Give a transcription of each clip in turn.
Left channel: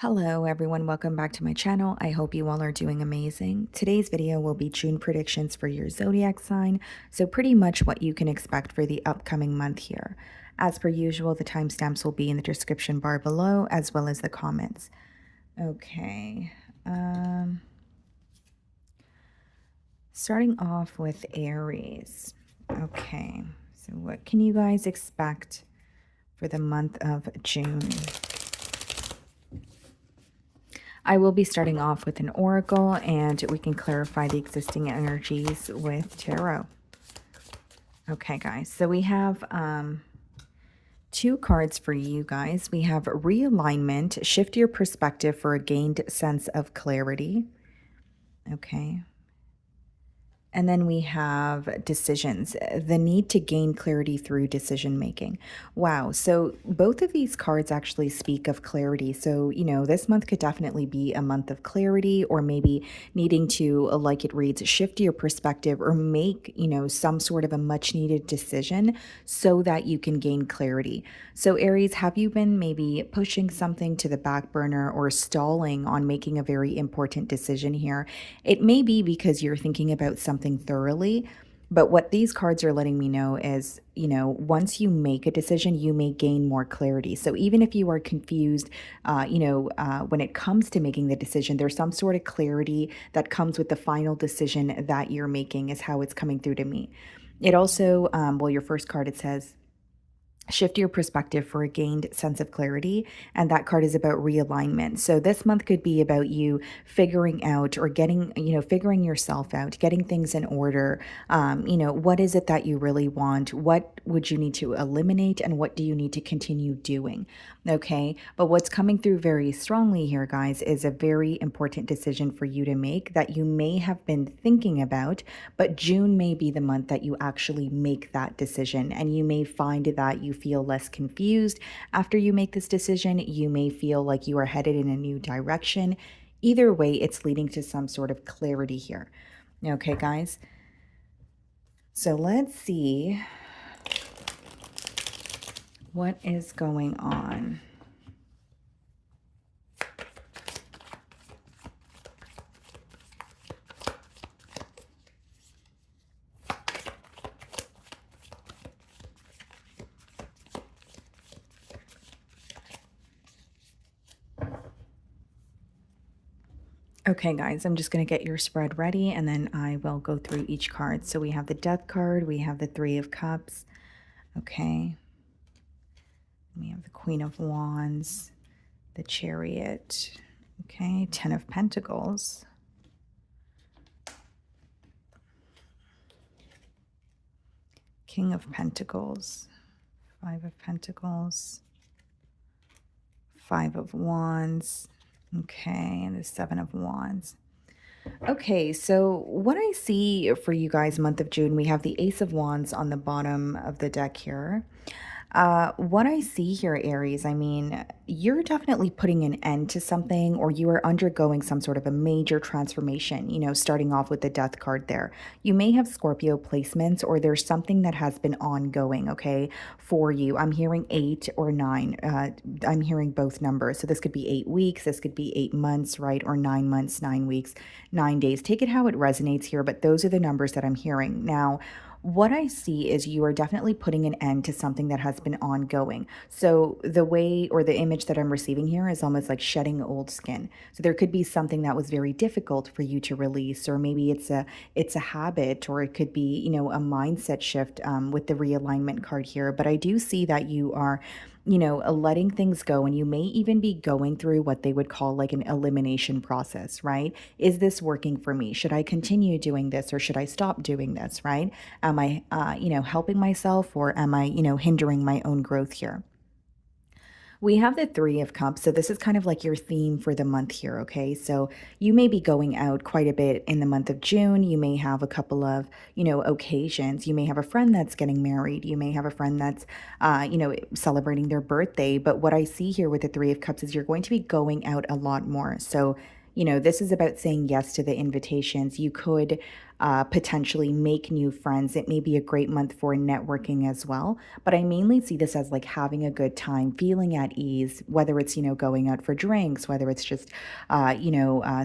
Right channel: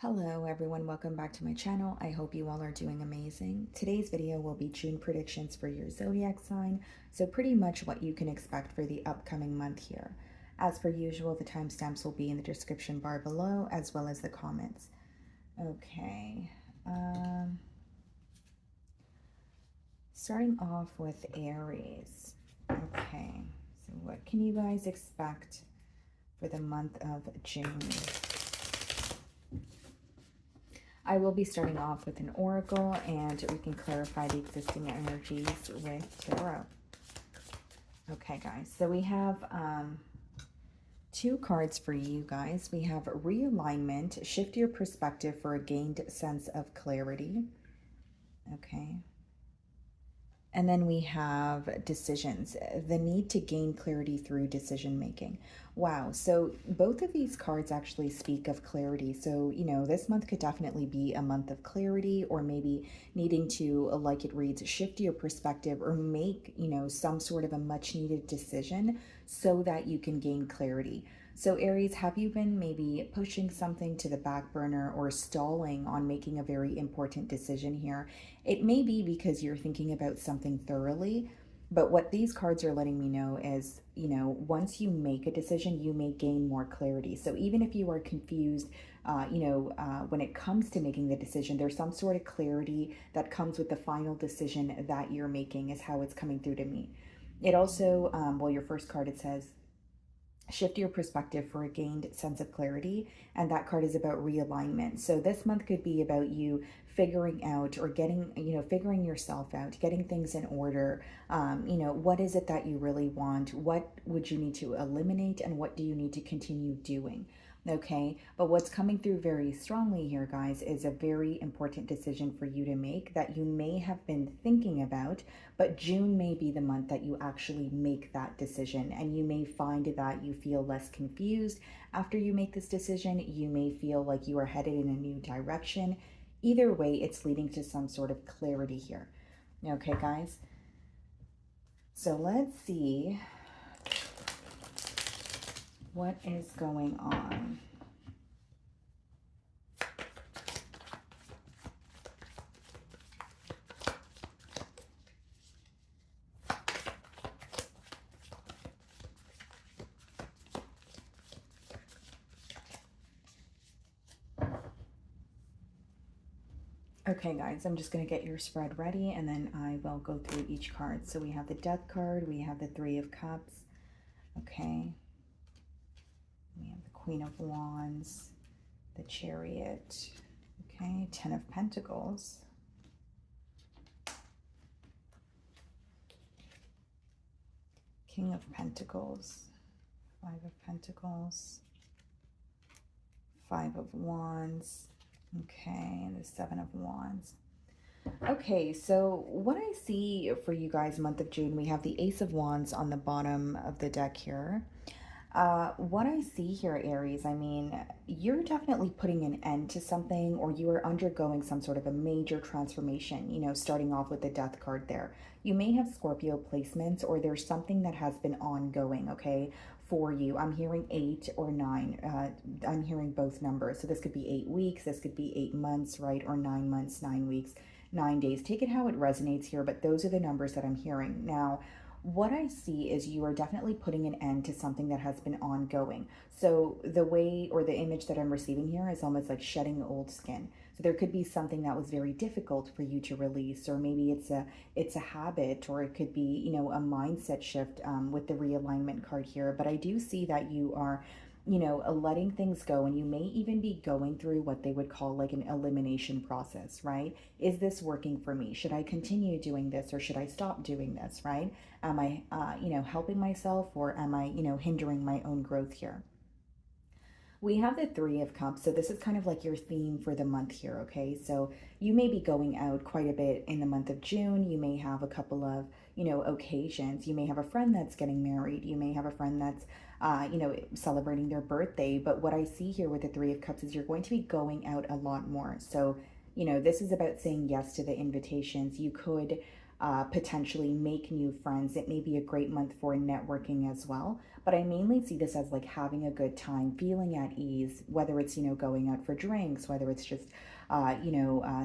Hello everyone, welcome back to my channel. I hope you all are doing amazing. Today's video will be June predictions for your zodiac sign, so pretty much what you can expect for the upcoming month here. As per usual, the timestamps will be in the description bar below as well as the comments. Okay, starting off with Aries. Okay, so what can you guys expect for the month of June? I will be starting off with an oracle, and we can clarify the existing energies with tarot. Okay, guys, so we have two cards for you guys. We have realignment, shift your perspective for a gained sense of clarity. Okay. And then we have decisions, the need to gain clarity through decision making. Wow. So both of these cards actually speak of clarity. So, this month could definitely be a month of clarity, or maybe needing to, like it reads, shift your perspective or make, some sort of a much needed decision so that you can gain clarity. So, Aries, have you been maybe pushing something to the back burner or stalling on making a very important decision here? It may be because you're thinking about something thoroughly, but what these cards are letting me know is, once you make a decision, you may gain more clarity. So even if you are confused, when it comes to making the decision, there's some sort of clarity that comes with the final decision that you're making, is how it's coming through to me. It also, well, your first card, it says, shift your perspective for a gained sense of clarity, and that card is about realignment. So this month could be about you figuring out, or getting, figuring yourself out, getting things in order. What is it that you really want? What would you need to eliminate, and what do you need to continue doing? Okay, but what's coming through very strongly here, guys, is a very important decision for you to make that you may have been thinking about, but June may be the month that you actually make that decision, and you may find that you feel less confused after you make this decision. You may feel like you are headed in a new direction. Either way, it's leading to some sort of clarity here. Okay, guys? So let's see what is going on. Okay, guys, I'm just going to get your spread ready, and then I will go through each card. So we have the Death card, we have the Three of Cups, okay, we have the Queen of Wands, the Chariot, okay, Ten of Pentacles, King of Pentacles, Five of Pentacles, Five of Wands, okay, and the Seven of Wands. Okay, so what I see for you guys, month of June, we have the Ace of Wands on the bottom of the deck here. What I see here, Aries, I mean, you're definitely putting an end to something, or you are undergoing some sort of a major transformation, starting off with the Death card there. You may have Scorpio placements, or there's something that has been ongoing, okay, for you. I'm hearing 8 or 9. I'm hearing both numbers. So this could be 8 weeks, this could be 8 months, right? Or 9 months, 9 weeks, 9 days. Take it how it resonates here, but those are the numbers that I'm hearing. Now, what I see is you are definitely putting an end to something that has been ongoing. So the way, or the image that I'm receiving here, is almost like shedding old skin. So there could be something that was very difficult for you to release, or maybe it's a habit, or it could be, a mindset shift with the realignment card here. But I do see that you are, letting things go, and you may even be going through what they would call like an elimination process, right? Is this working for me? Should I continue doing this, or should I stop doing this, right? Am I, helping myself, or am I, hindering my own growth here? We have the Three of Cups. So this is kind of like your theme for the month here, okay? So you may be going out quite a bit in the month of June. You may have a couple of, occasions. You may have a friend that's getting married. You may have a friend that's, celebrating their birthday. But what I see here with the Three of Cups is you're going to be going out a lot more. So, this is about saying yes to the invitations. You could potentially make new friends. It may be a great month for networking as well, but I mainly see this as like having a good time, feeling at ease, whether it's, going out for drinks, whether it's just,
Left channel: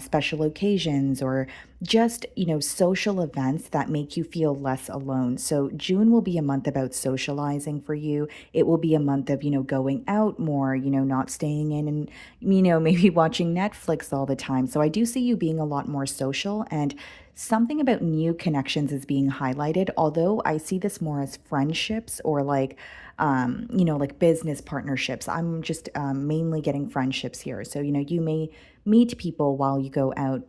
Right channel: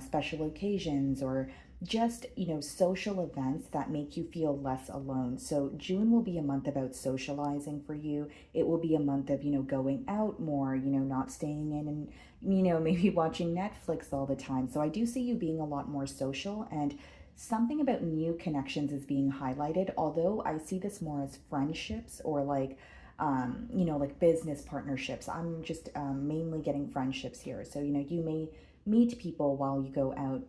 special occasions, or just, social events that make you feel less alone. So June will be a month about socializing for you. It will be a month of, going out more, not staying in and, maybe watching Netflix all the time. So I do see you being a lot more social, and something about new connections is being highlighted, although I see this more as friendships or like, like business partnerships. I'm just mainly getting friendships here. So, you may meet people while you go out,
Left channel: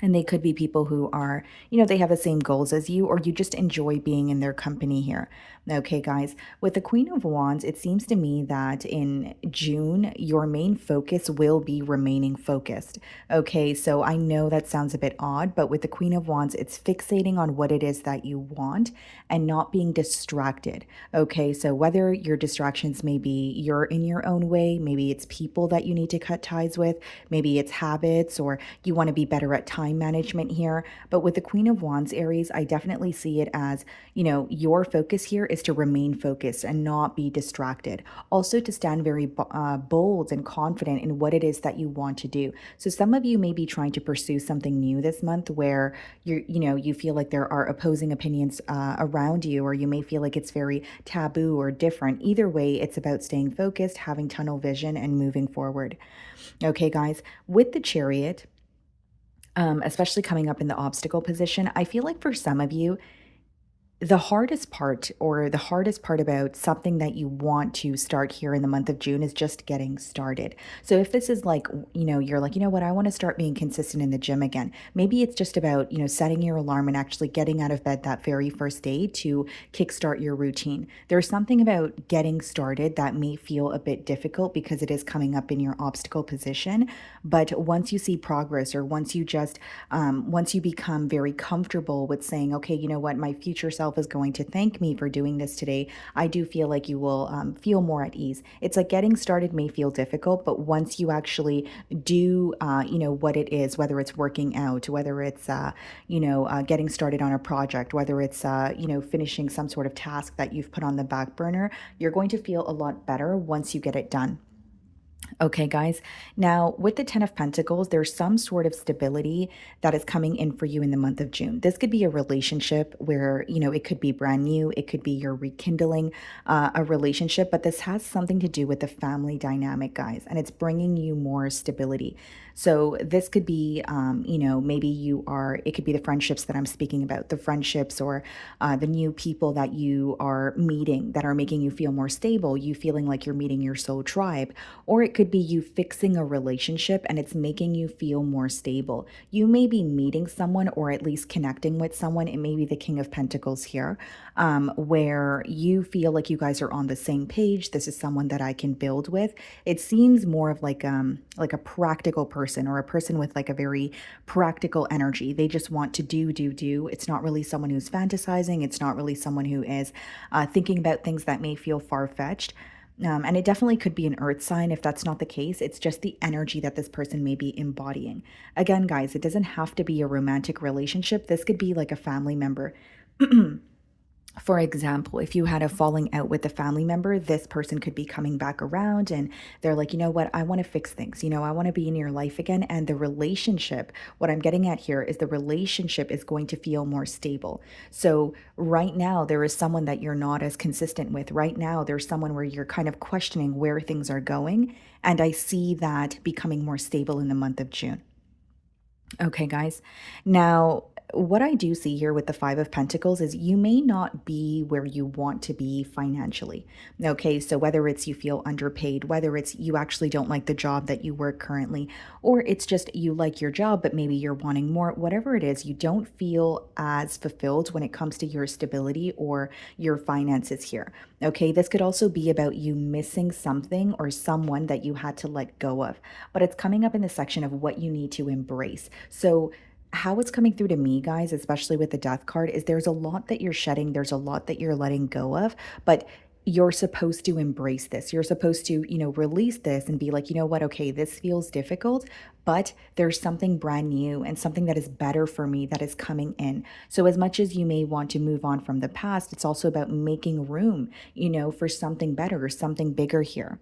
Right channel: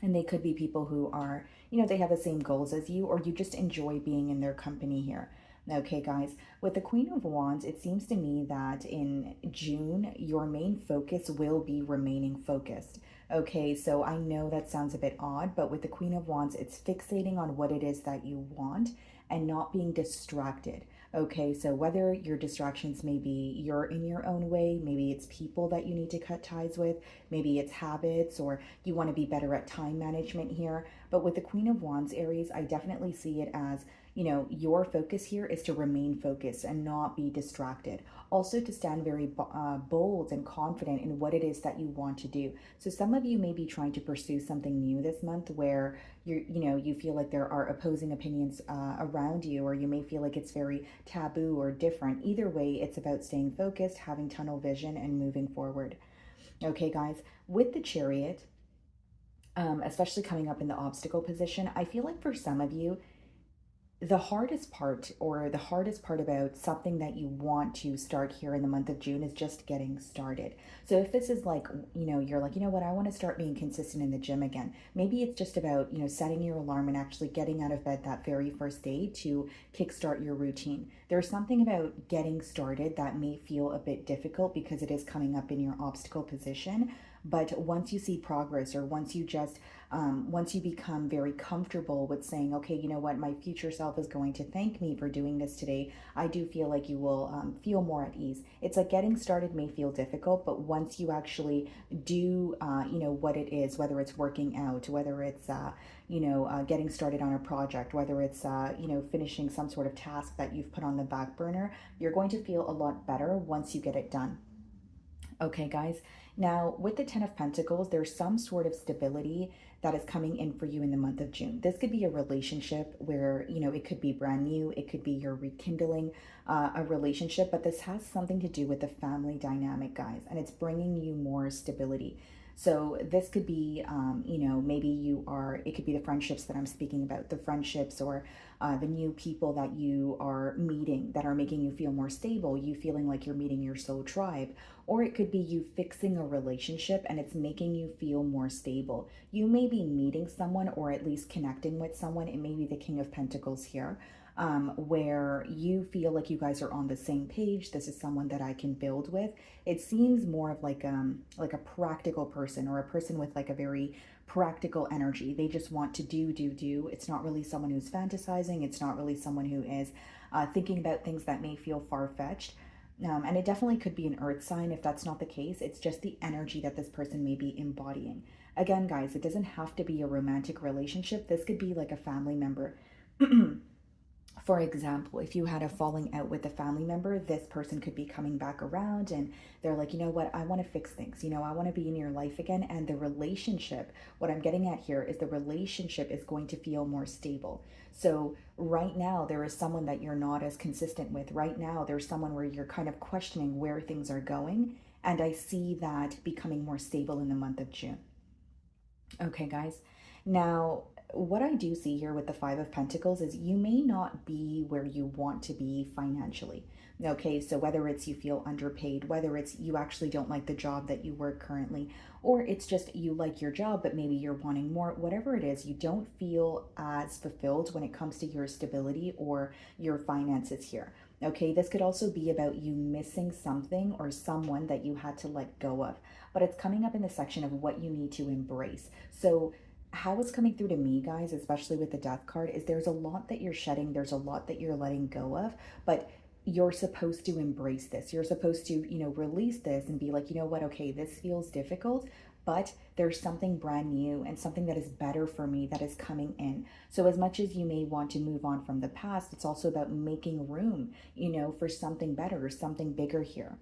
and they could be people who are, they have the same goals as you, or you just enjoy being in their company here. Okay, guys, with the Queen of Wands, it seems to me that in June, your main focus will be remaining focused. Okay, so I know that sounds a bit odd, but with the Queen of Wands, it's fixating on what it is that you want and not being distracted. Okay, so whether your distractions may be you're in your own way, maybe it's people that you need to cut ties with, maybe it's habits, or you want to be better at time management here. But with the Queen of Wands, Aries, I definitely see it as, your focus here is to remain focused and not be distracted. Also, to stand very bold and confident in what it is that you want to do. So some of you may be trying to pursue something new this month where you feel like there are opposing opinions around you, or you may feel like it's very taboo or different. Either way, it's about staying focused, having tunnel vision, and moving forward. Okay, guys, with the Chariot, especially coming up in the obstacle position, I feel like for some of you, the hardest part, or the hardest part about something that you want to start here in the month of June, is just getting started. So if this is like, you're like, what, I want to start being consistent in the gym again. Maybe it's just about, setting your alarm and actually getting out of bed that very first day to kickstart your routine. There's something about getting started that may feel a bit difficult because it is coming up in your obstacle position. But once you see progress, or once you become very comfortable with saying, okay, you know what, my future self is going to thank me for doing this today, I do feel like you will feel more at ease. It's like getting started may feel difficult, but once you actually do, what it is, whether it's working out, whether it's, getting started on a project, whether it's, finishing some sort of task that you've put on the back burner, you're going to feel a lot better once you get it done. Okay, guys. Now, with the Ten of Pentacles, there's some sort of stability that is coming in for you in the month of June. This could be a relationship where, it could be brand new. It could be you're rekindling a relationship, but this has something to do with the family dynamic, guys, and it's bringing you more stability. So this could be, maybe it could be the friendships that I'm speaking about, the friendships, or the new people that you are meeting that are making you feel more stable, you feeling like you're meeting your soul tribe. Or it could be you fixing a relationship and it's making you feel more stable. You may be meeting someone, or at least connecting with someone. It may be the King of Pentacles here, where you feel like you guys are on the same page. This is someone that I can build with. It seems more of like a practical person, or a person with like a very practical energy. They just want to do. It's not really someone who's fantasizing. It's not really someone who is thinking about things that may feel far-fetched. And it definitely could be an earth sign. If that's not the case, it's just the energy that this person may be embodying. Again, guys, it doesn't have to be a romantic relationship. This could be like a family member. For example, if you had a falling out with a family member, this person could be coming back around and they're like, you know what, I want to fix things. I want to be in your life again. And the relationship, what I'm getting at here is the relationship is going to feel more stable. So right now, there is someone that you're not as consistent with. Right now, there's someone where you're kind of questioning where things are going. And I see that becoming more stable in the month of June. Okay, guys. Now, what I do see here with the Five of Pentacles is you may not be where you want to be financially. Okay, so whether it's you feel underpaid, whether it's you actually don't like the job that you work currently, or it's just you like your job, but maybe you're wanting more, whatever it is, you don't feel as fulfilled when it comes to your stability or your finances here. Okay, this could also be about you missing something or someone that you had to let go of, but it's coming up in the section of what you need to embrace. So how it's coming through to me, guys, especially with the Death card, is there's a lot that you're shedding, there's a lot that you're letting go of, but you're supposed to embrace this. You're supposed to, release this and be like, you know what, okay, this feels difficult, but there's something brand new and something that is better for me that is coming in. So as much as you may want to move on from the past, it's also about making room, for something better or something bigger here.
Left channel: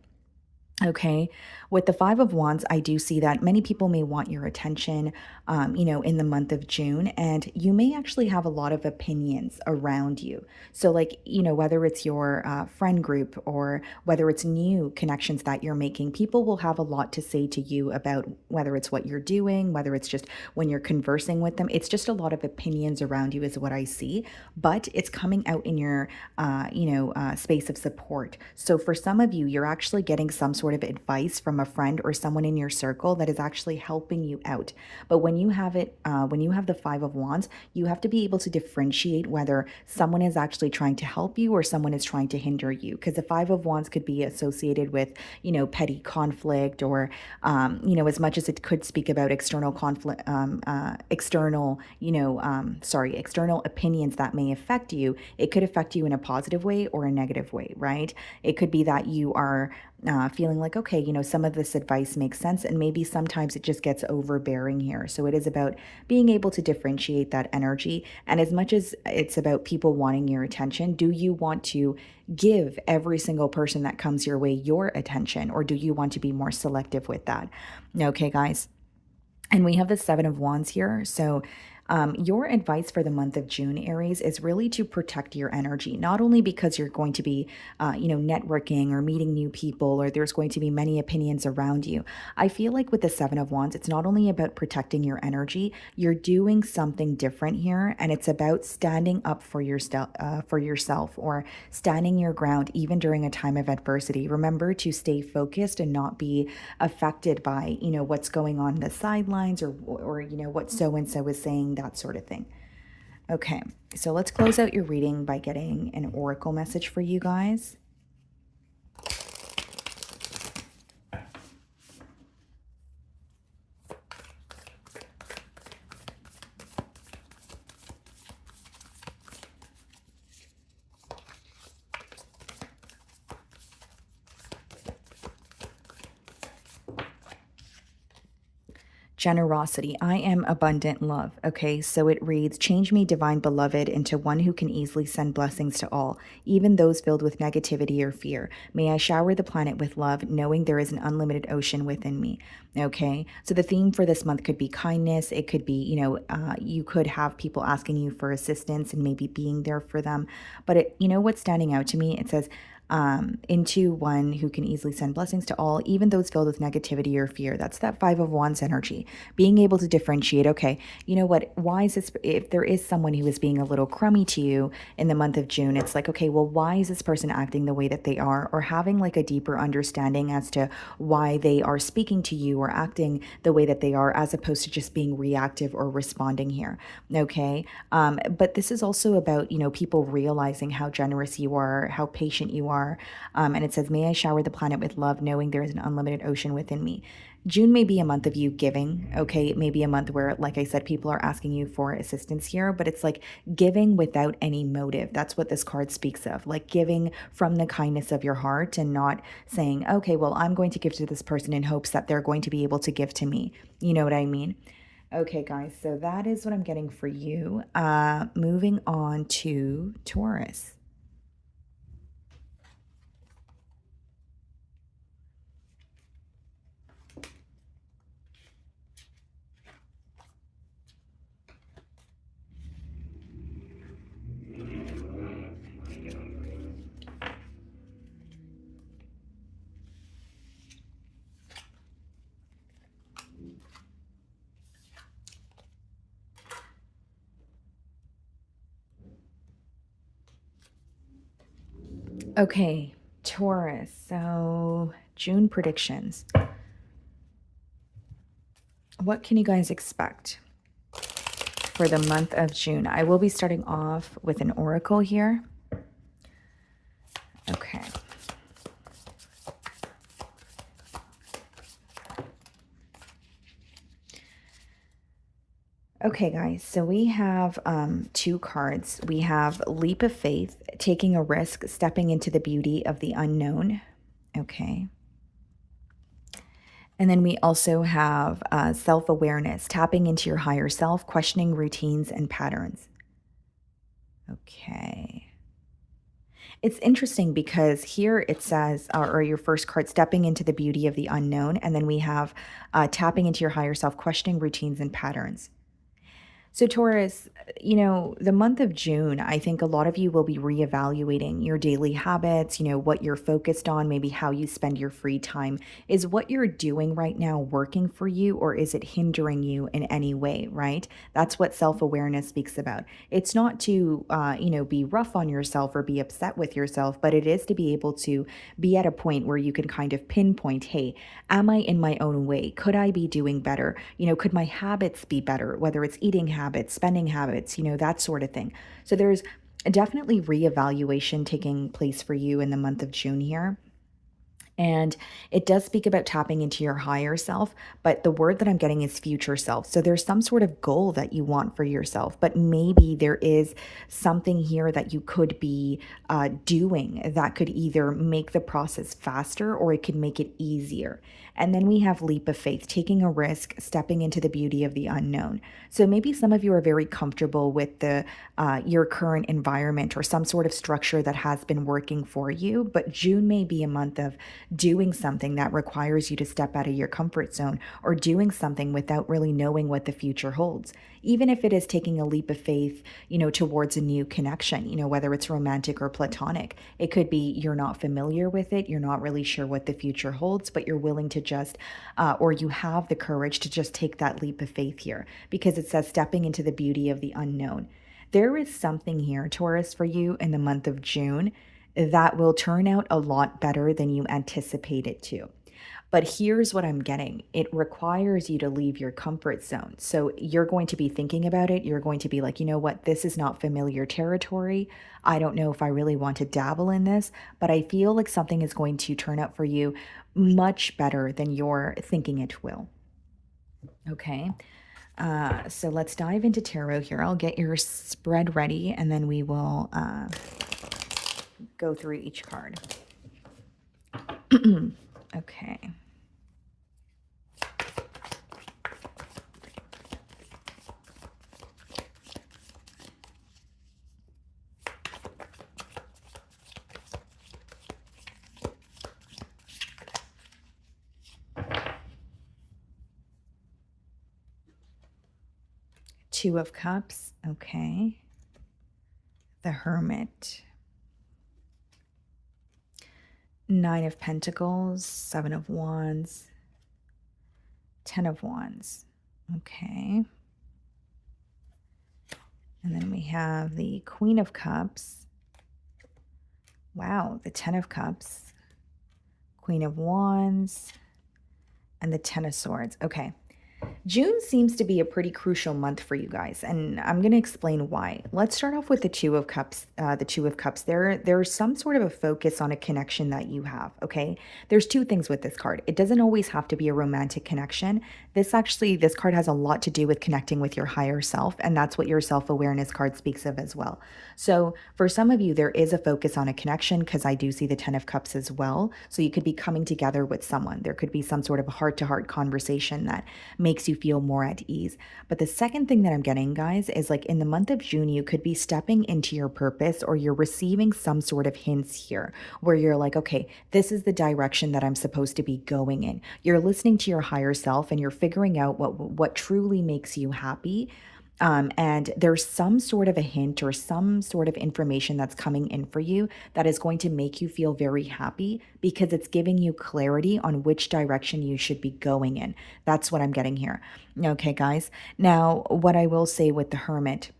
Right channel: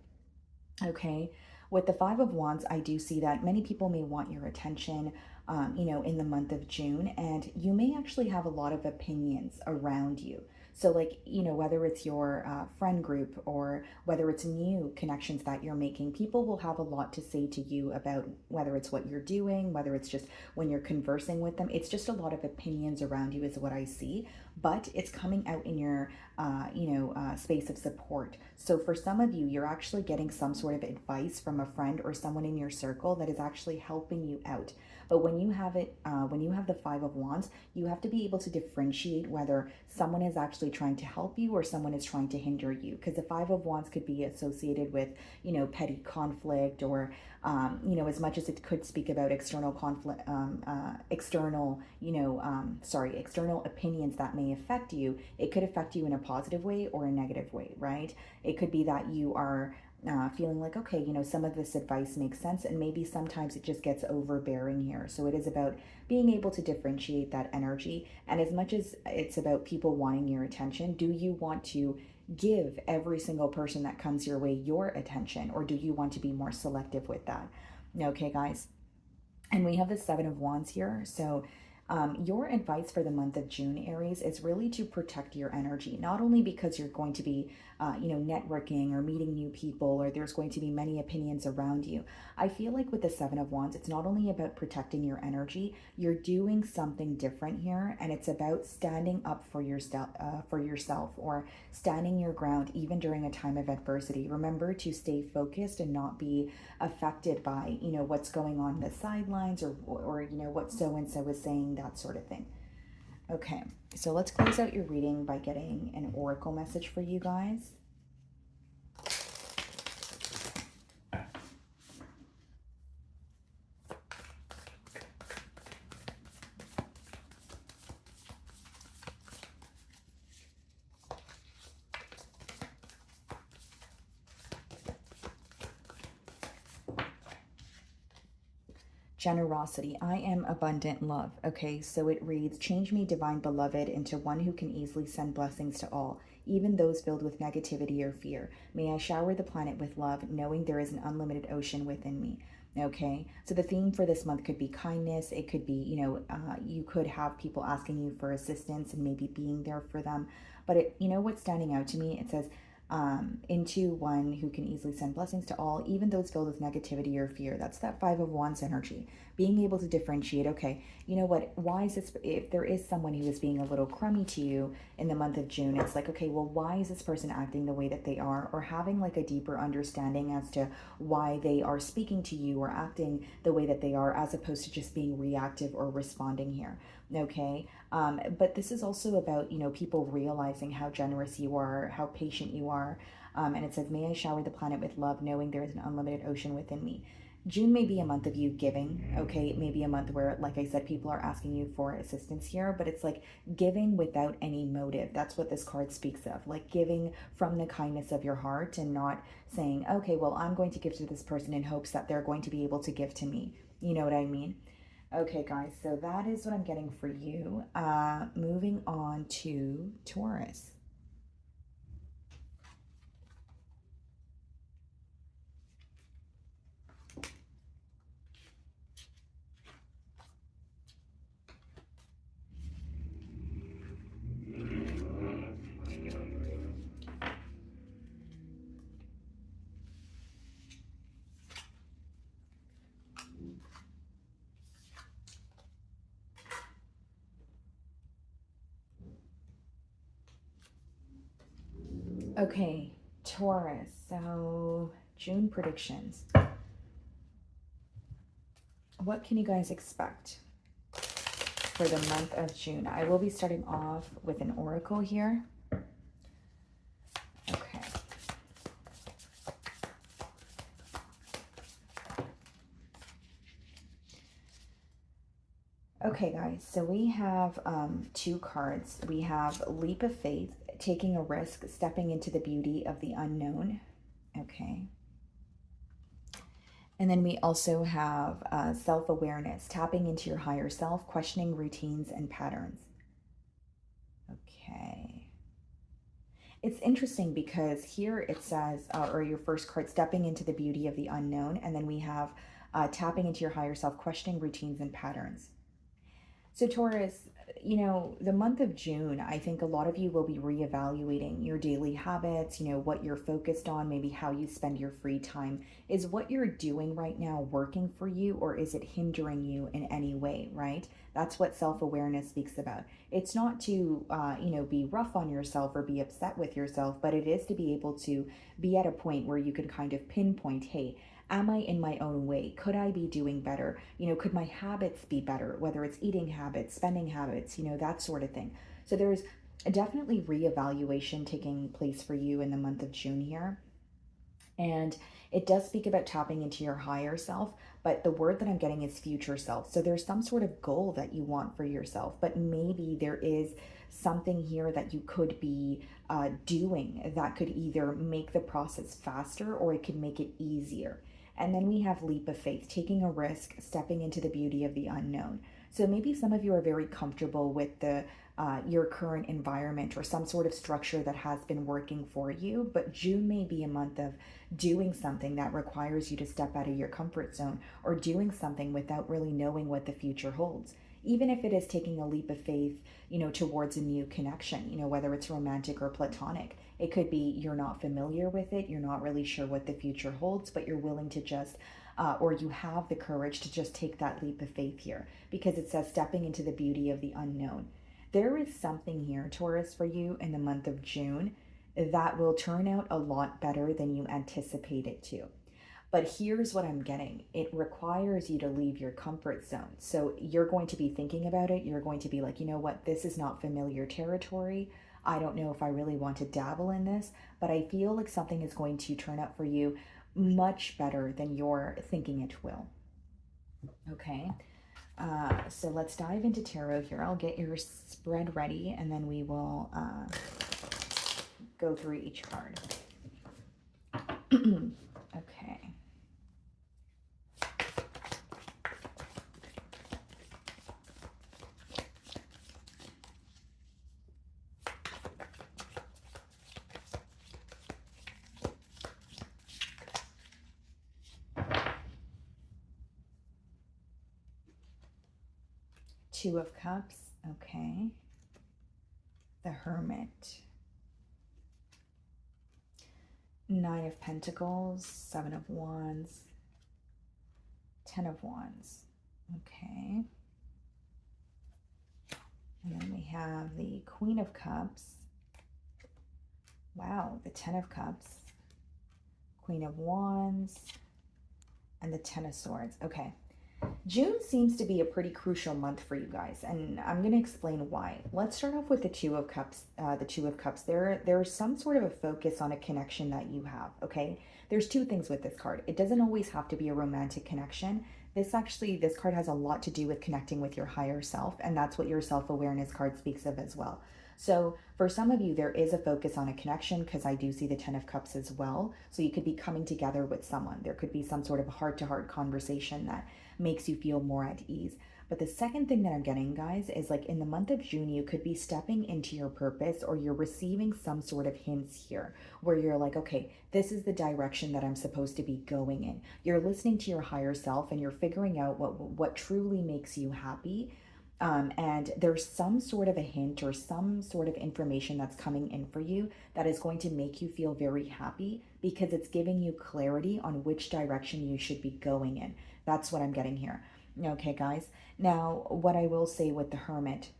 Okay. With the Five of Wands, I do see that many people may want your attention, in the month of June, and you may actually have a lot of opinions around you. So, like, whether it's your friend group or whether it's new connections that you're making, people will have a lot to say to you about whether it's what you're doing, whether it's just when you're conversing with them. It's just a lot of opinions around you, is what I see, but it's coming out in your, space of support. So, for some of you, you're actually getting some sort of advice from a friend or someone in your circle that is actually helping you out. But when you have when you have the Five of Wands, you have to be able to differentiate whether someone is actually trying to help you or someone is trying to hinder you. Because the Five of Wands could be associated with, petty conflict, or, as much as it could speak about external conflict, external opinions that may affect you, it could affect you in a positive way or a negative way, right? It could be that you are feeling like, okay, some of this advice makes sense, and maybe sometimes it just gets overbearing here. So it is about being able to differentiate that energy. And as much as it's about people wanting your attention, do you want to give every single person that comes your way your attention, or do you want to be more selective with that? Okay, guys. And we have the Seven of Wands here. So your advice for the month of June, Aries, is really to protect your energy, not only because you're going to be, networking or meeting new people, or there's going to be many opinions around you. I feel like with the Seven of Wands, it's not only about protecting your energy, you're doing something different here, and it's about standing up for yourself, or standing your ground even during a time of adversity. Remember to stay focused and not be affected by, what's going on in the sidelines, or what so and so is saying, that sort of thing. Okay, so let's close out your reading by getting an oracle message for you guys. Generosity. I am abundant love. Okay, so it reads, change me, divine beloved, into one who can easily send blessings to all, even those filled with negativity or fear. May I shower the planet with love, knowing there is an unlimited ocean within me. Okay, so the theme for this month could be kindness. It could be, you could have people asking you for assistance and maybe being there for them. But what's standing out to me, it says, into one who can easily send blessings to all, even those filled with negativity or fear. That's that Five of Wands energy. Being able to differentiate, okay, you know what, why is this, if there is someone who is being a little crummy to you in the month of June, it's like, okay, well, why is this person acting the way that they are, or having like a deeper understanding as to why they are speaking to you or acting the way that they are, as opposed to just being reactive or responding here. Okay. But this is also about, people realizing how generous you are, how patient you are. And it says, may I shower the planet with love, knowing there is an unlimited ocean within me. June may be a month of you giving, okay? It may be a month where, like I said, people are asking you for assistance here, but it's like giving without any motive. That's what this card speaks of, like giving from the kindness of your heart, and not saying, okay, well, I'm going to give to this person in hopes that they're going to be able to give to me. You know what I mean? Okay, guys, so that is what I'm getting for you. Moving on to Taurus. Okay, Taurus. So, June predictions. What can you guys expect for the month of June? I will be starting off with an oracle here. Okay. Okay, guys, so we have two cards. We have Leap of Faith, taking a risk, stepping into the beauty of the unknown. Okay. And then we also have self-awareness, tapping into your higher self, questioning routines and patterns. Okay. It's interesting because here it says, or your first card, stepping into the beauty of the unknown. And then we have tapping into your higher self, questioning routines and patterns. So, Taurus, the month of June, I think a lot of you will be reevaluating your daily habits, what you're focused on, maybe how you spend your free time. Is what you're doing right now working for you, or is it hindering you in any way, right? That's what self awareness speaks about. It's not to, be rough on yourself or be upset with yourself, but it is to be able to be at a point where you can kind of pinpoint, hey, am I in my own way? Could I be doing better? Could my habits be better, whether it's eating habits, spending habits, that sort of thing. So there's definitely reevaluation taking place for you in the month of June here. And it does speak about tapping into your higher self, but the word that I'm getting is future self. So there's some sort of goal that you want for yourself, but maybe there is something here that you could be doing that could either make the process faster or it could make it easier. And then we have leap of faith, taking a risk, stepping into the beauty of the unknown. So maybe some of you are very comfortable with the your current environment or some sort of structure that has been working for you, but June may be a month of doing something that requires you to step out of your comfort zone or doing something without really knowing what the future holds. Even if it is taking a leap of faith, towards a new connection, whether it's romantic or platonic. It could be you're not familiar with it, you're not really sure what the future holds, but you're willing to just, or you have the courage to just take that leap of faith here because it says stepping into the beauty of the unknown. There is something here, Taurus, for you in the month of June that will turn out a lot better than you anticipate it to. But here's what I'm getting. It requires you to leave your comfort zone. So you're going to be thinking about it. You're going to be like, you know what? This is not familiar territory. I don't know if I really want to dabble in this, but I feel like something is going to turn out for you much better than you're thinking it will. Okay. So let's dive into tarot here. I'll get your spread ready and then we will go through each card. Okay. Two of Cups, okay. The Hermit. Nine of Pentacles, Seven of Wands, Ten of Wands, okay. And then we have the Queen of Cups. Wow, the Ten of Cups, Queen of Wands, and the Ten of Swords, okay. June seems to be a pretty crucial month for you guys, and I'm going to explain why. Let's start off with the Two of Cups. The Two of Cups. There's some sort of a focus on a connection that you have. Okay, there's two things with this card. It doesn't always have to be a romantic connection. This card has a lot to do with connecting with your higher self, and that's what your self-awareness card speaks of as well. So for some of you, there is a focus on a connection because I do see the Ten of Cups as well. So you could be coming together with someone. There could be some sort of a heart-to-heart conversation that makes you feel more at ease. But the second thing that I'm getting, guys, is like in the month of June, you could be stepping into your purpose or you're receiving some sort of hints here where you're like, okay, this is the direction that I'm supposed to be going in. You're listening to your higher self and you're figuring out what truly makes you happy. And there's some sort of a hint or some sort of information that's coming in for you that is going to make you feel very happy because it's giving you clarity on which direction you should be going in. That's what I'm getting here. Okay, guys. Now, what I will say with the Hermit,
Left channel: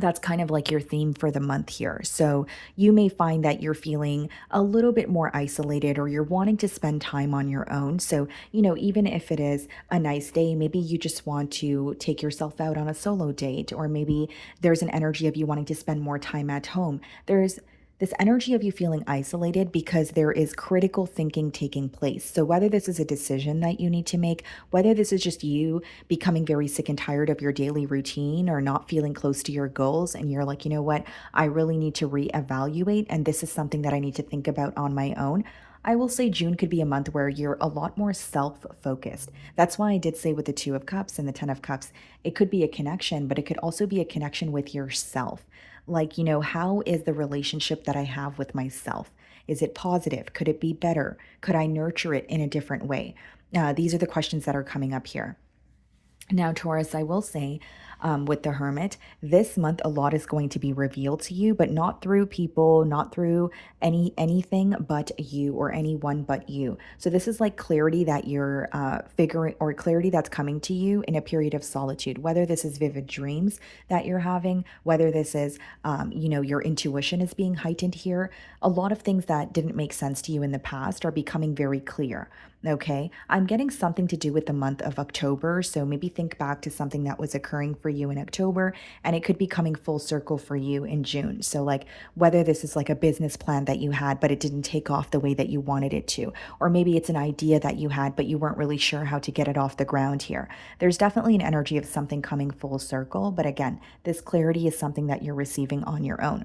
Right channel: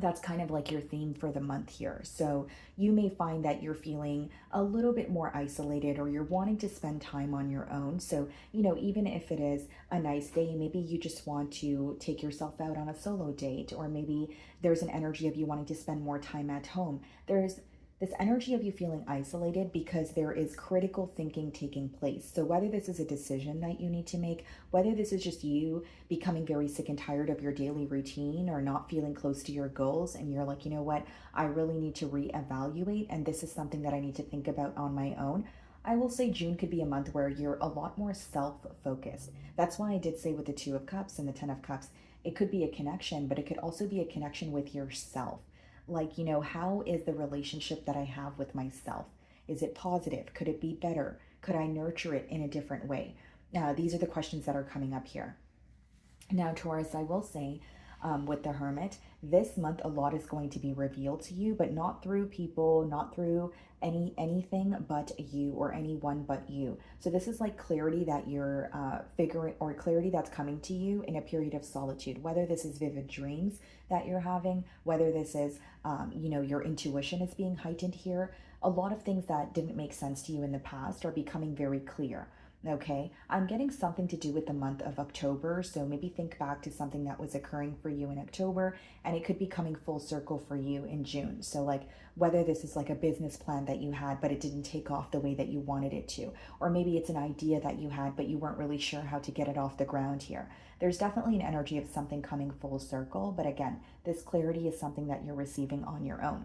that's kind of like your theme for the month here. So you may find that you're feeling a little bit more isolated or you're wanting to spend time on your own. So, even if it is a nice day, maybe you just want to take yourself out on a solo date, or maybe there's an energy of you wanting to spend more time at home. There's this energy of you feeling isolated because there is critical thinking taking place. So, whether this is a decision that you need to make, whether this is just you becoming very sick and tired of your daily routine or not feeling close to your goals, and you're like, you know what, I really need to reevaluate, and this is something that I need to think about on my own. I will say June could be a month where you're a lot more self focused. That's why I did say with the Two of Cups and the Ten of Cups, it could be a connection, but it could also be a connection with yourself. Like, how is the relationship that I have with myself? Is it positive? Could it be better? Could I nurture it in a different way? These are the questions that are coming up here. Now, Taurus, I will say with the Hermit, this month a lot is going to be revealed to you, but not through people, not through anything but you or anyone but you. So this is like clarity that you're figuring, or clarity that's coming to you in a period of solitude, whether this is vivid dreams that you're having, whether this is, your intuition is being heightened here. A lot of things that didn't make sense to you in the past are becoming very clear. Okay, I'm getting something to do with the month of October. So maybe think back to something that was occurring for you in October, and it could be coming full circle for you in June. So, like, whether this is like a business plan that you had, but it didn't take off the way that you wanted it to, or maybe it's an idea that you had, but you weren't really sure how to get it off the ground here. There's definitely an energy of something coming full circle. But again, this clarity is something that you're receiving on your own.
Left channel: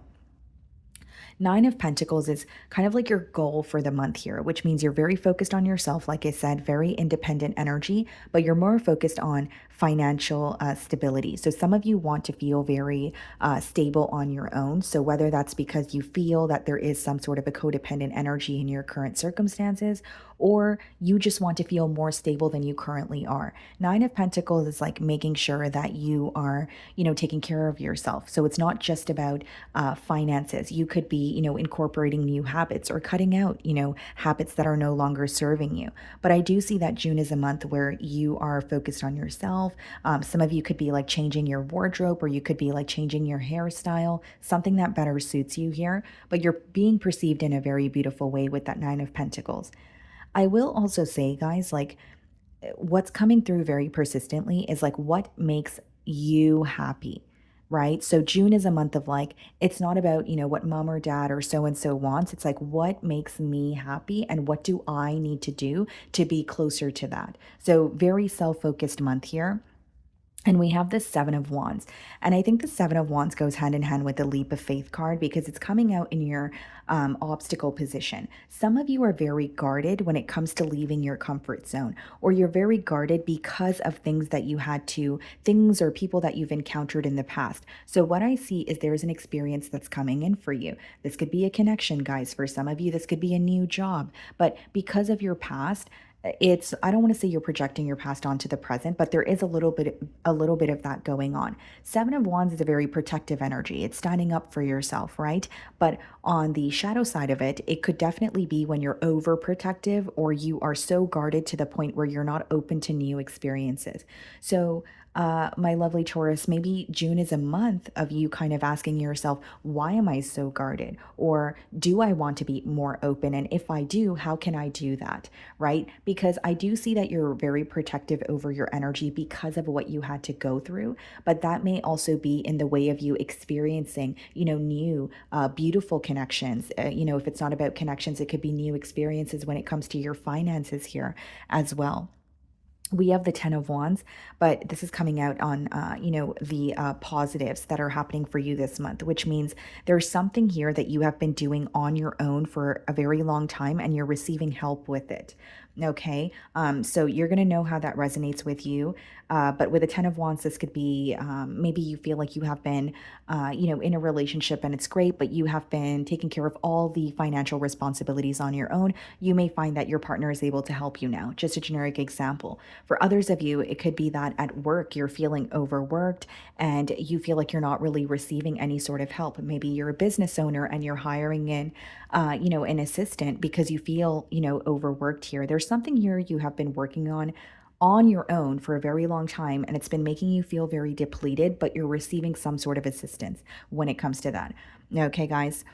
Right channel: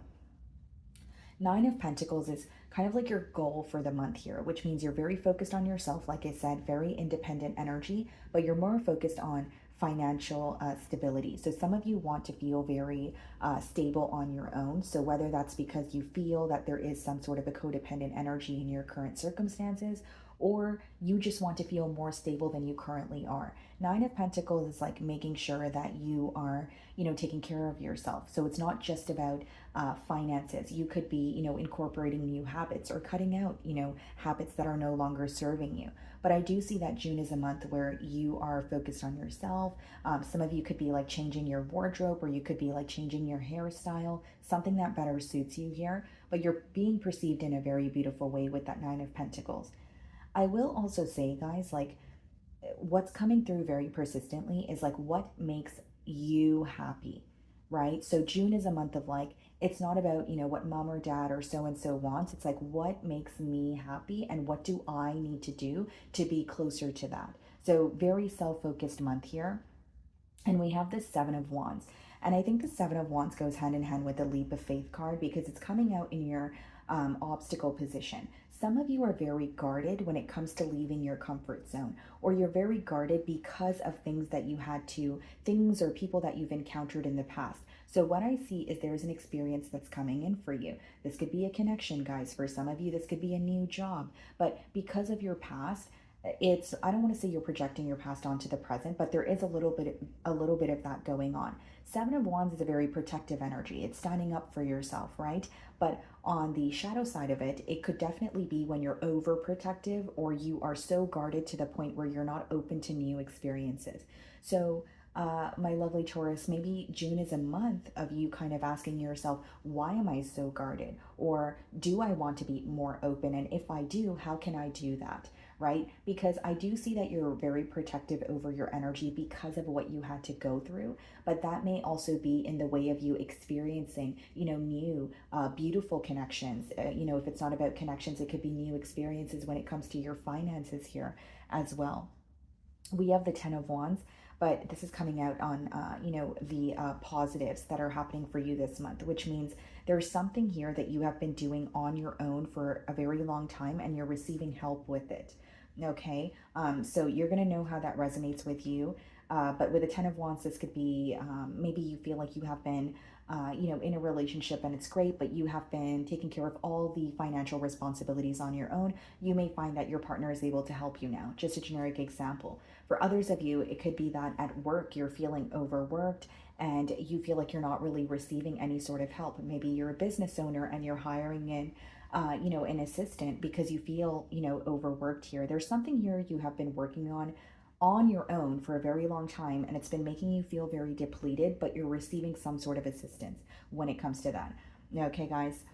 Nine of Pentacles is kind of like your goal for the month here, which means you're very focused on yourself. Like I said, very independent energy, but you're more focused on financial stability. So some of you want to feel very stable on your own. So whether that's because you feel that there is some sort of a codependent energy in your current circumstances, or you just want to feel more stable than you currently are. Nine of Pentacles is like making sure that you are, taking care of yourself. So it's not just about finances. You could be, incorporating new habits or cutting out, habits that are no longer serving you. But I do see that June is a month where you are focused on yourself. Some of you could be like changing your wardrobe, or you could be like changing your hairstyle, something that better suits you here. But you're being perceived in a very beautiful way with that Nine of Pentacles. I will also say, guys, like, what's coming through very persistently is like what makes you happy, right? So June is a month of like, it's not about, what mom or dad or so and so wants. It's like, what makes me happy and what do I need to do to be closer to that? So very self-focused month here. And we have the Seven of Wands. And I think the Seven of Wands goes hand in hand with the Leap of Faith card because it's coming out in your obstacle position. Some of you are very guarded when it comes to leaving your comfort zone, or you're very guarded because of things or people that you've encountered in the past. So what I see is there's an experience that's coming in for you. This could be a connection, guys. For some of you, this could be a new job. But because of your past, I don't want to say you're projecting your past onto the present, but there is a little bit of that going on. Seven of Wands is a very protective energy. It's standing up for yourself, right? But on the shadow side of it, it could definitely be when you're overprotective or you are so guarded to the point where you're not open to new experiences. So my lovely Taurus, maybe June is a month of you kind of asking yourself, why am I so guarded? Or do I want to be more open? And if I do, how can I do that? Right? Because I do see that you're very protective over your energy because of what you had to go through. But that may also be in the way of you experiencing, new, beautiful connections. If it's not about connections, it could be new experiences when it comes to your finances here as well. We have the Ten of Wands, but this is coming out on, the positives that are happening for you this month, which means there's something here that you have been doing on your own for a very long time and you're receiving help with it. Okay, so you're going to know how that resonates with you. But with a Ten of Wands, this could be maybe you feel like you have been, in a relationship and it's great, but you have been taking care of all the financial responsibilities on your own. You may find that your partner is able to help you now. Just a generic example. For others of you, it could be that at work, you're feeling overworked and you feel like you're not really receiving any sort of help. Maybe you're a business owner and you're hiring in, an assistant because you feel, overworked here. There's something here you have been working on your own for a very long time, and it's been making you feel very depleted, but you're receiving some sort of assistance when it comes to that. Okay, guys.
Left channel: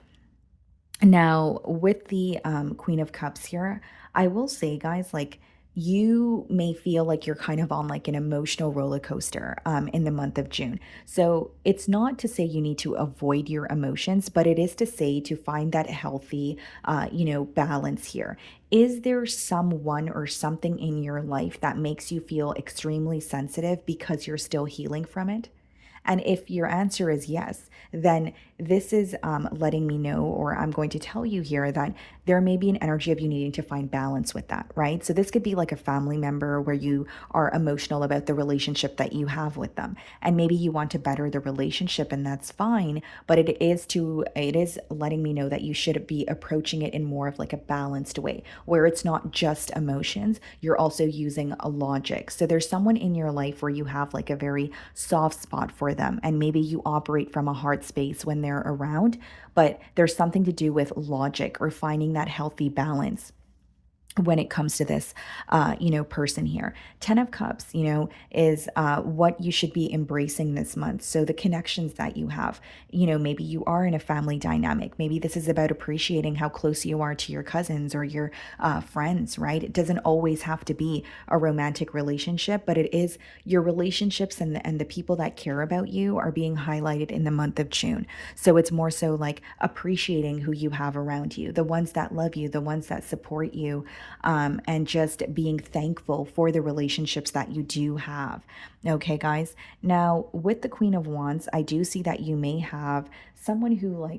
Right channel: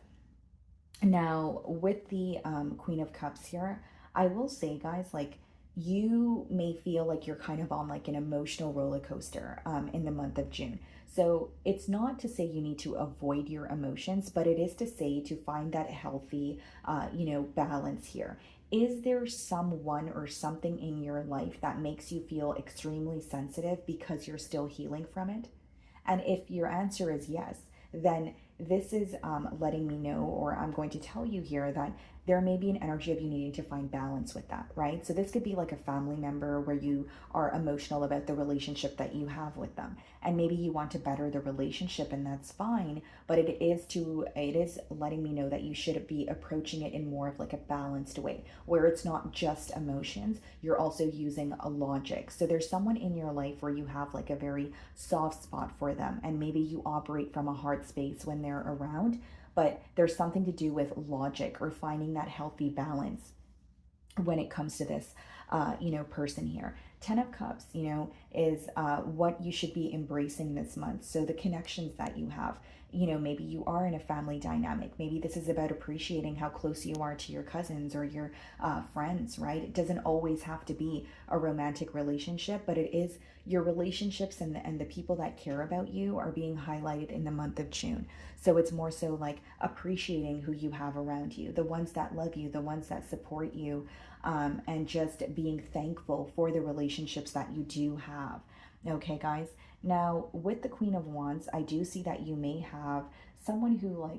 Now, with the Queen of Cups here, I will say, guys, like, you may feel like you're kind of on like an emotional roller coaster in the month of June. So it's not to say you need to avoid your emotions, but it is to say to find that healthy, balance here. Is there someone or something in your life that makes you feel extremely sensitive because you're still healing from it? And if your answer is yes, then this is letting me know, or I'm going to tell you here that there may be an energy of you needing to find balance with that, right? So this could be like a family member where you are emotional about the relationship that you have with them. And maybe you want to better the relationship, and that's fine. But it is letting me know that you should be approaching it in more of like a balanced way, where it's not just emotions, you're also using a logic. So there's someone in your life where you have like a very soft spot for them, and maybe you operate from a hard space when they're around, but there's something to do with logic or finding that healthy balance when it comes to this person here. 10 of Cups, is what you should be embracing this month. So the connections that you have, maybe you are in a family dynamic. Maybe this is about appreciating how close you are to your cousins or your friends, right? It doesn't always have to be a romantic relationship, but it is your relationships, and the people that care about you are being highlighted in the month of June. So it's more so like appreciating who you have around you, the ones that love you, the ones that support you, and just being thankful for the relationships that you do have. Okay, guys. Now, with the Queen of Wands, I do see that you may have someone who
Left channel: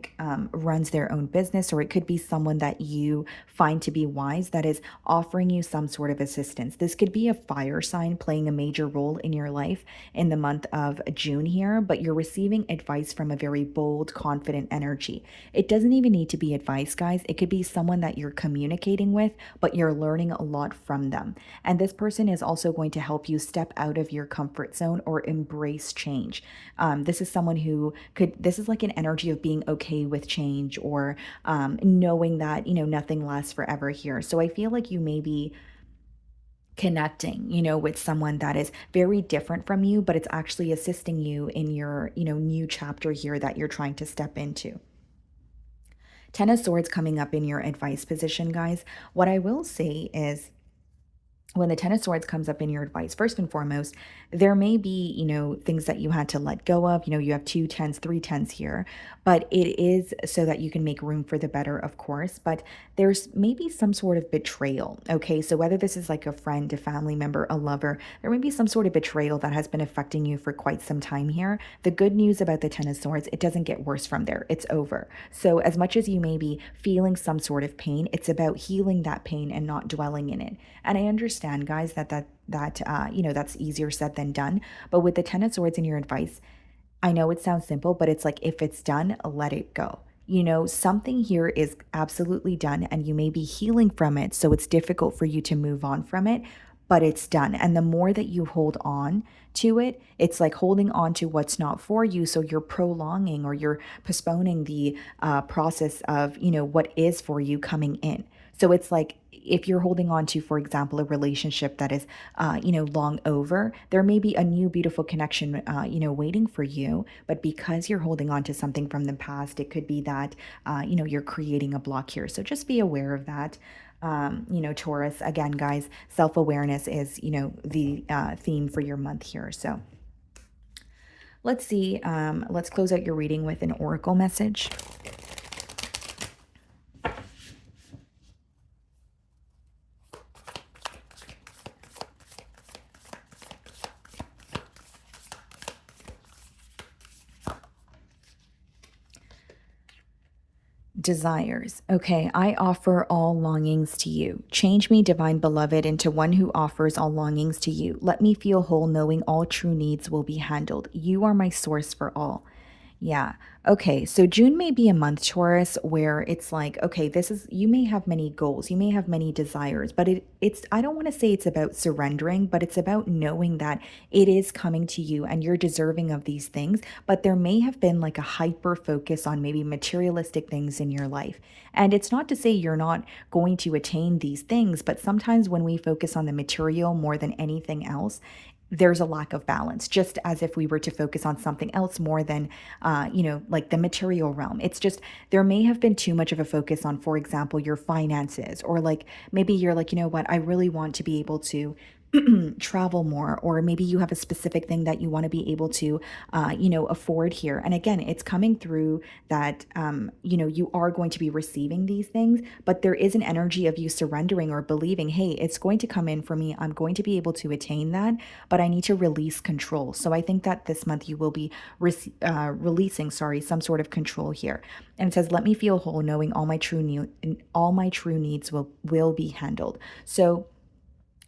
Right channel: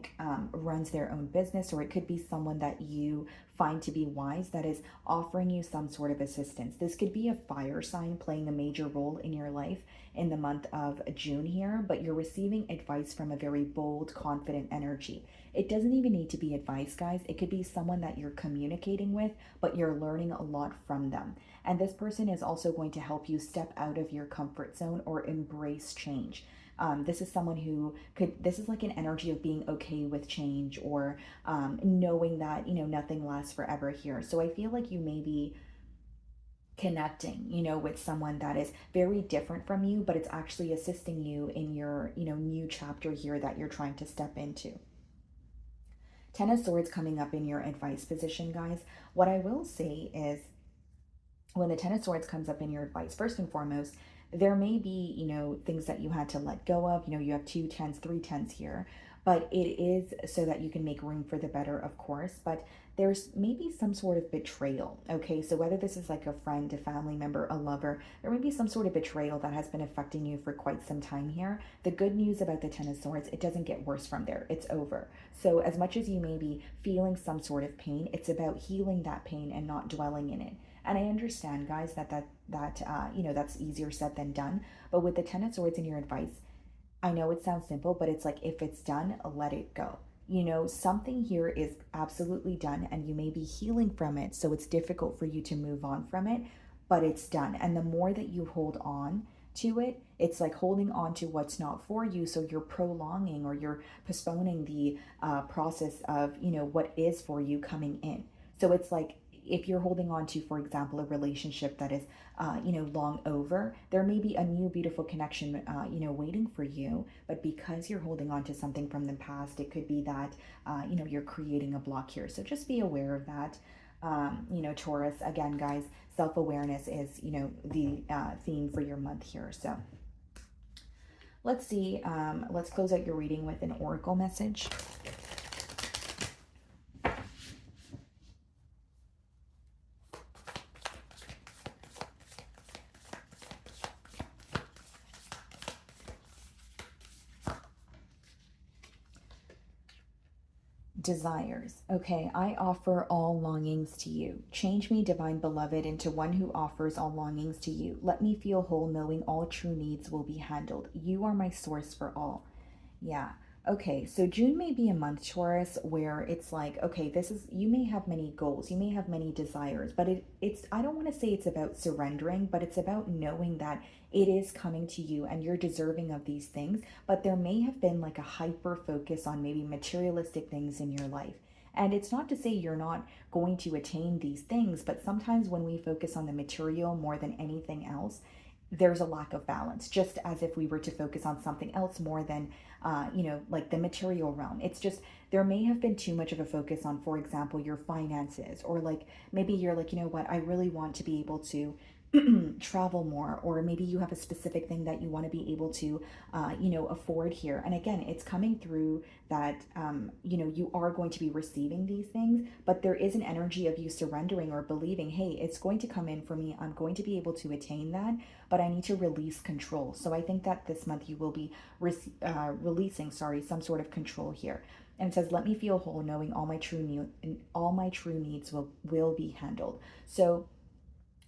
runs their own business, or it could be someone that you find to be wise that is offering you some sort of assistance. This could be a fire sign playing a major role in your life in the month of June here, but you're receiving advice from a very bold, confident energy. It doesn't even need to be advice, guys. It could be someone that you're communicating with, but you're learning a lot from them. And this person is also going to help you step out of your comfort zone or embrace change. This is someone who this is like an energy of being okay with change, or knowing that, nothing lasts forever here. So I feel like you may be connecting, with someone that is very different from you, but it's actually assisting you in your, new chapter here that you're trying to step into. 10 of Swords coming up in your advice position, guys. What I will say is, when the 10 of Swords comes up in your advice, first and foremost, there may be, things that you had to let go of. You have 2 10s, 3 10s here, but it is so that you can make room for the better, of course. But there's maybe some sort of betrayal. Okay. So whether this is like a friend, a family member, a lover, there may be some sort of betrayal that has been affecting you for quite some time here. The good news about the 10 of Swords, it doesn't get worse from there. It's over. So as much as you may be feeling some sort of pain, it's about healing that pain and not dwelling in it. And I understand, guys, that's easier said than done. But with the 10 of Swords in your advice, I know it sounds simple, but it's like, if it's done, let it go. Something here is absolutely done, and you may be healing from it. So it's difficult for you to move on from it, but it's done. And the more that you hold on to it, it's like holding on to what's not for you. So you're prolonging, or you're postponing the process of, what is for you coming in. So it's like, if you're holding on to, for example, a relationship that is, long over, there may be a new beautiful connection, waiting for you. But because you're holding on to something from the past, it could be that, you're creating a block here. So just be aware of that. Taurus, again, guys, self-awareness is, the theme for your month here. So let's see. Let's close out your reading with an oracle message. Desires. Okay, I offer all longings to you. Change me, divine beloved, into one who offers all longings to you. Let me feel whole, knowing all true needs will be handled. You are my source for all. Yeah. Okay. So June may be a month, Taurus, where it's like, okay, you may have many goals, you may have many desires, but I don't want to say it's about surrendering, but it's about knowing that it is coming to you and you're deserving of these things. But there may have been like a hyper focus on maybe materialistic things in your life. And it's not to say you're not going to attain these things, but sometimes when we focus on the material more than anything else, there's a lack of balance, just as if we were to focus on something else more than, like the material realm. It's just, there may have been too much of a focus on, for example, your finances, or like maybe you're like, you know what, I really want to be able to travel more, or maybe you have a specific thing that you want to be able to, afford here. And again, it's coming through that, you are going to be receiving these things, but there is an energy of you surrendering or believing, hey, it's going to come in for me. I'm going to be able to attain that, but I need to release control. So I think that this month you will be releasing, some sort of control here. And it says, let me feel whole, knowing all my true needs will be handled. So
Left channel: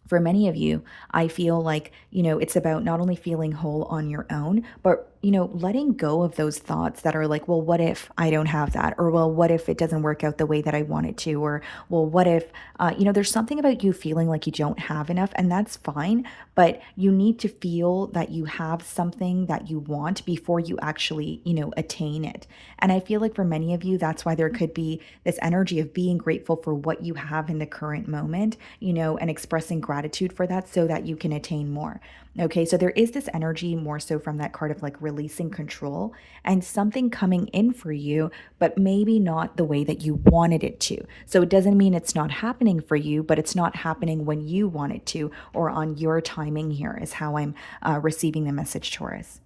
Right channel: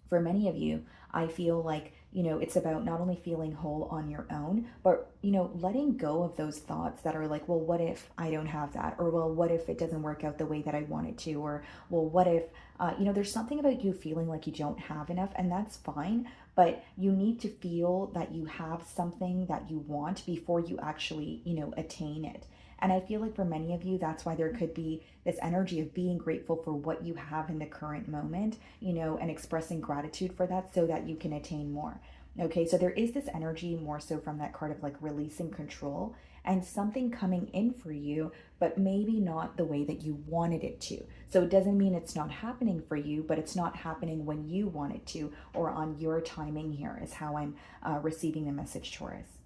for many of you, I feel like, it's about not only feeling whole on your own, but, letting go of those thoughts that are like, well, what if I don't have that? Or, well, what if it doesn't work out the way that I want it to? Or, well, what if, there's something about you feeling like you don't have enough, and that's fine. But you need to feel that you have something that you want before you actually, attain it. And I feel like for many of you, that's why there could be this energy of being grateful for what you have in the current moment, and expressing gratitude for that so that you can attain more. Okay, so there is this energy more so from that card of like releasing control and something coming in for you, but maybe not the way that you wanted it to. So it doesn't mean it's not happening for you, but it's not happening when you want it to, or on your timing here, is how I'm receiving the message, Taurus.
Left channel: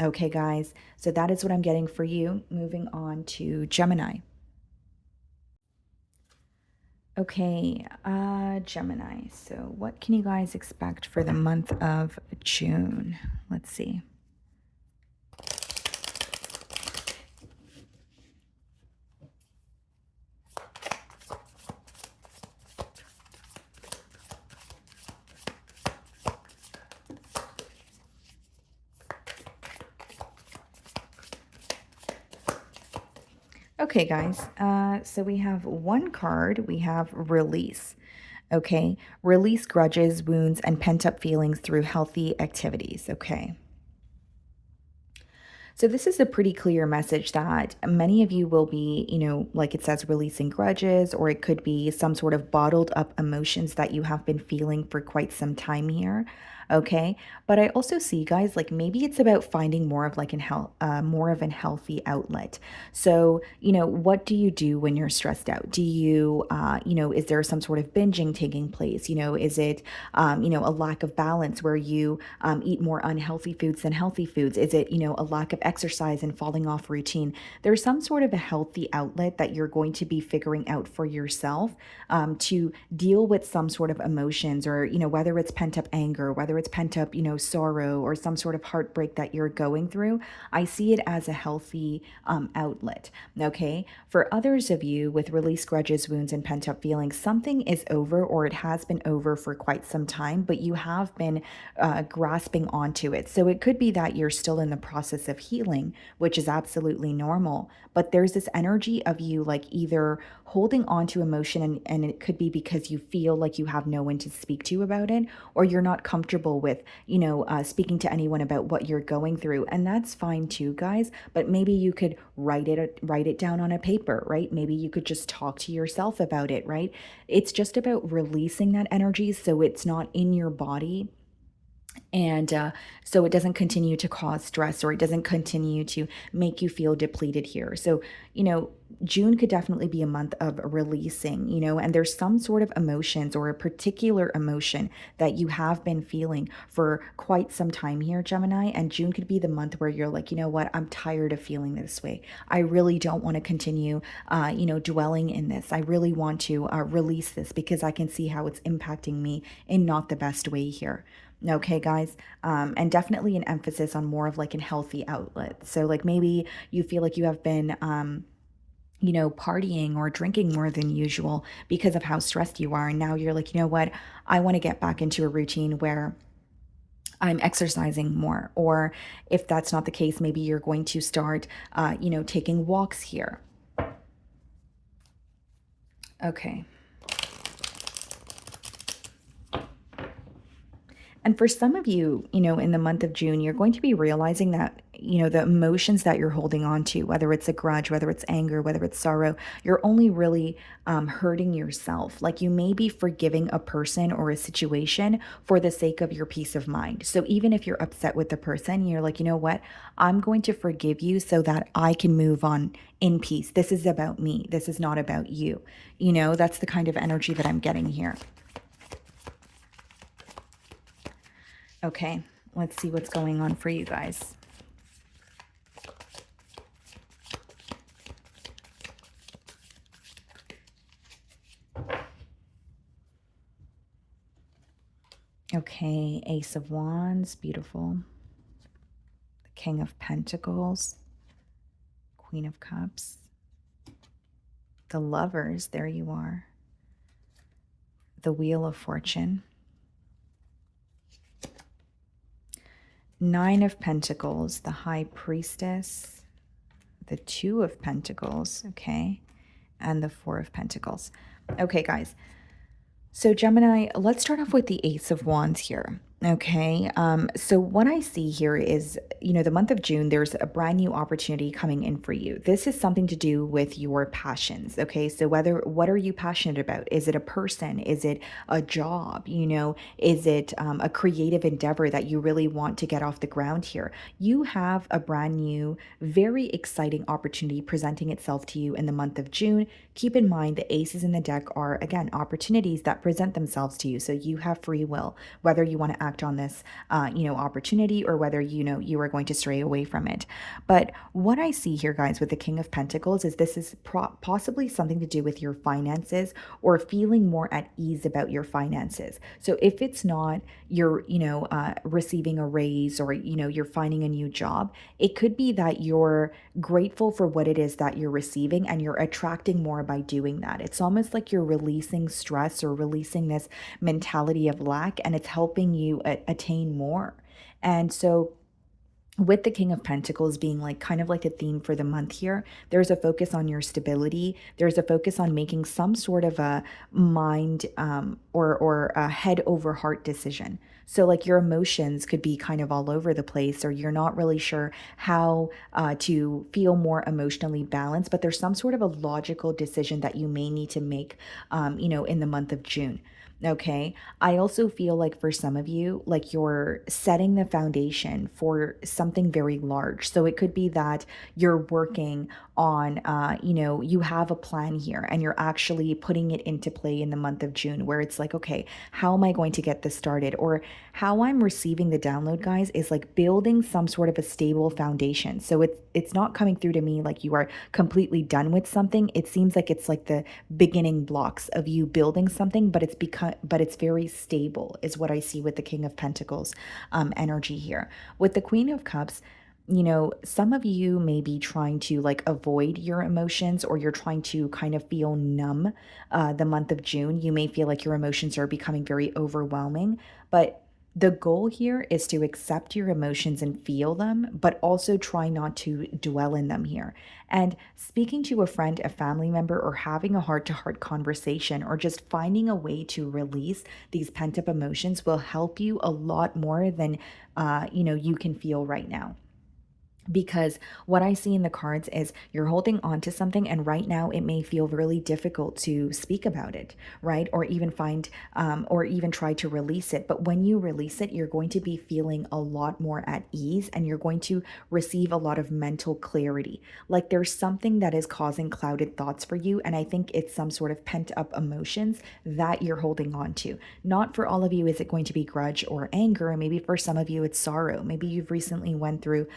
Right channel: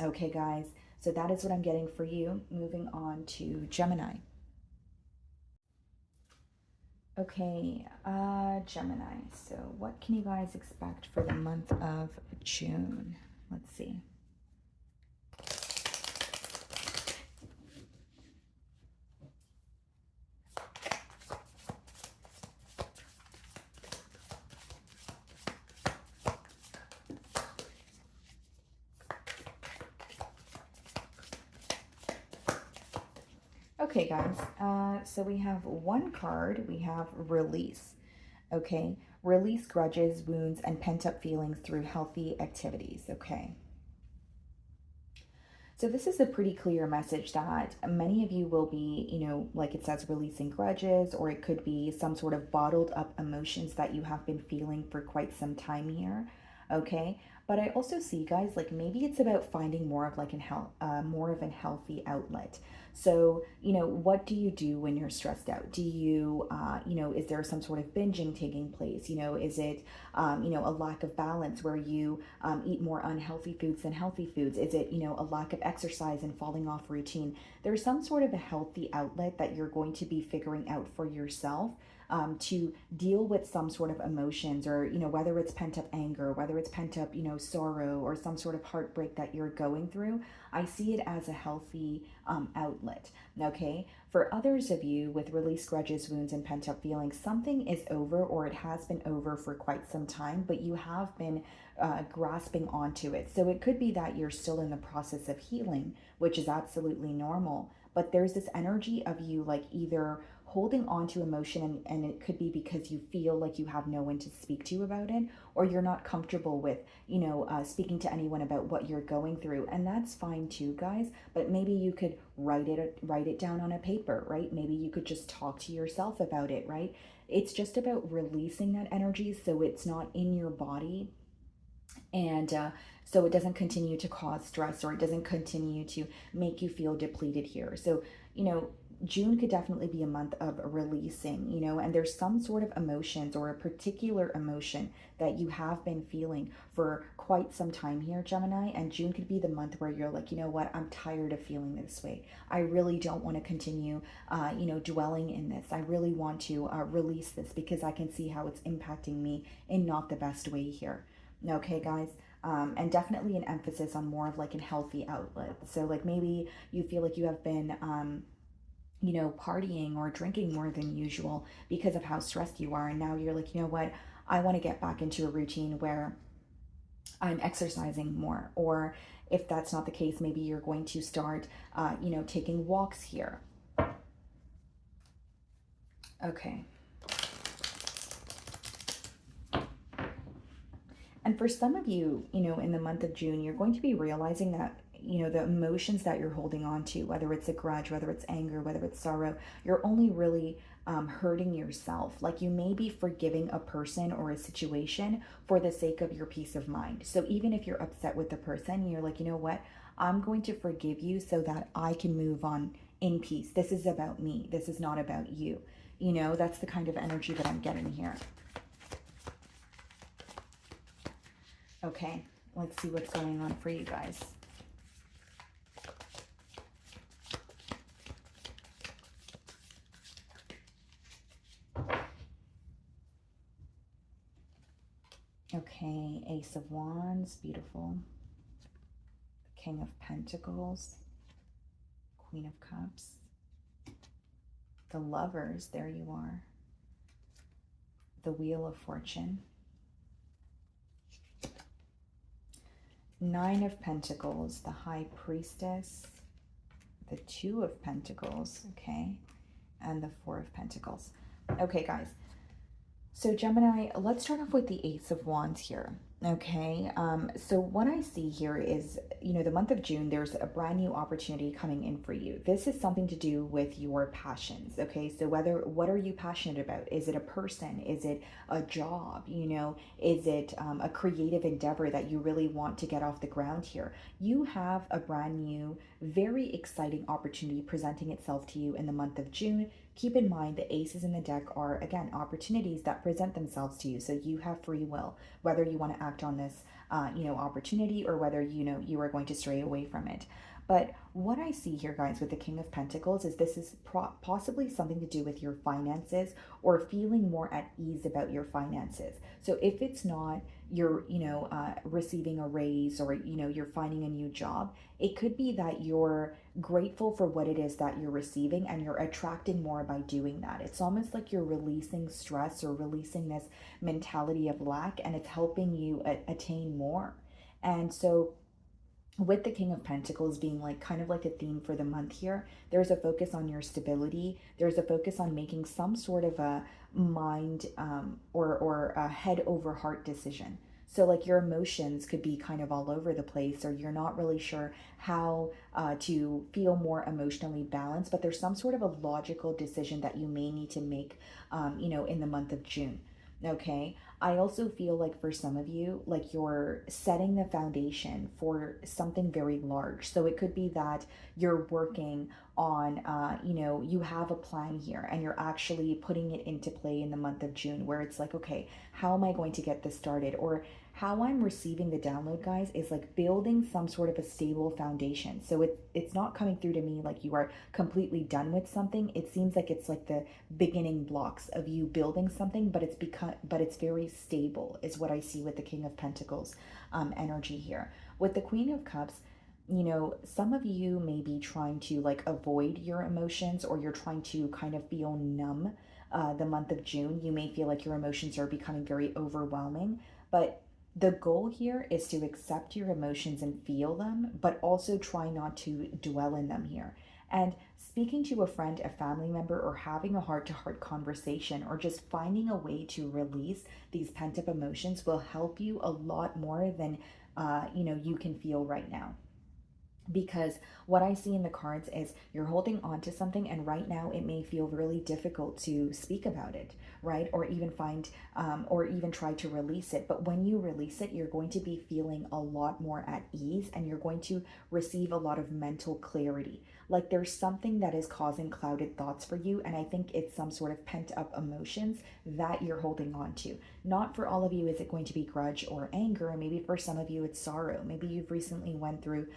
Okay, guys, so that is what I'm getting for you. Moving on to Gemini. Okay, Gemini. So what can you guys expect for the month of June? Let's see. Okay, guys, so we have one card. We have release. Okay, release grudges, wounds, and pent-up feelings through healthy activities. Okay. So this is a pretty clear message that many of you will be, like it says, releasing grudges, or it could be some sort of bottled up emotions that you have been feeling for quite some time here. Okay. But I also see, guys, like maybe it's about finding more of like more of an healthy outlet. So, what do you do when you're stressed out? Do you, is there some sort of binging taking place? Is it, a lack of balance where you eat more unhealthy foods than healthy foods? Is it, a lack of exercise and falling off routine? There's some sort of a healthy outlet that you're going to be figuring out for yourself, to deal with some sort of emotions, or, whether it's pent up anger, whether it's pent up, sorrow, or some sort of heartbreak that you're going through. I see it as a healthy outlet. Okay. For others of you with release grudges, wounds, and pent up feelings, something is over, or it has been over for quite some time, but you have been grasping onto it. So it could be that you're still in the process of healing, which is absolutely normal. But there's this energy of you like either holding on to emotion, and it could be because you feel like you have no one to speak to about it, or you're not comfortable with, speaking to anyone about what you're going through. And that's fine too, guys. But maybe you could write it down on a paper, right? Maybe you could just talk to yourself about it, right? It's just about releasing that energy so it's not in your body, and so it doesn't continue to cause stress, or it doesn't continue to make you feel depleted here. So, June could definitely be a month of releasing, and there's some sort of emotions, or a particular emotion that you have been feeling for quite some time here, Gemini. And June could be the month where you're like, you know what, I'm tired of feeling this way. I really don't want to continue, dwelling in this. I really want to release this, because I can see how it's impacting me in not the best way here. Okay, guys. And definitely an emphasis on more of like a healthy outlet. So like maybe you feel like you have been, partying or drinking more than usual because of how stressed you are. And now you're like, you know what? I want to get back into a routine where I'm exercising more. Or if that's not the case, maybe you're going to start, taking walks here. Okay. And for some of you, in the month of June, you're going to be realizing that, the emotions that you're holding on to, whether it's a grudge, whether it's anger, whether it's sorrow, you're only really hurting yourself. Like you may be forgiving a person or a situation for the sake of your peace of mind. So even if you're upset with the person, you're like, you know what? I'm going to forgive you so that I can move on in peace. This is about me. This is not about you. That's the kind of energy that I'm getting here. Okay, let's see what's going on for you guys. Okay, Ace of Wands, beautiful. The King of Pentacles, Queen of Cups, the Lovers, there you are. The Wheel of Fortune, Nine of Pentacles, the High Priestess, the Two of Pentacles, okay, and the Four of Pentacles. Okay, guys. So Gemini, let's start off with the Ace of Wands here. Okay, so what I see here is, the month of June, there's a brand new opportunity coming in for you. This is something to do with your passions. Okay, so what are you passionate about? Is it a person? Is it a job? Is it a creative endeavor that you really want to get off the ground here? You have a brand new, very exciting opportunity presenting itself to you in the month of June. Keep in mind the aces in the deck are, again, opportunities that present themselves to you. So you have free will, whether you want to act on this, opportunity, or whether, you are going to stray away from it. But what I see here, guys, with the King of Pentacles is this is possibly something to do with your finances or feeling more at ease about your finances. So if it's not you're, receiving a raise or, you're finding a new job, it could be that you're grateful for what it is that you're receiving and you're attracting more by doing that. It's almost like you're releasing stress or releasing this mentality of lack, and it's helping you attain more. And so with the King of Pentacles being like kind of like a theme for the month here, there's a focus on your stability. There's a focus on making some sort of a mind or a head over heart decision. So like your emotions could be kind of all over the place, or you're not really sure how to feel more emotionally balanced, but there's some sort of a logical decision that you may need to make, in the month of June. Okay. I also feel like for some of you, like you're setting the foundation for something very large. So it could be that you're working on, you have a plan here and you're actually putting it into play in the month of June, where it's like, okay, how am I going to get this started? Or how I'm receiving the download, guys, is like building some sort of a stable foundation. So it's not coming through to me like you are completely done with something. It seems like it's like the beginning blocks of you building something, but it's very stable, is what I see with the King of Pentacles energy here. With the Queen of Cups, some of you may be trying to like avoid your emotions, or you're trying to kind of feel numb the month of June. You may feel like your emotions are becoming very overwhelming, but the goal here is to accept your emotions and feel them, but also try not to dwell in them here. And speaking to a friend, a family member, or having a heart-to-heart conversation, or just finding a way to release these pent-up emotions will help you a lot more than you can feel right now. Because what I see in the cards is you're holding on to something, and right now it may feel really difficult to speak about it, right? Or even or even try to release it. But when you release it, you're going to be feeling a lot more at ease, and you're going to receive a lot of mental clarity. Like there's something that is causing clouded thoughts for you, and I think it's some sort of pent up emotions that you're holding on to. Not for all of you is it going to be grudge or anger. Maybe for some of you it's sorrow. Maybe you've recently went through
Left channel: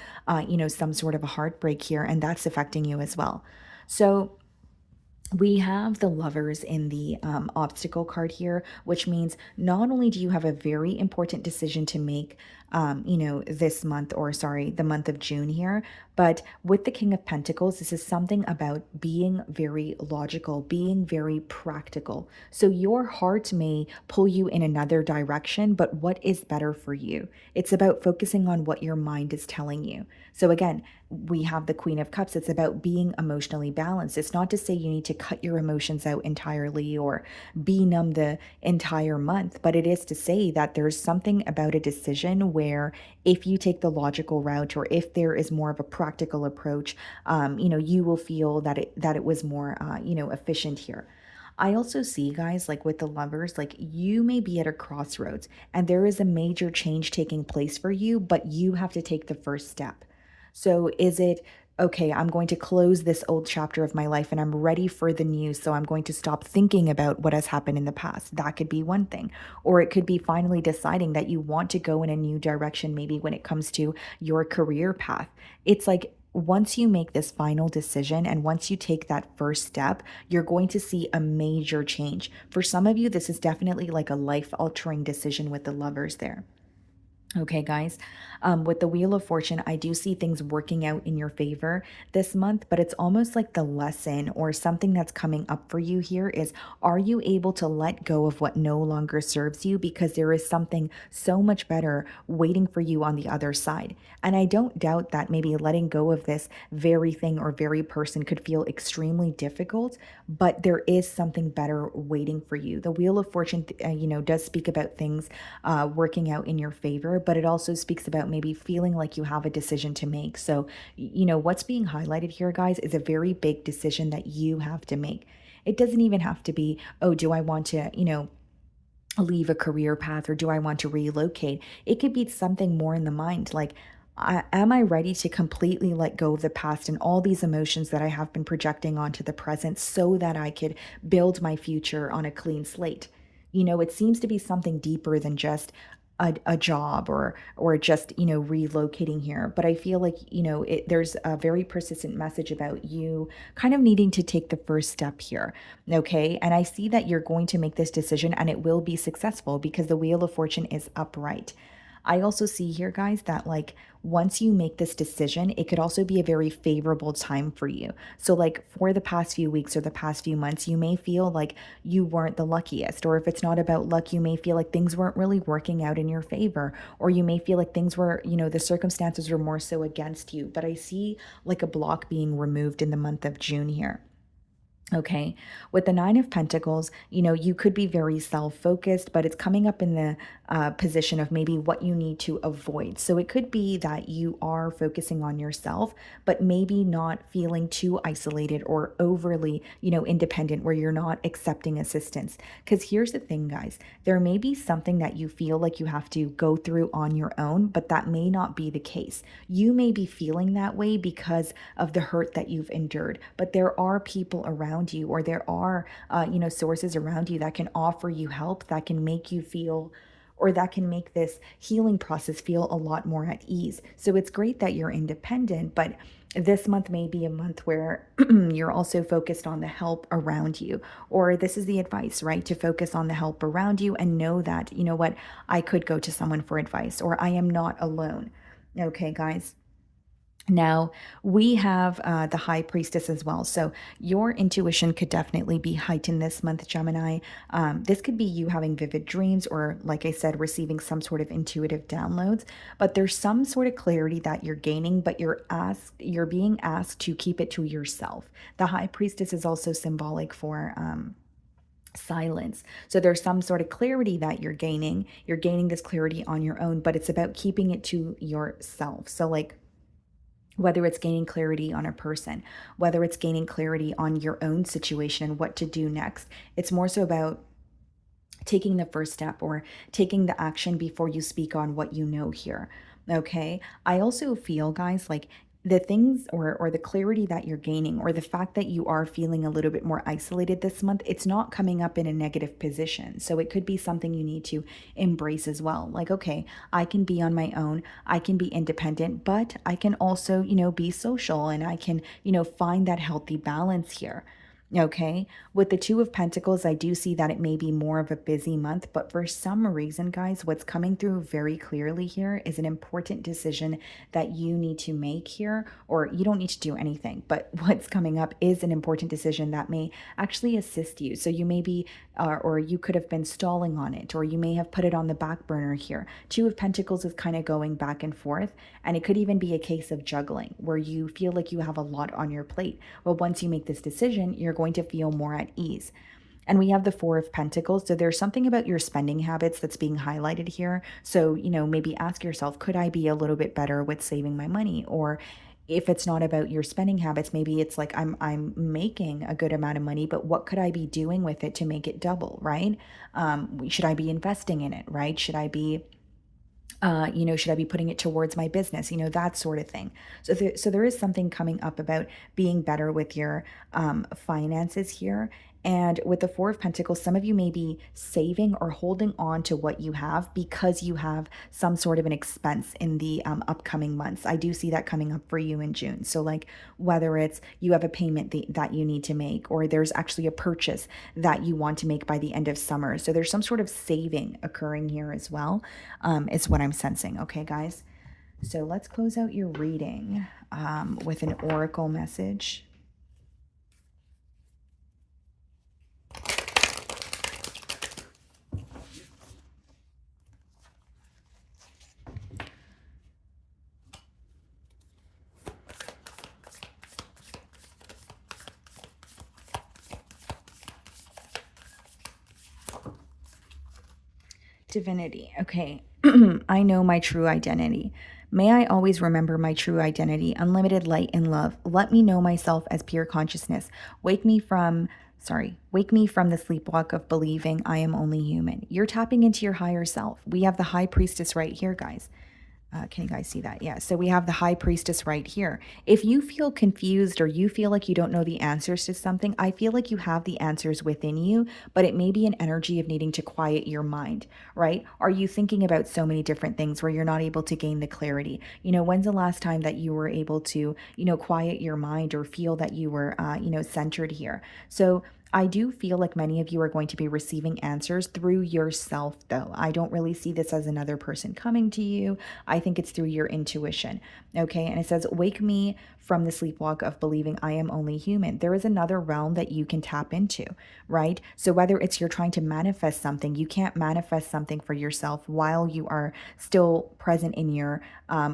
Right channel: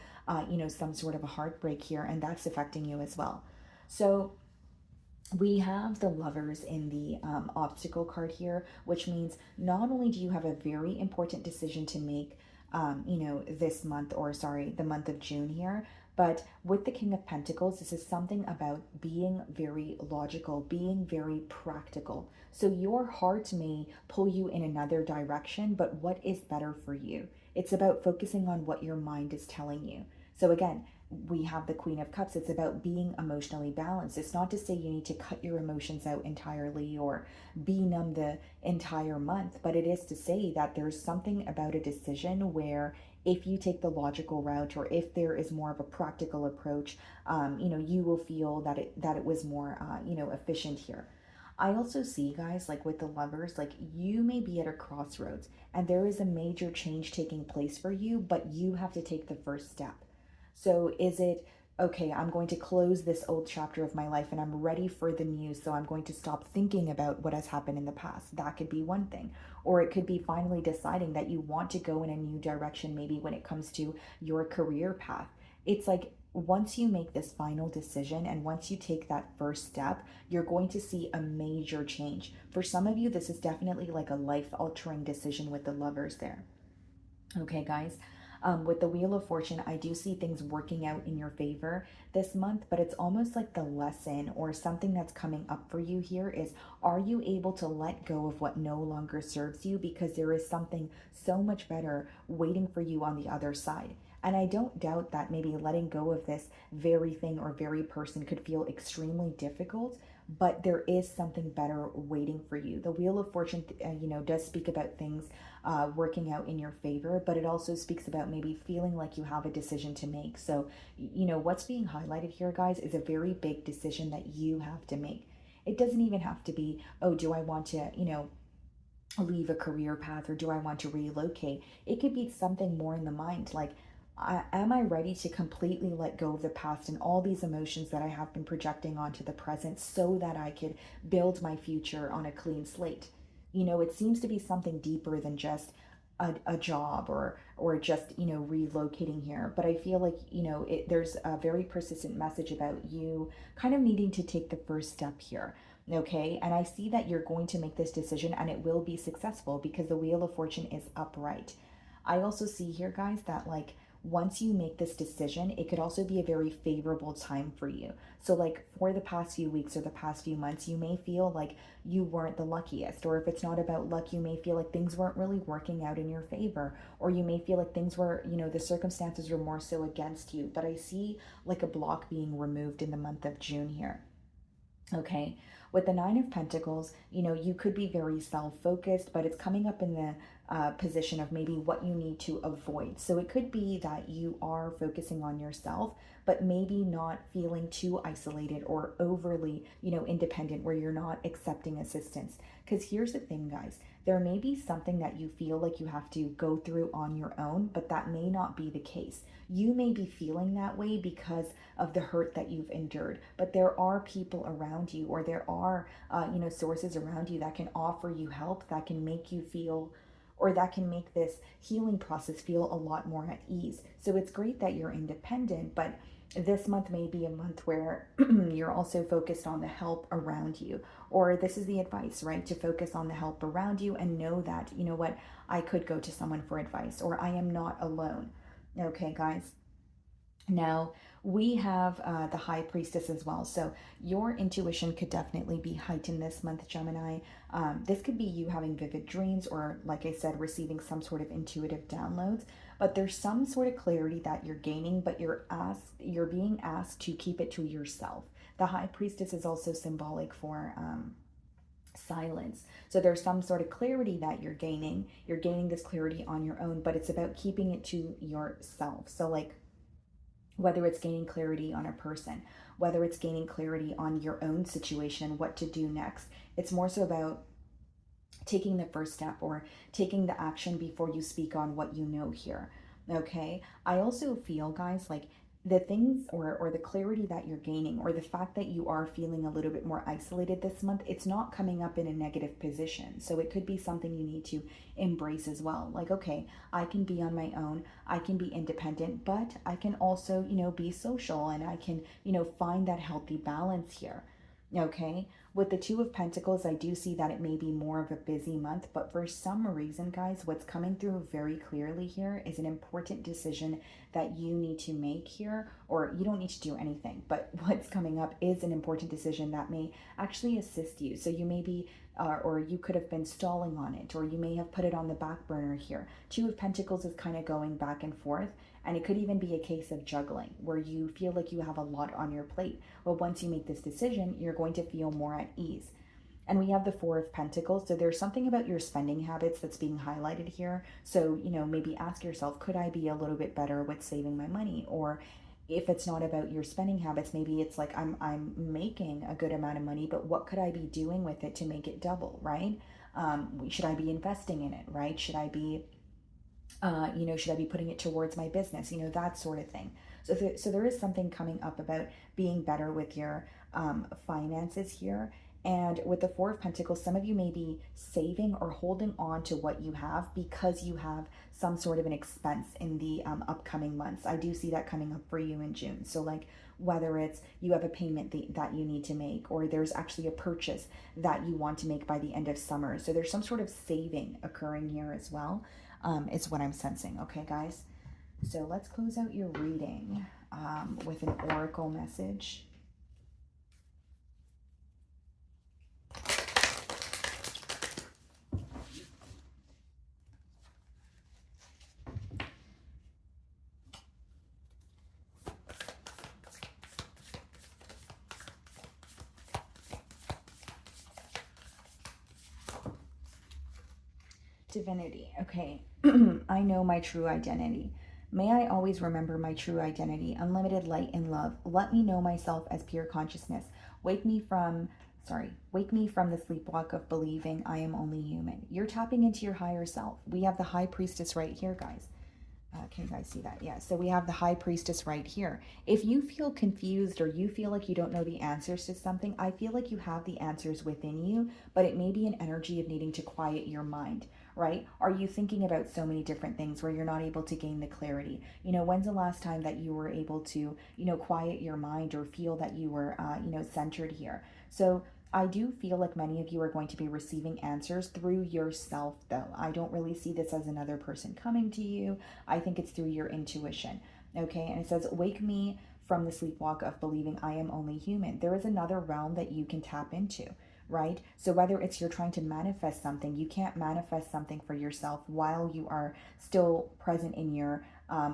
some sort of a heartbreak here, and that's affecting you as well. So we have the Lovers in the obstacle card here, which means not only do you have a very important decision to make this month, or sorry, the month of June here. But with the King of Pentacles, this is something about being very logical, being very practical. So your heart may pull you in another direction, but what is better for you? It's about focusing on what your mind is telling you. So again, we have the Queen of Cups. It's about being emotionally balanced. It's not to say you need to cut your emotions out entirely or be numb the entire month, but it is to say that there's something about a decision where if you take the logical route, or if there is more of a practical approach, you will feel that it was more, efficient here. I also see, guys, like with the Lovers, like you may be at a crossroads and there is a major change taking place for you, but you have to take the first step. So is it, okay, I'm going to close this old chapter of my life and I'm ready for the new, so I'm going to stop thinking about what has happened in the past? That could be one thing. Or it could be finally deciding that you want to go in a new direction, maybe when it comes to your career path. It's like, once you make this final decision and once you take that first step, you're going to see a major change. For some of you, this is definitely like a life altering decision with the Lovers there. Okay, guys, with the Wheel of Fortune, I do see things working out in your favor this month, but it's almost like the lesson or something that's coming up for you here is, are you able to let go of what no longer serves you? Because there is something so much better waiting for you on the other side. And I don't doubt that maybe letting go of this very thing or very person could feel extremely difficult, but there is something better waiting for you. The Wheel of Fortune, does speak about things working out in your favor, but it also speaks about maybe feeling like you have a decision to make. So, what's being highlighted here, guys, is a very big decision that you have to make. It doesn't even have to be, oh, do I want to, leave a career path, or do I want to relocate? It could be something more in the mind, like, am I ready to completely let go of the past and all these emotions that I have been projecting onto the present so that I could build my future on a clean slate? It seems to be something deeper than just a job, or just relocating here. But I feel like there's a very persistent message about you kind of needing to take the first step here. Okay, and I see that you're going to make this decision and it will be successful because the Wheel of Fortune is upright. I also see here, guys, that like once you make this decision, it could also be a very favorable time for you. So, like for the past few weeks or the past few months, you may feel like you weren't the luckiest. Or if it's not about luck, you may feel like things weren't really working out in your favor. Or you may feel like things were, the circumstances were more so against you. But I see like a block being removed in the month of June here. Okay, with the Nine of Pentacles, you could be very self-focused, but it's coming up in the position of maybe what you need to avoid. So it could be that you are focusing on yourself, but maybe not feeling too isolated or overly, independent, where you're not accepting assistance. Because here's the thing, guys, there may be something that you feel like you have to go through on your own, but that may not be the case. You may be feeling that way because of the hurt that you've endured, but there are people around you, or there are, sources around you that can offer you help, that can make you feel, or that can make this healing process feel a lot more at ease. So it's great that you're independent, but this month may be a month where you're also focused on the help around you. Or this is the advice, right? To focus on the help around you and know that, what, I could go to someone for advice, or I am not alone. Okay, guys. Now, we have the High Priestess as well. So your intuition could definitely be heightened this month, Gemini. This could be you having vivid dreams, or, like I said, receiving some sort of intuitive downloads. But there's some sort of clarity that you're gaining, but you're being asked to keep it to yourself. The High Priestess is also symbolic for silence. So there's some sort of clarity that you're gaining. You're gaining this clarity on your own, but it's about keeping it to yourself. So like, whether it's gaining clarity on a person, whether it's gaining clarity on your own situation and what to do next, it's more so about taking the first step or taking the action before you speak on what you know here. Okay. I also feel, guys, like the things or the clarity that you're gaining, or the fact that you are feeling a little bit more isolated this month, it's not coming up in a negative position. So it could be something you need to embrace as well. Like, okay, I can be on my own, I can be independent, but I can also, be social, and I can, find that healthy balance here. Okay, with the Two of Pentacles, I do see that it may be more of a busy month, but for some reason, guys, what's coming through very clearly here is an important decision that you need to make here, or you don't need to do anything, but what's coming up is an important decision that may actually assist you. So you may be, or you could have been stalling on it, or you may have put it on the back burner here. Two of Pentacles is kind of going back and forth, and it could even be a case of juggling where you feel like you have a lot on your plate. Well, once you make this decision, you're going to feel more at ease. And we have the Four of Pentacles. So there's something about your spending habits that's being highlighted here. So, maybe ask yourself, could I be a little bit better with saving my money? Or if it's not about your spending habits, maybe it's like I'm making a good amount of money, but what could I be doing with it to make it double, right? Should I be investing in it, right? Should I be should I be putting it towards my business? That sort of thing. So there is something coming up about being better with your finances here. And with the Four of Pentacles, some of you may be saving or holding on to what you have because you have some sort of an expense in the upcoming months. I do see that coming up for you in June. So like whether it's you have a payment that you need to make, or there's actually a purchase that you want to make by the end of summer. So there's some sort of saving occurring here as well, is what I'm sensing. Okay, guys. So let's close out your reading with an oracle message. Divinity. Okay. I know my true identity. May I always remember my true identity, unlimited light and love. Let me know myself as pure consciousness. Wake me from the sleepwalk of believing I am only human. You're tapping into your higher self. We have the High Priestess right here, guys. Can you guys see that? Yeah. So we have the High Priestess right here. If you feel confused or you feel like you don't know the answers to something, I feel like you have the answers within you, but it may be an energy of needing to quiet your mind, right? Are you thinking about so many different things where you're not able to gain the clarity? When's the last time that you were able to, quiet your mind or feel that you were, centered here? So I do feel like many of you are going to be receiving answers through yourself, though. I don't really see this as another person coming to you. I think it's through your intuition. Okay. And it says, wake me from the sleepwalk of believing I am only human. There is another realm that you can tap into, right? So whether it's you're trying to manifest something, you can't manifest something for yourself while you are still present in your,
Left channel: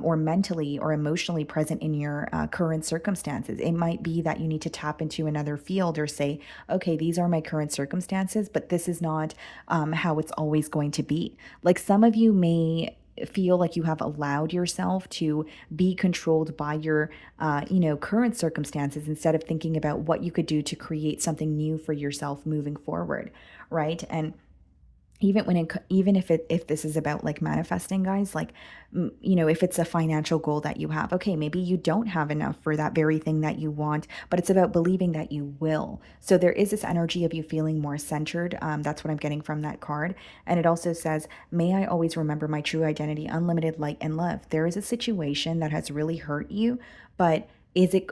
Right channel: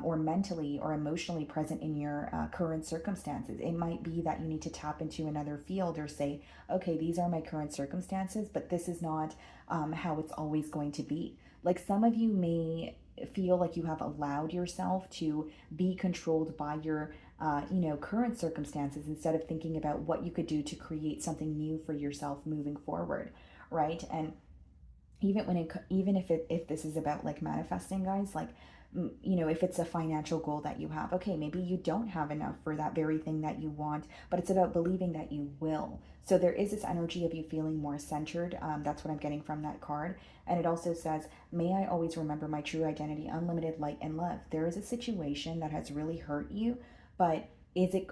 or mentally or emotionally present in your current circumstances. It might be that you need to tap into another field or say, okay, these are my current circumstances, but this is not how it's always going to be. Like some of you may feel like you have allowed yourself to be controlled by your current circumstances instead of thinking about what you could do to create something new for yourself moving forward, right? And even if this is about like manifesting, guys, like if it's a financial goal that you have, okay, maybe you don't have enough for that very thing that you want, but it's about believing that you will. So there is this energy of you feeling more centered. That's what I'm getting from that card. And it also says, may I always remember my true identity, unlimited light and love. There is a situation that has really hurt you, but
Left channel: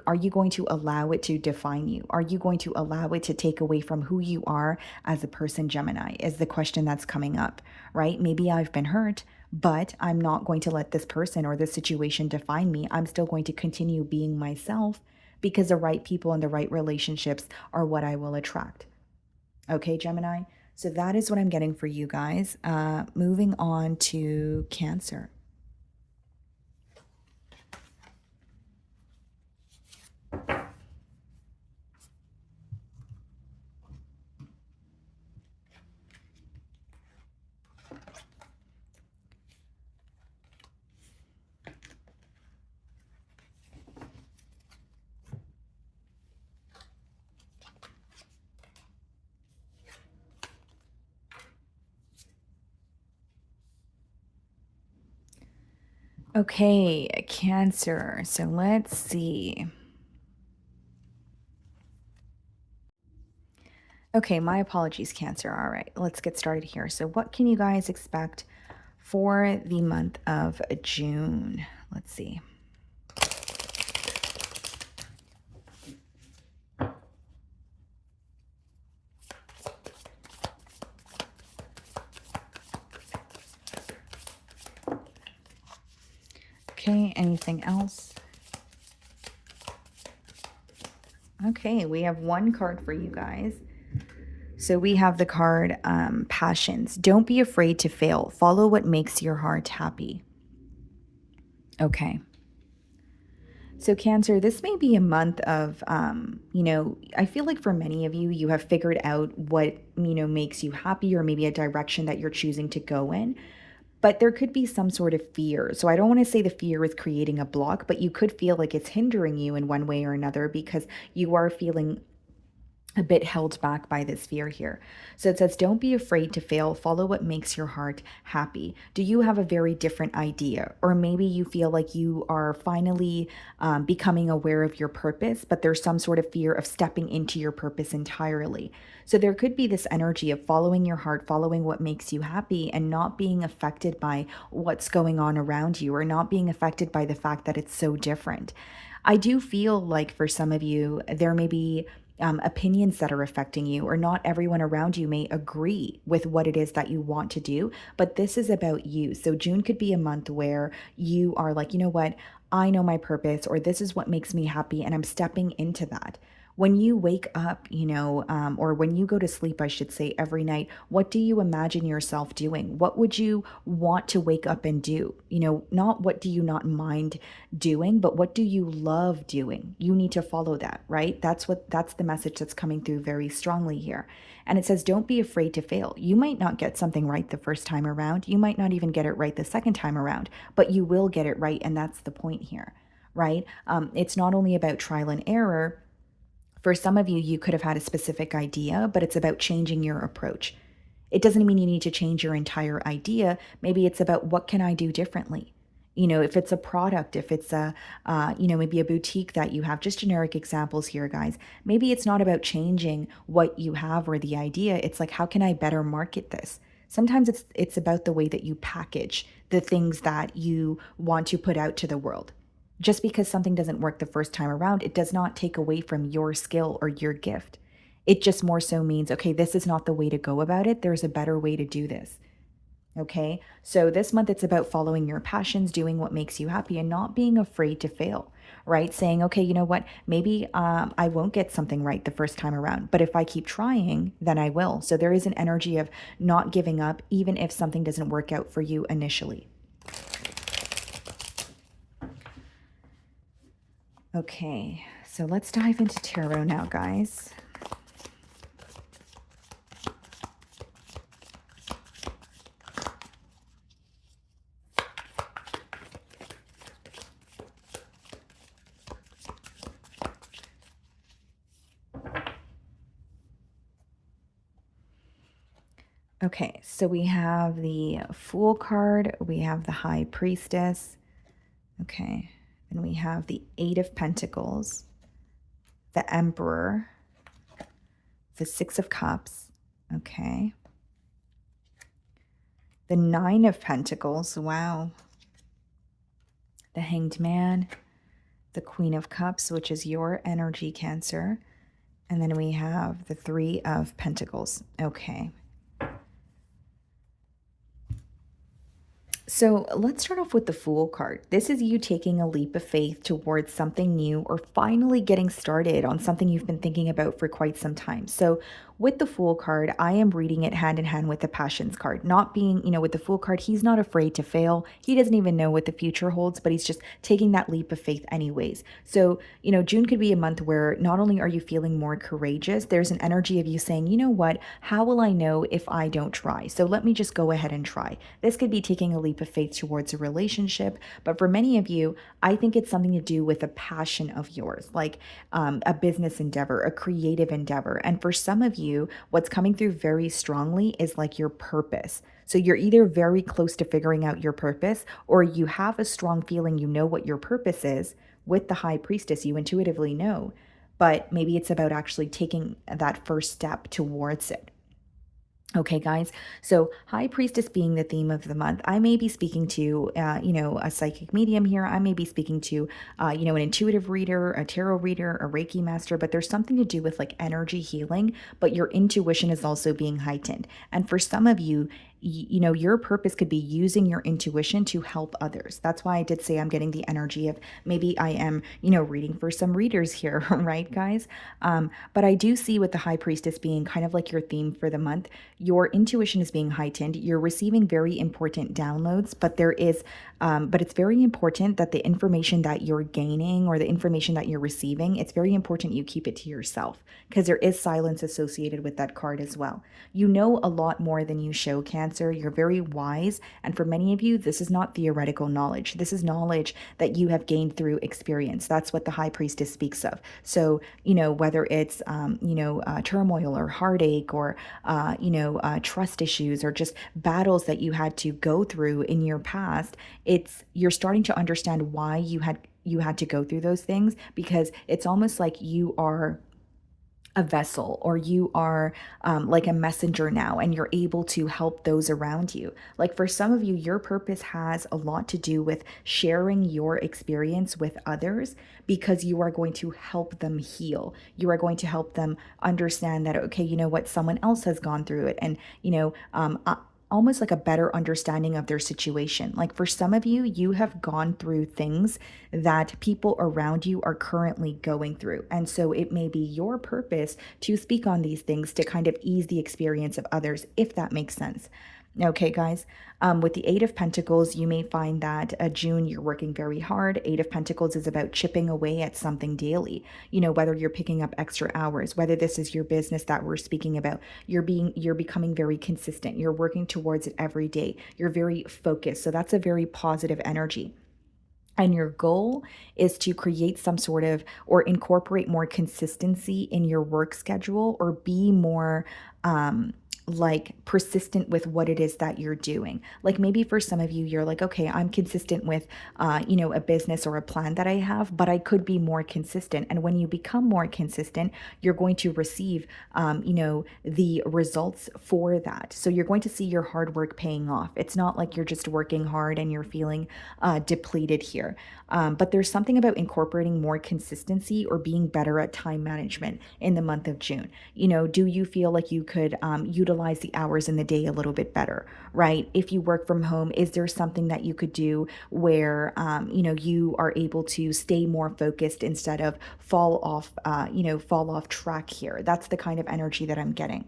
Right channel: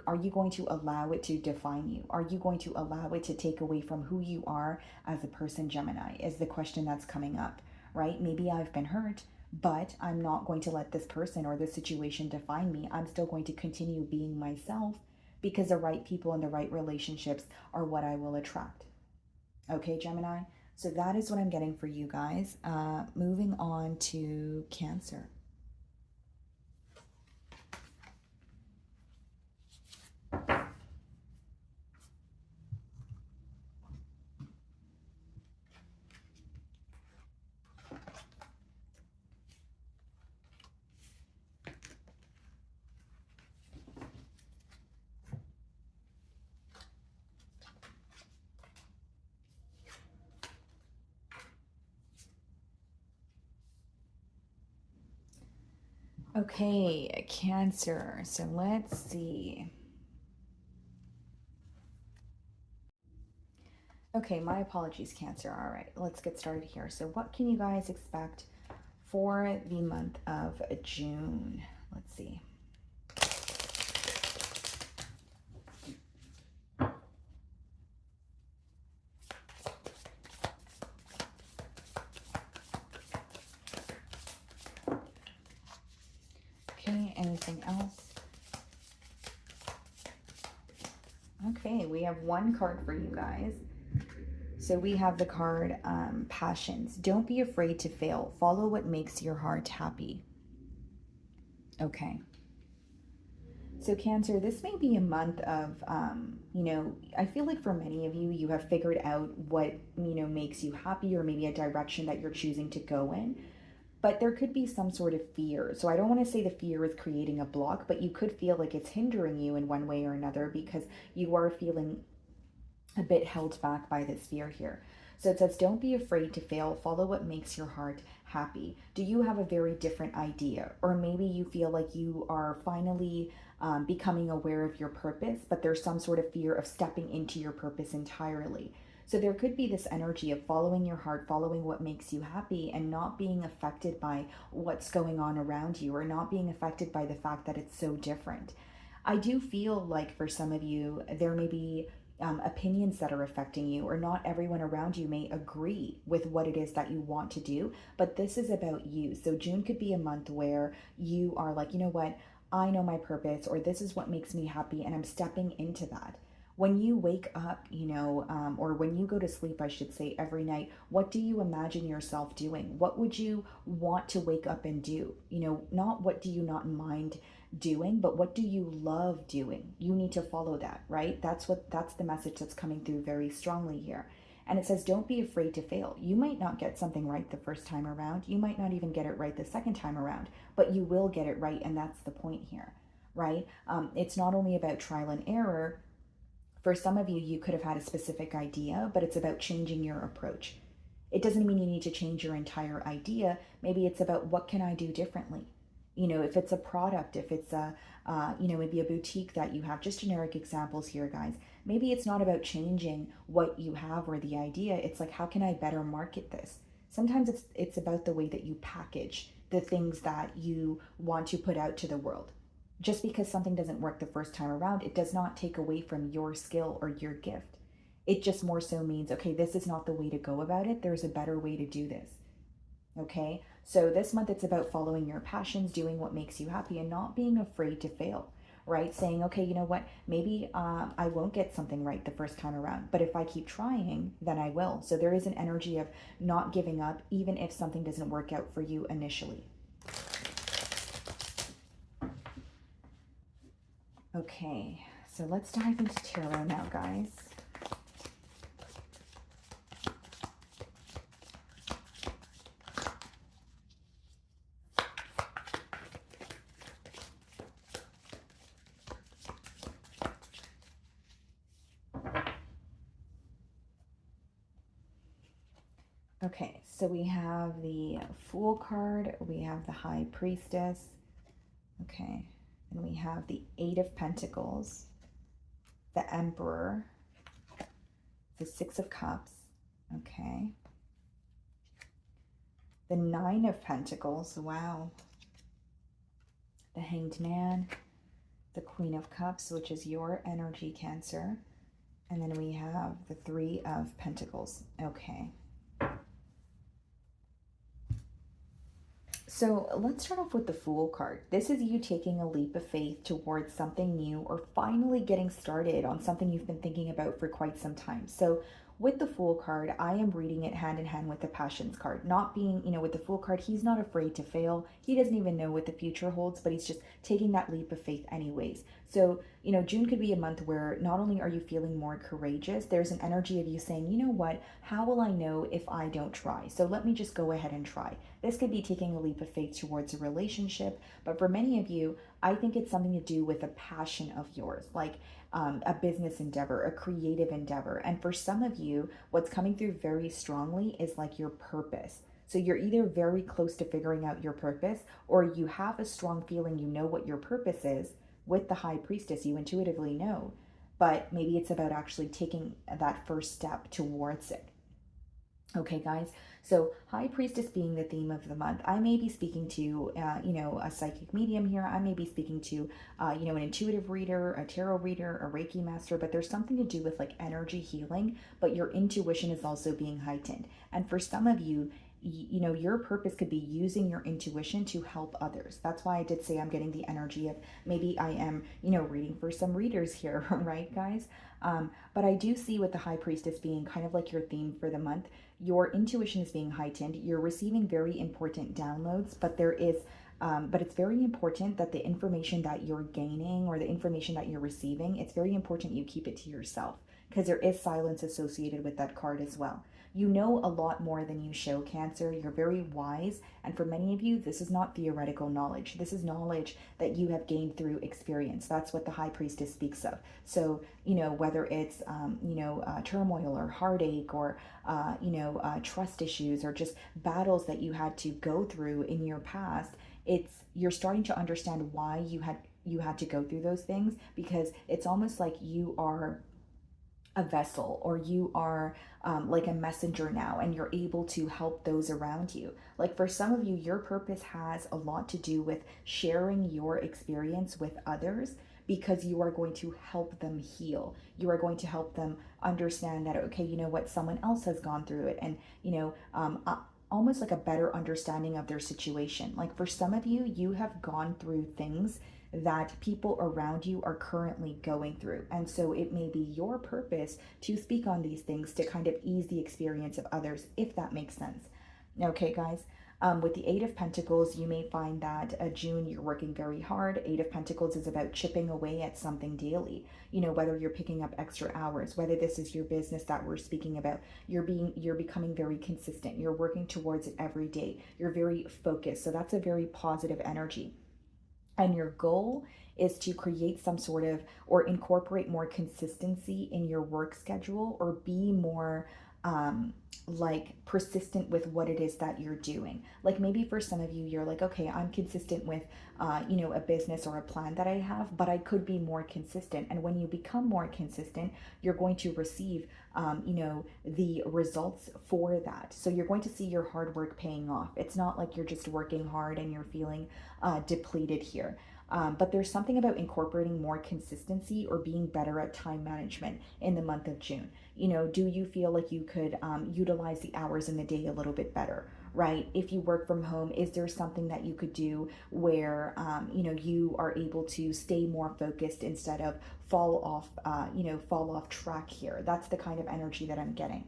are you going to allow it to define you? Are you going to allow it to take away from who you are as a person, Gemini, is the question that's coming up, right? Maybe I've been hurt, but I'm not going to let this person or this situation define me. I'm still going to continue being myself because the right people and the right relationships are what I will attract. Okay, Gemini? So that is what I'm getting for you guys. Moving on to Cancer. Okay, Cancer. So let's see. Okay, my apologies, Cancer. All right, let's get started here. So what can you guys expect for the month of June? Let's see. Okay, anything else? Okay, we have one card for you guys. So we have the card Passions. Don't be afraid to fail. Follow what makes your heart happy. Okay. So Cancer, this may be a month of, I feel like for many of you, you have figured out what, makes you happy, or maybe a direction that you're choosing to go in. But there could be some sort of fear. So I don't want to say the fear is creating a block, but you could feel like it's hindering you in one way or another because you are feeling a bit held back by this fear here. So it says, don't be afraid to fail. Follow what makes your heart happy. Do you have a very different idea? Or maybe you feel like you are finally becoming aware of your purpose, but there's some sort of fear of stepping into your purpose entirely. So there could be this energy of following your heart, following what makes you happy, and not being affected by what's going on around you, or not being affected by the fact that it's so different. I do feel like for some of you, there may be opinions that are affecting you, or not everyone around you may agree with what it is that you want to do, but this is about you. So June could be a month where you are like, you know what, I know my purpose, or this is what makes me happy, and I'm stepping into that. When you wake up, or when you go to sleep, I should say, every night, what do you imagine yourself doing? What would you want to wake up and do? Not what do you not mind doing, but what do you love doing? You need to follow that, right? That's the message that's coming through very strongly here. And it says, don't be afraid to fail. You might not get something right the first time around. You might not even get it right the second time around, but you will get it right. And that's the point here, right? It's not only about trial and error. For some of you, you could have had a specific idea, but it's about changing your approach. It doesn't mean you need to change your entire idea. Maybe it's about, what can I do differently? If it's a product, if it's maybe a boutique that you have, just generic examples here, guys. Maybe it's not about changing what you have or the idea. It's like, how can I better market this? Sometimes it's about the way that you package the things that you want to put out to the world. Just because something doesn't work the first time around, it does not take away from your skill or your gift. It just more so means, okay, this is not the way to go about it. There's a better way to do this. Okay, so this month it's about following your passions, doing what makes you happy, and not being afraid to fail, right? Saying, okay, you know what, maybe I won't get something right the first time around, but if I keep trying, then I will. So there is an energy of not giving up, even if something doesn't work out for you initially. Okay, so let's dive into tarot now, guys. Okay, so we have the Fool card, we have the High Priestess, okay, and we have the Eight of Pentacles, the Emperor, the Six of Cups, okay, the Nine of Pentacles, wow, the Hanged Man, the Queen of Cups, which is your energy, Cancer, and then we have the Three of Pentacles, okay. So let's start off with the Fool card. This is you taking a leap of faith towards something new, or finally getting started on something you've been thinking about for quite some time. So with the Fool card, I am reading it hand in hand with the Passions card. Not being, with the Fool card, he's not afraid to fail. He doesn't even know what the future holds, but he's just taking that leap of faith anyways. So, June could be a month where not only are you feeling more courageous, there's an energy of you saying, you know what, how will I know if I don't try? So let me just go ahead and try. This could be taking a leap of faith towards a relationship, but for many of you, I think it's something to do with a passion of yours, like a business endeavor, a creative endeavor. And for some of you, what's coming through very strongly is like your purpose. So you're either very close to figuring out your purpose, or you have a strong feeling you know what your purpose is. With the High Priestess, you intuitively know, but maybe it's about actually taking that first step towards it. Okay, guys, so High Priestess being the theme of the month, I may be speaking to, a psychic medium here. I may be speaking to, an intuitive reader, a tarot reader, a Reiki master, but there's something to do with like energy healing, but your intuition is also being heightened. And for some of you, you know, your purpose could be using your intuition to help others. That's why I did say I'm getting the energy of maybe I am, you know, reading for some readers here, right, guys? But I do see with the High Priestess being kind of like your theme for the month, your intuition is being heightened. You're receiving very important downloads, but but it's very important that the information that you're gaining or the information that you're receiving, it's very important you keep it to yourself because there is silence associated with that card as well. You know a lot more than you show, Cancer. You're very wise. And for many of you, this is not theoretical knowledge. This is knowledge that you have gained through experience. That's what the High Priestess speaks of. So, you know, whether it's, turmoil or heartache or, trust issues or just battles that you had to go through in your past, you're starting to understand why you had to go through those things, because it's almost like you are a vessel, or you are like a messenger now, and you're able to help those around you. Like for some of you, your purpose has a lot to do with sharing your experience with others, because you are going to help them heal. You are going to help them understand that, okay, you know what, someone else has gone through it, and almost like a better understanding of their situation. Like for some of you, you have gone through things that people around you are currently going through. And so it may be your purpose to speak on these things to kind of ease the experience of others, if that makes sense. Okay, guys. With the Eight of Pentacles, you may find that June, you're working very hard. Eight of Pentacles is about chipping away at something daily. You know, whether you're picking up extra hours, whether this is your business that we're speaking about, you're becoming very consistent. You're working towards it every day. You're very focused. So that's a very positive energy. And your goal is to create some sort of, or incorporate more consistency in your work schedule, or be more like persistent with what it is that you're doing. Like maybe for some of you, you're like, okay, I'm consistent with, a business or a plan that I have, but I could be more consistent. And when you become more consistent, you're going to receive, the results for that. So you're going to see your hard work paying off. It's not like you're just working hard and you're feeling depleted here. But there's something about incorporating more consistency or being better at time management in the month of June. You know, do you feel like you could utilize the hours in the day a little bit better, right? If you work from home, is there something that you could do where, you are able to stay more focused instead of fall off track here? That's the kind of energy that I'm getting.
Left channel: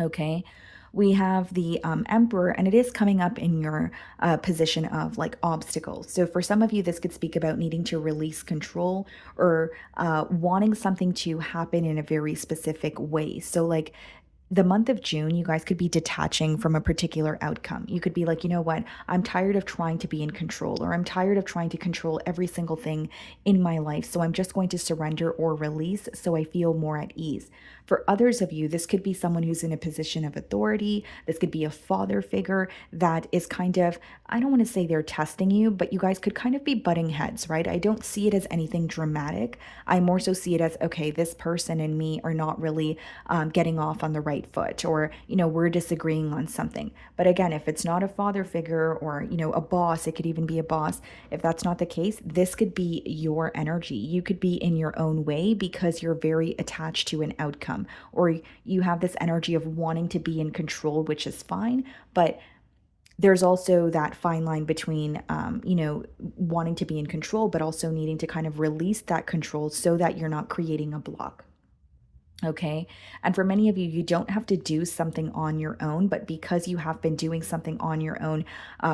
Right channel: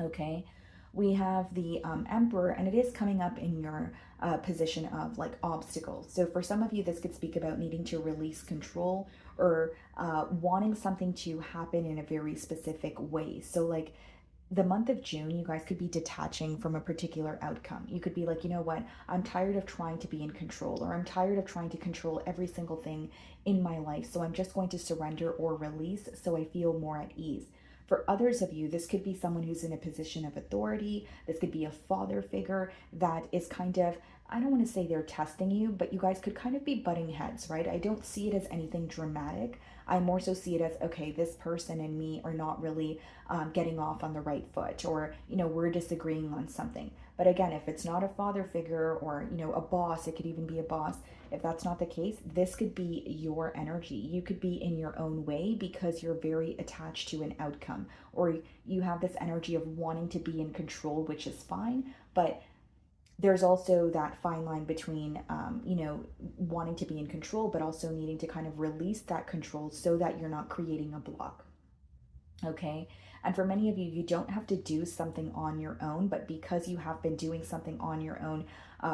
Okay. We have the Emperor, and it is coming up in your position of like obstacles. So for some of you, this could speak about needing to release control, or wanting something to happen in a very specific way. So like the month of June, you guys could be detaching from a particular outcome. You could be like, you know what, I'm tired of trying to be in control, or I'm tired of trying to control every single thing in my life. So I'm just going to surrender or release so I feel more at ease. For others of you, this could be someone who's in a position of authority. This could be a father figure that is kind of, I don't want to say they're testing you, but you guys could kind of be butting heads, right? I don't see it as anything dramatic. I more so see it as, okay, this person and me are not really getting off on the right foot, or, we're disagreeing on something. But again, if it's not a father figure or, a boss, it could even be a boss. If that's not the case, this could be your energy. You could be in your own way because you're very attached to an outcome, or you have this energy of wanting to be in control, which is fine. But there's also that fine line between, wanting to be in control, but also needing to kind of release that control so that you're not creating a block. Okay. And for many of you, you don't have to do something on your own, but because you have been doing something on your own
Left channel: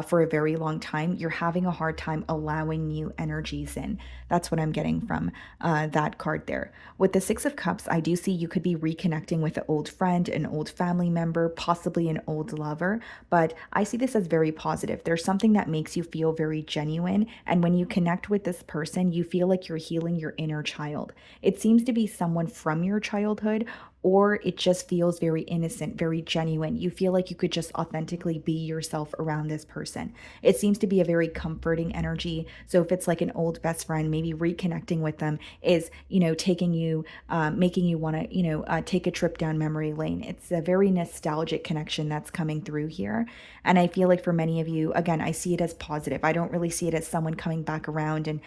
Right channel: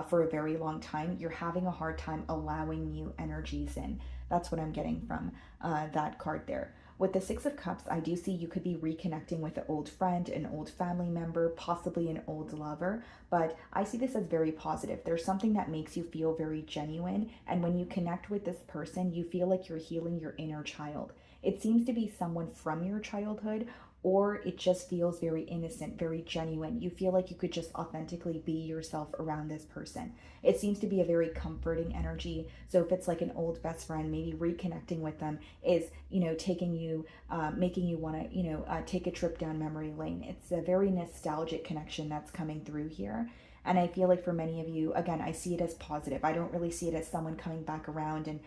for a very long time, you're having a hard time allowing new energies in. That's what I'm getting from that card there. With the Six of Cups, I do see you could be reconnecting with an old friend, an old family member, possibly an old lover, but I see this as very positive. There's something that makes you feel very genuine. And when you connect with this person, you feel like you're healing your inner child. It seems to be someone from your childhood, or it just feels very innocent, very genuine. You feel like you could just authentically be yourself around this person. It seems to be a very comforting energy. So if it's like an old best friend, maybe reconnecting with them is, taking you, making you want to, take a trip down memory lane. It's a very nostalgic connection that's coming through here. And I feel like for many of you, again, I see it as positive. I don't really see it as someone coming back around and,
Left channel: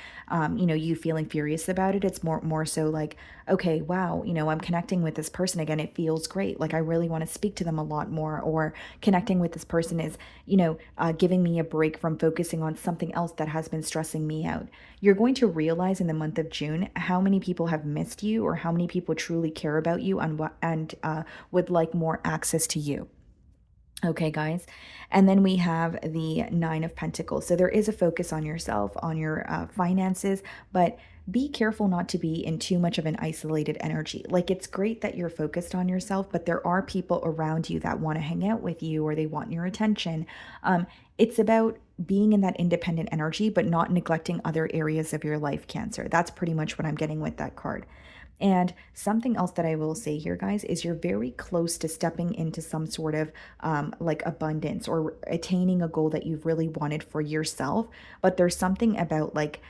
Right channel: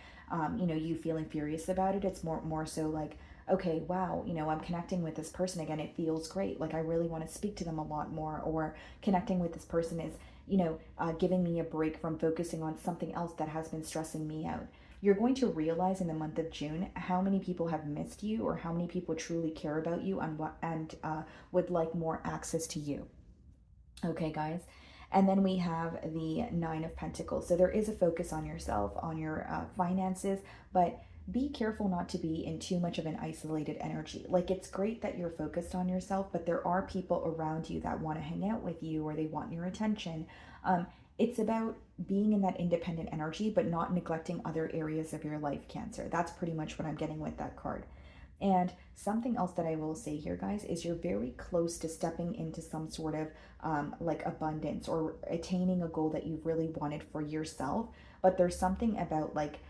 you feeling furious about it. It's more so like, okay, wow, I'm connecting with this person again. It feels great. Like I really want to speak to them a lot more, or connecting with this person is, giving me a break from focusing on something else that has been stressing me out. You're going to realize in the month of June how many people have missed you, or how many people truly care about you and would like more access to you. Okay, guys. And then we have the Nine of Pentacles. So there is a focus on yourself, on your finances, but be careful not to be in too much of an isolated energy. Like it's great that you're focused on yourself, but there are people around you that want to hang out with you or they want your attention. It's about being in that independent energy, but not neglecting other areas of your life, Cancer. That's pretty much what I'm getting with that card. And something else that I will say here, guys, is you're very close to stepping into some sort of like abundance or attaining a goal that you've really wanted for yourself. But there's something about like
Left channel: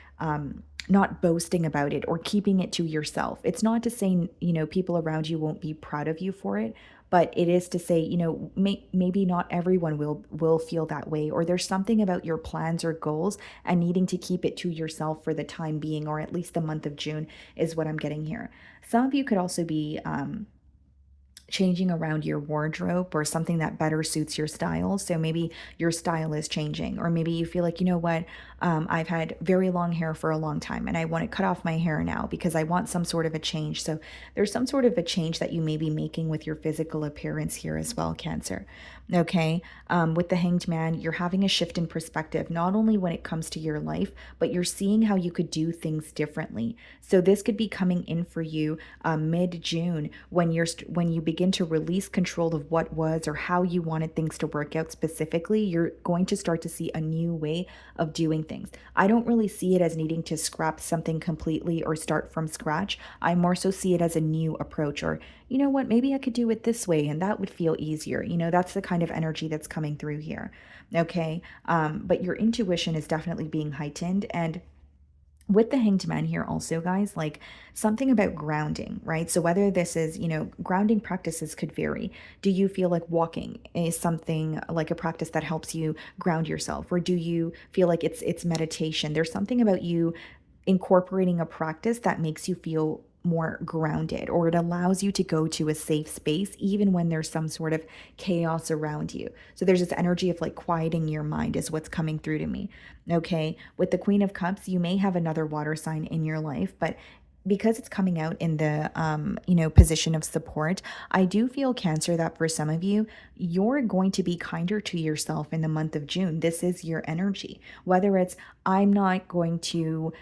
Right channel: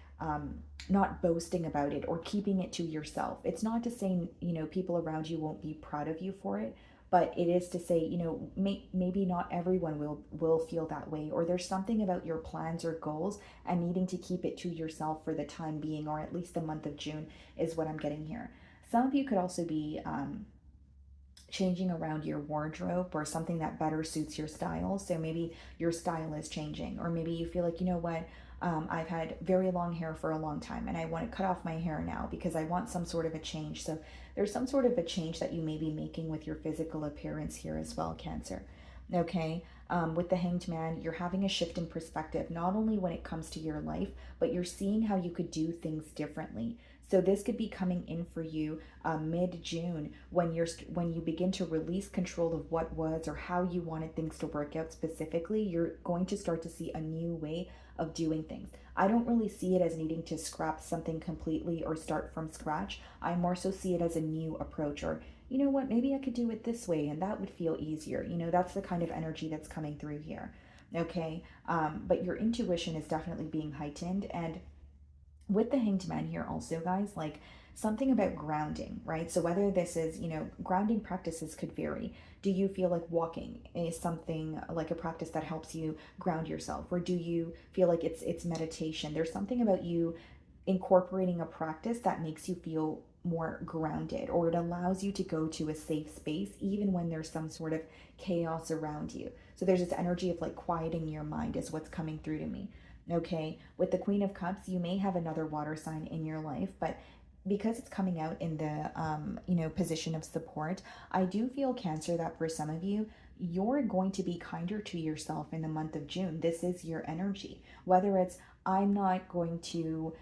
not boasting about it or keeping it to yourself. It's not to say, people around you won't be proud of you for it, but it is to say, maybe not everyone will feel that way, or there's something about your plans or goals and needing to keep it to yourself for the time being, or at least the month of June is what I'm getting here. Some of you could also be changing around your wardrobe or something that better suits your style. So maybe your style is changing, or maybe you feel like, what, I've had very long hair for a long time and I want to cut off my hair now because I want some sort of a change. So there's some sort of a change that you may be making with your physical appearance here as well, Cancer. Okay. With the Hanged Man, you're having a shift in perspective, not only when it comes to your life, but you're seeing how you could do things differently. So this could be coming in for you mid-June when you begin to release control of what was or how you wanted things to work out specifically. You're going to start to see a new way of doing things. I don't really see it as needing to scrap something completely or start from scratch. I more so see it as a new approach, or you know what, maybe I could do it this way and that would feel easier. That's the kind of energy that's coming through here. Okay. But your intuition is definitely being heightened. And with the Hanged Man here also, guys, like something about grounding, right? So whether this is, grounding practices could vary. Do you feel like walking is something like a practice that helps you ground yourself? Or do you feel like it's meditation? There's something about you incorporating a practice that makes you feel more grounded, or it allows you to go to a safe space even when there's some sort of chaos around you. So there's this energy of like quieting your mind is what's coming through to me. Okay, with the Queen of Cups, you may have another water sign in your life, but because it's coming out in the position of support, I do feel, Cancer, that for some of you, you're going to be kinder to yourself in the month of June. This is your energy. Whether it's I'm not going to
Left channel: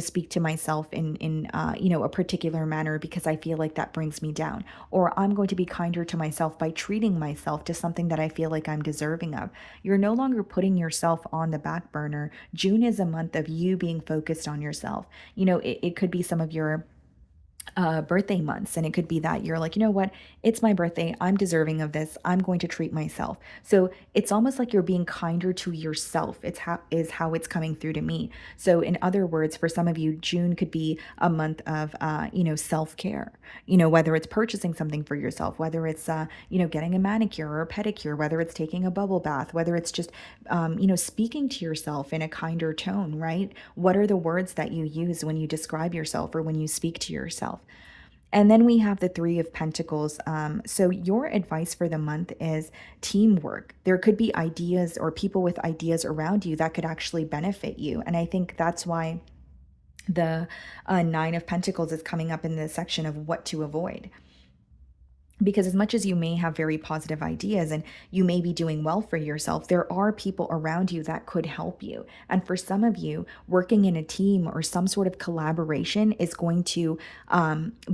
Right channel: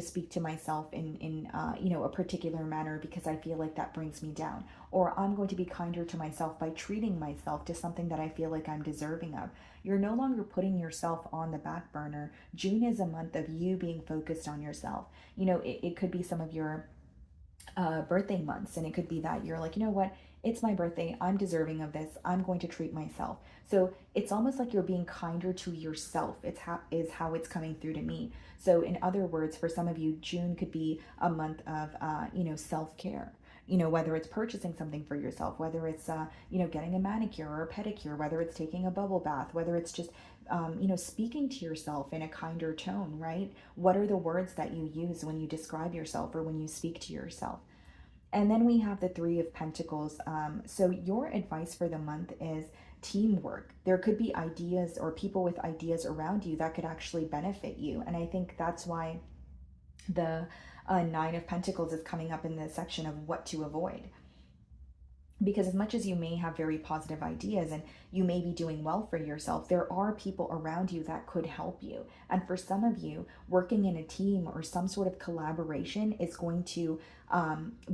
speak to myself in a particular manner because I feel like that brings me down, or I'm going to be kinder to myself by treating myself to something that I feel like I'm deserving of. You're no longer putting yourself on the back burner. June is a month of you being focused on yourself. It could be some of your birthday months, and it could be that you're like, you know what, it's my birthday, I'm deserving of this, I'm going to treat myself. So it's almost like you're being kinder to yourself. It's how it's coming through to me. So in other words, for some of you, June could be a month of self-care, whether it's purchasing something for yourself, whether it's getting a manicure or a pedicure, whether it's taking a bubble bath, whether it's just speaking to yourself in a kinder tone, right? What are the words that you use when you describe yourself or when you speak to yourself? And then we have the Three of Pentacles. So your advice for the month is teamwork. There could be ideas or people with ideas around you that could actually benefit you. And I think that's why the Nine of Pentacles is coming up in the section of what to avoid. Because as much as you may have very positive ideas and you may be doing well for yourself, there are people around you that could help you. And for some of you, working in a team or some sort of collaboration is going to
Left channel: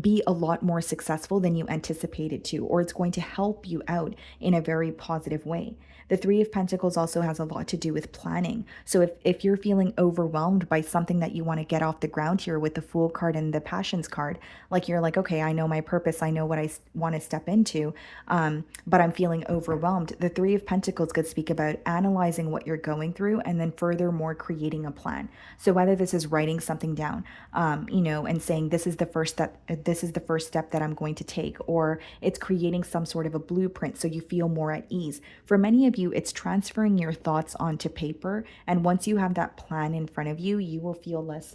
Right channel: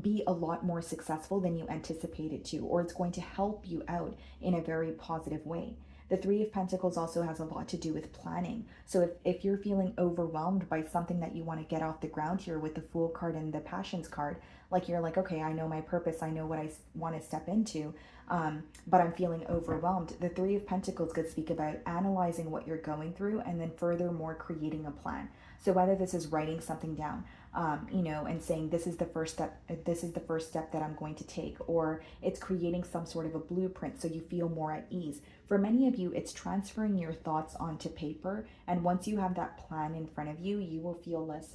be a lot more successful than you anticipated to, or it's going to help you out in a very positive way. The Three of Pentacles also has a lot to do with planning. So if you're feeling overwhelmed by something that you want to get off the ground here with the Fool card and the Passions card, like you're like, okay, I know my purpose, I know what I want to step into, but I'm feeling overwhelmed. The Three of Pentacles could speak about analyzing what you're going through and then furthermore creating a plan. So whether this is writing something down, and saying this is the first step that I'm going to take, or it's creating some sort of a blueprint so you feel more at ease. For many of you, it's transferring your thoughts onto paper. And once you have that plan in front of you, you will feel less,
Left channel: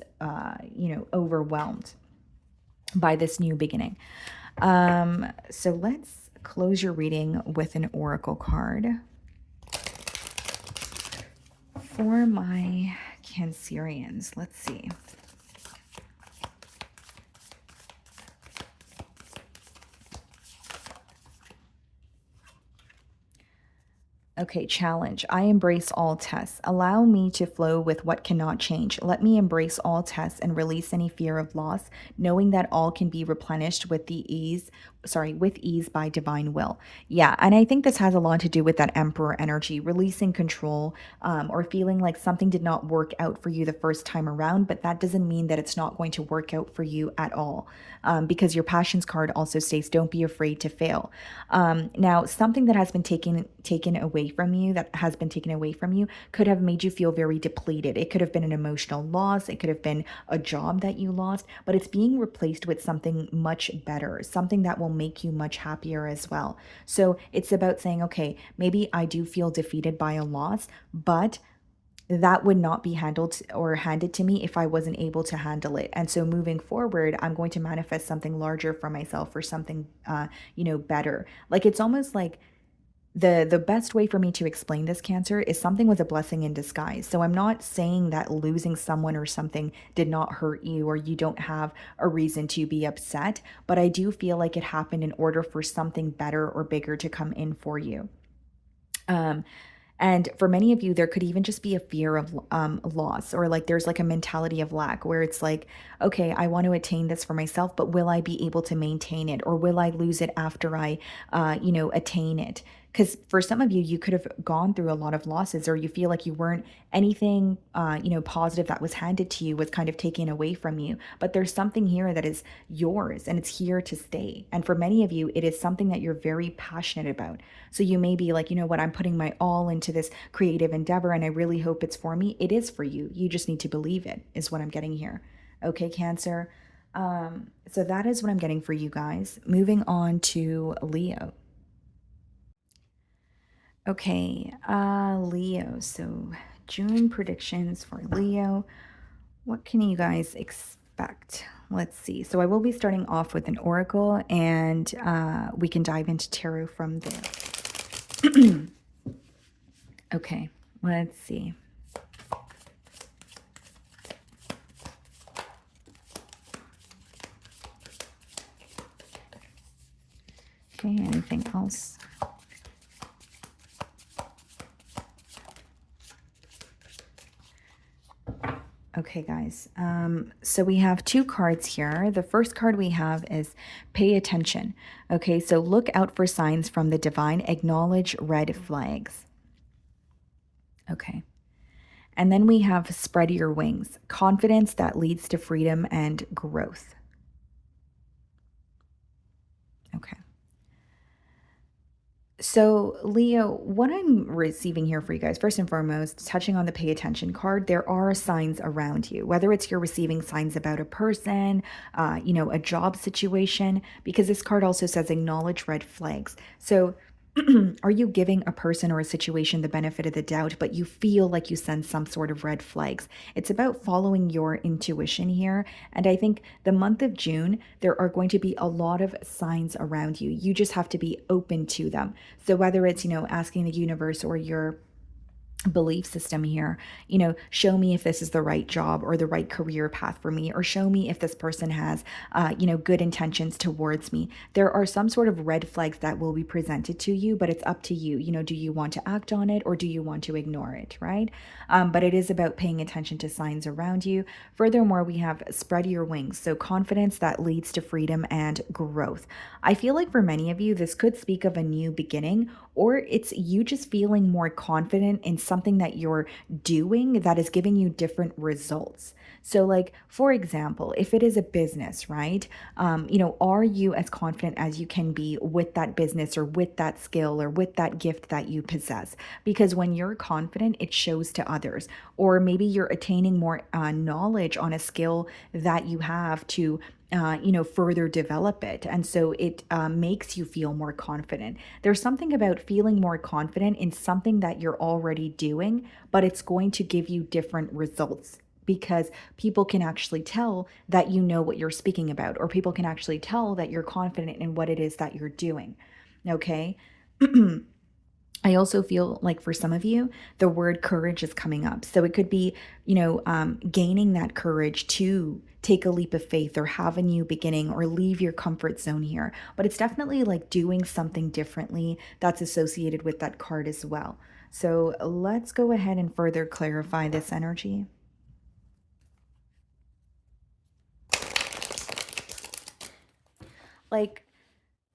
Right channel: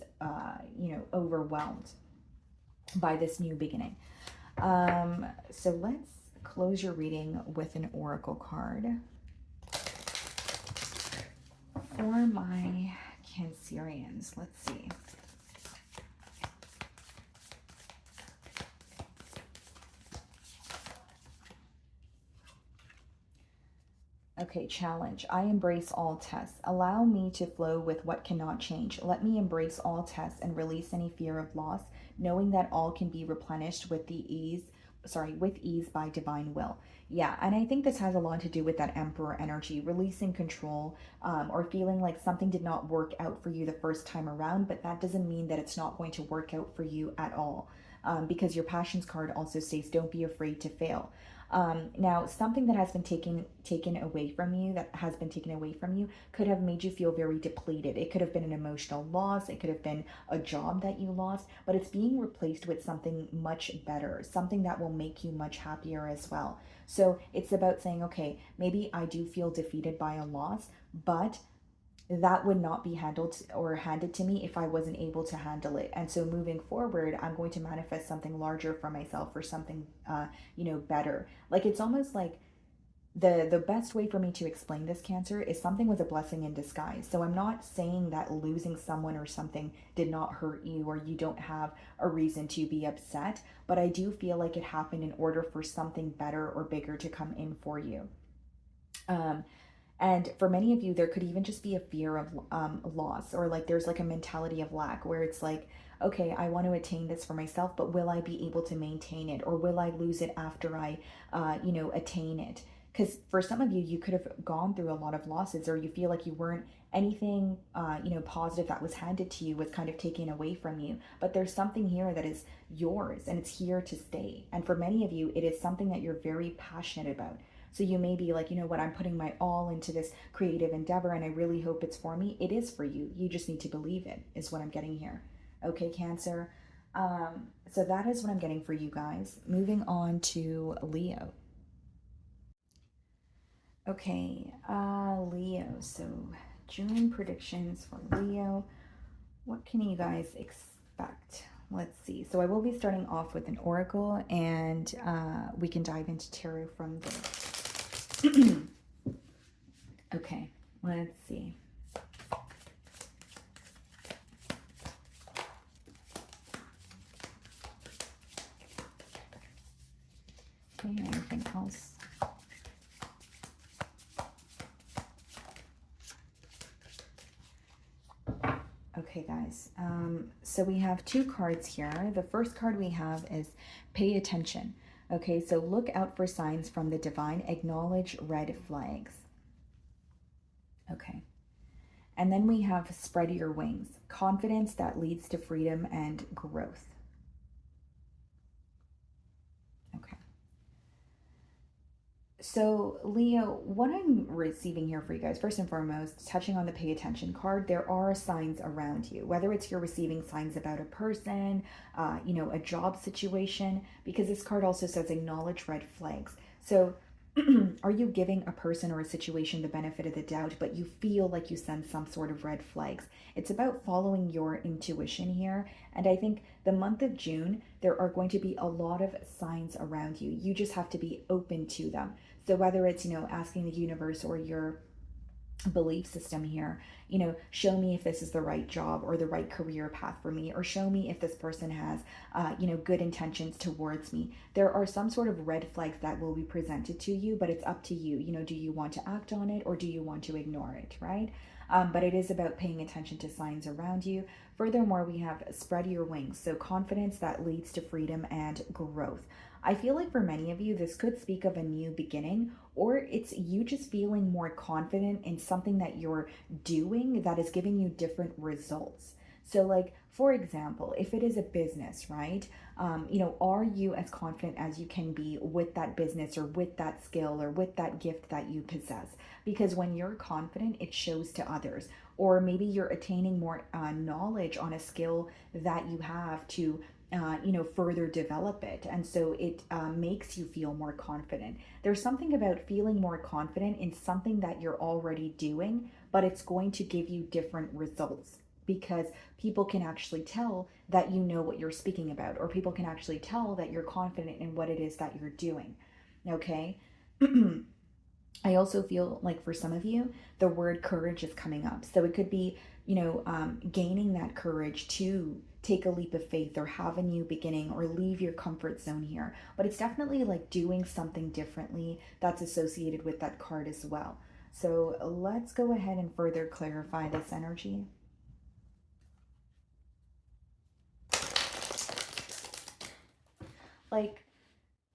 overwhelmed by this new beginning. So let's close your reading with an oracle card for my Cancerians. Let's see. Okay, challenge. I embrace all tests. Allow me to flow with what cannot change. Let me embrace all tests and release any fear of loss, knowing that all can be replenished with ease by divine will. Yeah, and I think this has a lot to do with that Emperor energy, releasing control, or feeling like something did not work out for you the first time around, but that doesn't mean that it's not going to work out for you at all. Because your passions card also states, don't be afraid to fail. Now, something that has been taken away from you, could have made you feel very depleted. It could have been an emotional loss. It could have been a job that you lost, but it's being replaced with something much better, something that will make you much happier as well. So it's about saying, okay, maybe I do feel defeated by a loss, but that would not be handled or handed to me if I wasn't able to handle it. And so moving forward, I'm going to manifest something larger for myself, or something, better. Like, it's almost like the best way for me to explain this, Cancer, is something was a blessing in disguise. So I'm not saying that losing someone or something did not hurt you, or you don't have a reason to be upset, but I do feel like it happened in order for something better or bigger to come in for you. And for many of you, there could even just be a fear of loss, or like there's like a mentality of lack where it's like, okay, I want to attain this for myself, but will I be able to maintain it, or will I lose it after I, attain it? Because for some of you, you could have gone through a lot of losses, or you feel like you weren't anything, positive that was handed to you was kind of taken away from you. But there's something here that is yours, and it's here to stay. And for many of you, it is something that you're very passionate about. So you may be like, you know what, I'm putting my all into this creative endeavor, and I really hope it's for me. It is for you. You just need to believe it, is what I'm getting here. Okay, Cancer. So that is what I'm getting for you guys. Moving on to Leo. Okay, Leo. So June predictions for Leo. What can you guys expect? Let's see. So I will be starting off with an oracle, and we can dive into tarot from there. Okay, let's see. Okay, anything else? Okay, guys, so we have two cards here. The first card we have is pay attention. Okay, so look out for signs from the divine, acknowledge red flags. Okay, and then we have spread your wings, confidence that leads to freedom and growth. Okay. So, Leo, what I'm receiving here for you guys, first and foremost, touching on the pay attention card, there are signs around you, whether it's you're receiving signs about a person, a job situation, because this card also says acknowledge red flags. So, are you giving a person or a situation the benefit of the doubt, but you feel like you sense some sort of red flags? It's about following your intuition here. And I think the month of June, there are going to be a lot of signs around you. You just have to be open to them. So whether it's, asking the universe or your belief system here, show me if this is the right job or the right career path for me, or show me if this person has good intentions towards me. There are some sort of red flags that will be presented to you, but it's up to you. Do you want to act on it, or do you want to ignore it, right? But it is about paying attention to signs around you. Furthermore, we have spread your wings, so confidence that leads to freedom and growth. I feel like for many of you, this could speak of a new beginning, or it's you just feeling more confident in something that you're doing that is giving you different results. So like, for example, if it is a business, right? Are you as confident as you can be with that business, or with that skill, or with that gift that you possess? Because when you're confident, it shows to others. Or maybe you're attaining more knowledge on a skill that you have to further develop it. And so it makes you feel more confident. There's something about feeling more confident in something that you're already doing, but it's going to give you different results because people can actually tell that you know what you're speaking about, or people can actually tell that you're confident in what it is that you're doing. Okay. I also feel like for some of you, the word courage is coming up. So it could be, gaining that courage to take a leap of faith or have a new beginning or leave your comfort zone here. But it's definitely like doing something differently that's associated with that card as well. So let's go ahead and further clarify this energy. Like,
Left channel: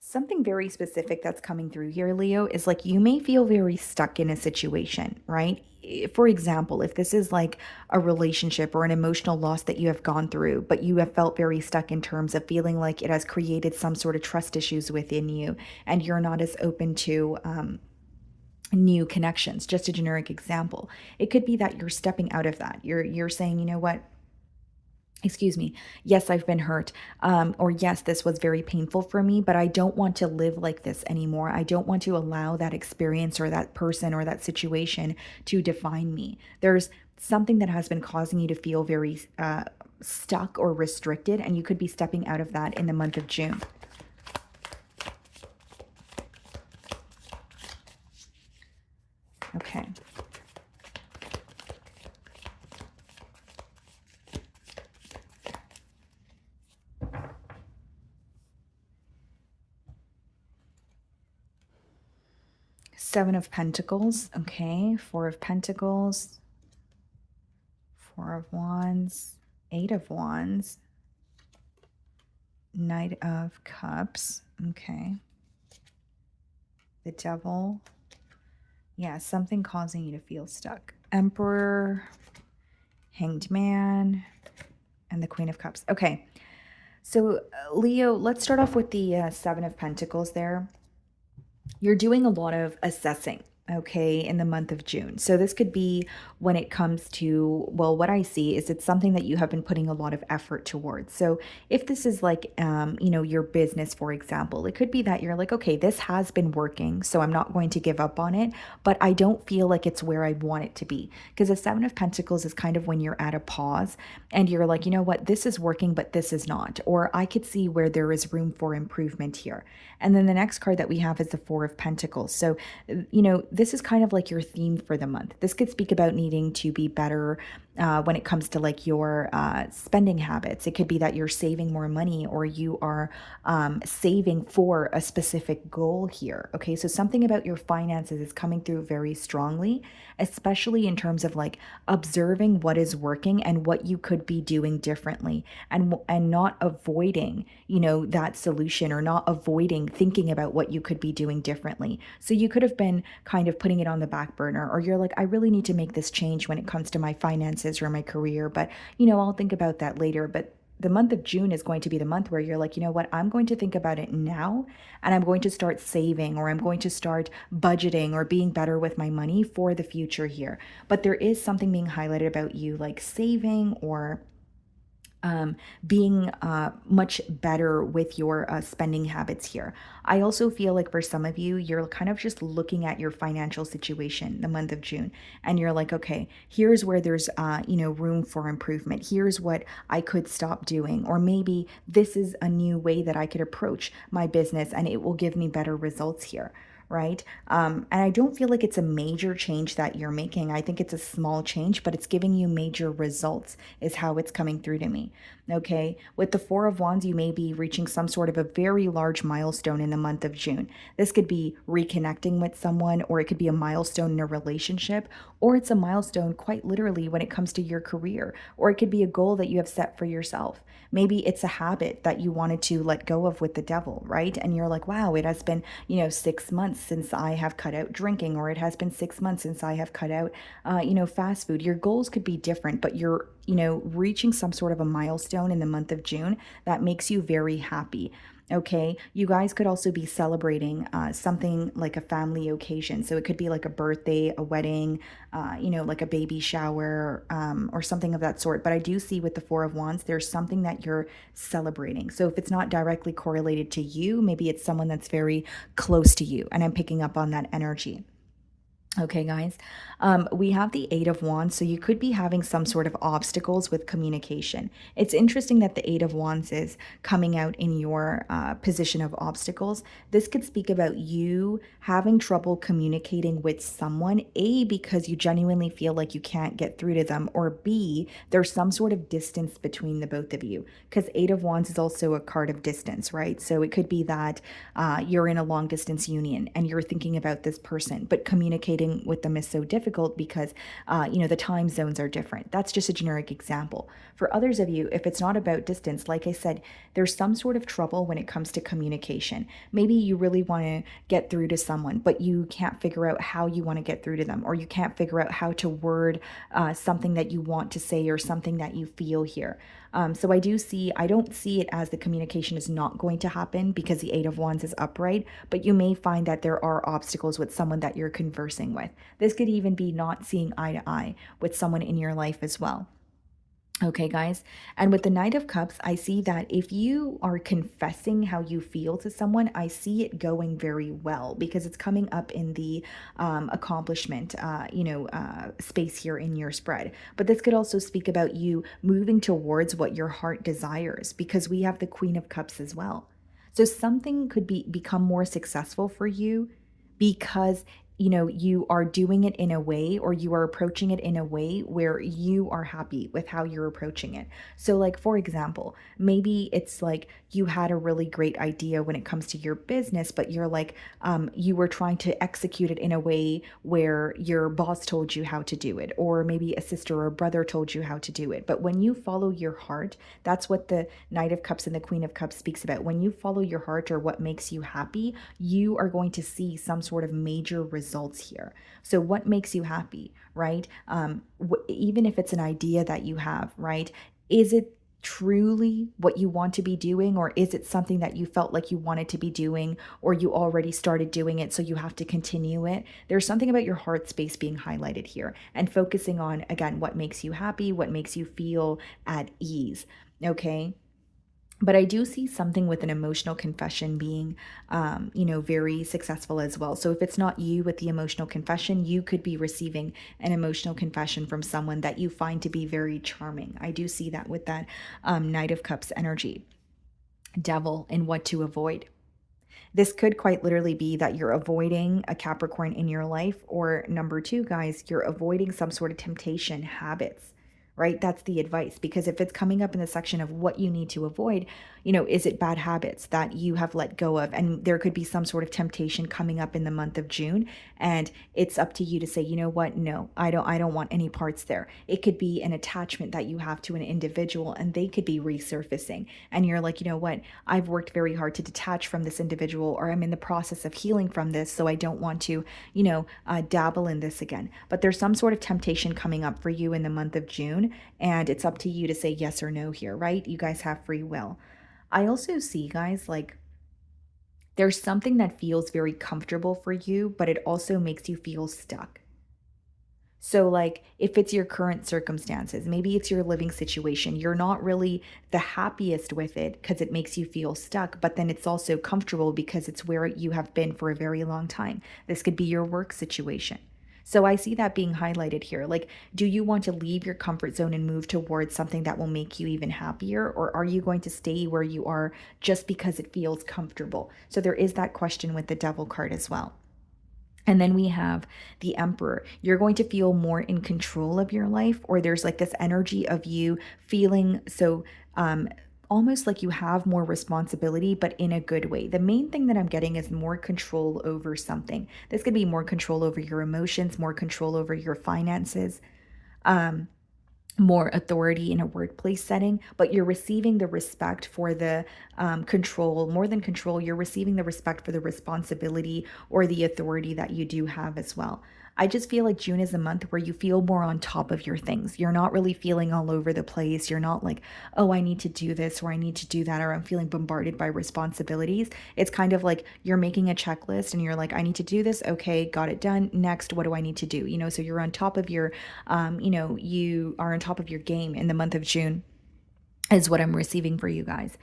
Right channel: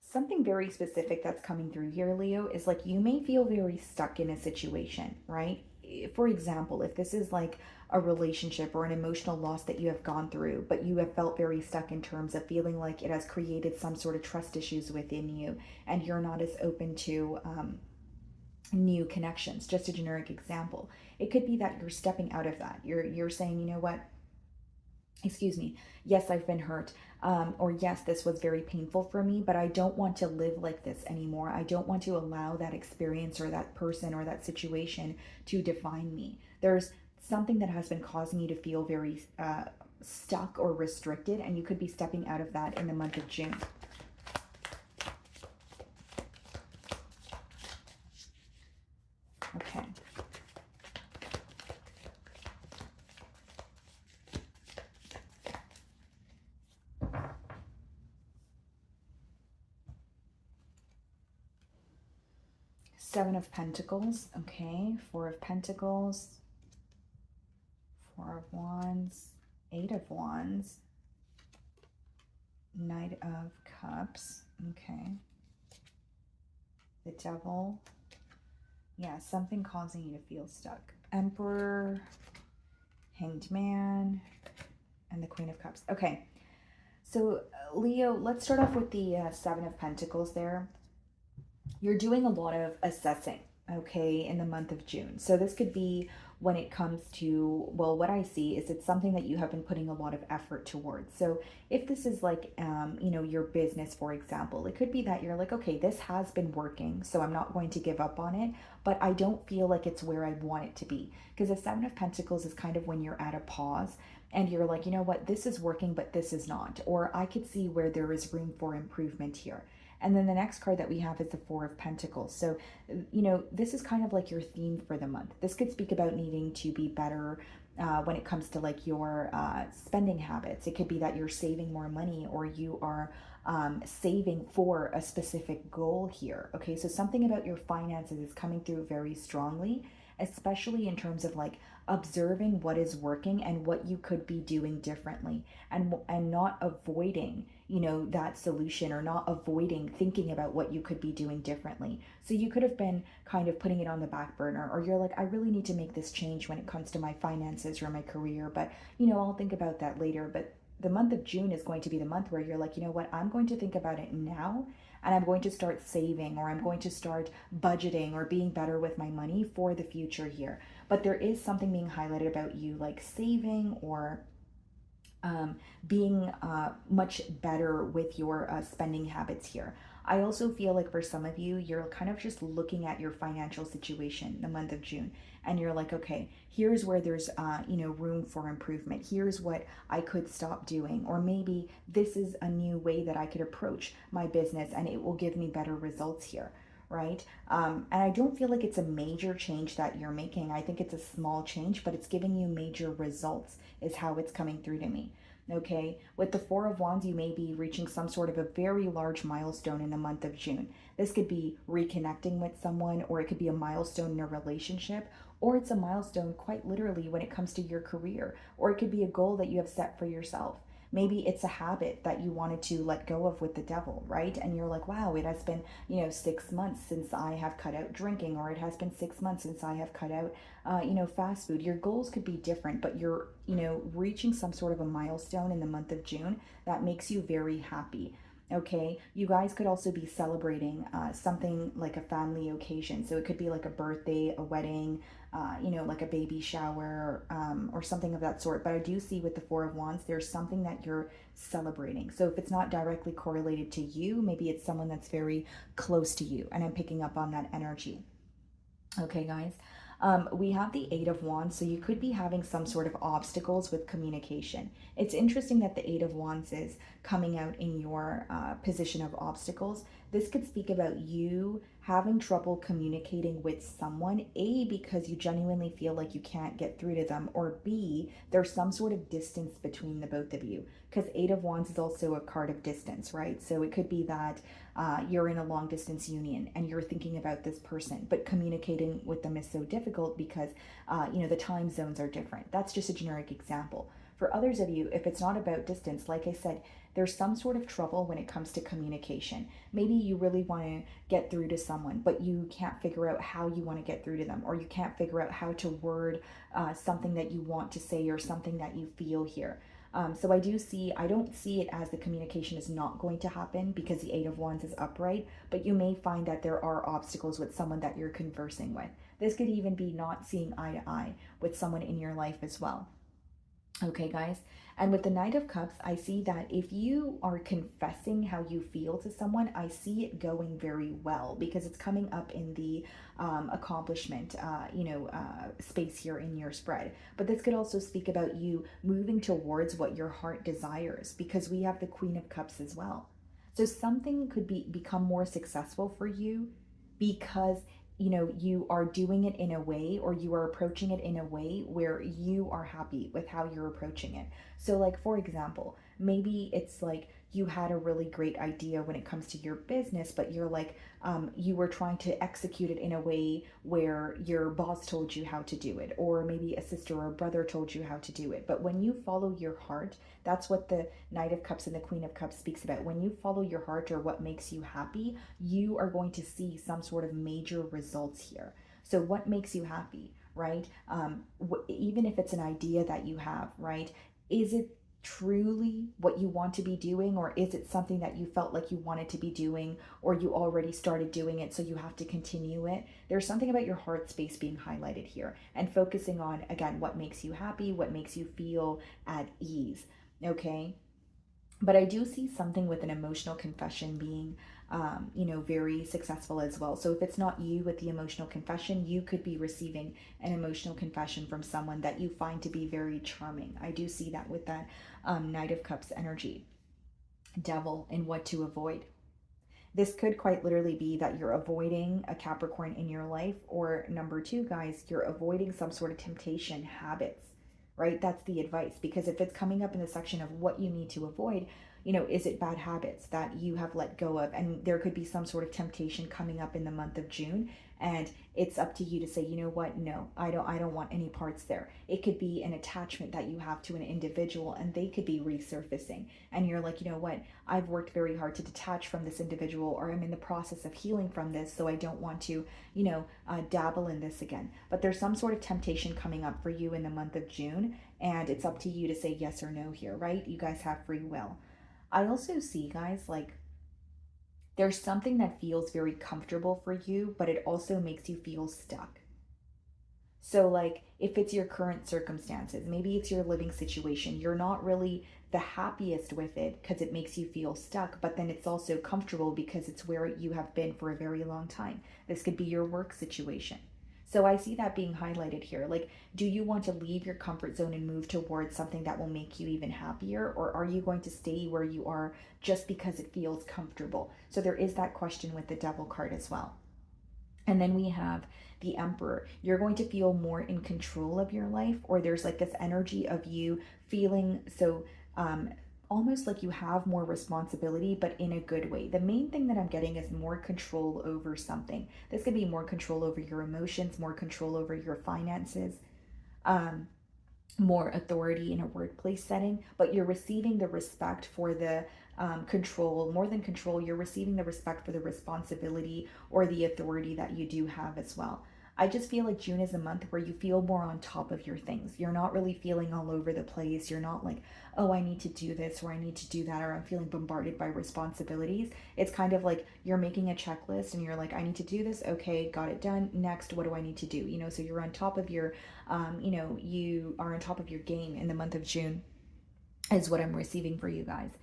something very specific that's coming through here, Leo, is like you may feel very stuck in a situation, right? For example, if this is like a relationship or an emotional loss that you have gone through, but you have felt very stuck in terms of feeling like it has created some sort of trust issues within you and you're not as open to new connections. Just a generic example. It could be that you're stepping out of that. You're saying, you know what? Excuse me, yes, I've been hurt, or yes, this was very painful for me, but I don't want to live like this anymore. I don't want to allow that experience or that person or that situation to define me. There's something that has been causing you to feel very stuck or restricted, and you could be stepping out of that in the month of June. Okay. Seven of Pentacles, okay, Four of Pentacles, Four of Wands, Eight of Wands, Knight of Cups, okay, the Devil, yeah, something causing you to feel stuck. Emperor, Hanged Man, and the Queen of Cups. Okay, so Leo, let's start off with the Seven of Pentacles there. You're doing a lot of assessing, okay, in the month of June. So this could be when it comes to, well, what I see is it's something that you have been putting a lot of effort towards. So if this is like, your business, for example, it could be that you're like, okay, this has been working, so I'm not going to give up on it, but I don't feel like it's where I want it to be. Because the Seven of Pentacles is kind of when you're at a pause and you're like, you know what, this is working, but this is not. Or I could see where there is room for improvement here. And then the next card that we have is the Four of Pentacles. So, this is kind of like your theme for the month. This could speak about needing to be better when it comes to like your spending habits. It could be that you're saving more money or you are saving for a specific goal here. Okay, so something about your finances is coming through very strongly, especially in terms of like observing what is working and what you could be doing differently, and not avoiding, that solution, or not avoiding thinking about what you could be doing differently. So you could have been kind of putting it on the back burner, or you're like, I really need to make this change when it comes to my finances or my career, but I'll think about that later. But the month of June is going to be the month where you're like, you know what, I'm going to think about it now, and I'm going to start saving, or I'm going to start budgeting or being better with my money for the future here. But there is something being highlighted about you like saving or being much better with your spending habits here. I also feel like for some of you, you're kind of just looking at your financial situation the month of June, and you're like, okay, here's where there's room for improvement. Here's what I could stop doing, or maybe this is a new way that I could approach my business and it will give me better results here. Right? And I don't feel like it's a major change that you're making. I think it's a small change, but it's giving you major results, is how it's coming through to me. Okay. With the Four of Wands, you may be reaching some sort of a very large milestone in the month of June. This could be reconnecting with someone, or it could be a milestone in a relationship, or it's a milestone quite literally when it comes to your career, or it could be a goal that you have set for yourself. Maybe it's a habit that you wanted to let go of with the devil, right? And you're like, wow, it has been, 6 months since I have cut out drinking, or it has been 6 months since I have cut out, fast food. Your goals could be different, but you're, reaching some sort of a milestone in the month of June that makes you very happy. Okay, you guys could also be celebrating something like a family occasion. So it could be like a birthday, a wedding, like a baby shower, or something of that sort. But I do see with the Four of Wands, there's something that you're celebrating. So if it's not directly correlated to you, maybe it's someone that's very close to you. And I'm picking up on that energy. Okay, guys, we have the Eight of Wands, so you could be having some sort of obstacles with communication. It's interesting that the Eight of Wands is coming out in your position of obstacles. This could speak about you having trouble communicating with someone, A, because you genuinely feel like you can't get through to them, or B, there's some sort of distance between the both of you, because Eight of Wands is also a card of distance, right? So it could be that you're in a long distance union and you're thinking about this person, but communicating with them is so difficult because the time zones are different. That's just a generic example. For others of you, if it's not about distance, like I said, there's some sort of trouble when it comes to communication. Maybe you really want to get through to someone, but you can't figure out how you want to get through to them, or you can't figure out how to word something that you want to say or something that you feel here. So I don't see it as the communication is not going to happen because the Eight of Wands is upright, but you may find that there are obstacles with someone that you're conversing with. This could even be not seeing eye to eye with someone in your life as well. Okay, guys. And with the Knight of Cups, I see that if you are confessing how you feel to someone, I see it going very well because it's coming up in the accomplishment, space here in your spread. But this could also speak about you moving towards what your heart desires because we have the Queen of Cups as well. So something could become more successful for you because you are doing it in a way, or you are approaching it in a way where you are happy with how you're approaching it. So like, for example, maybe it's like you had a really great idea when it comes to your business, but you're like, you were trying to execute it in a way where your boss told you how to do it, or maybe a sister or brother told you how to do it. But when you follow your heart, that's what the Knight of Cups and the Queen of Cups speaks about. When you follow your heart or what makes you happy, you are going to see some sort of major results here. So what makes you happy, right? Even if it's an idea that you have, right? Is it truly what you want to be doing, or is it something that you felt like you wanted to be doing, or you already started doing it so you have to continue it? There's something about your heart space being highlighted here, and focusing on, again, what makes you happy, what makes you feel at ease. Okay, but I do see something with an emotional confession being, very successful as well. So if it's not you with the emotional confession, you could be receiving an emotional confession from someone that you find to be very charming. I do see that with that Knight of Cups energy. Devil and what to avoid. This could quite literally be that you're avoiding a Capricorn in your life, or number two, guys, you're avoiding some sort of temptation habits, right? That's the advice, because if it's coming up in the section of what you need to avoid, is it bad habits that you have let go of? And there could be some sort of temptation coming up in the month of June, and it's up to you to say, you know what? No, I don't want any parts there. It could be an attachment that you have to an individual, and they could be resurfacing. And you're like, you know what? I've worked very hard to detach from this individual, or I'm in the process of healing from this, so I don't want to, dabble in this again. But there's some sort of temptation coming up for you in the month of June, and it's up to you to say yes or no here, right? You guys have free will. I also see, guys, like, there's something that feels very comfortable for you, but it also makes you feel stuck. So, like, if it's your current circumstances, maybe it's your living situation, you're not really the happiest with it because it makes you feel stuck, but then it's also comfortable because it's where you have been for a very long time. This could be your work situation. So I see that being highlighted here. Like, do you want to leave your comfort zone and move towards something that will make you even happier? Or are you going to stay where you are just because it feels comfortable? So there is that question with the Devil card as well. And then we have the Emperor. You're going to feel more in control of your life, or there's like this energy of you feeling so almost like you have more responsibility, but in a good way. The main thing that I'm getting is more control over something. This could be more control over your emotions, more control over your finances, more authority in a workplace setting, but you're receiving the respect for the control. More than control, you're receiving the respect for the responsibility or the authority that you do have as well. I just feel like June is a month where you feel more on top of your things. You're not really feeling all over the place. You're not like, oh, I need to do this or I need to do that, or I'm feeling bombarded by responsibilities. It's kind of like you're making a checklist and you're like, I need to do this. Okay, got it done. Next, what do I need to do? So you're on top of your, you are on top of your game in the month of June, is what I'm receiving for you guys.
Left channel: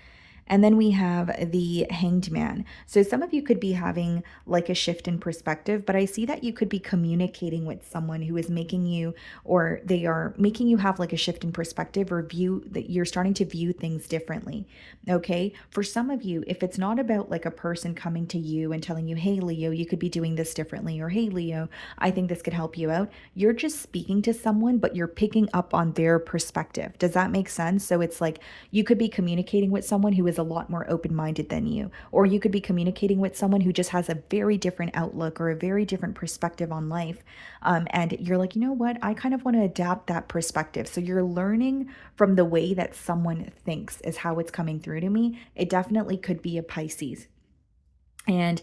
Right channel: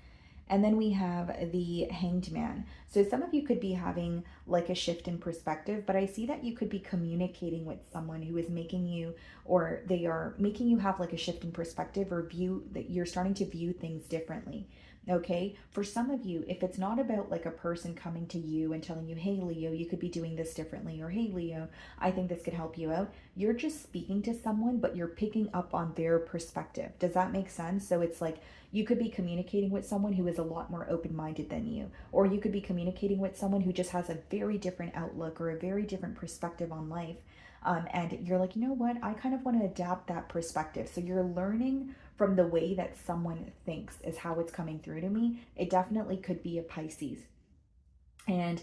And then we have the Hanged Man. So some of you could be having like a shift in perspective, but I see that you could be communicating with someone who is making you, or they are making you have like a shift in perspective, or view that you're starting to view things differently. Okay. For some of you, if it's not about like a person coming to you and telling you, hey, Leo, you could be doing this differently, or hey, Leo, I think this could help you out. You're just speaking to someone, but you're picking up on their perspective. Does that make sense? So it's like you could be communicating with someone who is a lot more open-minded than you, or you could be communicating with someone who just has a very different outlook or a very different perspective on life. And you're like, you know what? I kind of want to adapt that perspective. So you're learning from the way that someone thinks is how it's coming through to me. It definitely could be a Pisces. And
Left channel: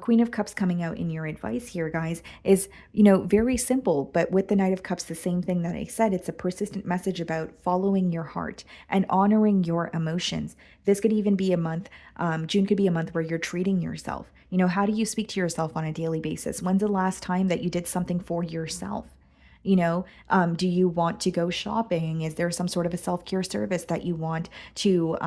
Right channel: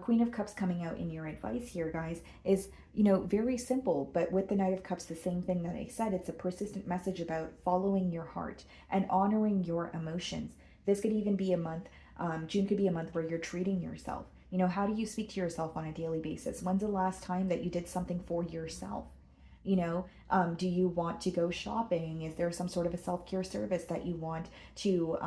Queen of Cups coming out in your advice here, guys, is, very simple. But with the Knight of Cups, the same thing that I said, it's a persistent message about following your heart and honoring your emotions. This could even be a month, June could be a month where you're treating yourself. How do you speak to yourself on a daily basis? When's the last time that you did something for yourself? Do you want to go shopping? Is there some sort of a self-care service that you want to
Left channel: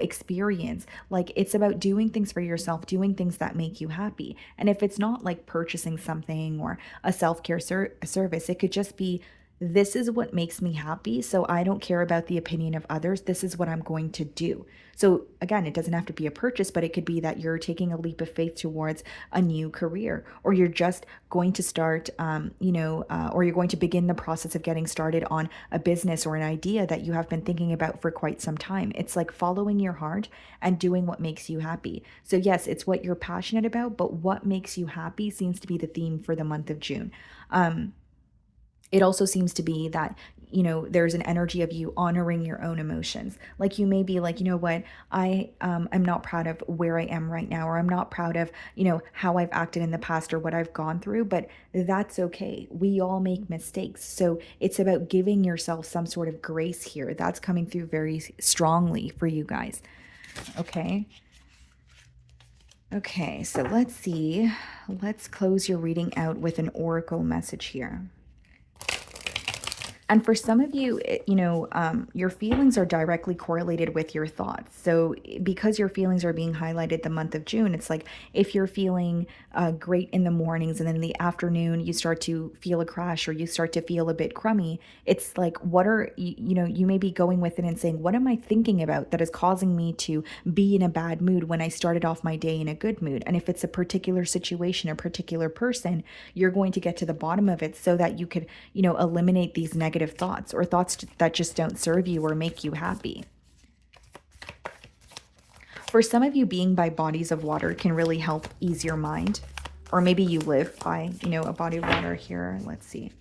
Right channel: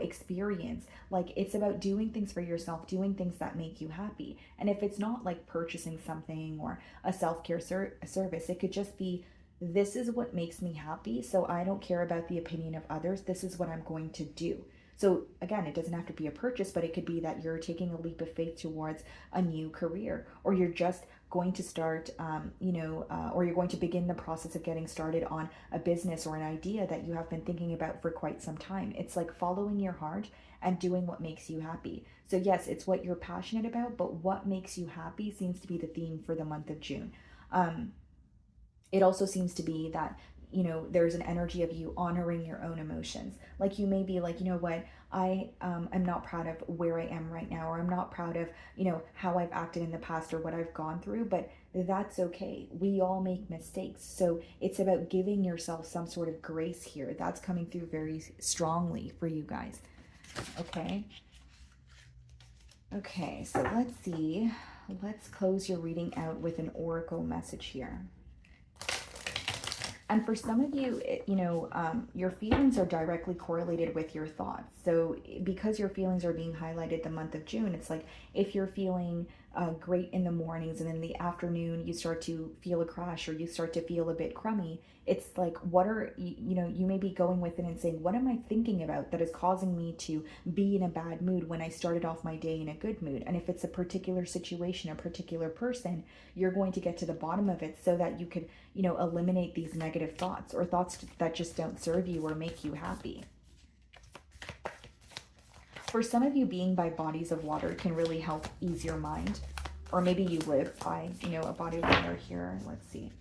experience? Like, it's about doing things for yourself, doing things that make you happy. And if it's not like purchasing something or a self-care service, it could just be, this is what makes me happy, so I don't care about the opinion of others. This is what I'm going to do. So again, it doesn't have to be a purchase, but it could be that you're taking a leap of faith towards a new career, or you're just going to start, or you're going to begin the process of getting started on a business or an idea that you have been thinking about for quite some time. It's like following your heart and doing what makes you happy. So yes, it's what you're passionate about, but what makes you happy seems to be the theme for the month of June. It also seems to be that, there's an energy of you honoring your own emotions. Like, you may be like, you know what, I'm not proud of where I am right now, or I'm not proud of, how I've acted in the past or what I've gone through, but that's okay. We all make mistakes. So it's about giving yourself some sort of grace here. That's coming through very strongly for you guys. Okay. Okay, so let's see. Let's close your reading out with an oracle message here. And for some of you, your feelings are directly correlated with your thoughts. So because your feelings are being highlighted the month of June, it's like if you're feeling great in the mornings and then in the afternoon you start to feel a crash or you start to feel a bit crummy, it's like, you may be going with it and saying, what am I thinking about that is causing me to be in a bad mood when I started off my day in a good mood? And if it's a particular situation, a particular person, you're going to get to the bottom of it so that you could, eliminate these negative thoughts or thoughts that just don't serve you or make you happy. For some of you, being by bodies of water can really help ease your mind. Or maybe you live by, a body of water here. Let's see.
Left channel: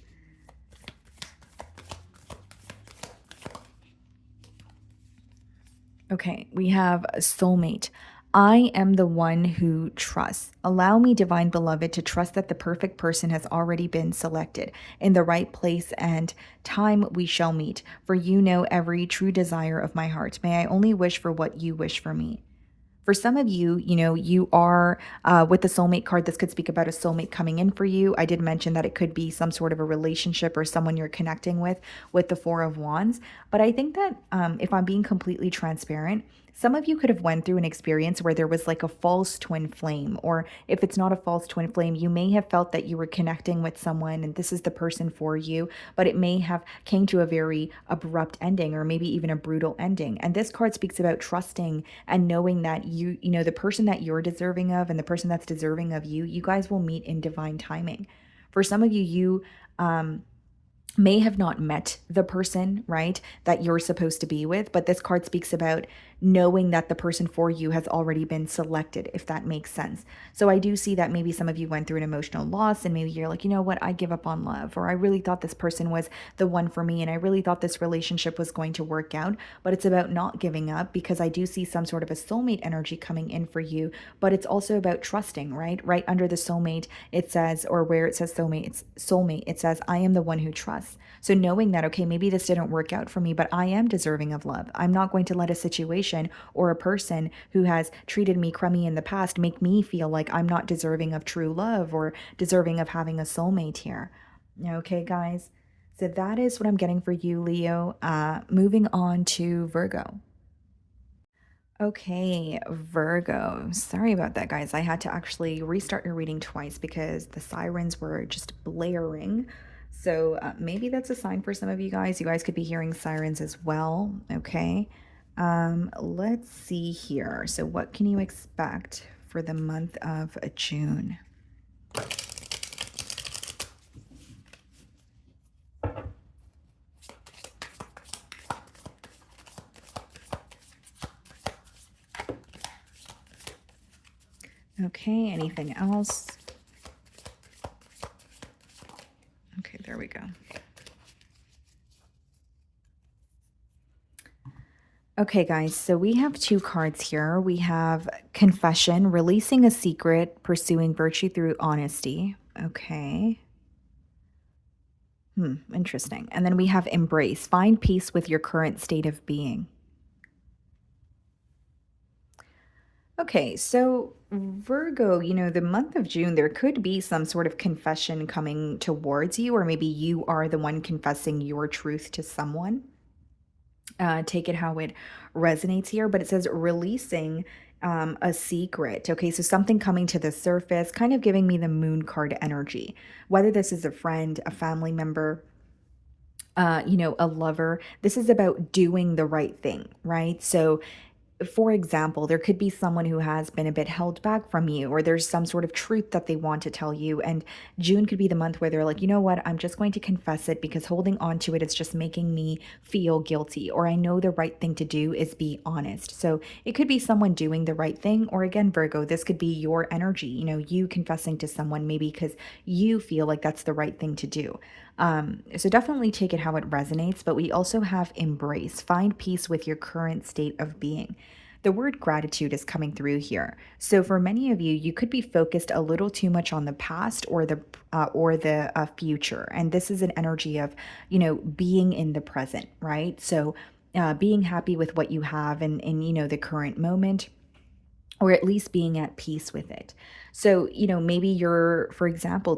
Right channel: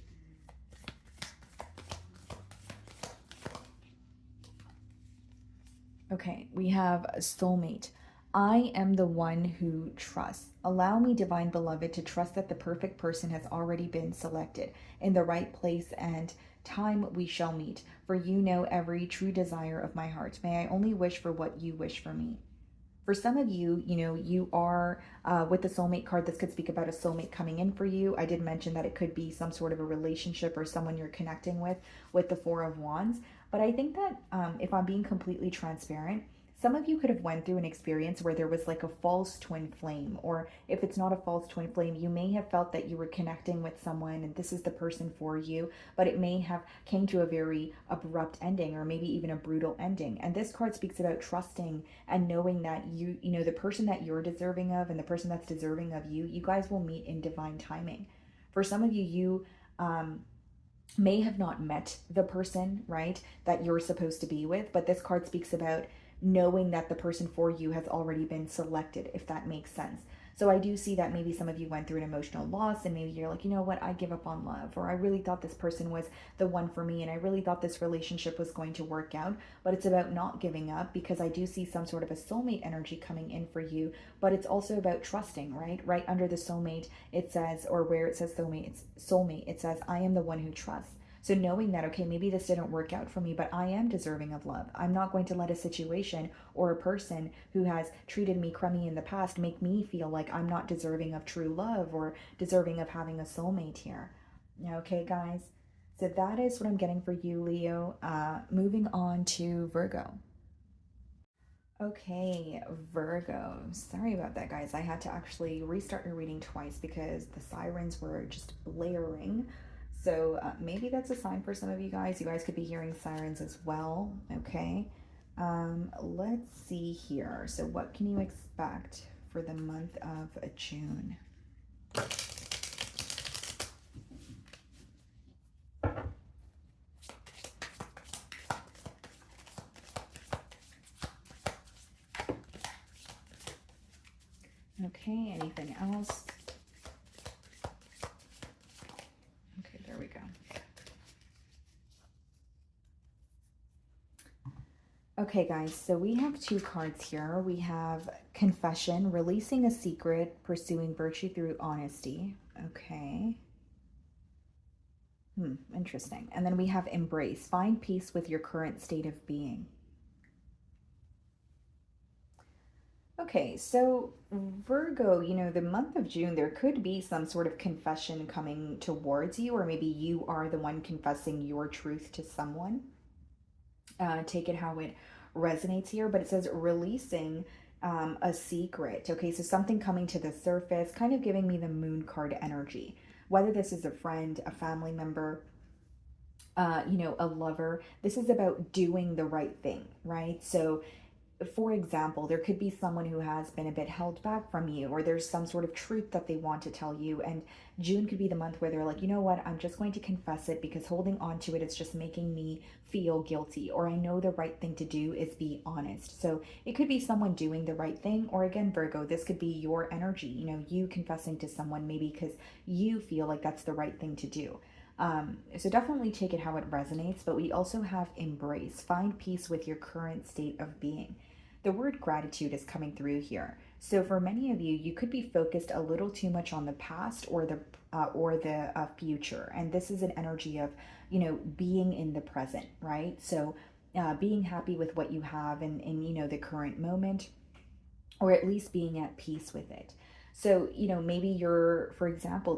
Okay, we have a soulmate. I am the one who trusts. Allow me, divine beloved, to trust that the perfect person has already been selected. In the right place and time we shall meet. For you know every true desire of my heart. May I only wish for what you wish for me. For some of you, you are with the soulmate card. This could speak about a soulmate coming in for you. I did mention that it could be some sort of a relationship or someone you're connecting with the Four of Wands. But I think that if I'm being completely transparent, some of you could have went through an experience where there was like a false twin flame, or if it's not a false twin flame, you may have felt that you were connecting with someone and this is the person for you, but it may have came to a very abrupt ending or maybe even a brutal ending. And this card speaks about trusting and knowing that the person that you're deserving of and the person that's deserving of you, you guys will meet in divine timing. For some of you, may have not met the person, right, that you're supposed to be with. But this card speaks about knowing that the person for you has already been selected, if that makes sense. So I do see that maybe some of you went through an emotional loss and maybe you're like, you know what, I give up on love, or I really thought this person was the one for me and I really thought this relationship was going to work out. But it's about not giving up, because I do see some sort of a soulmate energy coming in for you. But it's also about trusting, right? Right under the soulmate, it says, or where it says soulmate, it says, I am the one who trusts. So knowing that, okay, maybe this didn't work out for me, but I am deserving of love. I'm not going to let a situation or a person who has treated me crummy in the past make me feel like I'm not deserving of true love or deserving of having a soulmate here. Okay, guys. So that is what I'm getting for you, Leo. Moving on to Virgo. Okay, Virgo. Sorry about that, guys. I had to actually restart your reading twice because the sirens were just blaring. So maybe that's a sign for some of you guys. You guys could be hearing sirens as well. Okay. Let's see here. So what can you expect for the month of June? Okay, anything else? Okay, there we go. Okay, guys, so we have two cards here. We have confession, releasing a secret, pursuing virtue through honesty. Okay. Interesting. And then we have embrace, find peace with your current state of being. Okay, so Virgo, the month of June, there could be some sort of confession coming towards you, or maybe you are the one confessing your truth to someone. Take it how it resonates here, but it says releasing a secret. Okay, so something coming to the surface, kind of giving me the moon card energy, whether this is a friend, a family member, a lover. This is about doing the right thing, right? So for example, there could be someone who has been a bit held back from you, or there's some sort of truth that they want to tell you. And June could be the month where they're like, you know what, I'm just going to confess it because holding on to it is just making me feel guilty. Or I know the right thing to do is be honest. So it could be someone doing the right thing. Or again, Virgo, this could be your energy, you confessing to someone maybe because you feel like that's the right thing to do. So definitely take it how it resonates, but we also have embrace, find peace with your current state of being. The word gratitude is coming through here. So for many of you, you could be focused a little too much on the past or the future. And this is an energy of, being in the present, right? So being happy with what you have and the current moment, or at least being at peace with it. So, maybe you're, for example,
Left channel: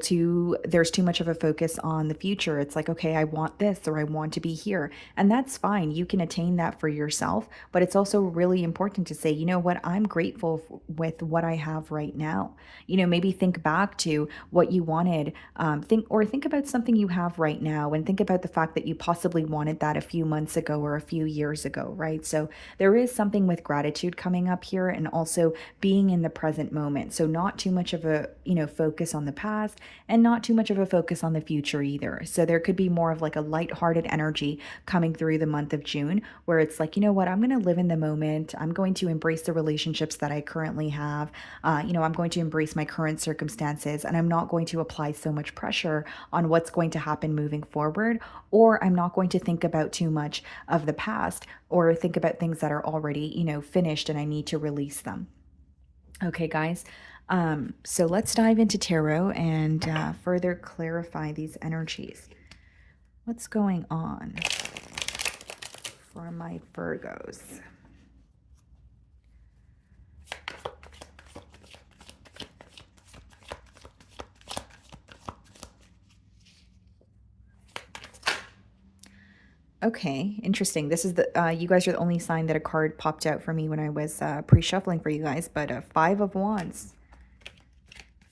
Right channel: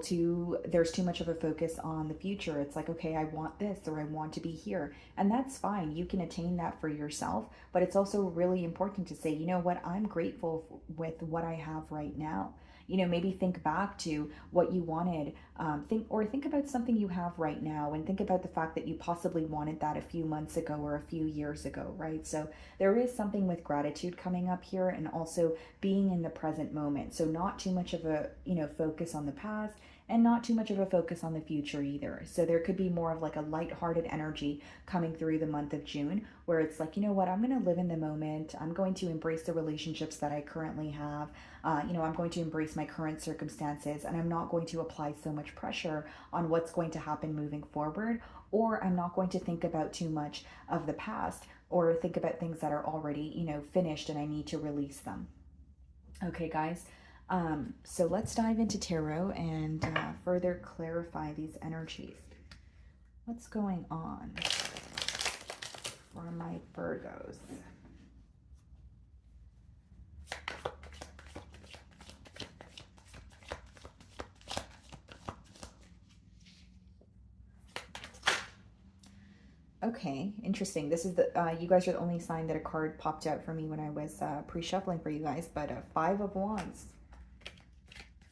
there's too much of a focus on the future. It's like, okay, I want this or I want to be here. And that's fine. You can attain that for yourself. But it's also really important to say, you know what, I'm grateful with what I have right now. Maybe think back to what you wanted. Think about something you have right now and think about the fact that you possibly wanted that a few months ago or a few years ago, right? So there is something with gratitude coming up here, and also being in the present moment. So not too much of a, focus on the past and not too much of a focus on the future either. So there could be more of like a lighthearted energy coming through the month of June, where it's like, you know what, I'm going to live in the moment. I'm going to embrace the relationships that I currently have. I'm going to embrace my current circumstances, and I'm not going to apply so much pressure on what's going to happen moving forward, or I'm not going to think about too much of the past or think about things that are already, finished and I need to release them. Okay, guys. So let's dive into tarot and further clarify these energies. What's going on for my Virgos? Okay, interesting. This is the, you guys are the only sign that a card popped out for me when I was pre-shuffling for you guys, but 5 of Wands.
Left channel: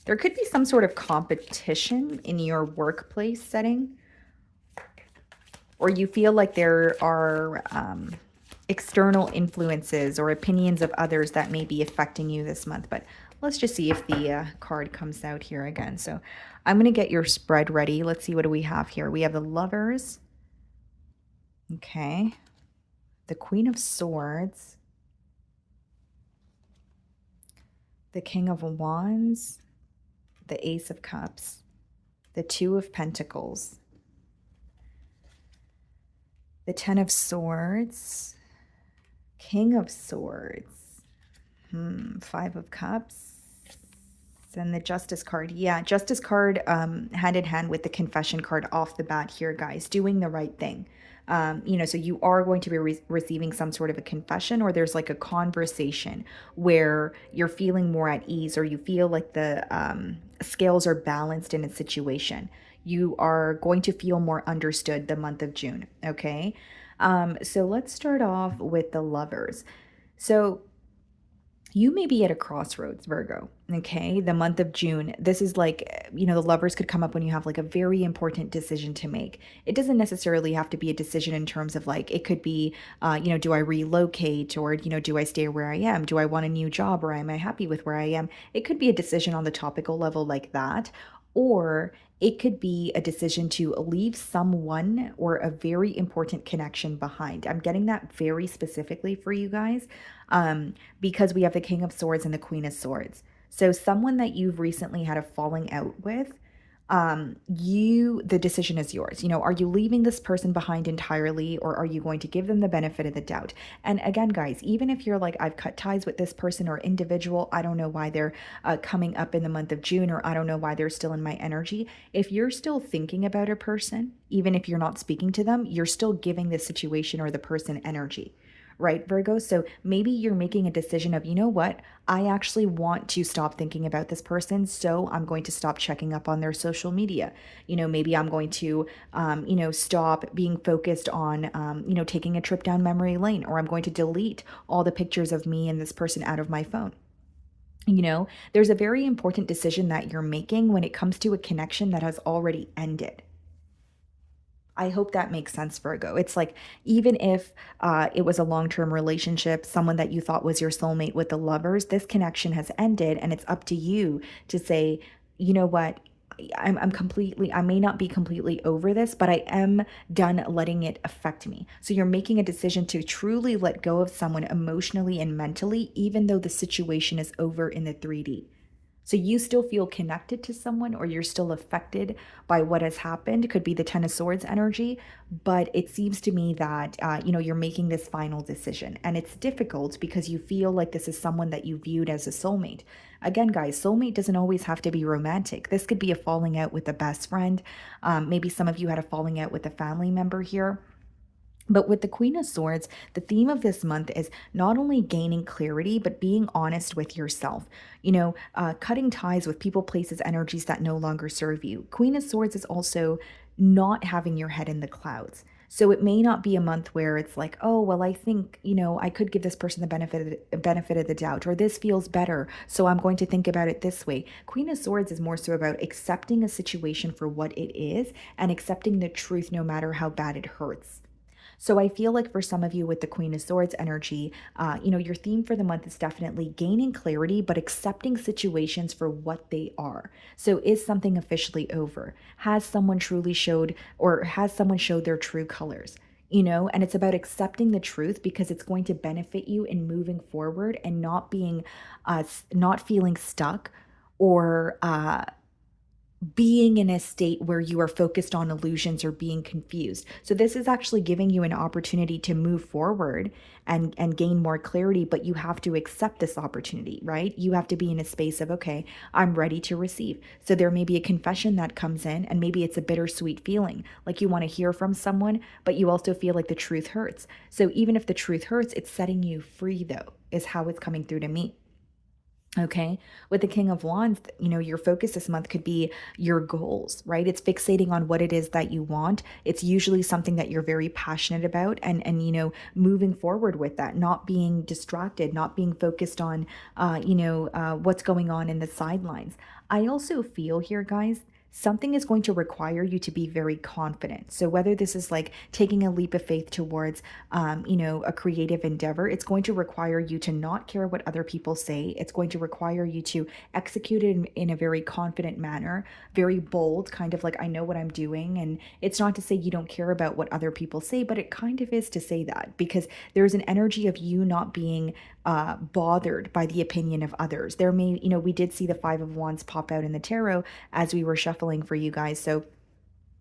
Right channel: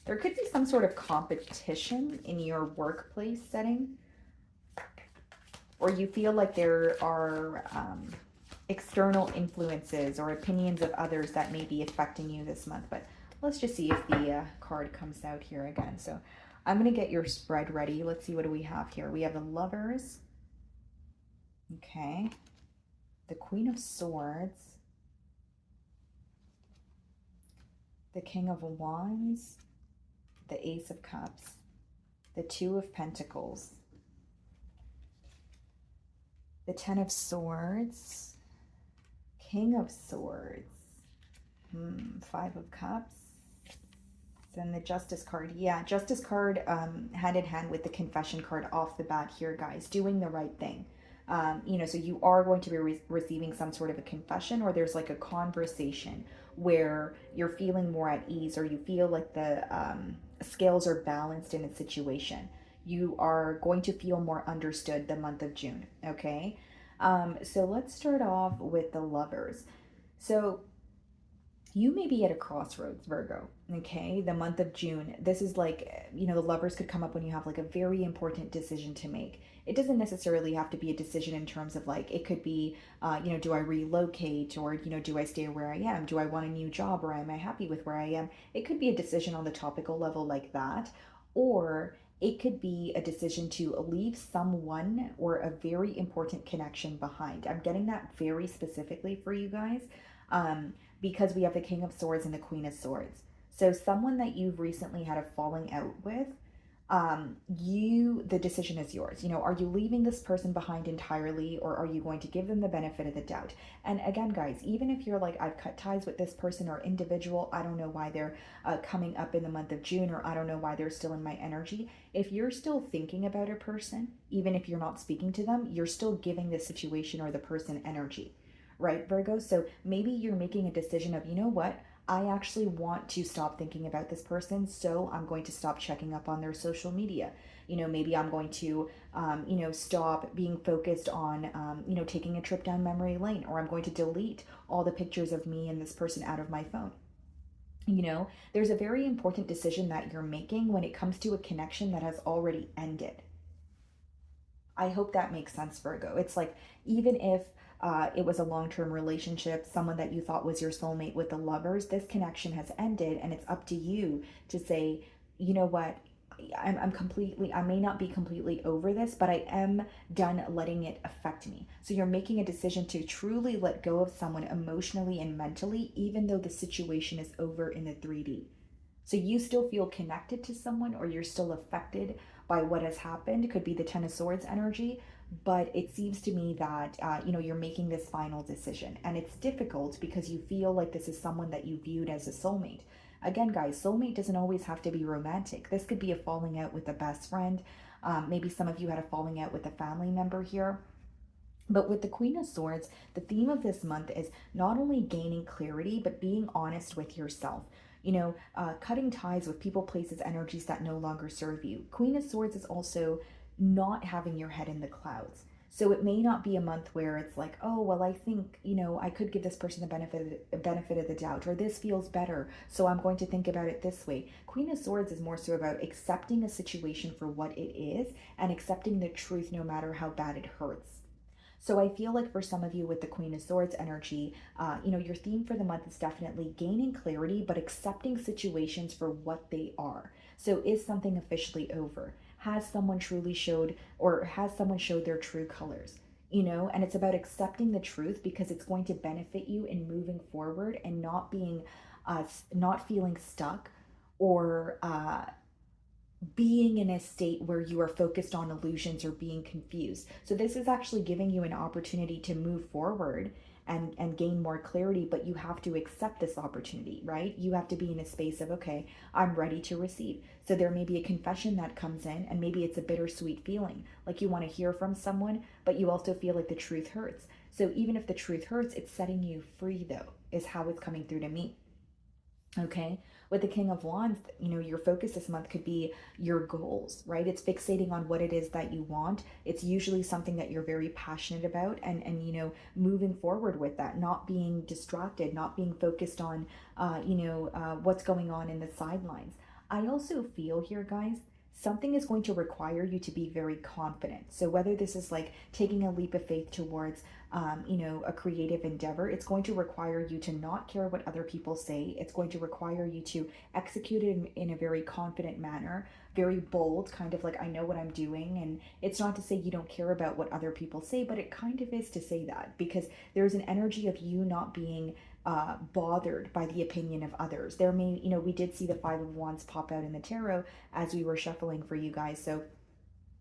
There could be some sort of competition in your workplace setting, or you feel like there are external influences or opinions of others that may be affecting you this month. But let's just see if the card comes out here again. So I'm going to get your spread ready. Let's see, what do we have here? We have the Lovers. Okay. The Queen of Swords. The King of Wands. The Ace of Cups. The Two of Pentacles. The Ten of Swords. King of Swords. Five of Cups. And the Justice card. Yeah, Justice card hand in hand with the Confession card off the bat here, guys. Doing the right thing. So you are going to be receiving some sort of a confession, or there's like a conversation where you're feeling more at ease, or you feel like the scales are balanced in a situation. You are going to feel more understood the month of June, okay? So let's start off with the Lovers. So you may be at a crossroads, Virgo, okay? The month of June, this is like, the Lovers could come up when you have like a very important decision to make. It doesn't necessarily have to be a decision in terms of like, it could be, do I relocate, or, do I stay where I am? Do I want a new job, or am I happy with where I am? It could be a decision on the topical level like that, or it could be a decision to leave someone or a very important connection behind. I'm getting that very specifically for you guys. Because we have the King of Swords and the Queen of Swords. So someone that you've recently had a falling out with, the decision is yours. Are you leaving this person behind entirely, or are you going to give them the benefit of the doubt? And again, guys, even if you're like, I've cut ties with this person or individual, I don't know why they're coming up in the month of June, or I don't know why they're still in my energy. If you're still thinking about a person, even if you're not speaking to them, you're still giving the situation or the person energy. Right, Virgo? So maybe you're making a decision of, you know what, I actually want to stop thinking about this person, so I'm going to stop checking up on their social media. Maybe I'm going to, stop being focused on, taking a trip down memory lane, or I'm going to delete all the pictures of me and this person out of my phone. There's a very important decision that you're making when it comes to a connection that has already ended. I hope that makes sense, Virgo. It's like, even if it was a long-term relationship, someone that you thought was your soulmate with the Lovers, this connection has ended, and it's up to you to say, you know what, I may not be completely over this, but I am done letting it affect me. So you're making a decision to truly let go of someone emotionally and mentally, even though the situation is over in the 3D. So you still feel connected to someone, or you're still affected by what has happened. It could be the Ten of Swords energy, but it seems to me that, you're making this final decision. And it's difficult because you feel like this is someone that you viewed as a soulmate. Again, guys, soulmate doesn't always have to be romantic. This could be a falling out with a best friend. Maybe some of you had a falling out with a family member here. But with the Queen of Swords, the theme of this month is not only gaining clarity, but being honest with yourself. Cutting ties with people, places, energies that no longer serve you. Queen of Swords is also not having your head in the clouds. So it may not be a month where it's like, oh, well, I think, I could give this person the benefit of the doubt, or this feels better, so I'm going to think about it this way. Queen of Swords is more so about accepting a situation for what it is, and accepting the truth no matter how bad it hurts. So I feel like for some of you with the Queen of Swords energy, your theme for the month is definitely gaining clarity, but accepting situations for what they are. So is something officially over? Has someone truly showed, or has someone showed their true colors? And it's about accepting the truth, because it's going to benefit you in moving forward and not feeling stuck, or being in a state where you are focused on illusions or being confused. So this is actually giving you an opportunity to move forward and gain more clarity, but you have to accept this opportunity, right? You have to be in a space of, okay, I'm ready to receive. So there may be a confession that comes in, and maybe it's a bittersweet feeling, like you want to hear from someone, but you also feel like the truth hurts. So even if the truth hurts, it's setting you free, though, is how it's coming through to me. Okay, with the King of Wands, your focus this month could be your goals, right? It's fixating on what it is that you want. It's usually something that you're very passionate about, and moving forward with that, not being distracted, not being focused on, what's going on in the sidelines. I also feel here, guys, something is going to require you to be very confident. So whether this is like taking a leap of faith towards, a creative endeavor, it's going to require you to not care what other people say. It's going to require you to execute it in a very confident manner, very bold, kind of like, I know what I'm doing. And it's not to say you don't care about what other people say, but it kind of is to say that, because there's an energy of you not being bothered by the opinion of others. There may, we did see the Five of Wands pop out in the tarot as we were shuffling for you guys. So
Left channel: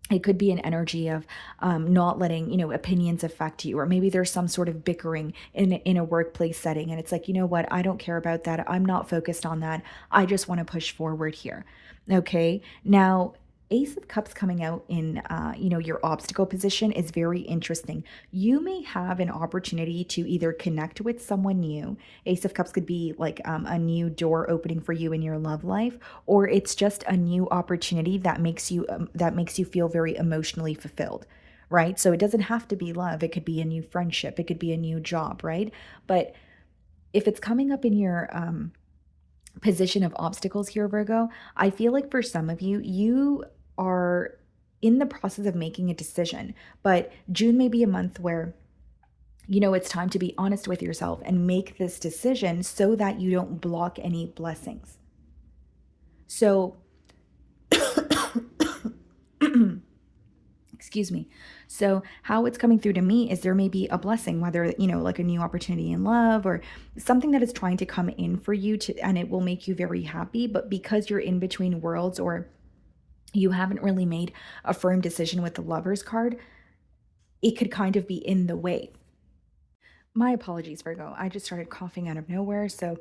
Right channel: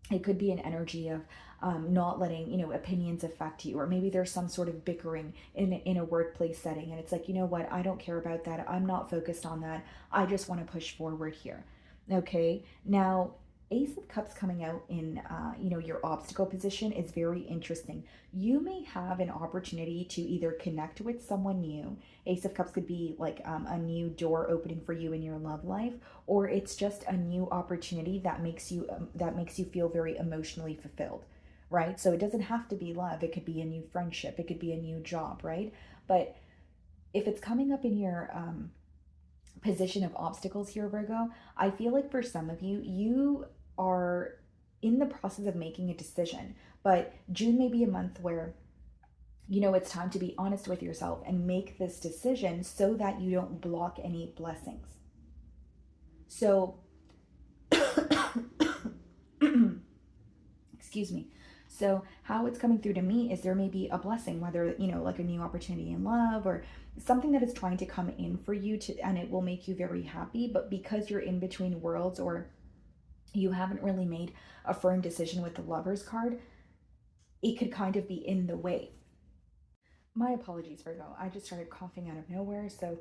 it could be an energy of not letting, opinions affect you, or maybe there's some sort of bickering in a workplace setting. And it's like, you know what, I don't care about that. I'm not focused on that. I just want to push forward here. Okay. Now, Ace of Cups coming out in, your obstacle position is very interesting. You may have an opportunity to either connect with someone new. Ace of Cups could be like a new door opening for you in your love life, or it's just a new opportunity that makes you feel very emotionally fulfilled, right? So it doesn't have to be love. It could be a new friendship. It could be a new job, right? But if it's coming up in your position of obstacles here, Virgo, I feel like for some of you, you are in the process of making a decision, but June may be a month where, it's time to be honest with yourself and make this decision so that you don't block any blessings. So, excuse me. So how it's coming through to me is there may be a blessing, whether, like a new opportunity in love or something that is trying to come in for you and it will make you very happy. But because you're in between worlds, or you haven't really made a firm decision with the Lovers card, it could kind of be in the way. My apologies, Virgo. I just started coughing out of nowhere. So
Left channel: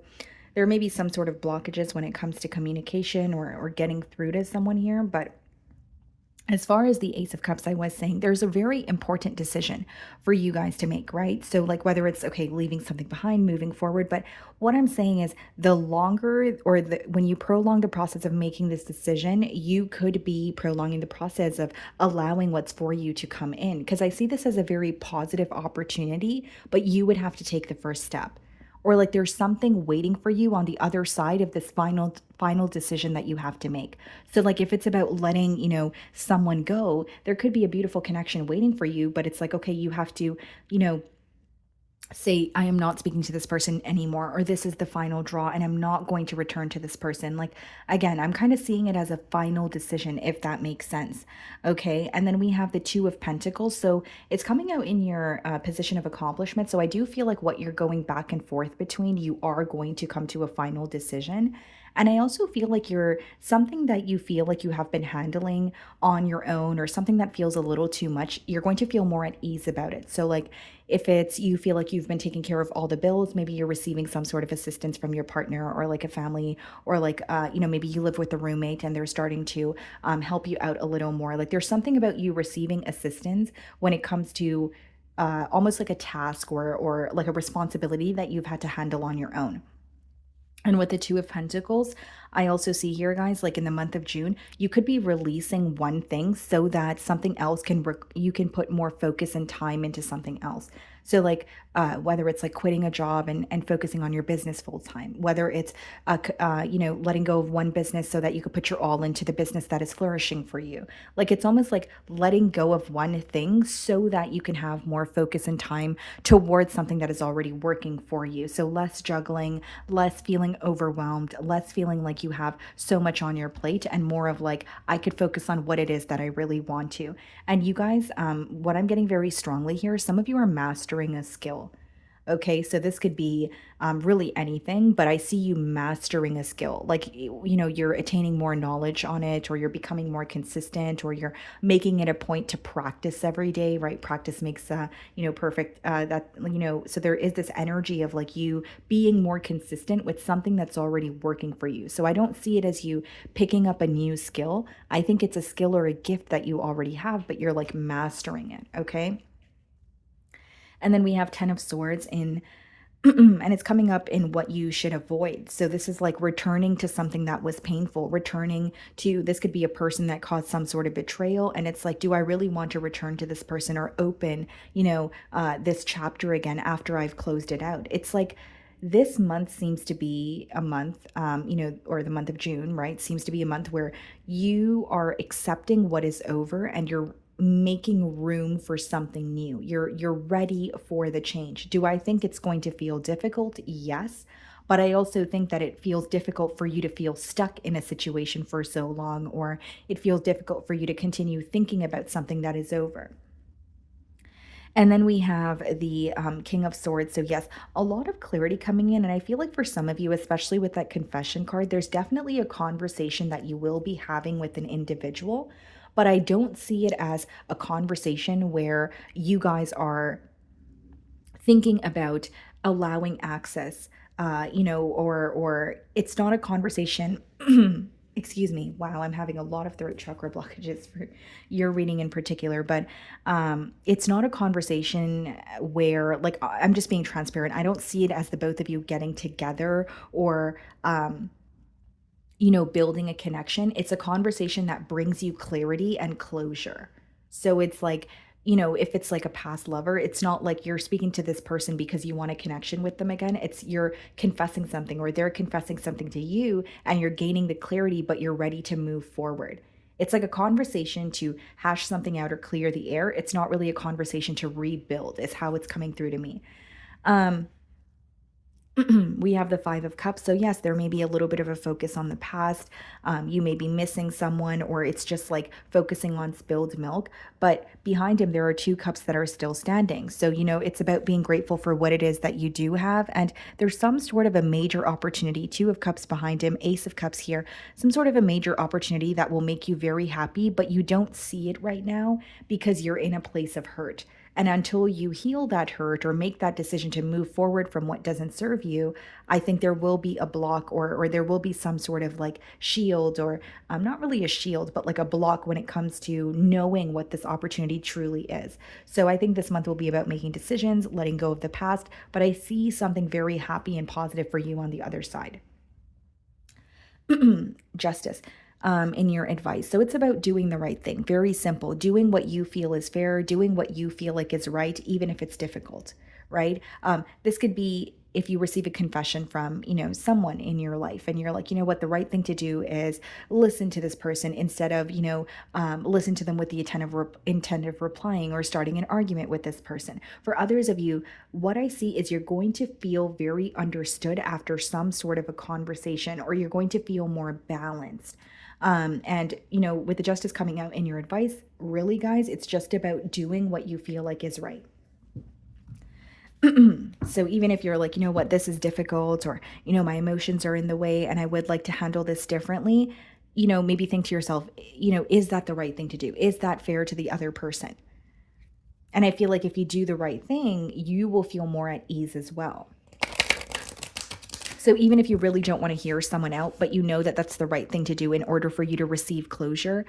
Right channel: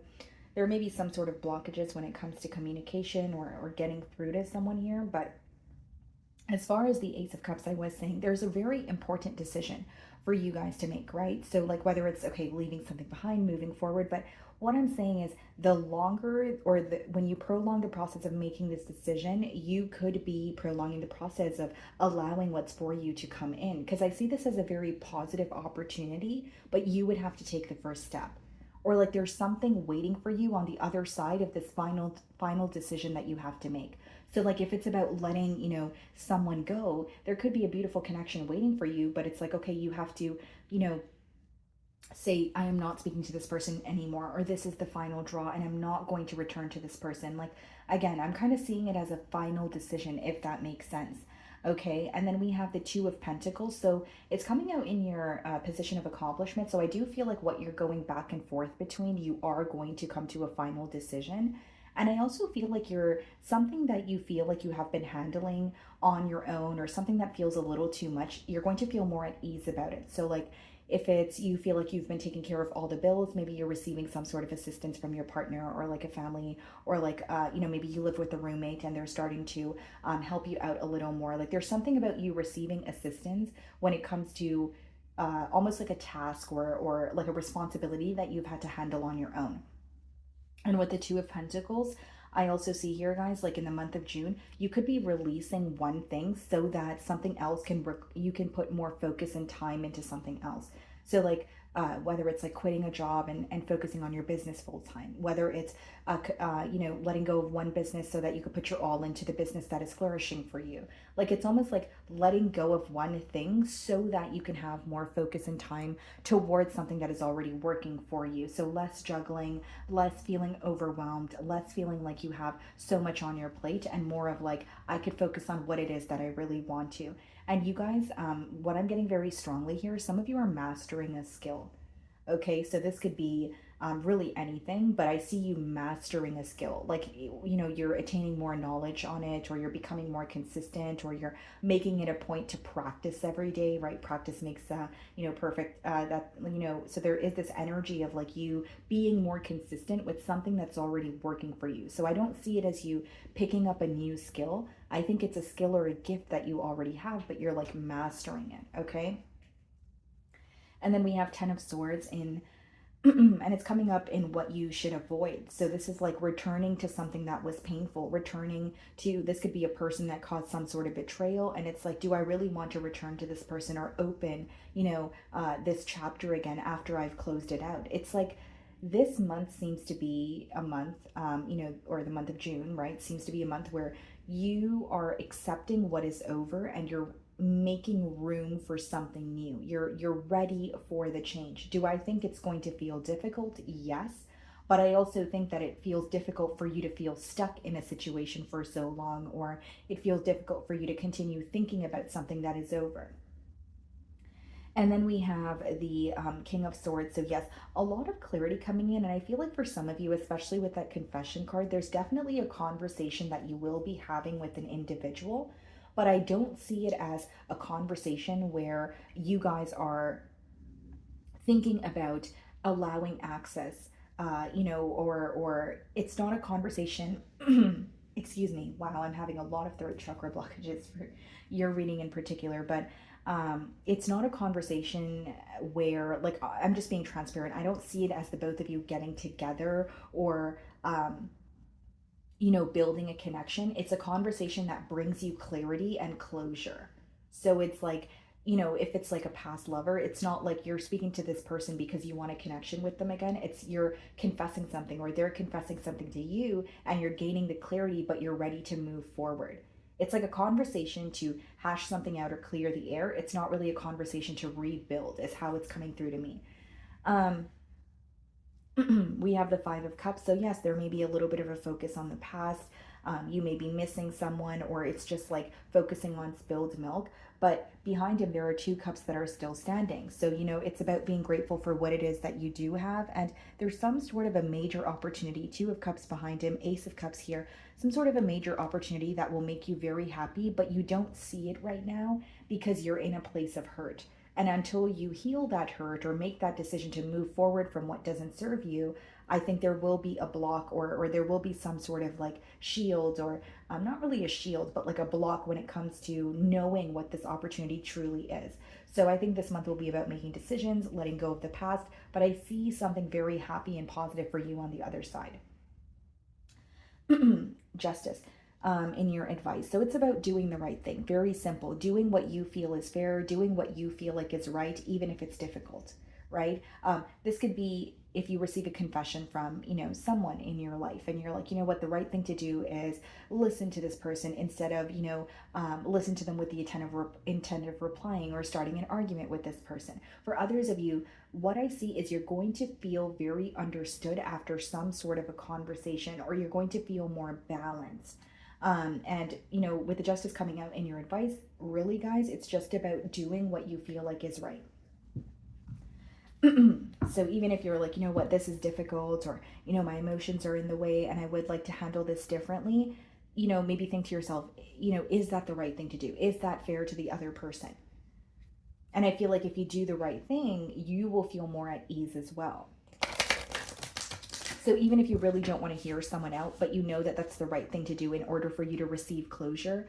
there may be some sort of blockages when it comes to communication or getting through to someone here. But as far as the Ace of Cups, I was saying there's a very important decision for you guys to make, right? So like whether it's, okay, leaving something behind, moving forward. But what I'm saying is the longer when you prolong the process of making this decision, you could be prolonging the process of allowing what's for you to come in. Because I see this as a very positive opportunity, but you would have to take the first step. Or like there's something waiting for you on the other side of this final decision that you have to make. So like if it's about letting, someone go, there could be a beautiful connection waiting for you, but it's like, okay, you have to, say, I am not speaking to this person anymore, or this is the final draw and I'm not going to return to this person. Like, again, I'm kind of seeing it as a final decision, if that makes sense. Okay. And then we have the Two of Pentacles. So it's coming out in your position of accomplishment. So I do feel like what you're going back and forth between, you are going to come to a final decision. And I also feel like you're something that you feel like you have been handling on your own, or something that feels a little too much, you're going to feel more at ease about it. So like if it's, you feel like you've been taking care of all the bills, maybe you're receiving some sort of assistance from your partner or like a family, or like, maybe you live with a roommate and they're starting to help you out a little more. Like there's something about you receiving assistance when it comes to almost like a task or like a responsibility that you've had to handle on your own. And with the Two of Pentacles, I also see here, guys, like in the month of June, you could be releasing one thing so that something else you can put more focus and time into something else. So like whether it's like quitting a job and focusing on your business full time, whether it's, letting go of one business so that you could put your all into the business that is flourishing for you. Like it's almost like letting go of one thing so that you can have more focus and time towards something that is already working for you. So less juggling, less feeling overwhelmed, less feeling like you have so much on your plate, and more of like, I could focus on what it is that I really want to. And you guys, what I'm getting very strongly here, some of you are mastering a skill. Okay, so this could be really anything, but I see you mastering a skill. Like, you're attaining more knowledge on it, or you're becoming more consistent, or you're making it a point to practice every day, right? Practice makes, perfect. So there is this energy of like you being more consistent with something that's already working for you. So I don't see it as you picking up a new skill. I think it's a skill or a gift that you already have, but you're like mastering it, okay? And then we have 10 of Swords in, and it's coming up in what you should avoid. So this is like returning to something that was painful, returning to, this could be a person that caused some sort of betrayal. And it's like, do I really want to return to this person or open, this chapter again after I've closed it out? It's like, this month seems to be a month, or the month of June, right? Seems to be a month where you are accepting what is over and you're making room for something new. You're ready for the change. Do I think it's going to feel difficult? Yes. But I also think that it feels difficult for you to feel stuck in a situation for so long, or it feels difficult for you to continue thinking about something that is over. And then we have the King of Swords. So, yes, a lot of clarity coming in. And I feel like for some of you, especially with that confession card, there's definitely a conversation that you will be having with an individual. But I don't see it as a conversation where you guys are thinking about allowing access, or it's not a conversation. Excuse me. Wow, I'm having a lot of throat chakra blockages for your reading in particular, but it's not a conversation where, like, I'm just being transparent. I don't see it as the both of you getting together or building a connection. It's a conversation that brings you clarity and closure. So it's like, if it's like a past lover, it's not like you're speaking to this person because you want a connection with them again. It's you're confessing something, or they're confessing something to you, and you're gaining the clarity, but you're ready to move forward. It's like a conversation to hash something out or clear the air. It's not really a conversation to rebuild, is how it's coming through to me. We have the Five of Cups. So yes, there may be a little bit of a focus on the past. You may be missing someone, or it's just like focusing on spilled milk. But behind him, there are two cups that are still standing. So, it's about being grateful for what it is that you do have. And there's some sort of a major opportunity. Two of Cups behind him, Ace of Cups here, some sort of a major opportunity that will make you very happy, but you don't see it right now because you're in a place of hurt. And until you heal that hurt or make that decision to move forward from what doesn't serve you, I think there will be a block, or there will be some sort of like shield, or not really a shield, but like a block when it comes to knowing what this opportunity truly is. So I think this month will be about making decisions, letting go of the past, but I see something very happy and positive for you on the other side. Justice. In your advice. So it's about doing the right thing. Very simple. Doing what you feel is fair, doing what you feel like is right, even if it's difficult, right? This could be if you receive a confession from, someone in your life, and you're like, what, the right thing to do is listen to this person instead of, listen to them with the intent of replying or starting an argument with this person. For others of you, what I see is you're going to feel very understood after some sort of a conversation, or you're going to feel more balanced. And with the Justice coming out in your advice, really, guys, it's just about doing what you feel like is right. So even if you're like, what, this is difficult, or, my emotions are in the way and I would like to handle this differently, maybe think to yourself, is that the right thing to do? Is that fair to the other person? And I feel like if you do the right thing, you will feel more at ease as well. So even if you really don't want to hear someone out, but that that's the right thing to do in order for you to receive closure,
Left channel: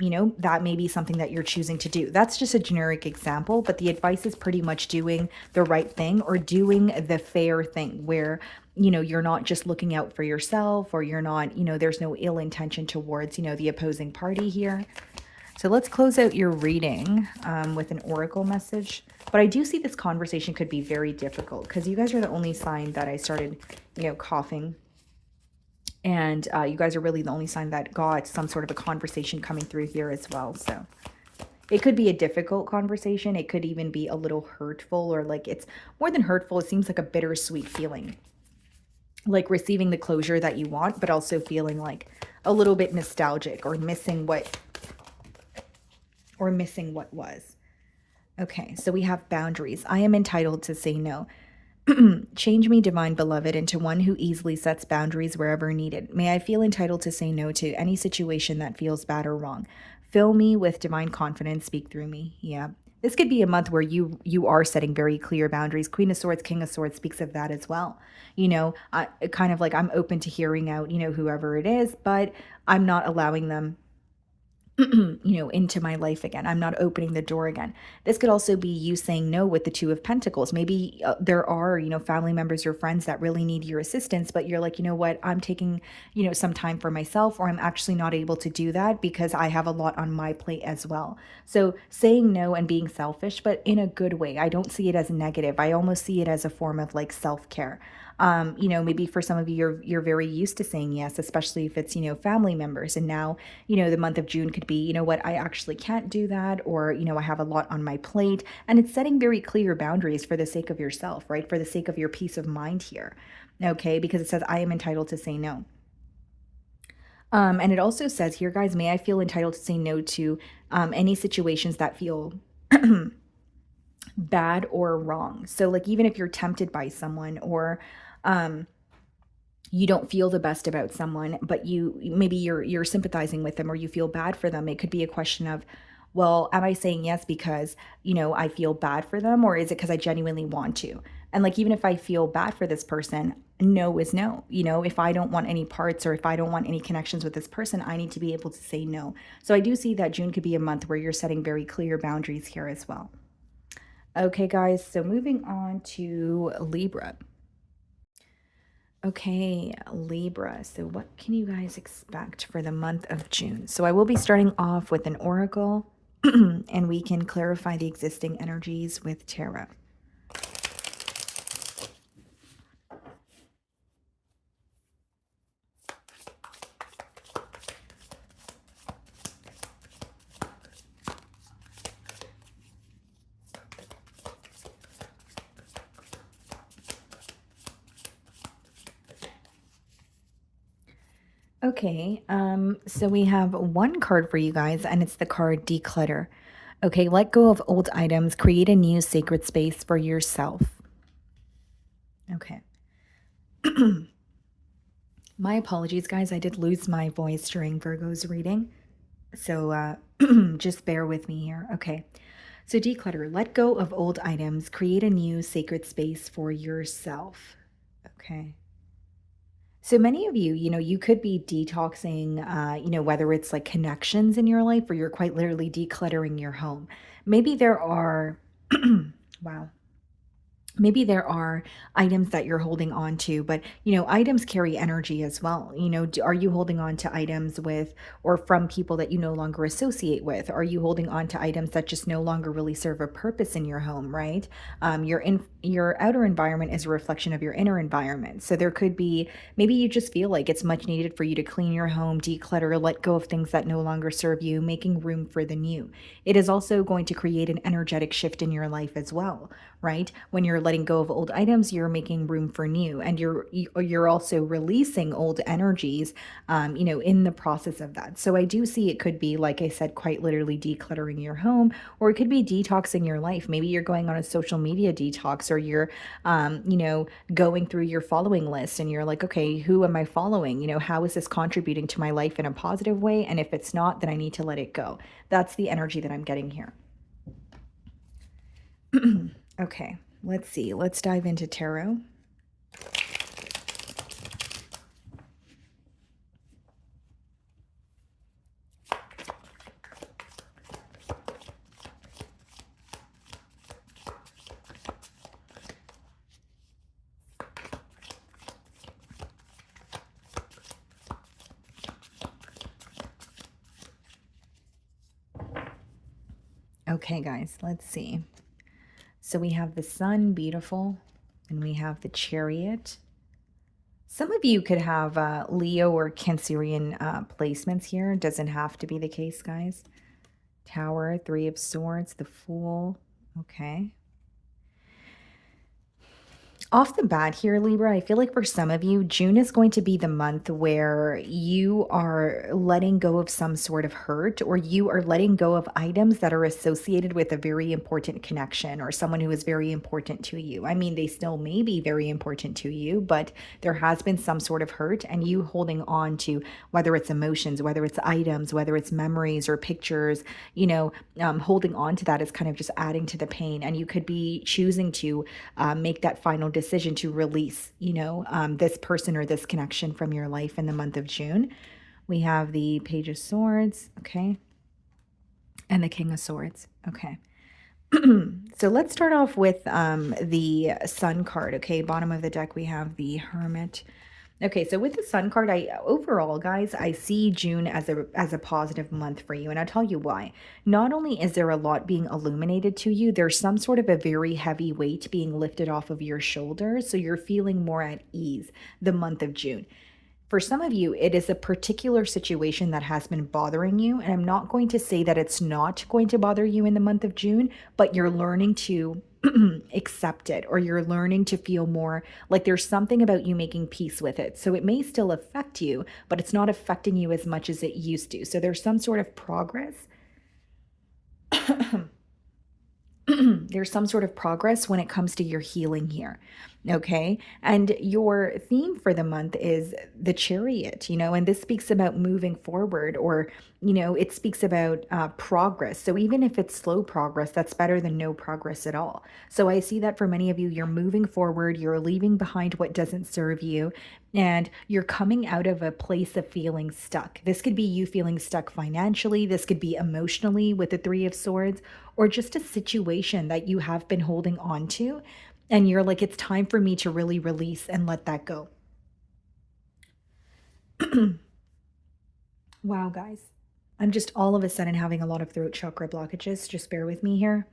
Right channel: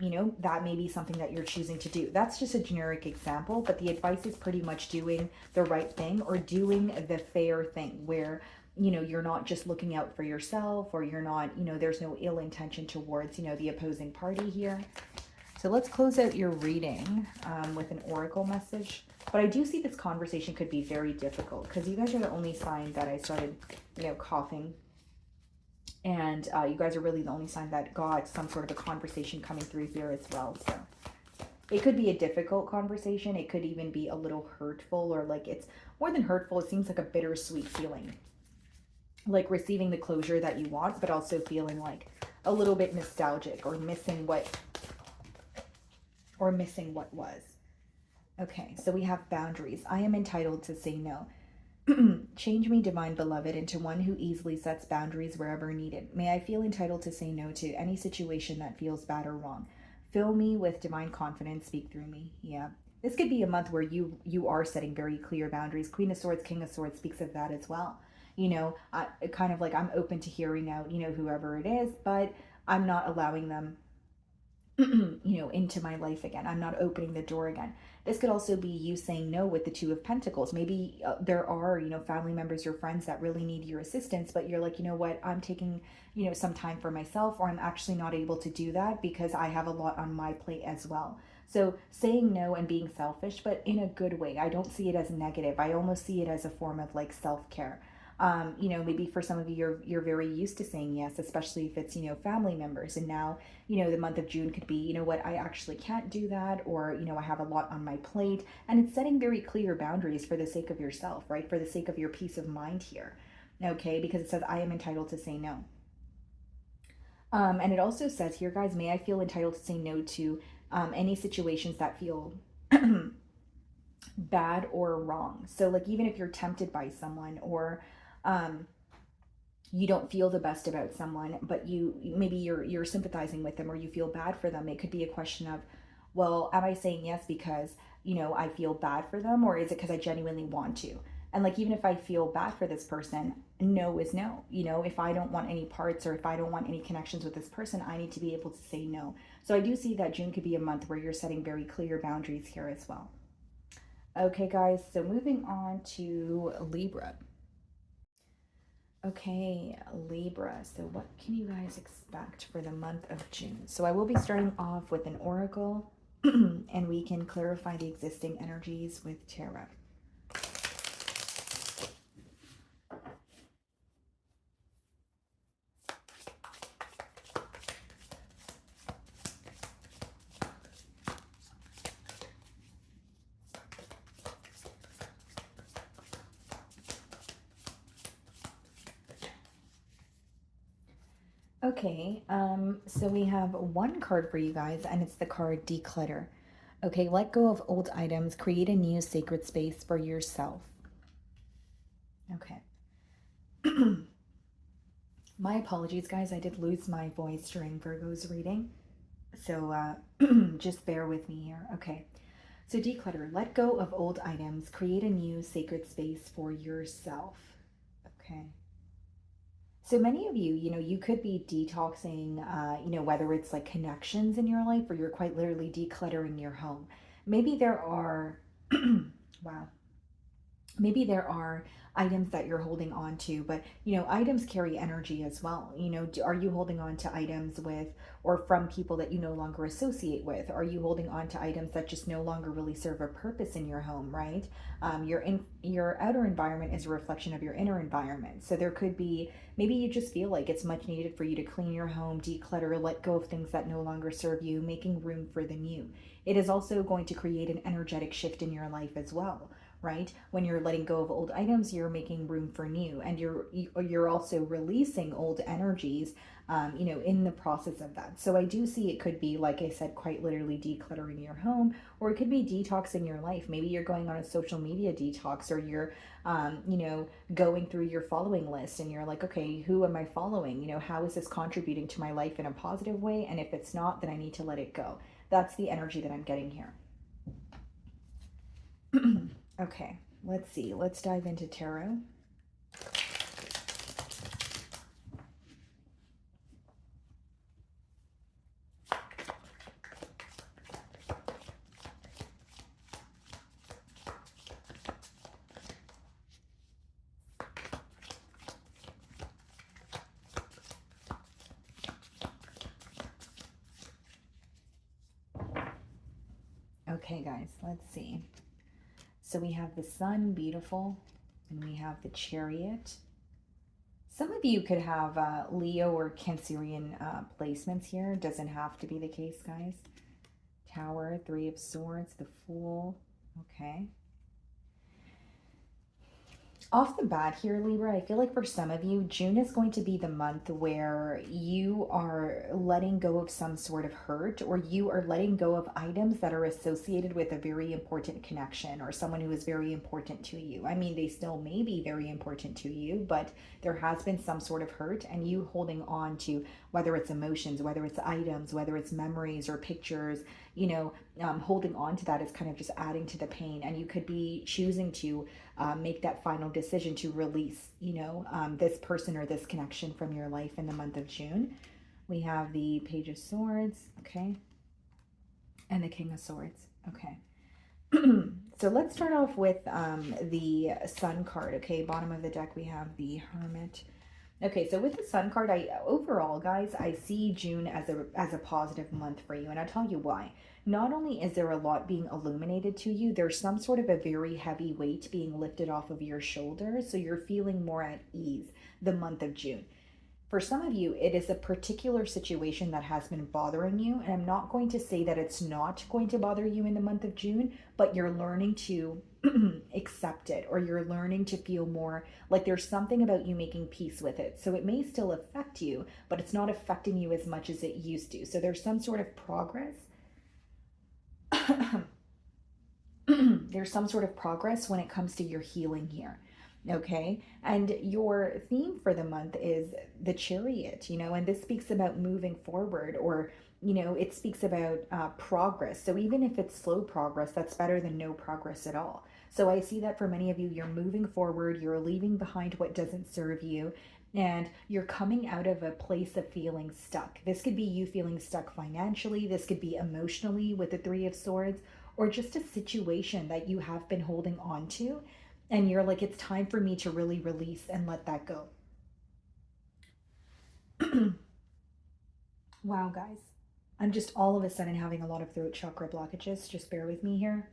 that may be something that you're choosing to do. That's just a generic example, but the advice is pretty much doing the right thing, or doing the fair thing where, you're not just looking out for yourself, or you're not, there's no ill intention towards, the opposing party here. So let's close out your reading with an oracle message. But I do see this conversation could be very difficult because you guys are the only sign that I started, coughing. And you guys are really the only sign that got some sort of a conversation coming through here as well. So it could be a difficult conversation. It could even be a little hurtful, or like it's more than hurtful. It seems like a bittersweet feeling. Like receiving the closure that you want, but also feeling like a little bit nostalgic, or missing what was. Okay, so we have boundaries. I am entitled to say no. Change me, divine beloved, into one who easily sets boundaries wherever needed. May I feel entitled to say no to any situation that feels bad or wrong. Fill me with divine confidence. Speak through me. Yeah. This could be a month where you are setting very clear boundaries. Queen of Swords, King of Swords speaks of that as well. Kind of like I'm open to hearing out, whoever it is, but I'm not allowing them you know, into my life again. I'm not opening the door again. This could also be you saying no with the Two of Pentacles. Maybe there are, you know, family members or friends that really need your assistance, but you're like, you know what, I'm taking, you know, some time for myself, or I'm actually not able to do that because I have a lot on my plate as well. So saying no and being selfish, but in a good way. I don't see it as negative. I almost see it as a form of like self-care. You know, maybe for some of you, you're very used to saying yes, especially if it's, you know, family members. And now, you know, the month of June could be, you know what, I actually can't do that, or, you know, I have a lot on my plate. And it's setting very clear boundaries for the sake of yourself, right? For the sake of your peace of mind here. Okay, because it says I am entitled to say no. And it also says here, guys, may I feel entitled to say no to any situations that feel bad or wrong. So like even if you're tempted by someone, or you don't feel the best about someone, but maybe you're sympathizing with them, or you feel bad for them, it could be a question of, well, am I saying yes because, you know, I feel bad for them, or is it because I genuinely want to? And like even if I feel bad for this person, no is no. You know, if I don't want any parts, or if I don't want any connections with this person, I need to be able to say no. So I do see that June could be a month where you're setting very clear boundaries here as well. Okay, guys, so moving on to Libra. Okay, Libra. So what can you guys expect for the month of June? So I will be starting off with an oracle and we can clarify the existing energies with tarot. Okay, so we have one card for you guys, and it's the card Declutter. Okay, let go of old items, create a new sacred space for yourself. Okay. My apologies, guys. I did lose my voice during Virgo's reading, so just bear with me here. Okay, so declutter, let go of old items, create a new sacred space for yourself. Okay. So many of you, you know, you could be detoxing, you know, whether it's like connections in your life, or you're quite literally decluttering your home. Maybe there are, wow, maybe there are items that you're holding on to, but you know, items carry energy as well. You know, are you holding on to items with or from people that you no longer associate with? Are you holding on to items that just no longer really serve a purpose in your home, right? Your outer environment is a reflection of your inner environment. So there could be, maybe you just feel like it's much needed for you to clean your home, declutter, let go of things that no longer serve you, making room for the new. It is also going to create an energetic shift in your life as well, right? When you're letting go of old items, you're making room for new, and you're also releasing old energies, you know, in the process of that. So I do see it could be, like I said, quite literally decluttering your home, or it could be detoxing your life. Maybe you're going on a social media detox, or you're, you know, going through your following list, and you're like, okay, who am I following? You know, how is this contributing to my life in a positive way? And if it's not, then I need to let it go. That's the energy that I'm getting here. Okay, let's see. Let's dive into tarot. Okay, guys, let's see. So we have the Sun, beautiful, and we have the Chariot. Some of you could have Leo or Cancerian placements here. It doesn't have to be the case, guys. Tower, Three of Swords, the Fool. Okay. Off the bat here, Libra, I feel like for some of you, June is going to be the month where you are letting go of some sort of hurt, or you are letting go of items that are associated with a very important connection, or someone who is very important to you. I mean, they still may be very important to you, but there has been some sort of hurt, and you holding on to, whether it's emotions, whether it's items, whether it's memories or pictures, you know, holding on to that is kind of just adding to the pain. And you could be choosing to make that final decision to release, you know, this person or this connection from your life in the month of June. We have the Page of Swords. Okay. And the King of Swords. Okay. So let's start off with the Sun card. Okay, bottom of the deck we have the Hermit. Okay, so with the Sun card, overall, guys, I see June as a positive month for you, and I'll tell you why. Not only is there a lot being illuminated to you, there's some sort of a very heavy weight being lifted off of your shoulders, so you're feeling more at ease the month of June. For some of you, it is a particular situation that has been bothering you. And I'm not going to say that it's not going to bother you in the month of June, but you're learning to accept it, or you're learning to feel more like there's something about you making peace with it. So it may still affect you, but it's not affecting you as much as it used to. So there's some sort of progress. There's some sort of progress when it comes to your healing here. Okay. And your theme for the month is the Chariot, and this speaks about moving forward, or, it speaks about progress. So even if it's slow progress, that's better than no progress at all. So I see that for many of you, you're moving forward, you're leaving behind what doesn't serve you, and you're coming out of a place of feeling stuck. This could be you feeling stuck financially. This could be emotionally with the Three of Swords, or just a situation that you have been holding on to. And you're like, it's time for me to really release and let that go. Wow, guys. I'm just all of a sudden having a lot of throat chakra blockages. Just bear with me here.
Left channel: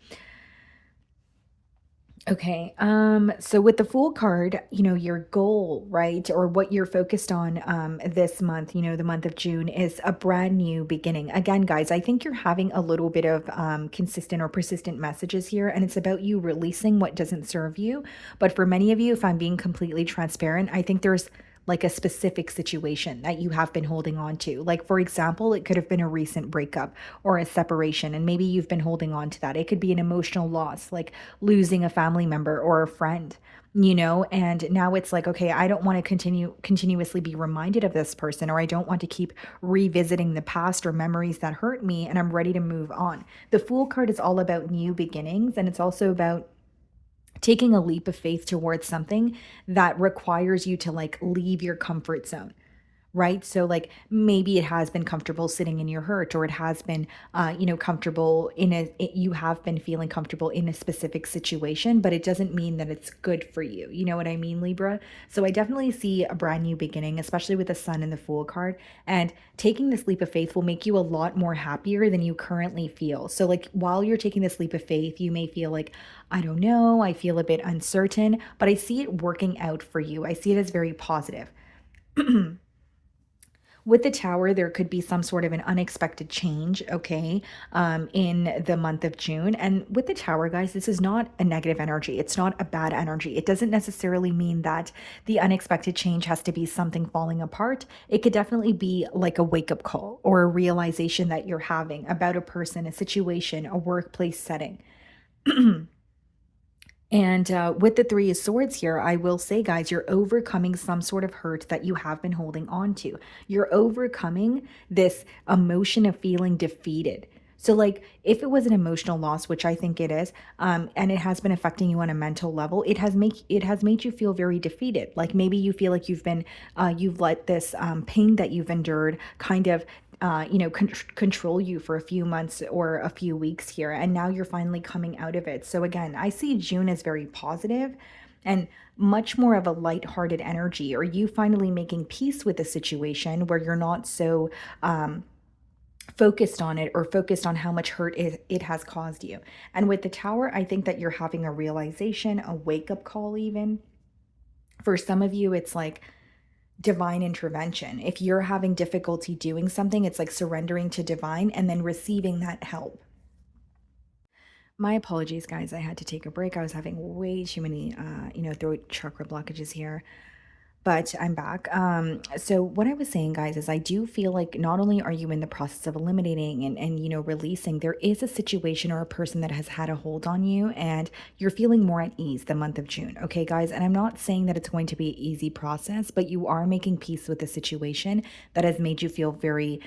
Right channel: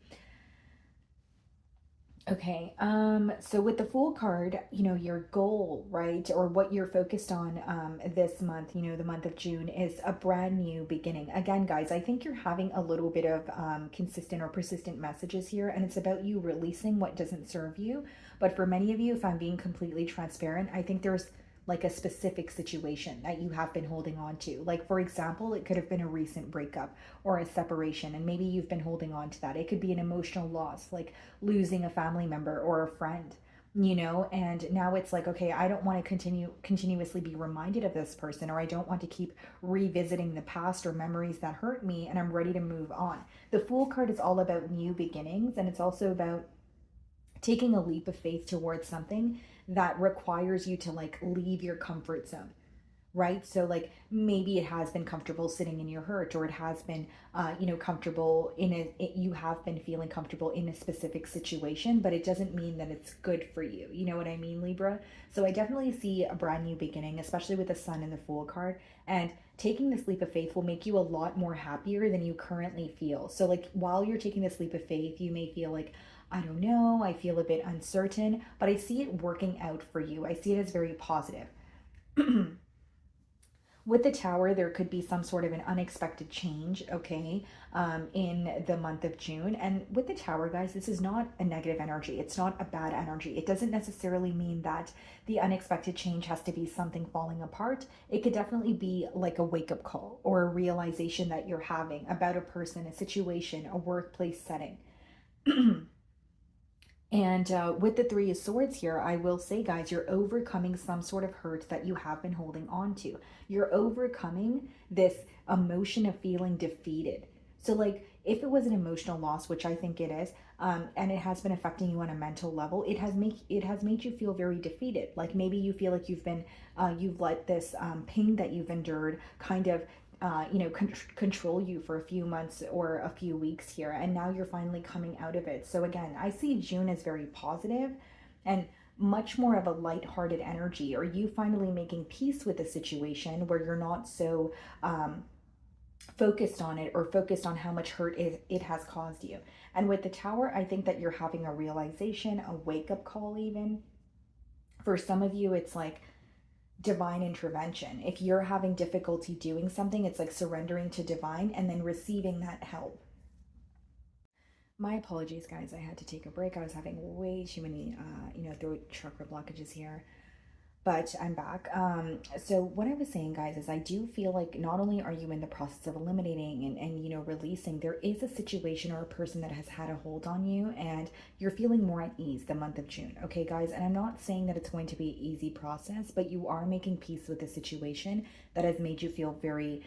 Okay, so with the Fool card, your goal, right, or what you're focused on this month, the month of June, is a brand new beginning. Again, guys, I think you're having a little bit of consistent or persistent messages here, and it's about you releasing what doesn't serve you. But for many of you, if I'm being completely transparent, I think there's like a specific situation that you have been holding on to. Like, for example, it could have been a recent breakup or a separation, and maybe you've been holding on to that. It could be an emotional loss, like losing a family member or a friend, and now it's like, okay, I don't want to continuously be reminded of this person, or I don't want to keep revisiting the past or memories that hurt me, and I'm ready to move on. The Fool card is all about new beginnings, and it's also about taking a leap of faith towards something that requires you to like leave your comfort zone, right? So like maybe it has been comfortable sitting in your hurt, or it has been comfortable you have been feeling comfortable in a specific situation, but it doesn't mean that it's good for you. You know what I mean, Libra? So I definitely see a brand new beginning, especially with the Sun and the Fool card, and taking this leap of faith will make you a lot more happier than you currently feel. So like while you're taking this leap of faith, you may feel like, I don't know, I feel a bit uncertain, but I see it working out for you. I see it as very positive. With the Tower, there could be some sort of an unexpected change, okay, in the month of June. And with the Tower, guys, this is not a negative energy. It's not a bad energy. It doesn't necessarily mean that the unexpected change has to be something falling apart. It could definitely be like a wake-up call or a realization that you're having about a person, a situation, a workplace setting. And with the Three of Swords here, I will say, guys, you're overcoming some sort of hurt that you have been holding on to. You're overcoming this emotion of feeling defeated. So like if it was an emotional loss, which I think it is, and it has been affecting you on a mental level, it has made you feel very defeated. Like maybe you feel like you've let this pain that you've endured kind of control you for a few months or a few weeks here, and now you're finally coming out of it. So again, I see June as very positive and much more of a lighthearted energy, or you finally making peace with the situation where you're not so focused on it, or focused on how much hurt it has caused you. And with the Tower, I think that you're having a realization, a wake-up call even. For some of you, it's like divine intervention. If you're having difficulty doing something, it's like surrendering to divine and then receiving that help. My apologies, guys. I had to take a break. I was having way too many, throat chakra blockages here. But I'm back. So what I was saying, guys, is I do feel like not only are you in the process of eliminating and releasing, there is a situation or a person that has had a hold on you, and you're feeling more at ease the month of June. Okay, guys? And I'm not saying that it's going to be an easy process, but you are making peace with the situation that has made you feel very,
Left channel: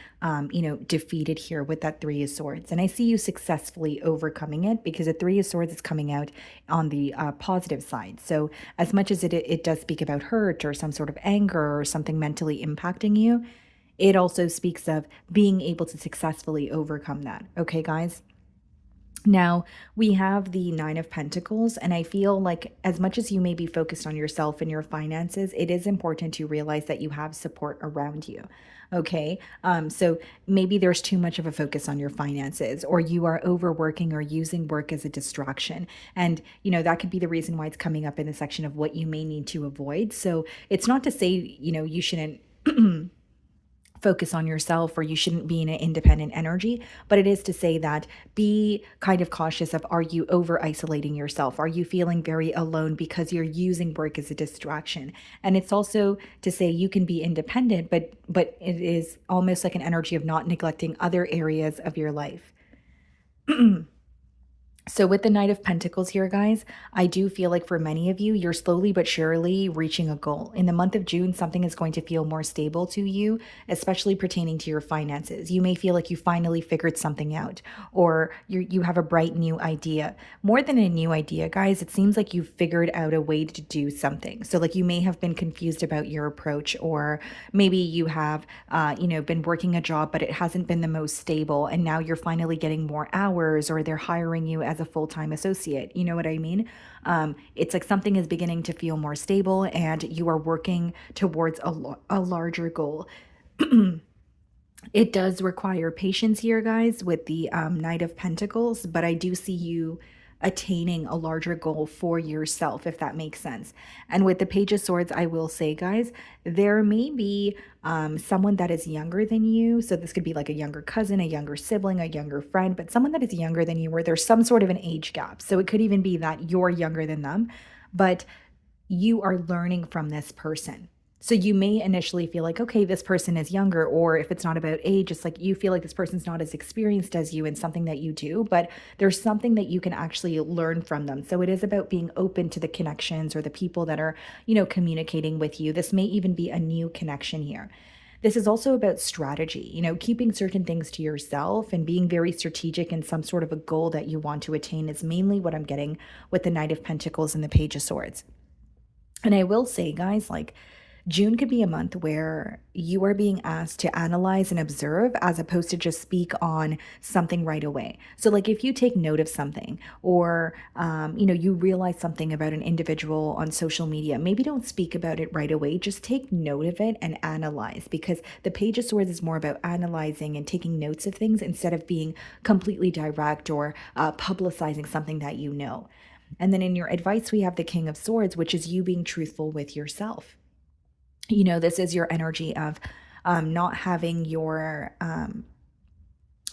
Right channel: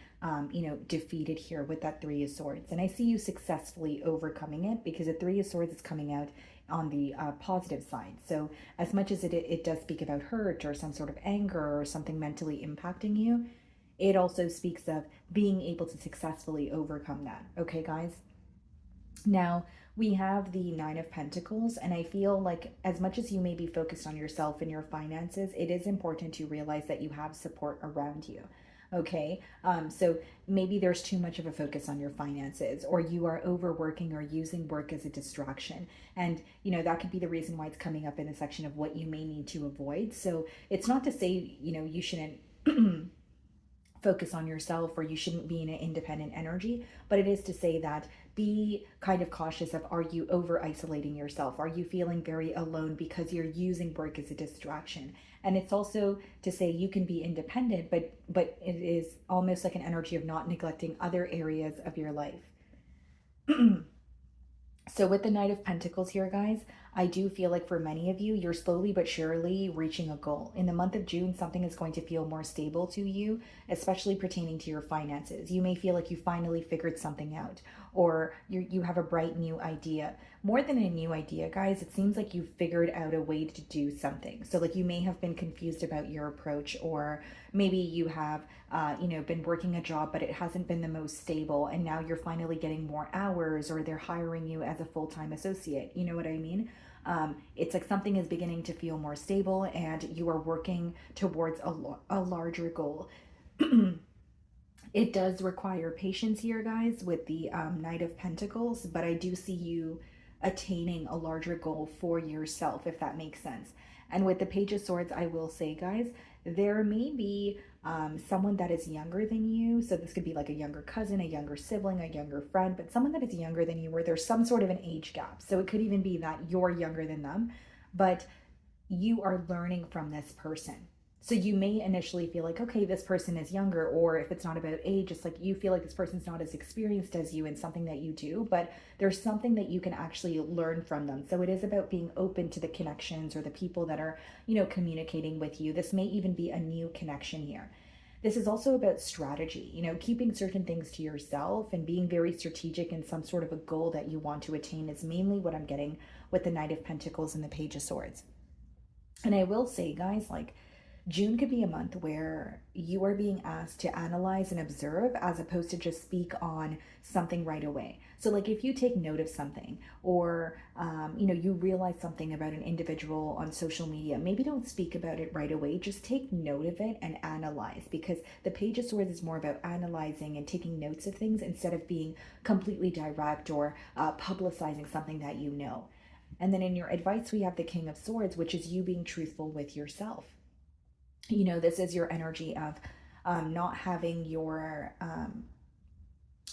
defeated here with that Three of Swords. And I see you successfully overcoming it, because the Three of Swords is coming out on the positive side. So as much as it does speak about hurt or some sort of anger or something mentally impacting you, it also speaks of being able to successfully overcome that. Okay, guys? Now, we have the Nine of Pentacles, and I feel like as much as you may be focused on yourself and your finances, it is important to realize that you have support around you. Okay, so maybe there's too much of a focus on your finances, or you are overworking or using work as a distraction. And, that could be the reason why it's coming up in the section of what you may need to avoid. So it's not to say, you shouldn't focus on yourself or you shouldn't be in an independent energy, but it is to say that be kind of cautious of, are you over isolating yourself? Are you feeling very alone because you're using work as a distraction? And it's also to say you can be independent, but it is almost like an energy of not neglecting other areas of your life. So with the Knight of Pentacles here, guys, I do feel like for many of you, you're slowly but surely reaching a goal. In the month of June, something is going to feel more stable to you, especially pertaining to your finances. You may feel like you finally figured something out, or you have a bright new idea. More than a new idea, guys, it seems like you've figured out a way to do something. So like you may have been confused about your approach, or maybe you have, been working a job, but it hasn't been the most stable. And now you're finally getting more hours, or they're hiring you as a full-time associate. You know what I mean? It's like something is beginning to feel more stable and you are working towards a larger goal. It does require patience here, guys, with the Knight of Pentacles, but I do see you attaining a larger goal for yourself, if that makes sense. And with the Page of Swords, I will say, guys, there may be someone that is younger than you. So this could be like a younger cousin, a younger sibling, a younger friend, but someone that is younger than you where there's some sort of an age gap. So it could even be that you're younger than them, but you are learning from this person. So you may initially feel like, okay, this person is younger, or if it's not about age, it's like you feel like this person's not as experienced as you in something that you do, but there's something that you can actually learn from them. So it is about being open to the connections or the people that are, communicating with you. This may even be a new connection here. This is also about strategy, keeping certain things to yourself and being very strategic in some sort of a goal that you want to attain is mainly what I'm getting with the Knight of Pentacles and the Page of Swords. And I will say, guys, like, June could be a month where you are being asked to analyze and observe as opposed to just speak on something right away. So like if you take note of something or, you realize something about an individual on social media, maybe don't speak about it right away. Just take note of it and analyze, because the Page of Swords is more about analyzing and taking notes of things instead of being completely direct or publicizing something that you know. And then in your advice, we have the King of Swords, which is you being truthful with yourself. This is your energy of not having your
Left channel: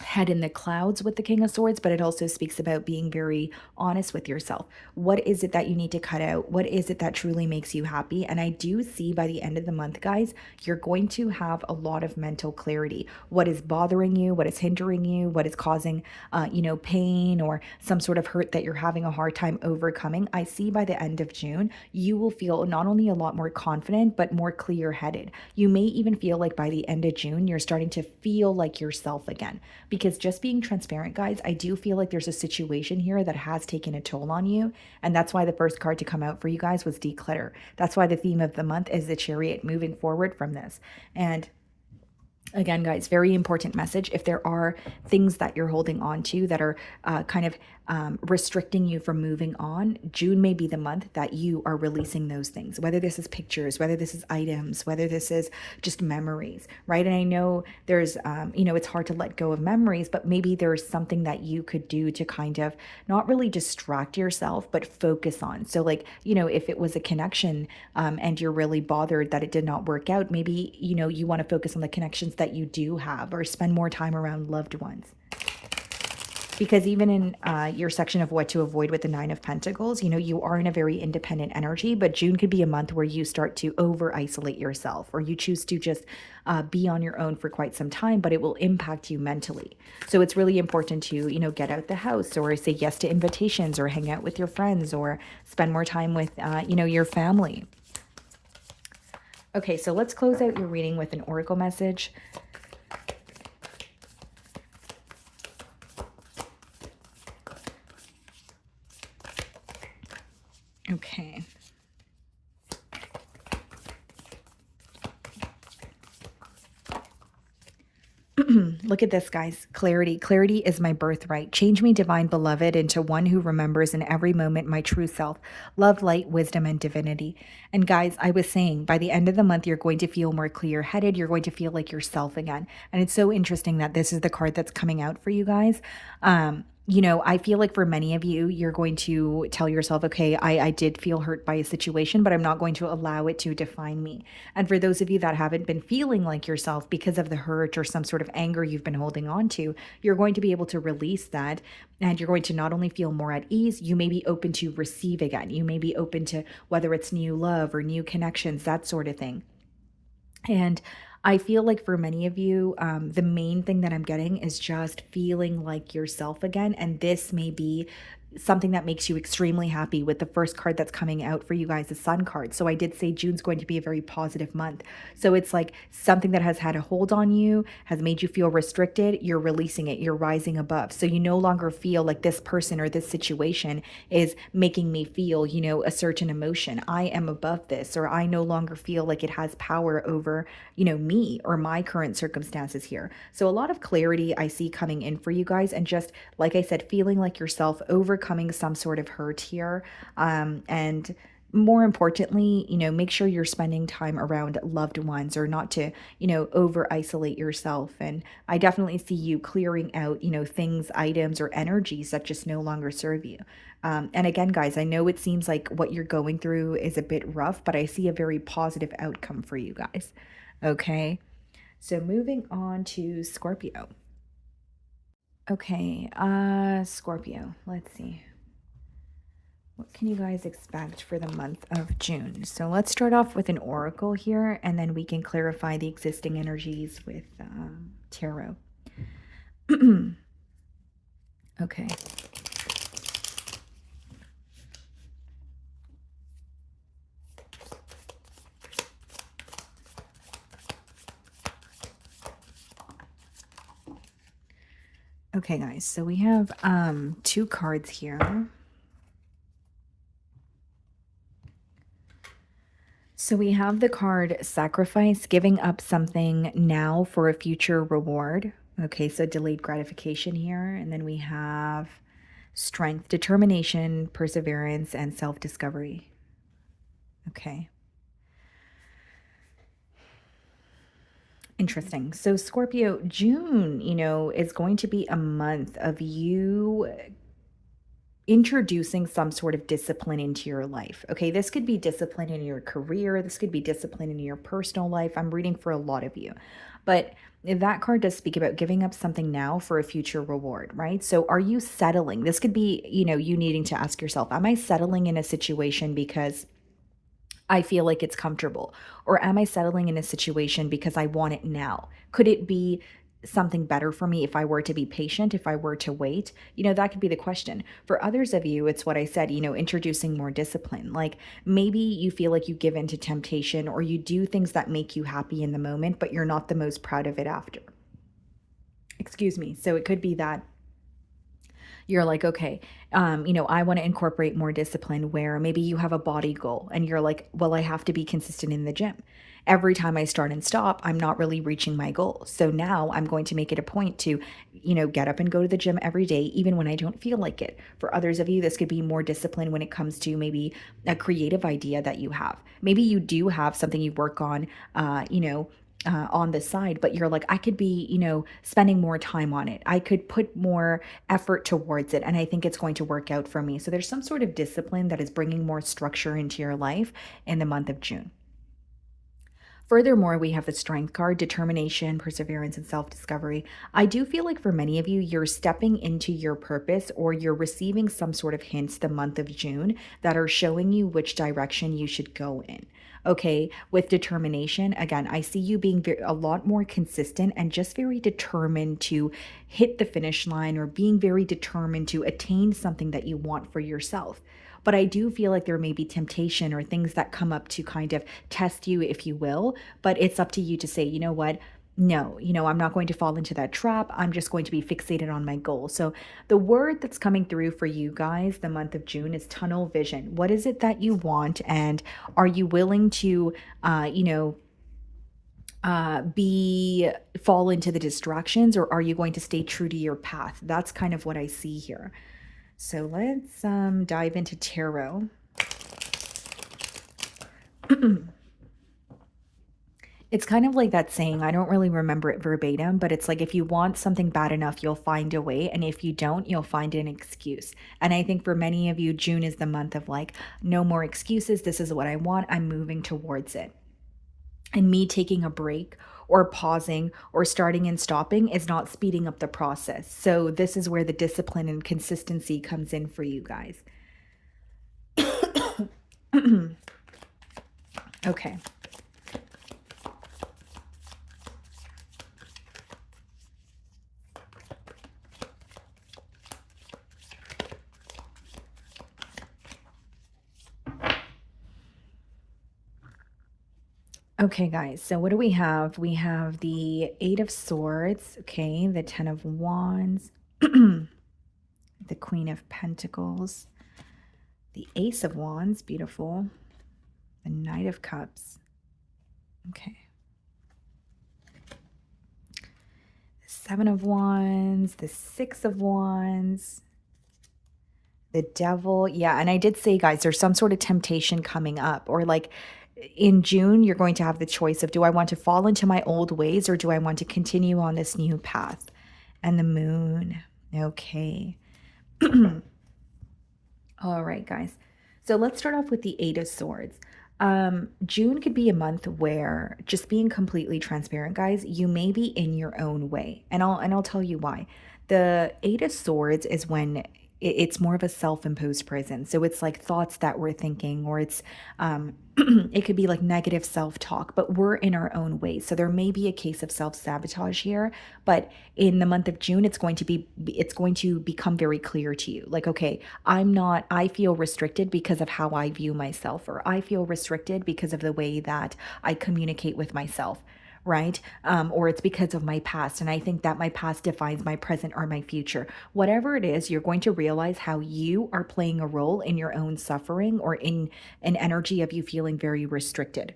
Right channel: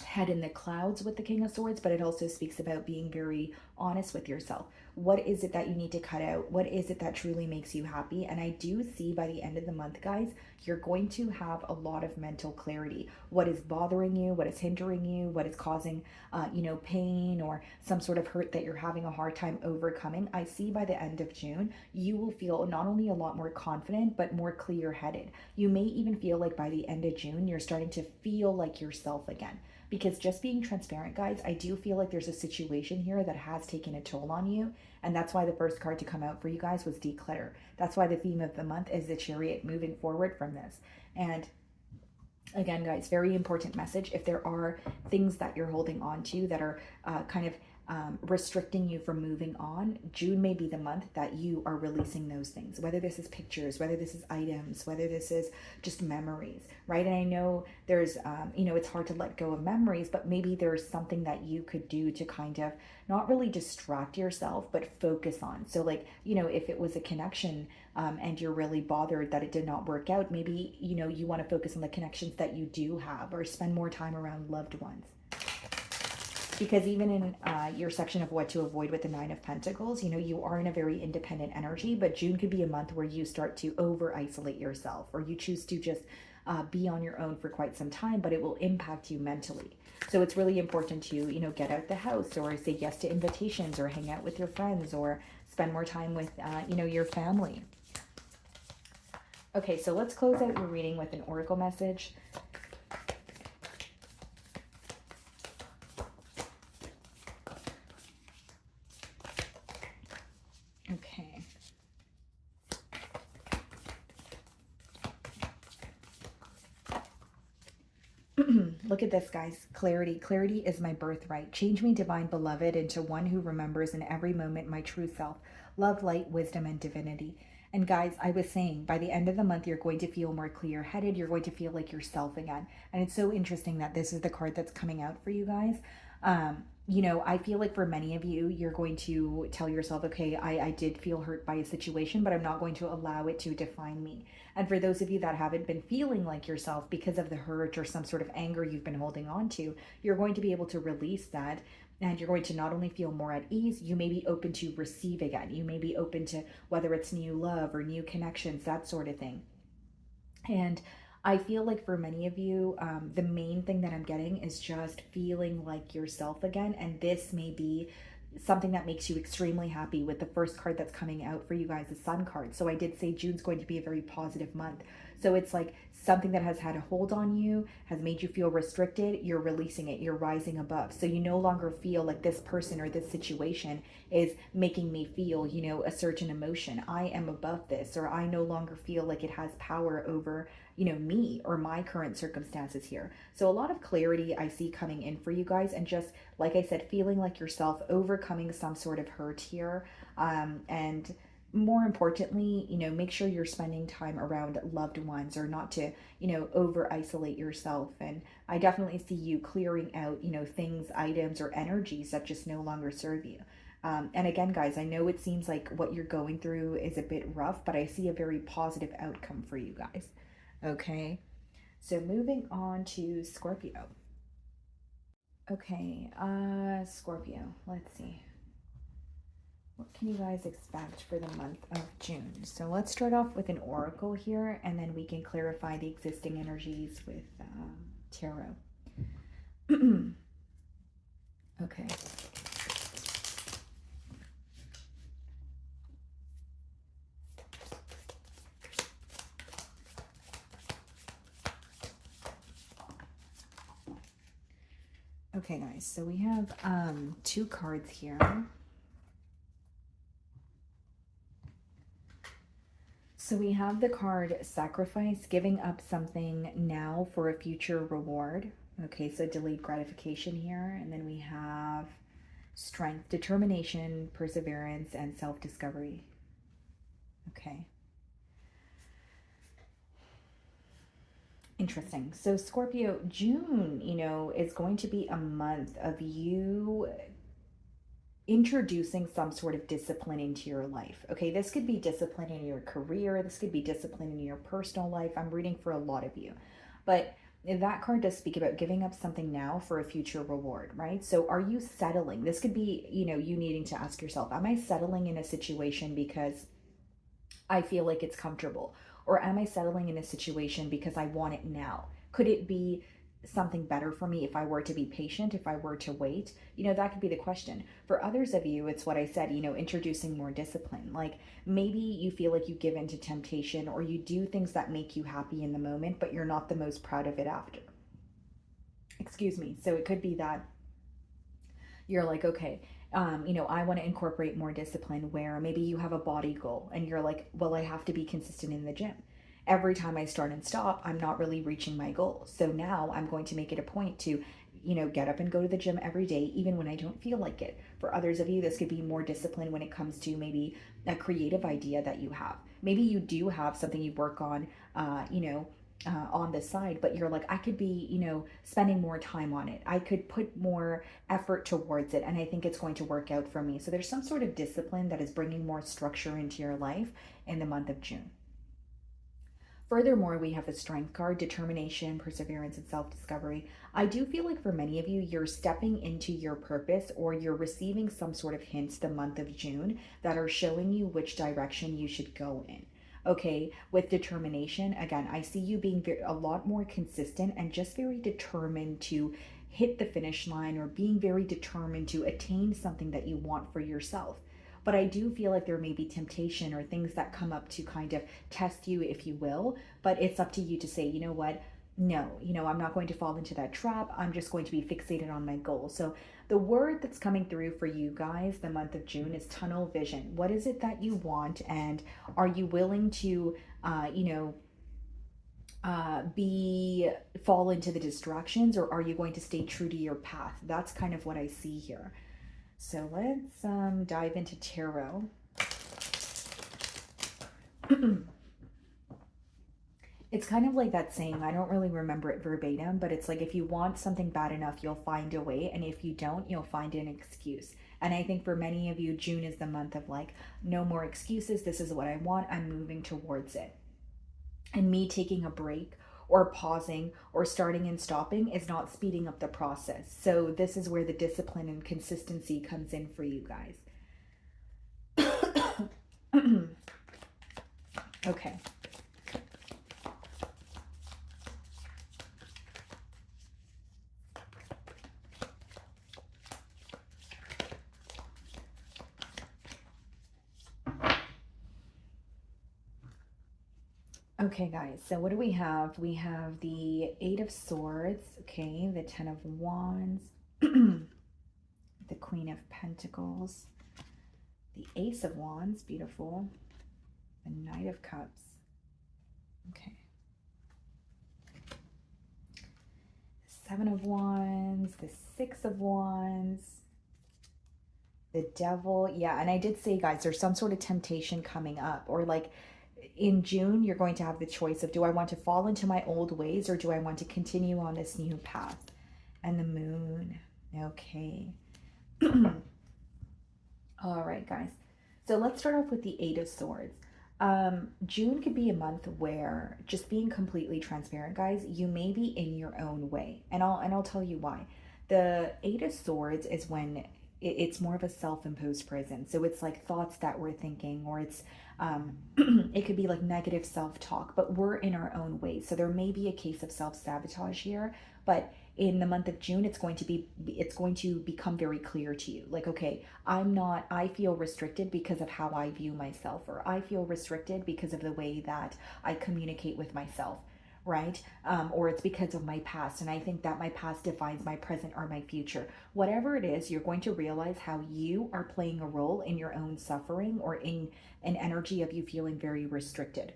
head in the clouds with the King of Swords, but it also speaks about being very honest with yourself. What is it that you need to cut out? What is it that truly makes you happy? And I do see by the end of the month, guys, you're going to have a lot of mental clarity. What is bothering you? What is hindering you? What is causing, pain or some sort of hurt that you're having a hard time overcoming? I see by the end of June, you will feel not only a lot more confident, but more clear-headed. You may even feel like by the end of June, you're starting to feel like yourself again. Because just being transparent, guys, I do feel like there's a situation here that has taken a toll on you. And that's why the first card to come out for you guys was declutter. That's why the theme of the month is the Chariot, moving forward from this. And again, guys, very important message. If there are things that you're holding on to that are kind of restricting you from moving on, June may be the month that you are releasing those things, whether this is pictures, whether this is items, whether this is just memories, right? And I know there's, it's hard to let go of memories, but maybe there's something that you could do to kind of not really distract yourself, but focus on. So like, if it was a connection and you're really bothered that it did not work out, maybe, you want to focus on the connections that you do have or spend more time around loved ones. Because even in your section of what to avoid with the Nine of Pentacles, you are in a very independent energy, but June could be a month where you start to over-isolate yourself, or you choose to just be on your own for quite some time, but it will impact you mentally. So it's really important to, get out the house, or say yes to invitations, or hang out with your friends, or spend more time with, your family. Okay, so let's close out your reading with an oracle message. Okay. Look at this, guys. Clarity. Clarity is my birthright. Change me, divine beloved, into one who remembers in every moment my true self. Love, light, wisdom, and divinity. And guys, I was saying, by the end of the month, you're going to feel more clear-headed. You're going to feel like yourself again. And it's so interesting that this is the card that's coming out for you guys. You know, I feel like for many of you, you're going to tell yourself, okay, I did feel hurt by a situation, but I'm not going to allow it to define me. And for those of you that haven't been feeling like yourself because of the hurt or some sort of anger you've been holding on to, you're going to be able to release that. And you're going to not only feel more at ease, you may be open to receive again. You may be open to whether it's new love or new connections, that sort of thing. And I feel like for many of you, the main thing that I'm getting is just feeling like yourself again. And this may be something that makes you extremely happy. With the first card that's coming out for you guys, the Sun card. So I did say June's going to be a very positive month. So it's like something that has had a hold on you, has made you feel restricted. You're releasing it. You're rising above. So you no longer feel like this person or this situation is making me feel, you know, a certain emotion. I am above this, or I no longer feel like it has power over, you know, me or my current circumstances here. So a lot of clarity I see coming in for you guys, and just like I said, feeling like yourself, overcoming some sort of hurt here. And more importantly, you know, make sure you're spending time around loved ones, or not to, you know, over isolate yourself. And I definitely see you clearing out, you know, things, items, or energies that just no longer serve you. And again, guys, I know it seems like what you're going through is a bit rough, but I see a very positive outcome for you guys. Okay, so moving on to Scorpio. Okay, Scorpio, let's see. What can you guys expect for the month of June? So let's start off with an oracle here, and then we can clarify the existing energies with tarot. Okay. Okay, guys, so we have two cards here. So we have the card Sacrifice, giving up something now for a future reward. Okay, so delayed gratification here. And then we have Strength, determination, perseverance, and self-discovery. Okay. Interesting. So Scorpio, June, you know, is going to be a month of you introducing some sort of discipline into your life. Okay, this could be discipline in your career. This could be discipline in your personal life. I'm reading for a lot of you. But that card does speak about giving up something now for a future reward, right? So are you settling? This could be, you know, you needing to ask yourself, am I settling in a situation because I feel like it's comfortable? Or am I settling in a situation because I want it now? Could it be something better for me if I were to be patient, if I were to wait? You know, that could be the question. For others of you, it's what I said, you know, introducing more discipline. Like maybe you feel like you give in to temptation, or you do things that make you happy in the moment, but you're not the most proud of it after. Excuse me. So it could be that you're like, okay, you know, I want to incorporate more discipline, where maybe you have a body goal and you're like, well, I have to be consistent in the gym. Every time I start and stop, I'm not really reaching my goal. So now I'm going to make it a point to, you know, get up and go to the gym every day, even when I don't feel like it. For others of you, this could be more discipline when it comes to maybe a creative idea that you have. Maybe you do have something you work on, you know, on the side, but you're like, I could be, you know, spending more time on it. I could put more effort towards it, and I think it's going to work out for me. So there's some sort of discipline that is bringing more structure into your life in the month of June. Furthermore, we have the Strength card, determination, perseverance, and self-discovery. I do feel like for many of you, you're stepping into your purpose, or you're receiving some sort of hints the month of June that are showing you which direction you should go in. Okay, with determination, again, I see you being a lot more consistent and just very determined to hit the finish line, or being very determined to attain something that you want for yourself. But I do feel like there may be temptation or things that come up to kind of test you, if you will. But it's up to you to say, you know what? No, you know, I'm not going to fall into that trap. I'm just going to be fixated on my goal. So the word that's coming through for you guys the month of June is tunnel vision. What is it that you want? And are you willing to, you know, fall into the distractions, or are you going to stay true to your path? That's kind of what I see here. So let's dive into tarot. It's kind of like that saying, I don't really remember it verbatim, but it's like, if you want something bad enough, you'll find a way. And if you don't, you'll find an excuse. And I think for many of you, June is the month of like, no more excuses. This is what I want. I'm moving towards it. And me taking a break or pausing or starting and stopping is not speeding up the process. So this is where the discipline and consistency comes in for you guys. Okay. Okay, guys, so what do we have? We have the Eight of Swords, okay, the Ten of Wands, the Queen of Pentacles, the Ace of Wands, beautiful, the Knight of Cups, okay, the Seven of Wands, the Six of Wands, the Devil. Yeah, and I did say, guys, there's some sort of temptation coming up, or like, in June, you're going to have the choice of, do I want to fall into my old ways, or do I want to continue on this new path? And the Moon. Okay. All right, guys. So let's start off with the Eight of Swords. June could be a month where, just being completely transparent, guys, you may be in your own way. And I'll tell you why. The Eight of Swords is when it's more of a self-imposed prison. So it's like thoughts that we're thinking, or it's it could be like negative self-talk, but we're in our own way. So there may be a case of self-sabotage here, but in the month of June, it's going to become very clear to you. Like, okay, I feel restricted because of how I view myself, or I feel restricted because of the way that I communicate with myself. Right? Or it's because of my past. And I think that my past defines my present or my future. Whatever it is, you're going to realize how you are playing a role in your own suffering, or in an energy of you feeling very restricted.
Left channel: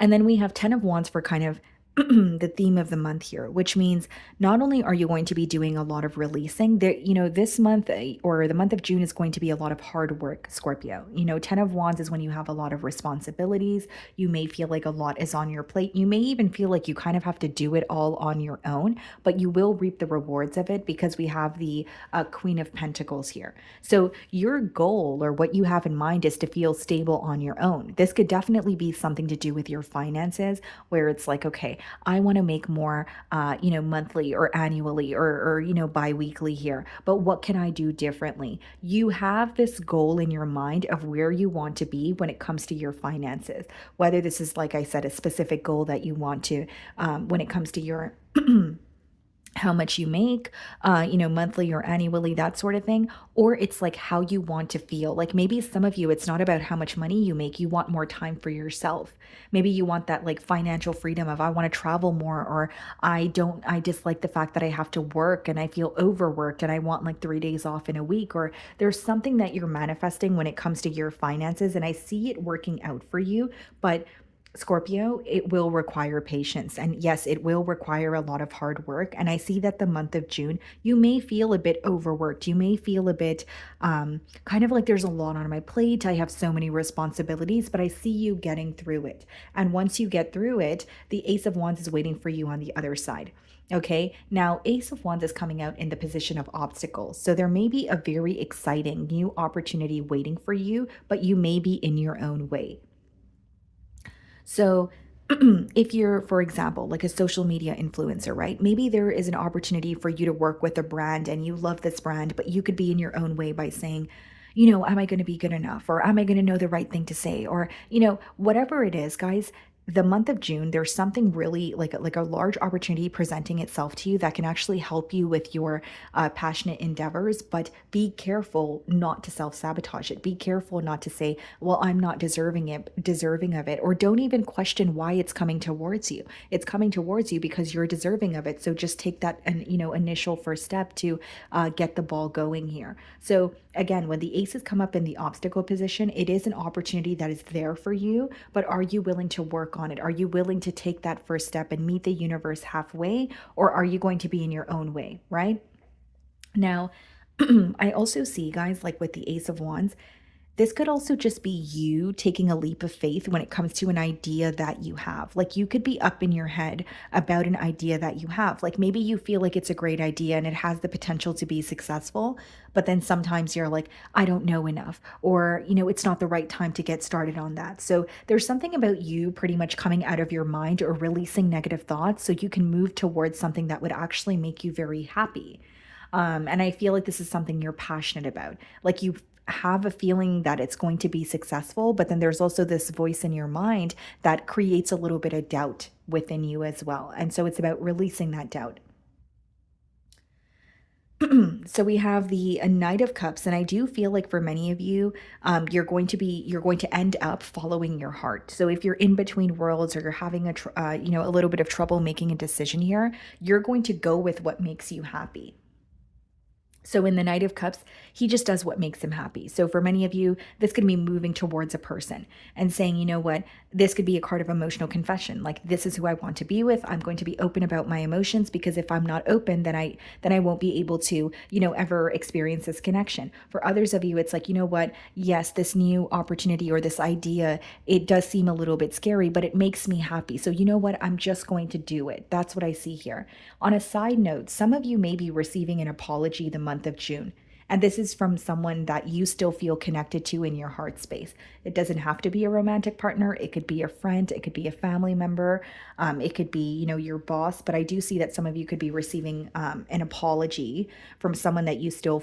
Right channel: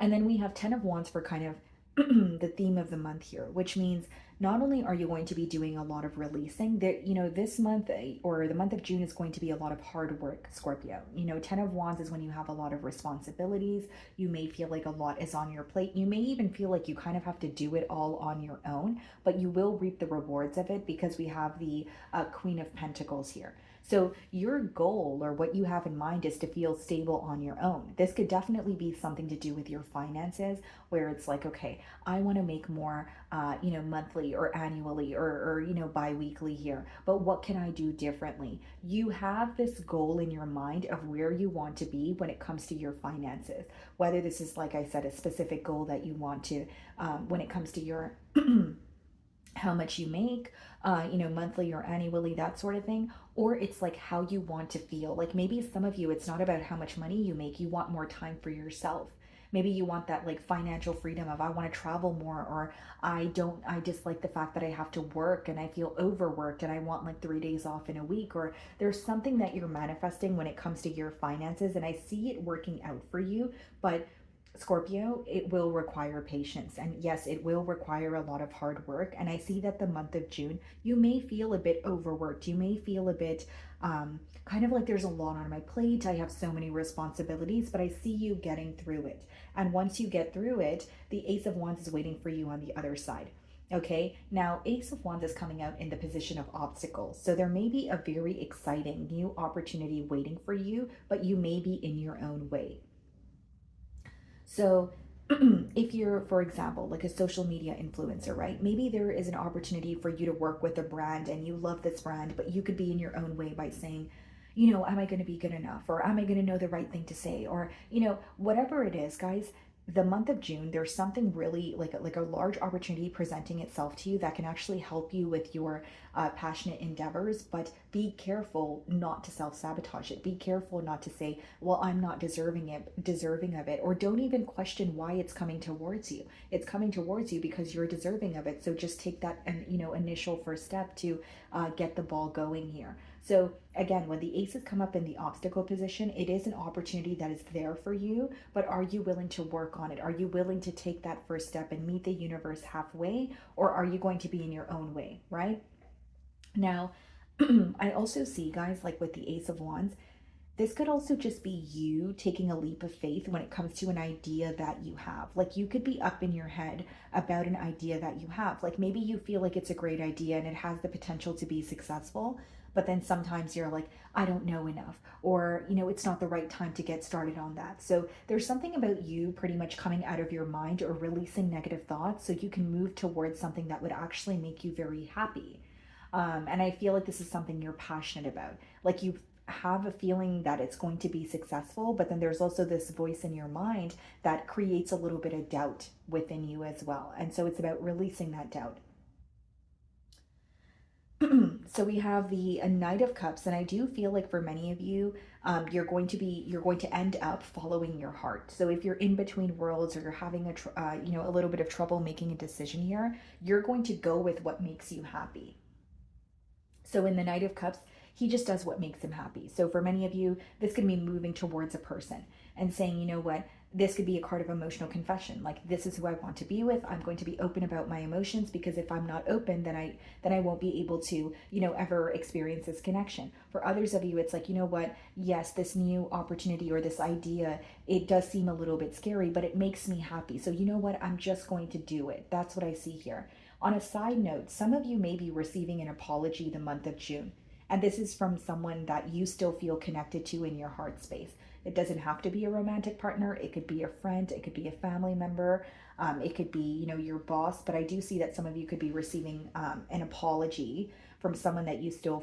And then we have 10 of Wands for kind of the theme of the month here, which means not only are you going to be doing a lot of releasing, that, you know, this month, or the month of June, is going to be a lot of hard work, Scorpio. You know, 10 of Wands is when you have a lot of responsibilities. You may feel like a lot is on your plate. You may even feel like you kind of have to do it all on your own, but you will reap the rewards of it, because we have the Queen of Pentacles here. So your goal, or what you have in mind, is to feel stable on your own. This could definitely be something to do with your finances, where it's like, okay, I want to make more, monthly or annually, or bi-weekly here, but what can I do differently? You have this goal in your mind of where you want to be when it comes to your finances, whether this is, like I said, a specific goal that you want to, when it comes to your how much you make, monthly or annually, that sort of thing. Or it's like how you want to feel. Like, maybe some of you, it's not about how much money you make. You want more time for yourself. Maybe you want that like financial freedom of, I want to travel more, or I dislike the fact that I have to work and I feel overworked and I want like 3 days off in a week. Or there's something that you're manifesting when it comes to your finances, and I see it working out for you. But Scorpio, it will require patience. And yes, it will require a lot of hard work. And I see that the month of June, you may feel a bit overworked. You may feel a bit kind of like, there's a lot on my plate. I have so many responsibilities, but I see you getting through it. And once you get through it, the Ace of Wands is waiting for you on the other side. Okay, now Ace of Wands is coming out in the position of obstacles. So there may be a very exciting new opportunity waiting for you, but you may be in your own way. So if you're, for example, like a social media influencer, right? Maybe there is an opportunity for you to work with a brand and you love this brand, but you could be in your own way by saying, am I going to be good enough? Or am I going to know the right thing to say? Or, whatever it is, guys, the month of June, there's something really like a large opportunity presenting itself to you that can actually help you with your passionate endeavors. But be careful not to self-sabotage it. Be careful not to say, well, I'm not deserving of it, or don't even question why it's coming towards you. It's coming towards you because you're deserving of it. So just take that initial first step to get the ball going here. So again, when the aces come up in the obstacle position, it is an opportunity that is there for you, but are you willing to work on it? Are you willing to take that first step and meet the universe halfway, or are you going to be in your own way, right? Now, I also see, guys, like with the Ace of Wands, this could also just be you taking a leap of faith when it comes to an idea that you have. Like you could be up in your head about an idea that you have. Like maybe you feel like it's a great idea and it has the potential to be successful, but then sometimes you're like, I don't know enough, or, it's not the right time to get started on that. So there's something about you pretty much coming out of your mind or releasing negative thoughts so you can move towards something that would actually make you very happy. And I feel like this is something you're passionate about. Like you have a feeling that it's going to be successful, but then there's also this voice in your mind that creates a little bit of doubt within you as well. And so it's about releasing that doubt. So we have the Knight of Cups, and I do feel like for many of you, you're going to end up following your heart. So if you're in between worlds or you're having a little bit of trouble making a decision here, you're going to go with what makes you happy. So in the Knight of Cups, he just does what makes him happy. So for many of you, this could be moving towards a person and saying, you know what, this could be a card of emotional confession. Like, this is who I want to be with. I'm going to be open about my emotions, because if I'm not open, then I won't be able to, ever experience this connection. For others of you, it's like, you know what, yes, this new opportunity or this idea, it does seem a little bit scary, but it makes me happy. So you know what, I'm just going to do it. That's what I see here. On a side note, some of you may be receiving an apology the month of June. And this is from someone that you still feel connected to in your heart space. It doesn't have to be a romantic partner. It could be a friend. It could be a family member. It could be, your boss. But I do see that some of you could be receiving an apology from someone that you still,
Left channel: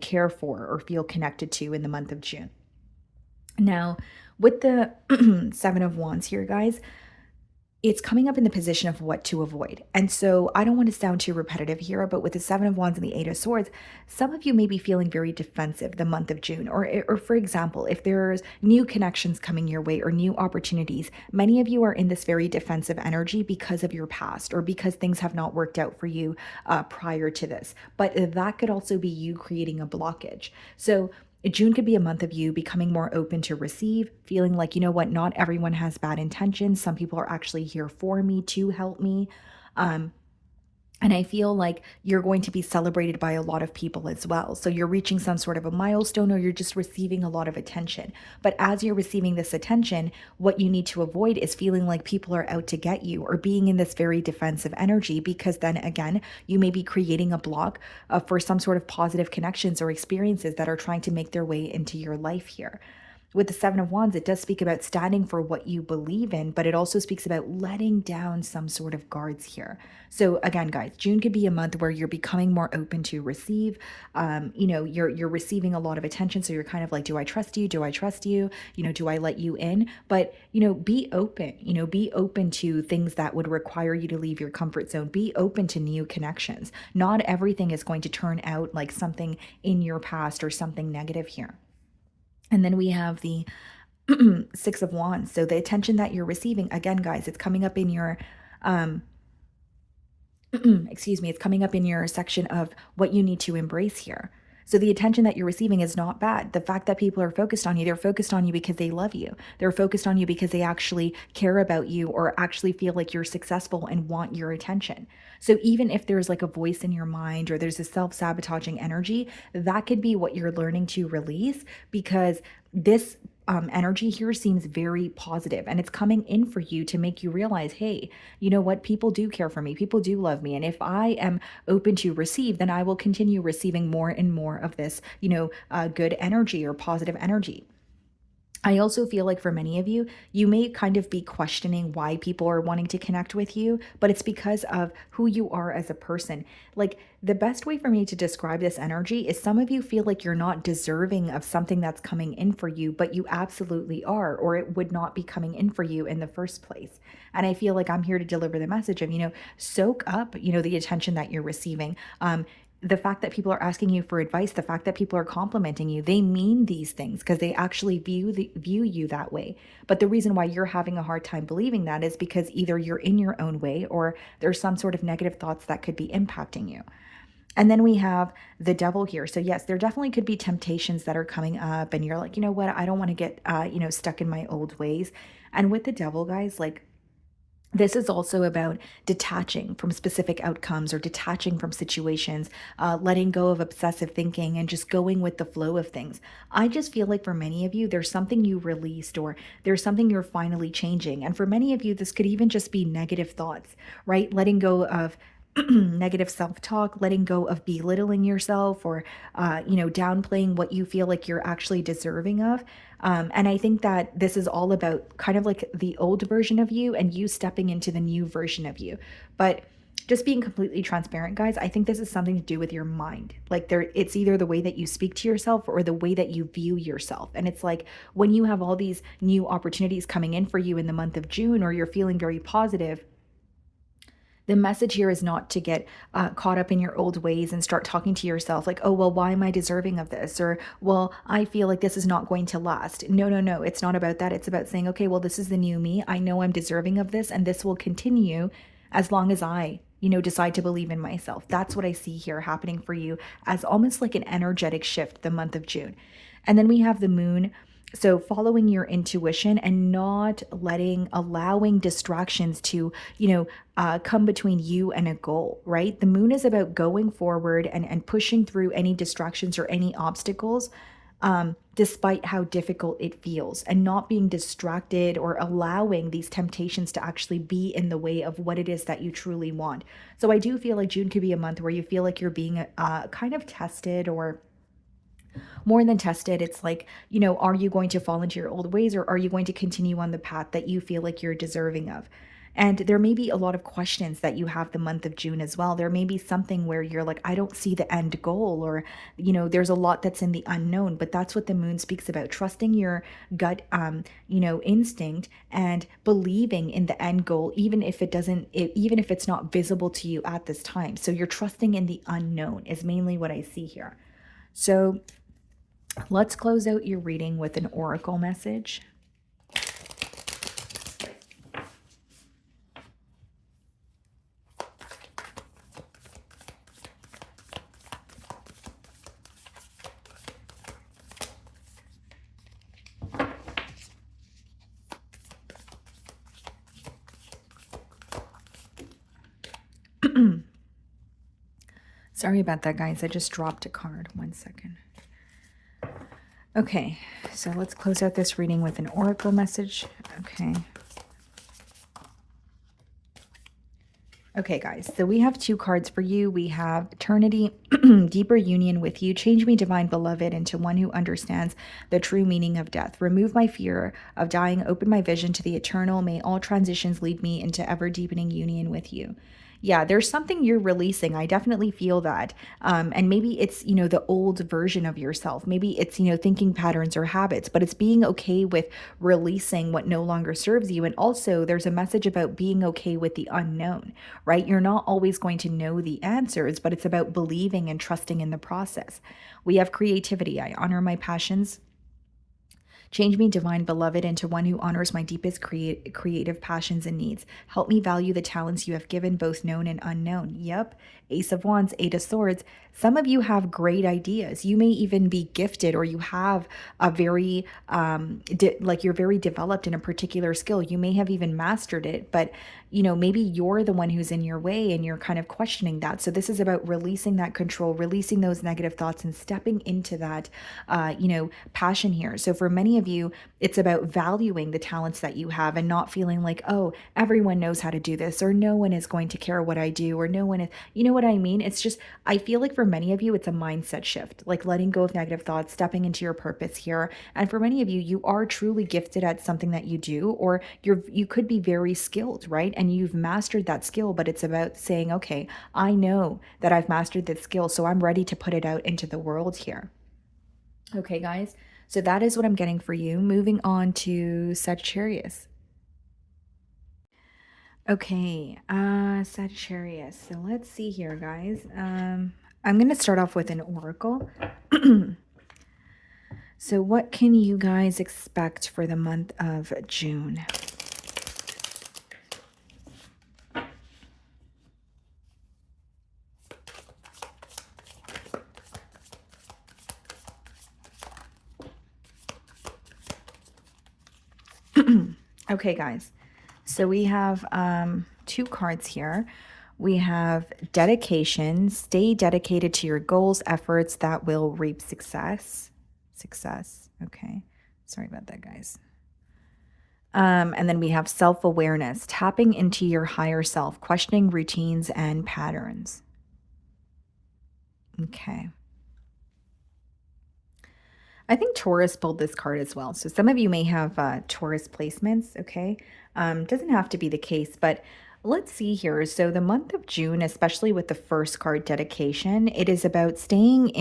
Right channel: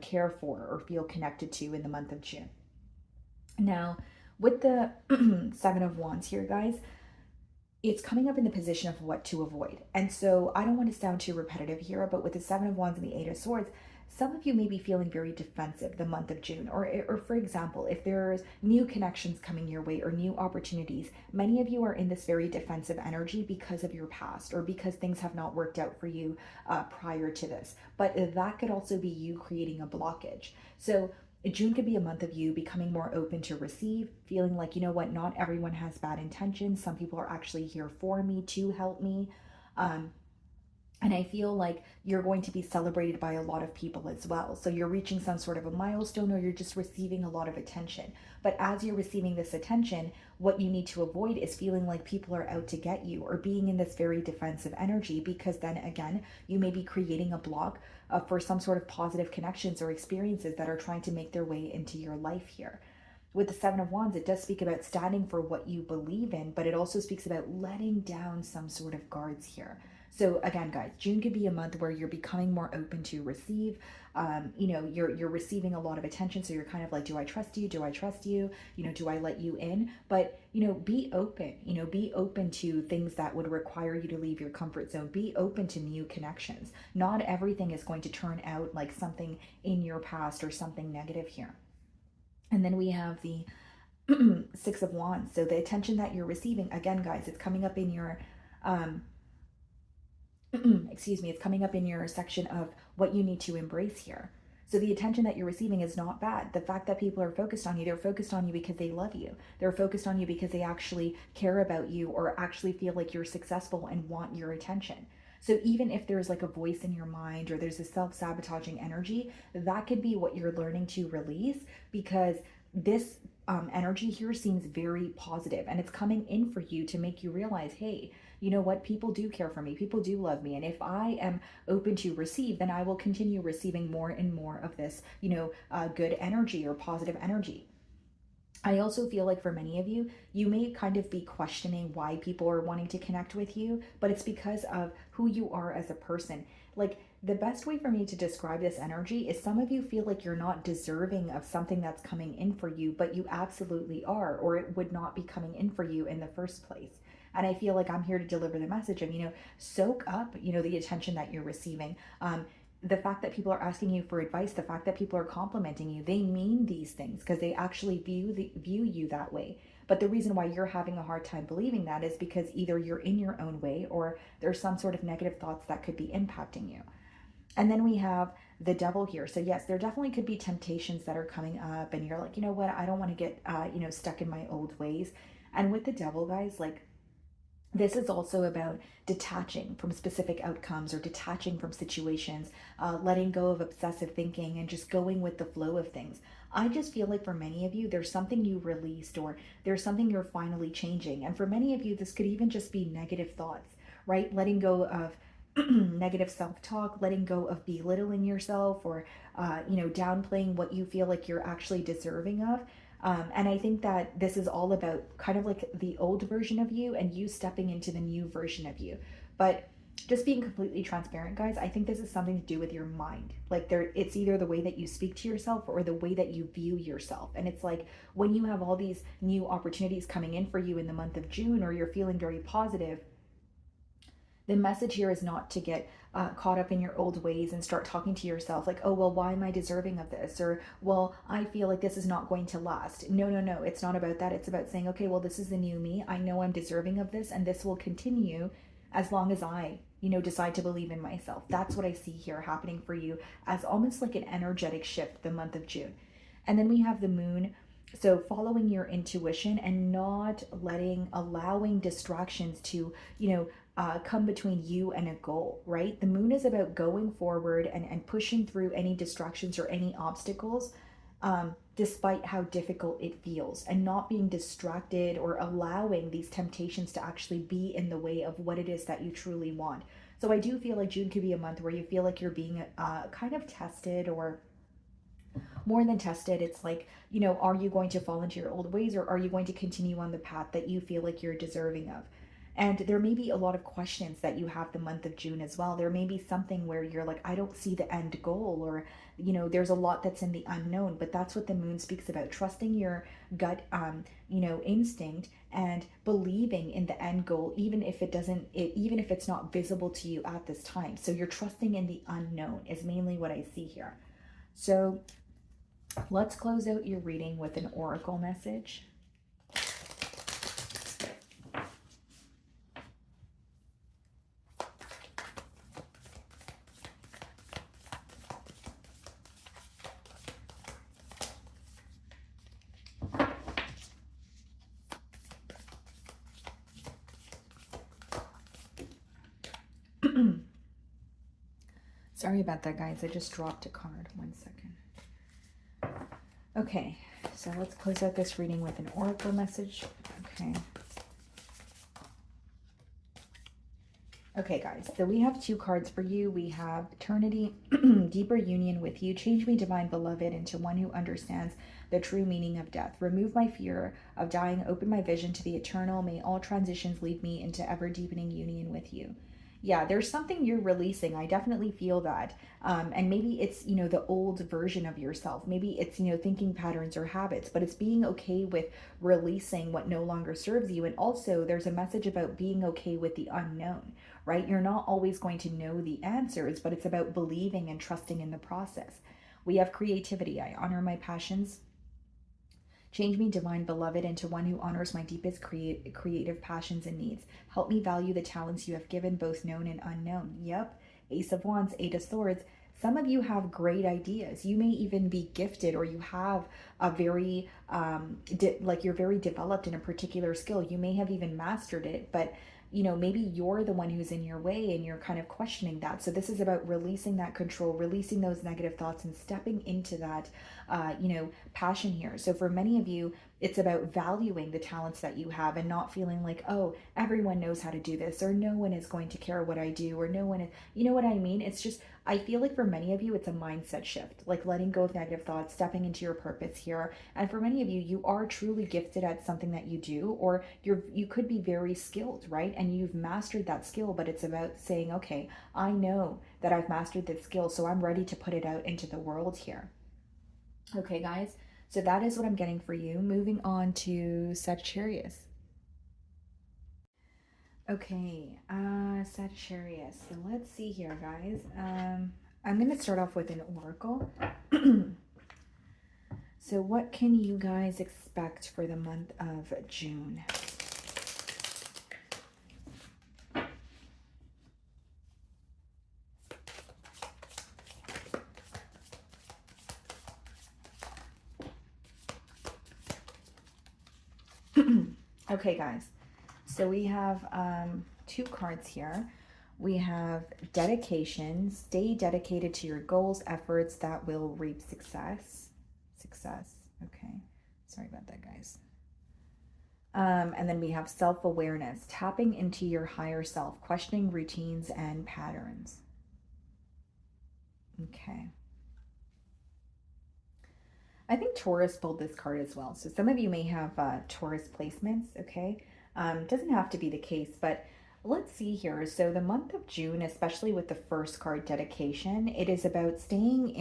care for or feel connected to in the month of June. Now, with the Seven of Wands here, guys, it's coming up in the position of what to avoid. And so I don't want to sound too repetitive here, but with the Seven of Wands and the Eight of Swords, some of you may be feeling very defensive the month of June. Or for example, if there's new connections coming your way or new opportunities, many of you are in this very defensive energy because of your past or because things have not worked out for you prior to this. But that could also be you creating a blockage. So June could be a month of you becoming more open to receive, feeling like, you know what, not everyone has bad intentions. Some people are actually here for me, to help me. And I feel like you're going to be celebrated by a lot of people as well. So you're reaching some sort of a milestone, or you're just receiving a lot of attention. But as you're receiving this attention, what you need to avoid is feeling like people are out to get you or being in this very defensive energy, because then again, you may be creating a block for some sort of positive connections or experiences that are trying to make their way into your life here. With the Seven of Wands, it does speak about standing for what you believe in, but it also speaks about letting down some sort of guards here. So again, guys, June could be a month where you're becoming more open to receive. You're receiving a lot of attention. So you're kind of like, do I trust you? Do I trust you? Do I let you in? But, be open, be open to things that would require you to leave your comfort zone. Be open to new connections. Not everything is going to turn out like something in your past or something negative here. And then we have the Six of Wands. So the attention that you're receiving, again, guys, it's coming up in your, it's coming up in your section of what you need to embrace here. So the attention that you're receiving is not bad. The fact that people are focused on you, they're focused on you because they love you. They're focused on you because they actually care about you or actually feel like you're successful and want your attention. So even if there's like a voice in your mind or there's a self-sabotaging energy, that could be what you're learning to release, because this energy here seems very positive, and it's coming in for you to make you realize, hey, you know what? People do care for me. People do love me. And if I am open to receive, then I will continue receiving more and more of this, good energy or positive energy. I also feel like for many of you, you may kind of be questioning why people are wanting to connect with you, but it's because of who you are as a person. Like, the best way for me to describe this energy is some of you feel like you're not deserving of something that's coming in for you, but you absolutely are, or it would not be coming in for you in the first place. And I feel like I'm here to deliver the message of, soak up, the attention that you're receiving. The fact that people are asking you for advice, the fact that people are complimenting you, they mean these things because they actually view you that way. But the reason why you're having a hard time believing that is because either you're in your own way or there's some sort of negative thoughts that could be impacting you. And then we have the Devil here. So yes, there definitely could be temptations that are coming up and you're like, you know what, I don't want to get, stuck in my old ways. And with the Devil, guys, like, this is also about detaching from specific outcomes or detaching from situations, letting go of obsessive thinking and just going with the flow of things. I just feel like for many of you, there's something you released or there's something you're finally changing. And for many of you, this could even just be negative thoughts, right? Letting go of negative self-talk, letting go of belittling yourself or, downplaying what you feel like you're actually deserving of. And I think that this is all about kind of like the old version of you and you stepping into the new version of you. But just being completely transparent, guys, I think this is something to do with your mind. Like it's either the way that you speak to yourself or the way that you view yourself. And it's like when you have all these new opportunities coming in for you in the month of June, or you're feeling very positive, the message here is not to get caught up in your old ways and start talking to yourself like, oh, well, why am I deserving of this? Or, well, I feel like this is not going to last. No, no, no. It's not about that. It's about saying, okay, well, this is the new me. I know I'm deserving of this, and this will continue as long as I, decide to believe in myself. That's what I see here happening for you as almost like an energetic shift the month of June. And then we have the moon. So following your intuition and not allowing distractions to, come between you and a goal, right? The moon is about going forward and pushing through any distractions or any obstacles, despite how difficult it feels, and not being distracted or allowing these temptations to actually be in the way of what it is that you truly want. So I do feel like June could be a month where you feel like you're being kind of tested, or more than tested. It's like, are you going to fall into your old ways, or are you going to continue on the path that you feel like you're deserving of? And there may be a lot of questions that you have the month of June as well. There may be something where you're like, I don't see the end goal, or, there's a lot that's in the unknown. But that's what the moon speaks about, trusting your gut, instinct, and believing in the end goal, even if even if it's not visible to you at this time. So you're trusting in the unknown is mainly what I see here. So let's close out your reading with an oracle message. Sorry about that, guys. I just dropped a card. 1 second. Okay, so let's close out this reading with an oracle message. Okay, guys, so we have 2 cards for you. We have Eternity, Deeper Union with You. Change me, Divine Beloved, into one who understands the true meaning of death. Remove my fear of dying. Open my vision to the eternal. May all transitions lead me into ever-deepening union with You. Yeah, there's something you're releasing. I definitely feel that. And maybe it's, the old version of yourself. Maybe it's, thinking patterns or habits, but it's being okay with releasing what no longer serves you. And also there's a message about being okay with the unknown, right? You're not always going to know the answers, but it's about believing and trusting in the process. We have creativity. I honor my passions. Change me, Divine Beloved, into one who honors my deepest creative passions and needs. Help me value the talents you have given, both known and unknown. Yep. Ace of Wands, 8 of Swords. Some of you have great ideas. You may even be gifted, or you have a very, you're very developed in a particular skill. You may have even mastered it, but maybe you're the one who's in your way and you're kind of questioning that. So this is about releasing that control, releasing those negative thoughts, and stepping into that, passion here. So for many of you, it's about valuing the talents that you have and not feeling like, oh, everyone knows how to do this, or no one is going to care what I do, or no one is, you know what I mean? It's just, I feel like for many of you, it's a mindset shift, like letting go of negative thoughts, stepping into your purpose here. And for many of you, you are truly gifted at something that you do, or you could be very skilled, right? And you've mastered that skill, but it's about saying, okay, I know that I've mastered this skill, so I'm ready to put it out into the world here. Okay, guys, so that is what I'm getting for you. Moving on to Sagittarius. Okay, Sagittarius. So let's see here, guys. I'm going to start off with an oracle. So what can you guys expect for the month of June? Okay, guys. So we have two cards here. We have dedication. Stay dedicated to your goals, efforts that will reap success. Success. Okay. Sorry about that, guys. And then we have self-awareness, tapping into your higher self, questioning routines and patterns. Okay. I think Taurus pulled this card as well. So some of you may have Taurus placements, okay? Doesn't have to be the case, but let's see here. So the month of June, especially with the first card, dedication, it is about staying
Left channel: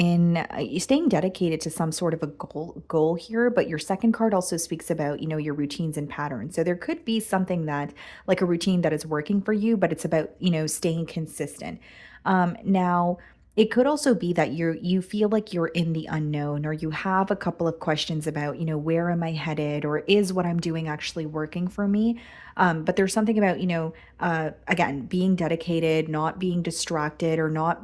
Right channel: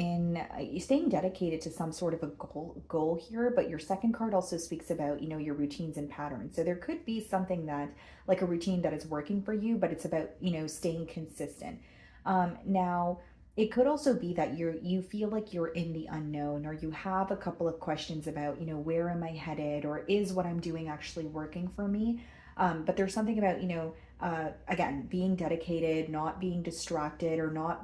dedicated to some sort of a goal here. But your second card also speaks about, your routines and patterns. So there could be something that, like a routine that is working for you, but it's about, staying consistent. Now, it could also be that you feel like you're in the unknown, or you have a couple of questions about, where am I headed, or is what I'm doing actually working for me? But there's something about, again, being dedicated, not being distracted, or not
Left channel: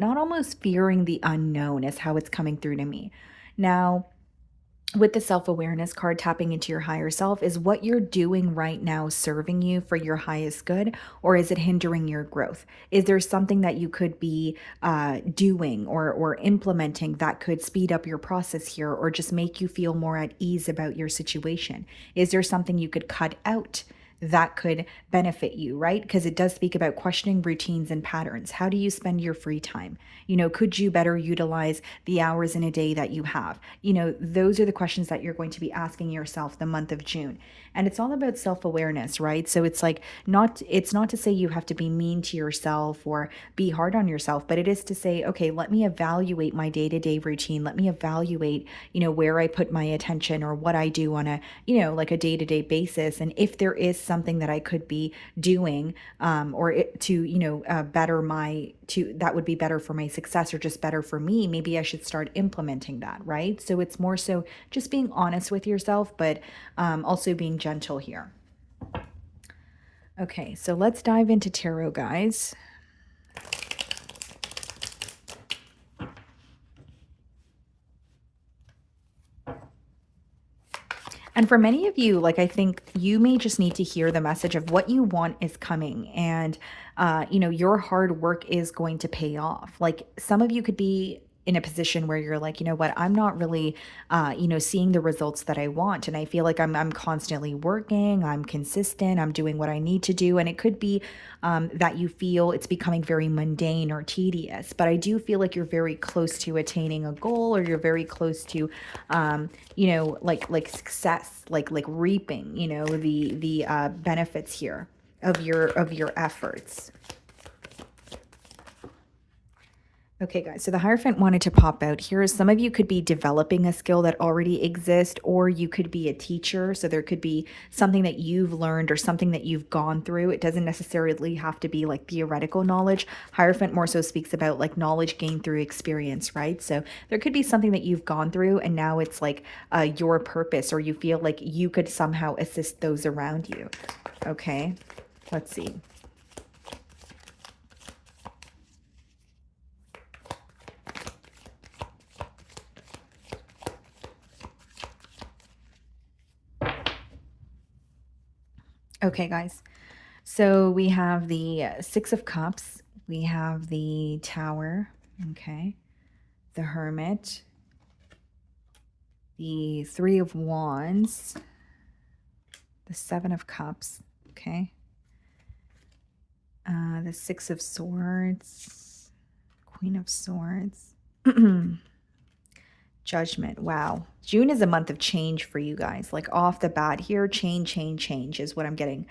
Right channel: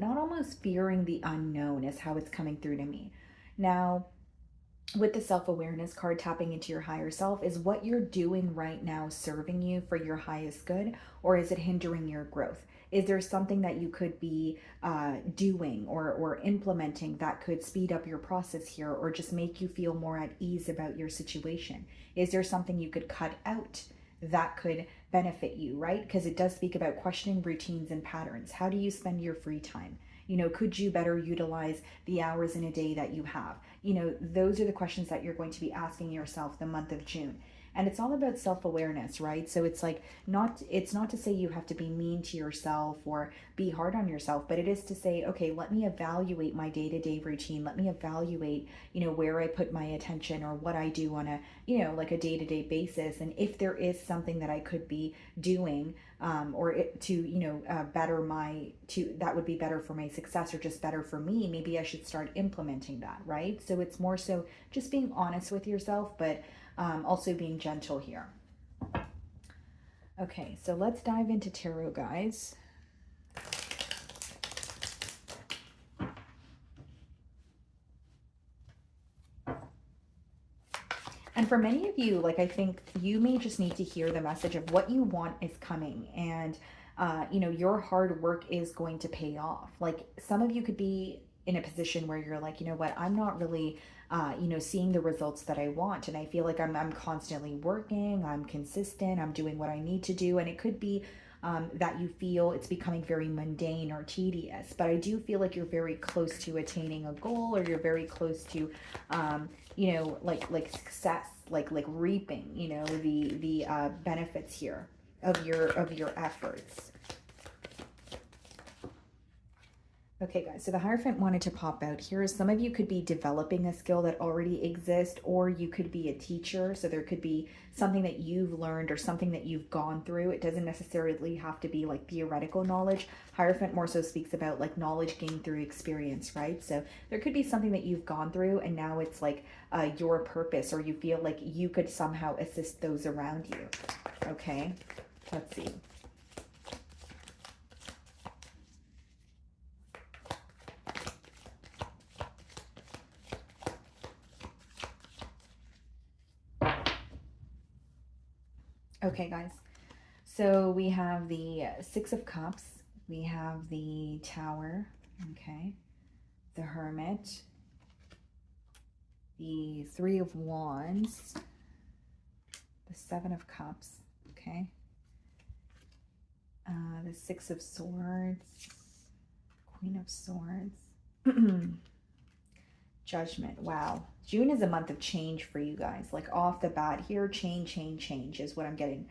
almost fearing the unknown is how it's coming through to me. Now, with the self-awareness card, tapping into your higher self, is what you're doing right now serving you for your highest good, or is it hindering your growth? Is there something that you could be doing or implementing that could speed up your process here, or just make you feel more at ease about your situation? Is there something you could cut out that could benefit you, right? Because it does speak about questioning routines and patterns. How do you spend your free time? Could you better utilize the hours in a day that you have? Those are the questions that you're going to be asking yourself the month of June. And it's all about self-awareness, right? So it's like it's not to say you have to be mean to yourself or be hard on yourself, but it is to say, okay, let me evaluate my day-to-day routine. Let me evaluate, where I put my attention or what I do on a, like a day-to-day basis. And if there is something that I could be doing, better that would be better for my success, or just better for me, maybe I should start implementing that, right? So it's more so just being honest with yourself, but also being gentle here. Okay, so let's dive into tarot, guys. And for many of you, like, I think you may just need to hear the message of what you want is coming, and your hard work is going to pay off. Like, some of you could be in a position where you're like, you know what, I'm not really seeing the results that I want, and I feel like I'm constantly working, I'm consistent, I'm doing what I need to do, and it could be that you feel it's becoming very mundane or tedious. But I do feel like you're very close to attaining a goal, or you're very close to like success, like reaping, the benefits here of your efforts. Okay, guys, so the Hierophant wanted to pop out here. Some of you could be developing a skill that already exists, or you could be a teacher. So there could be something that you've learned or something that you've gone through. It doesn't necessarily have to be like theoretical knowledge. Hierophant more so speaks about like knowledge gained through experience, right? So there could be something that you've gone through, and now it's like your purpose, or you feel like you could somehow assist those around you. Okay, let's see. Okay, guys, so we have the Six of Cups, we have the Tower, okay, the Hermit, the Three of Wands, the Seven of Cups, okay, the Six of Swords, Queen of Swords, Judgment. Wow. June is a month of change for you guys. Like, off the bat here, change is what I'm getting.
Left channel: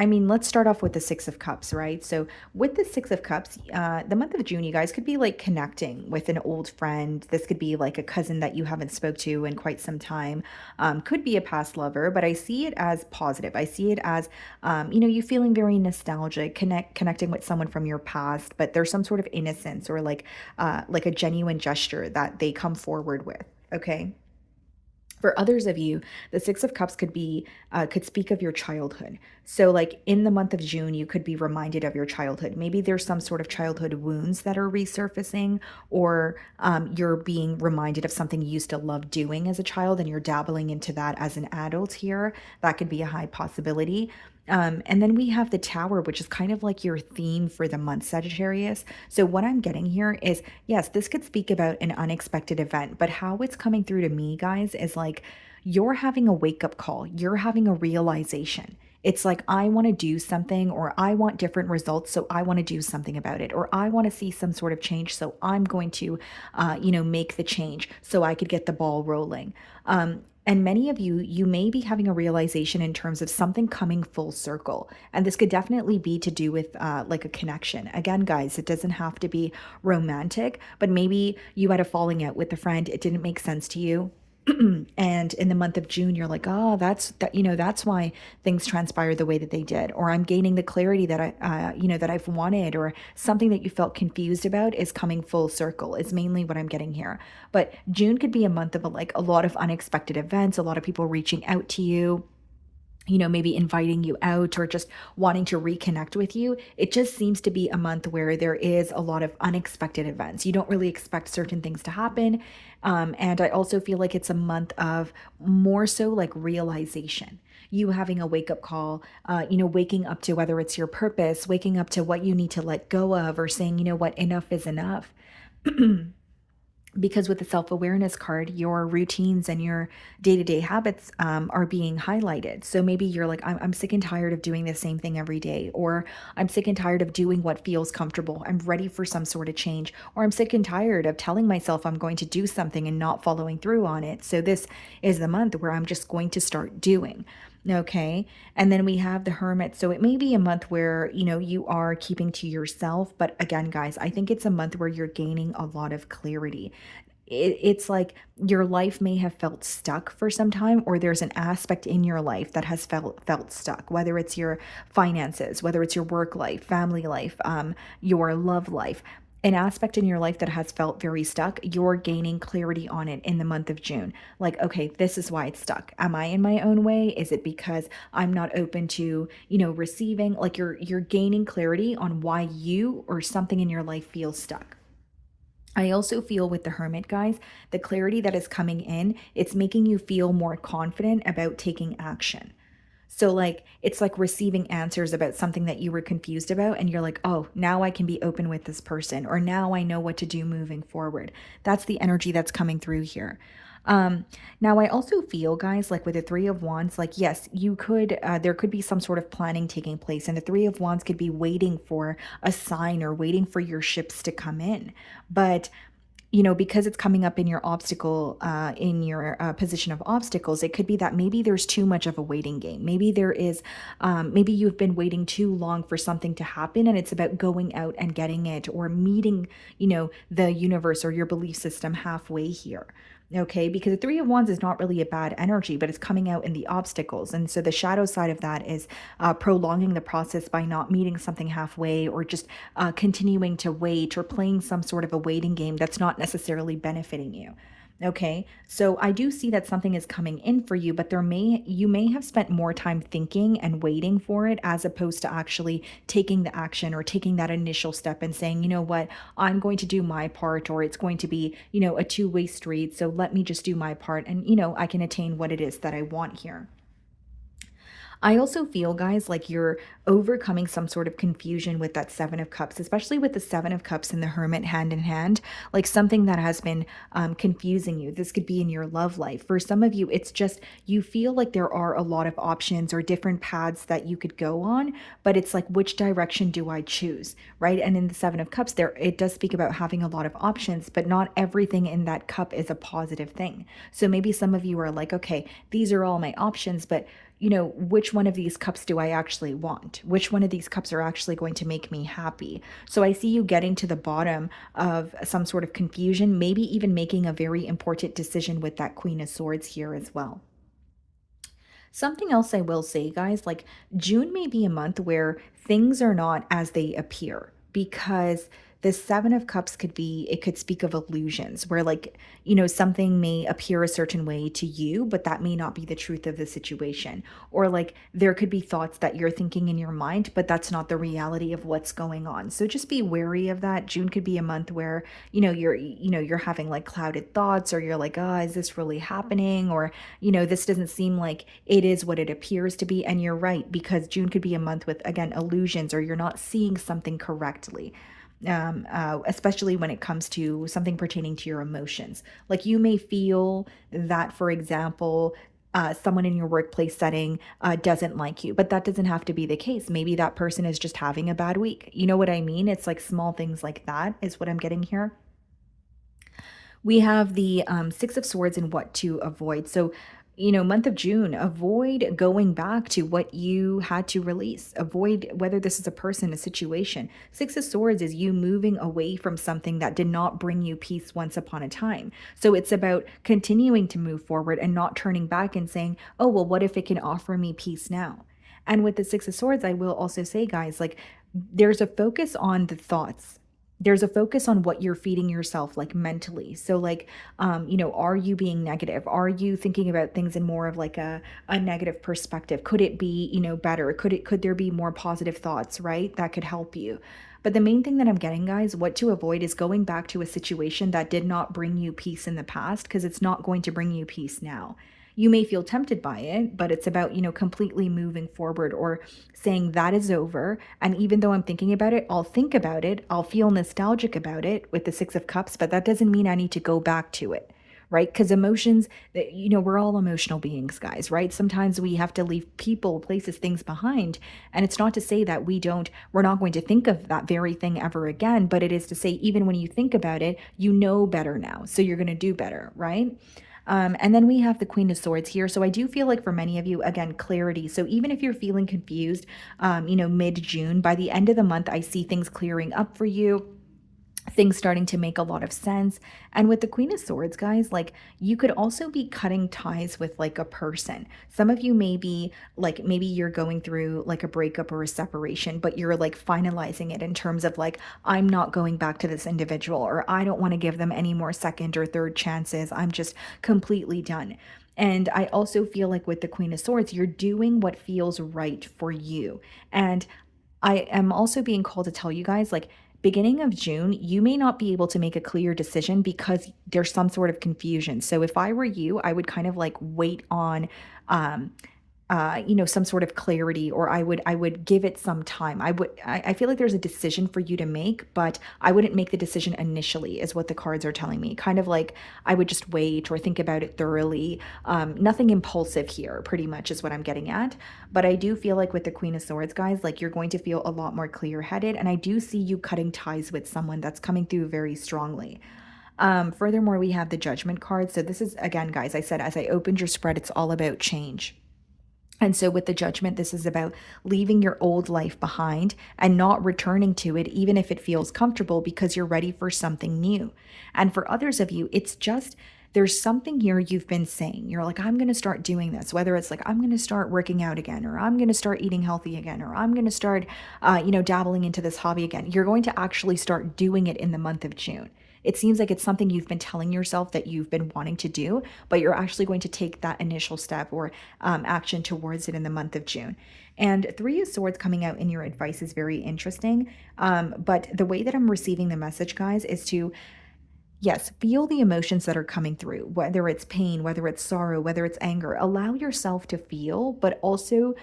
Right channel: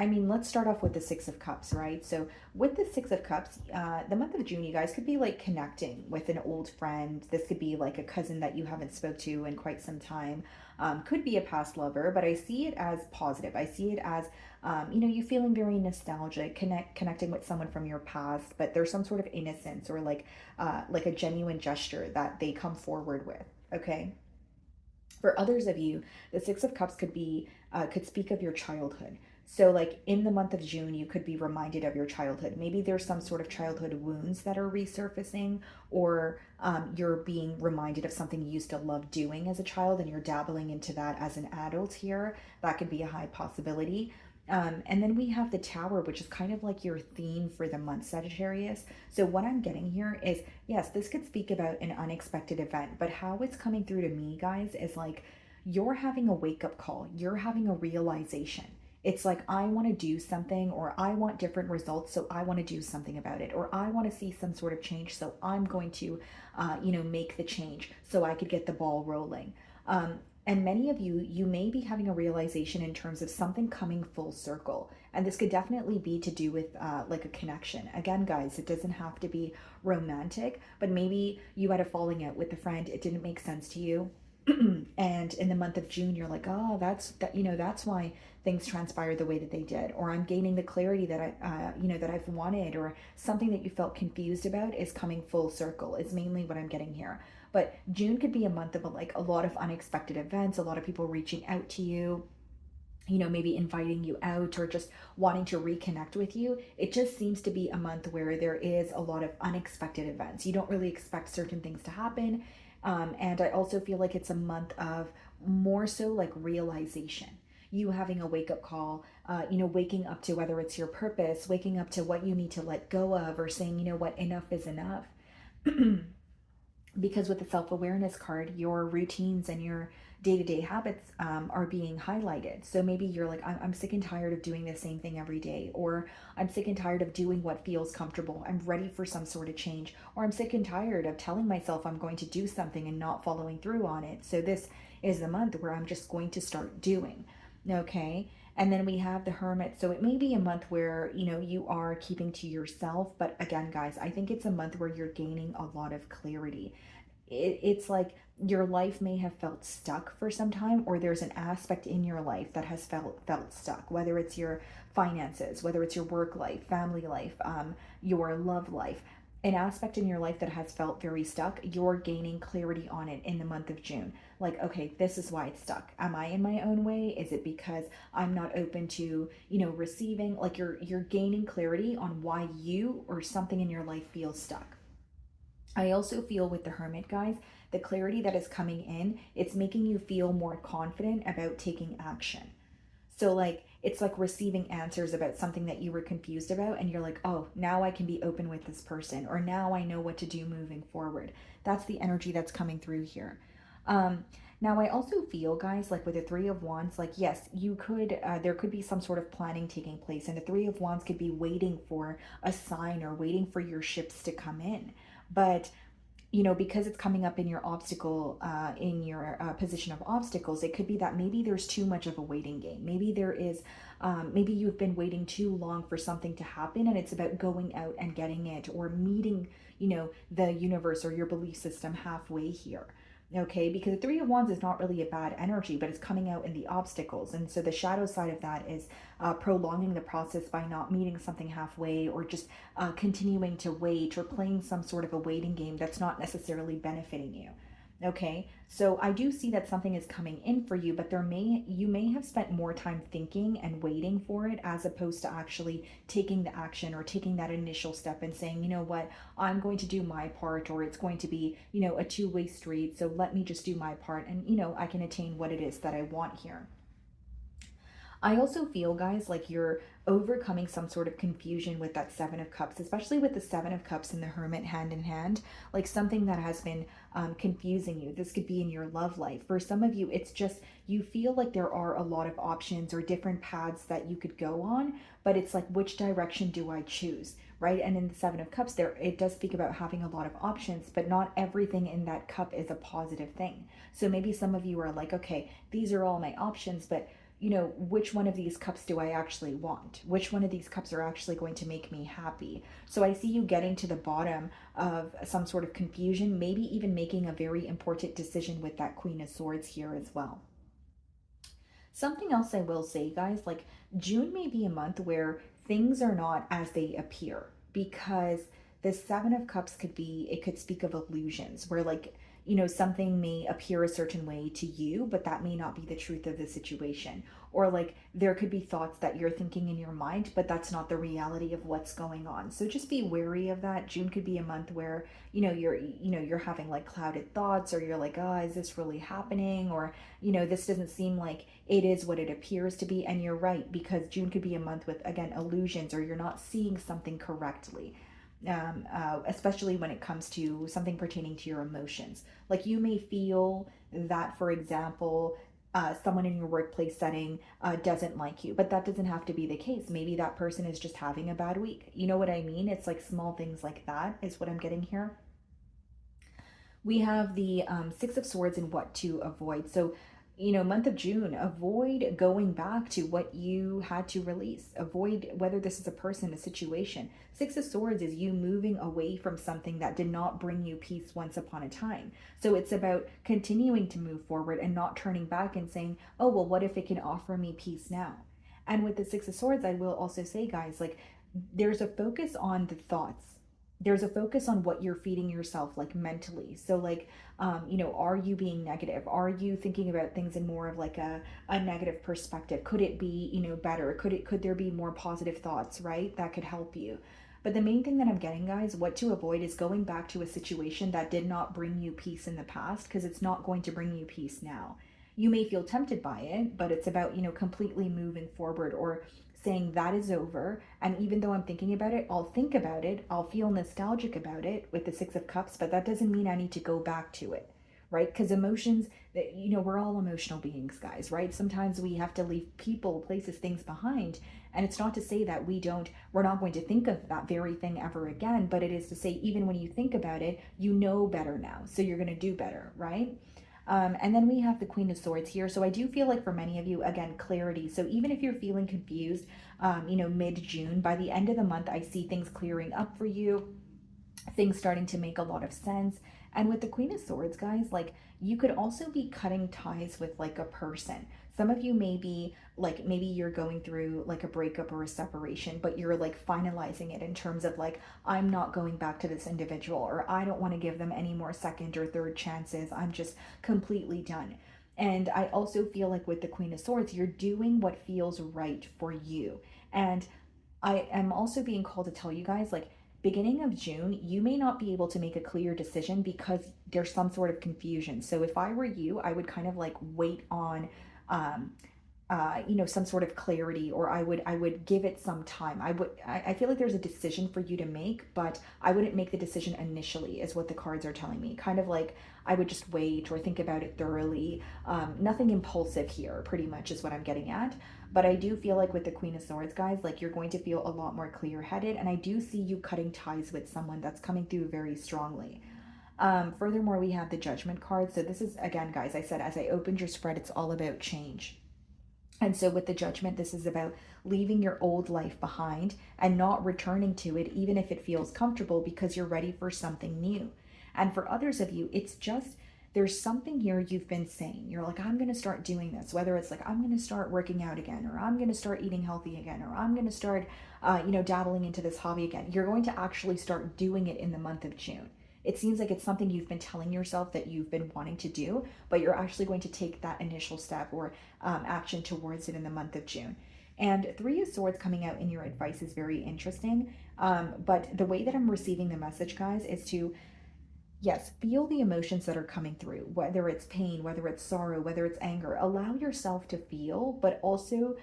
I mean, let's start off with the Six of Cups, right? So with the Six of Cups, the month of June, you guys could be like connecting with an old friend. This could be like a cousin that you haven't spoke to in quite some time. Could be a past lover, but I see it as positive. I see it as, you feeling very nostalgic, connecting with someone from your past, but there's some sort of innocence, or like a genuine gesture that they come forward with, okay? For others of you, the Six of Cups could be could speak of your childhood. So like in the month of June, you could be reminded of your childhood. Maybe there's some sort of childhood wounds that are resurfacing, or you're being reminded of something you used to love doing as a child and you're dabbling into that as an adult here. That could be a high possibility. And then we have the Tower, which is kind of like your theme for the month, Sagittarius. So what I'm getting here is, yes, this could speak about an unexpected event, but how it's coming through to me, guys, is like you're having a wake-up call. You're having a realization. It's like, I want to do something, or I want different results, so I want to do something about it, or I want to see some sort of change, so I'm going to, make the change so I could get the ball rolling. And many of you, you may be having a realization in terms of something coming full circle. And this could definitely be to do with like a connection. Again, guys, it doesn't have to be romantic, but maybe you had a falling out with a friend. It didn't make sense to you. And in the month of June, you're like, oh, that's why things transpired the way that they did, or I'm gaining the clarity that that I've wanted, or something that you felt confused about is coming full circle is mainly what I'm getting here. But June could be a month of like a lot of unexpected events, a lot of people reaching out to you, maybe inviting you out or just wanting to reconnect with you. It just seems to be a month where there is a lot of unexpected events. You don't really expect certain things to happen. And I also feel like it's a month of more so like realization. You having a wake up call, waking up to whether it's your purpose, waking up to what you need to let go of, or saying, you know what, enough is enough. Because with the self-awareness card, your routines and your day-to-day habits are being highlighted. So maybe you're like, I'm sick and tired of doing the same thing every day, or I'm sick and tired of doing what feels comfortable. I'm ready for some sort of change, or I'm sick and tired of telling myself I'm going to do something and not following through on it. So this is the month where I'm just going to start doing. Okay. And then we have the Hermit. So it may be a month where, you are keeping to yourself. But again, guys, I think it's a month where you're gaining a lot of clarity. It's like your life may have felt stuck for some time, or there's an aspect in your life that has felt stuck, whether it's your finances, whether it's your work life, family life, your love life. An aspect in your life that has felt very stuck, you're gaining clarity on it in the month of June. Like, okay, this is why it's stuck. Am I in my own way? Is it because I'm not open to, receiving? Like you're gaining clarity on why you or something in your life feels stuck. I also feel with the Hermit, guys, the clarity that is coming in, it's making you feel more confident about taking action. So like, it's like receiving answers about something that you were confused about, and you're like, oh, now I can be open with this person, or now I know what to do moving forward. That's the energy that's coming through here. Now I also feel, guys, like with the Three of Wands, like, yes, you could, there could be some sort of planning taking place, and the Three of Wands could be waiting for a sign or waiting for your ships to come in. But because it's coming up in your obstacle, in your position of obstacles, it could be that maybe there's too much of a waiting game. Maybe there is, maybe you've been waiting too long for something to happen, and it's about going out and getting it, or meeting, the universe or your belief system halfway here. Okay, because the Three of Wands is not really a bad energy, but it's coming out in the obstacles. And so the shadow side of that is prolonging the process by not meeting something halfway, or just continuing to wait, or playing some sort of a waiting game that's not necessarily benefiting you. Okay, so I do see that something is coming in for you, but you may have spent more time thinking and waiting for it, as opposed to actually taking the action, or taking that initial step and saying, you know what, I'm going to do my part, or it's going to be, a two-way street. So let me just do my part, and, I can attain what it is that I want here. I also feel, guys, like you're overcoming some sort of confusion with that Seven of Cups, especially with the Seven of Cups and the Hermit hand in hand, like something that has been confusing you. This could be in your love life. For some of you, it's just you feel like there are a lot of options or different paths that you could go on, but it's like, which direction do I choose, right? And in the Seven of Cups, there it does speak about having a lot of options, but not everything in that cup is a positive thing. So maybe some of you are like, okay, these are all my options, but which one of these cups do I actually want? Which one of these cups are actually going to make me happy? So I see you getting to the bottom of some sort of confusion, maybe even making a very important decision with that Queen of Swords here as well. Something else I will say, guys, like June may be a month where things are not as they appear, because the Seven of Cups could be, it could speak of illusions where, like, you know, something may appear a certain way to you, but that may not be the truth of the situation. Or like there could be thoughts that you're thinking in your mind, but that's not the reality of what's going on. So just be wary of that. June could be a month where, you're having like clouded thoughts, or you're like, oh, is this really happening? Or, this doesn't seem like it is what it appears to be. And you're right, because June could be a month with, again, illusions, or you're not seeing something correctly. Especially when it comes to something pertaining to your emotions. Like you may feel that, for example, someone in your workplace setting doesn't like you, but that doesn't have to be the case. Maybe that person is just having a bad week. You know what I mean? It's like small things like that is what I'm getting here. We have the Six of Swords and what to avoid. So, month of June, avoid going back to what you had to release. Avoid, whether this is a person, a situation. Six of Swords is you moving away from something that did not bring you peace once upon a time. So it's about continuing to move forward and not turning back and saying, oh, well, what if it can offer me peace now? And with the Six of Swords, I will also say, guys, like there's a focus on the thoughts. There's a focus on what you're feeding yourself, like mentally. So like, are you being negative? Are you thinking about things in more of like a negative perspective? Could it be, better? Could there be more positive thoughts, right? That could help you. But the main thing that I'm getting, guys, what to avoid is going back to a situation that did not bring you peace in the past, because it's not going to bring you peace now. You may feel tempted by it, but it's about, completely moving forward, or saying that is over. And even though I'm thinking about it, I'll think about it. I'll feel nostalgic about it with the Six of Cups, but that doesn't mean I need to go back to it, right? Because emotions, we're all emotional beings, guys, right? Sometimes we have to leave people, places, things behind. And it's not to say that we're not going to think of that very thing ever again, but it is to say, even when you think about it, you know better now. So you're going to do better, right? And then we have the Queen of Swords here. So I do feel like for many of you, again, clarity. So even if you're feeling confused, mid-June, by the end of the month, I see things clearing up for you, things starting to make a lot of sense. And with the Queen of Swords, guys, like you could also be cutting ties with like a person. Some of you may be like, maybe you're going through like a breakup or a separation, but you're like finalizing it in terms of like, I'm not going back to this individual, or I don't want to give them any more second or third chances. I'm just completely done. And I also feel like with the Queen of Swords, you're doing what feels right for you. And I am also being called to tell you guys, like, beginning of June, you may not be able to make a clear decision because there's some sort of confusion. So if I were you, I would kind of like wait on some sort of clarity, or I would give it some time. I feel like there's a decision for you to make, but I wouldn't make the decision initially, is what the cards are telling me. Kind of like I would just wait or think about it thoroughly. Nothing impulsive here, pretty much is what I'm getting at. But I do feel like with the Queen of Swords, guys, like you're going to feel a lot more clear-headed, and I do see you cutting ties with someone that's coming through very strongly. Furthermore, we have the Judgment card. So this is, again, guys, I said as I opened your spread, it's all about change. And so with the Judgment, this is about leaving your old life behind and not returning to it, even if it feels comfortable, because you're ready for something new. And for others of you, it's just, there's something here you've been saying. You're like, I'm going to start doing this, whether it's like, I'm going to start working out again, or I'm going to start eating healthy again, or I'm going to start, dabbling into this hobby again. You're going to actually start doing it in the month of June. It seems like it's something you've been telling yourself that you've been wanting to do, but you're actually going to take that initial step or action towards it in the month of June. And Three of Swords coming out in your advice is very interesting. But the way that I'm receiving the message, guys, is to, yes, feel the emotions that are coming through, whether it's pain, whether it's sorrow, whether it's anger. Allow yourself to feel, but also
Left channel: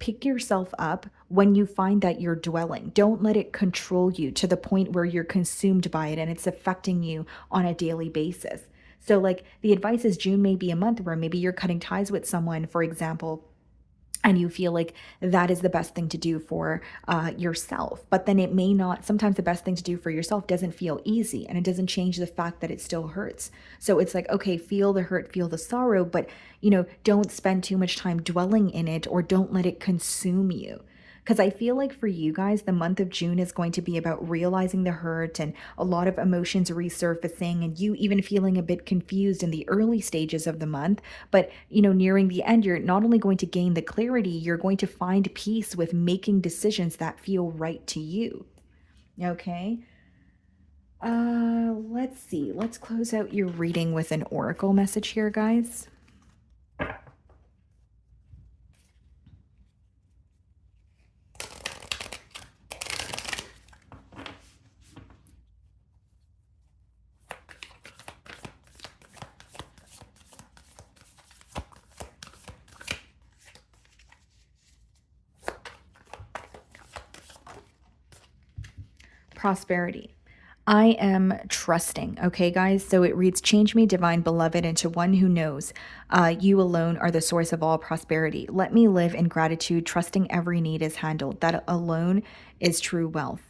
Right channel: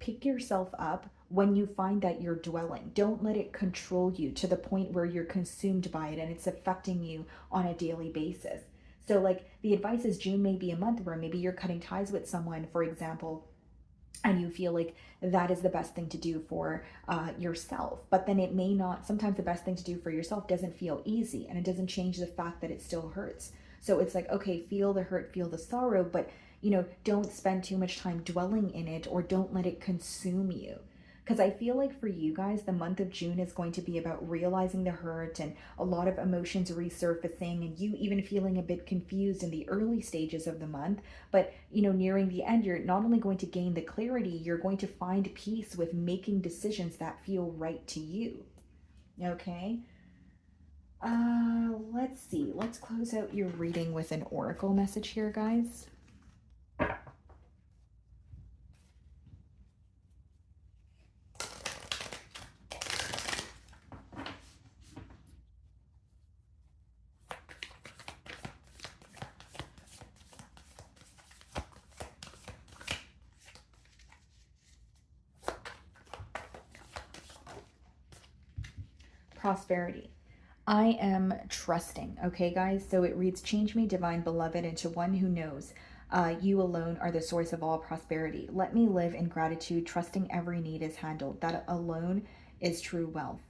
pick yourself up when you find that you're dwelling. Don't let it control you to the point where you're consumed by it and it's affecting you on a daily basis. So like the advice is, June may be a month where maybe you're cutting ties with someone, for example, and you feel like that is the best thing to do for yourself. But then it may not, sometimes the best thing to do for yourself doesn't feel easy, and it doesn't change the fact that it still hurts. So it's like, okay, feel the hurt, feel the sorrow, but don't spend too much time dwelling in it, or don't let it consume you. Because I feel like for you guys, the month of June is going to be about realizing the hurt and a lot of emotions resurfacing, and you even feeling a bit confused in the early stages of the month. But, nearing the end, you're not only going to gain the clarity, you're going to find peace with making decisions that feel right to you. Okay? Let's see. Let's close out your reading with an oracle message here, guys. Prosperity. I am trusting. Okay, guys. So it reads, change me, divine beloved, into one who knows you alone are the source of all prosperity. Let me live in gratitude, trusting every need is handled. That alone is true wealth.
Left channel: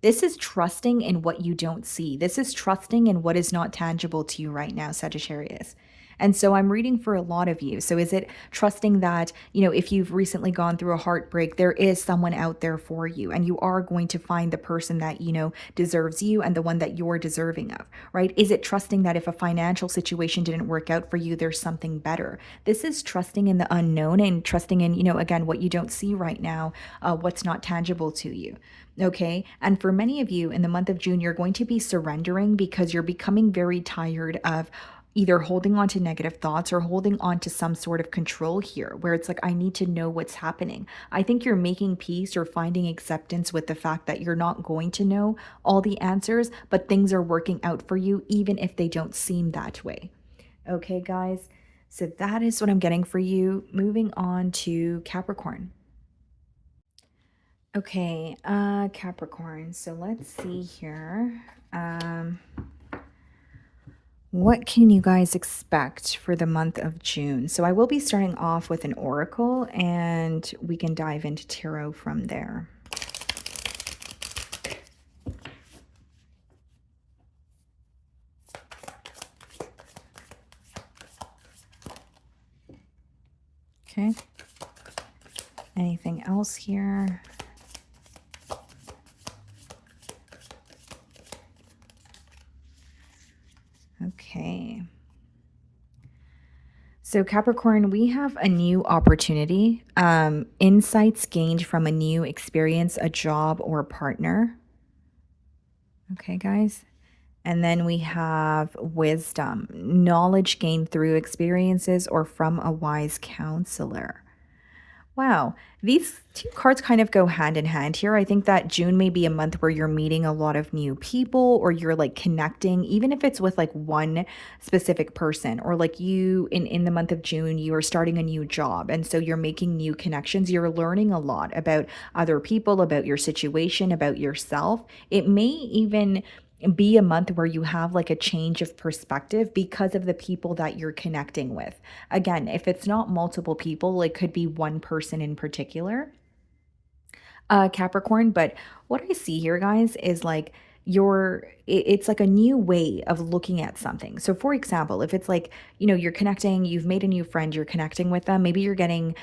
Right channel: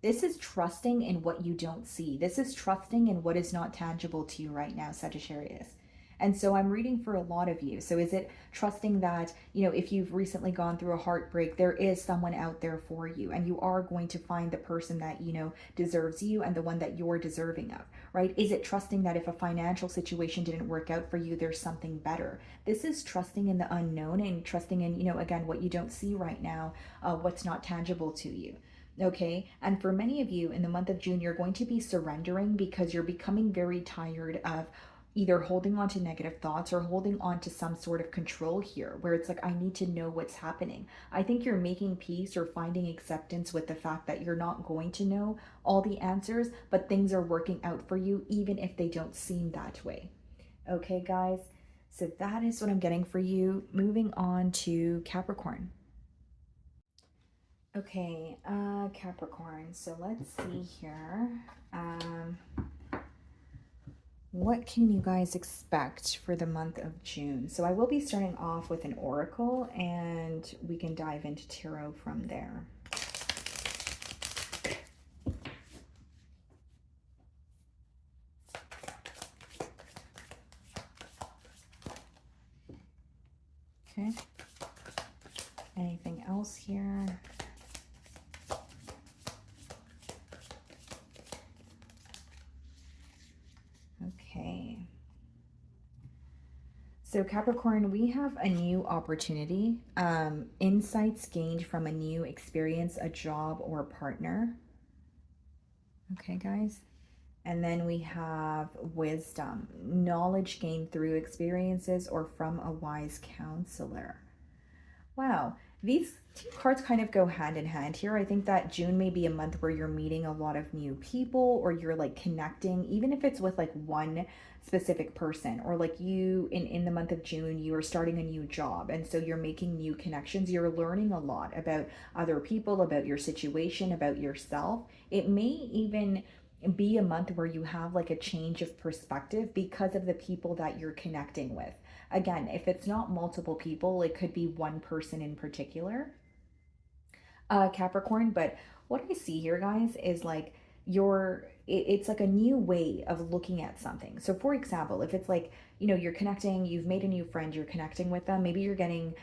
This is trusting in what you don't see. This is trusting in what is not tangible to you right now, Sagittarius. And so I'm reading for a lot of you. So is it trusting that, if you've recently gone through a heartbreak, there is someone out there for you and you are going to find the person that, deserves you and the one that you're deserving of, right? Is it trusting that if a financial situation didn't work out for you, there's something better? This is trusting in the unknown and trusting in, again, what you don't see right now, what's not tangible to you. Okay. And for many of you in the month of June, you're going to be surrendering because you're becoming very tired of either holding on to negative thoughts or holding on to some sort of control here, where it's like, I need to know what's happening. I think you're making peace or finding acceptance with the fact that you're not going to know all the answers, but things are working out for you, even if they don't seem that way. Okay, guys. So that is what I'm getting for you. Moving on to Capricorn. Okay, Capricorn. So let's see here. What can you guys expect for the month of June? So I will be starting off with an oracle and we can dive into tarot from there. Okay. Anything else here? Okay. So Capricorn, we have a new opportunity, insights gained from a new experience, a job or a partner. Okay, guys. And then we have wisdom, knowledge gained through experiences or from a wise counselor. Wow, these two cards kind of go hand in hand here. I think that June may be a month where you're meeting a lot of new people or you're like connecting, even if it's with like one specific person, or like you in the month of June, you are starting a new job. And so you're making new connections. You're learning a lot about other people, about your situation, about yourself. It may even be a month where you have like a change of perspective because of the people that you're connecting with. Again, if it's not multiple people, it could be one person in particular, Capricorn. But what I see here, guys, is like it's like a new way of looking at something. So for example, if it's like, you're connecting, you've made a new friend, you're connecting with them, maybe you're getting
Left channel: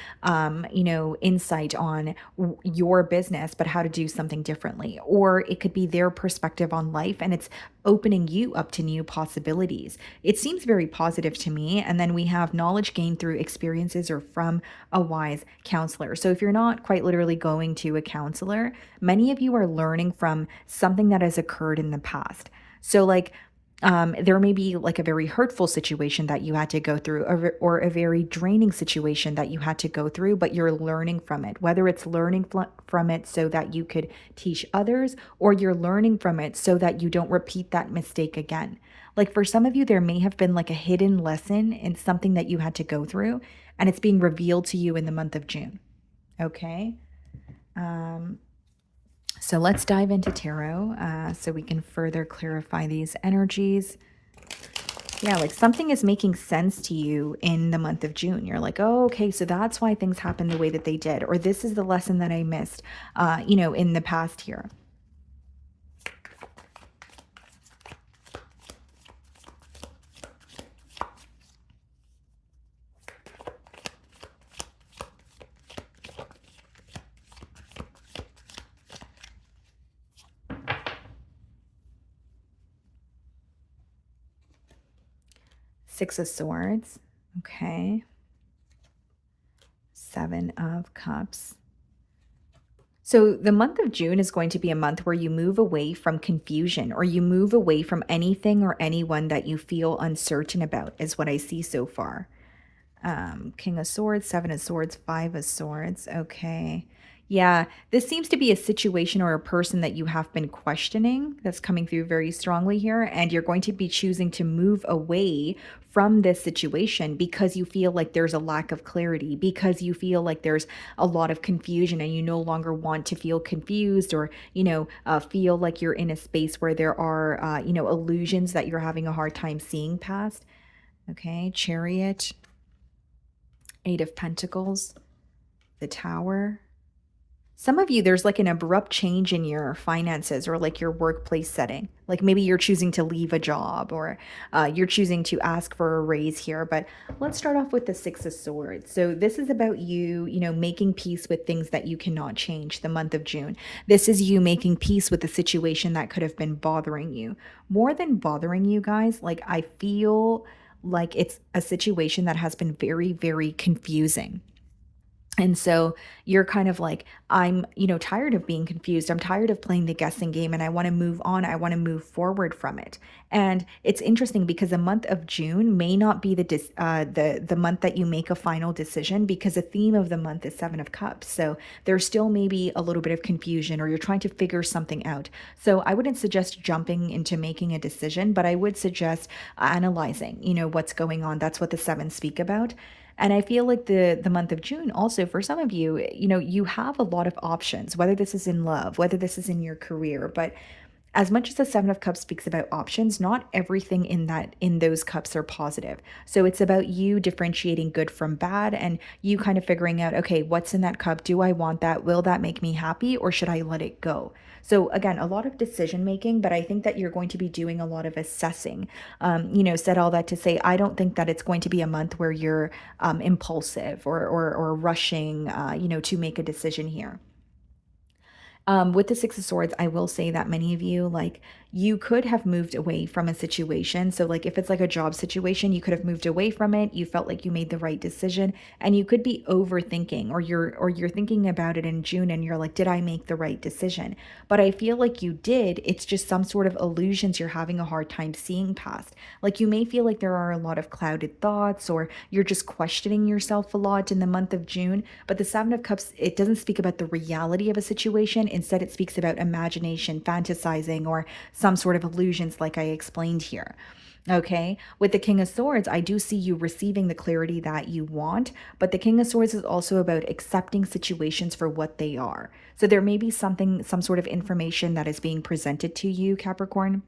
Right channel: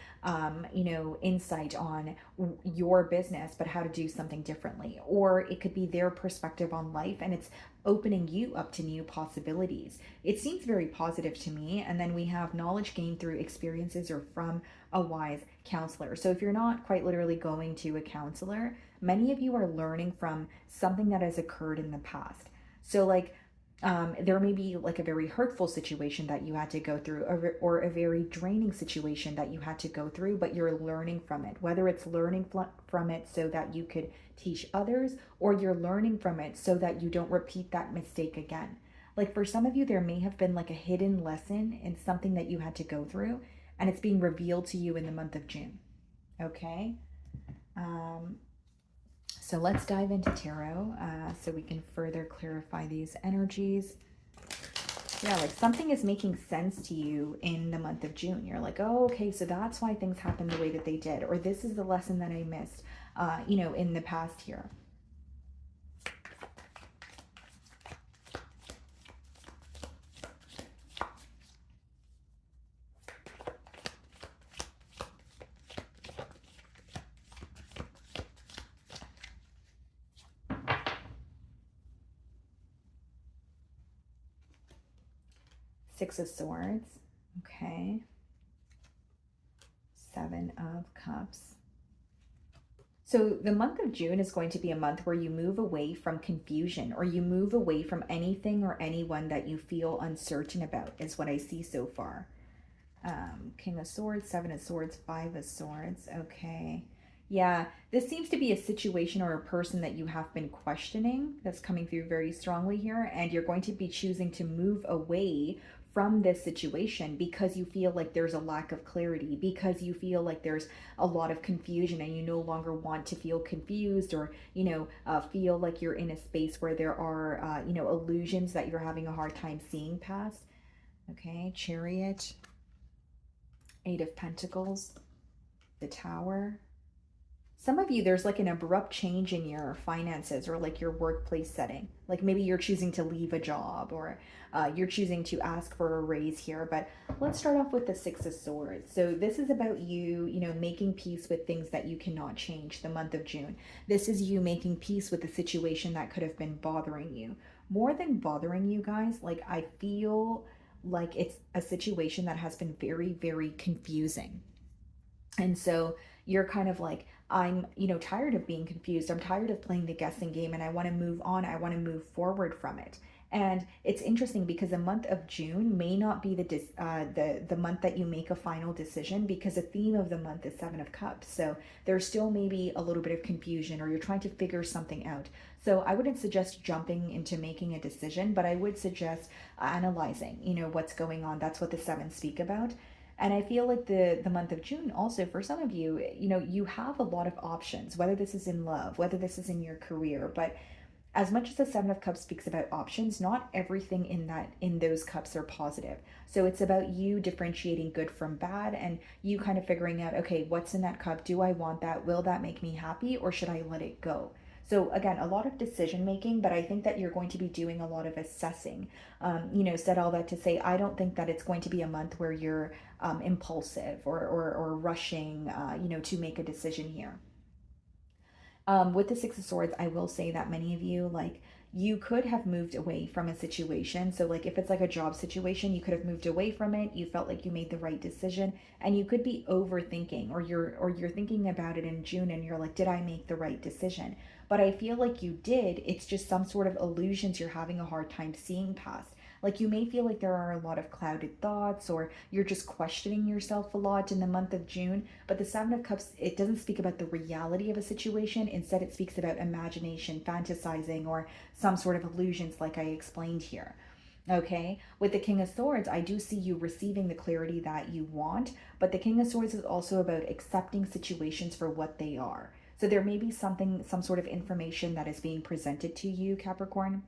insight on your business, but how to do something differently. Or it could be their perspective on life and it's opening you up to new possibilities. It seems very positive to me. And then we have knowledge gained through experiences or from a wise counselor. So if you're not quite literally going to a counselor, many of you are learning from something that has occurred in the past. So like there may be like a very hurtful situation that you had to go through, or a very draining situation that you had to go through, but you're learning from it, whether it's learning from it so that you could teach others, or you're learning from it so that you don't repeat that mistake again. Like for some of you, there may have been like a hidden lesson in something that you had to go through, and it's being revealed to you in the month of June. Okay. So let's dive into tarot so we can further clarify these energies. Yeah, like something is making sense to you in the month of June. You're like, oh, okay, so that's why things happened the way that they did. Or this is the lesson that I missed, in the past here. Six of Swords. Okay. Seven of Cups. So the month of June is going to be a month where you move away from confusion, or you move away from anything or anyone that you feel uncertain about, is what I see so far. King of Swords, Seven of Swords, Five of Swords. Okay. Yeah, this seems to be a situation or a person that you have been questioning that's coming through very strongly here. And you're going to be choosing to move away from this situation because you feel like there's a lack of clarity, because you feel like there's a lot of confusion and you no longer want to feel confused, or, feel like you're in a space where there are, illusions that you're having a hard time seeing past. Okay, Chariot. Eight of Pentacles, the Tower. Some of you, there's like an abrupt change in your finances or like your workplace setting. Like maybe you're choosing to leave a job, or you're choosing to ask for a raise here. But let's start off with the Six of Swords. So this is about you, making peace with things that you cannot change, the month of June. This is you making peace with the situation that could have been bothering you. More than bothering you guys, like I feel like it's a situation that has been very, very confusing. And so you're kind of like, I'm, tired of being confused. I'm tired of playing the guessing game, and I want to move on. I want to move forward from it. And it's interesting because the month of June may not be the month that you make a final decision, because the theme of the month is Seven of Cups. So there's still maybe a little bit of confusion, or you're trying to figure something out. So I wouldn't suggest jumping into making a decision, but I would suggest analyzing, what's going on. That's what the sevens speak about. And I feel like the month of June also, for some of you, you have a lot of options, whether this is in love, whether this is in your career. But as much as the Seven of Cups speaks about options, not everything in those cups are positive. So it's about you differentiating good from bad, and you kind of figuring out, okay, what's in that cup? Do I want that? Will that make me happy, or should I let it go? So again, a lot of decision making, but I think that you're going to be doing a lot of assessing. Said all that to say, I don't think that it's going to be a month where you're impulsive or rushing, to make a decision here. With the Six of Swords, I will say that many of you, like, you could have moved away from a situation. So like if it's like a job situation, you could have moved away from it. You felt like you made the right decision, and you could be overthinking, or you're thinking about it in June and you're like, did I make the right decision? But I feel like you did. It's just some sort of illusions you're having a hard time seeing past. Like you may feel like there are a lot of clouded thoughts, or you're just questioning yourself a lot in the month of June. But the Seven of Cups, it doesn't speak about the reality of a situation. Instead, it speaks about imagination, fantasizing, or some sort of illusions like I explained here. Okay, with the King of Swords, I do see you receiving the clarity that you want, but the King of Swords is also about accepting situations for what they are. So there may be some sort of information that is being presented to you, Capricorn,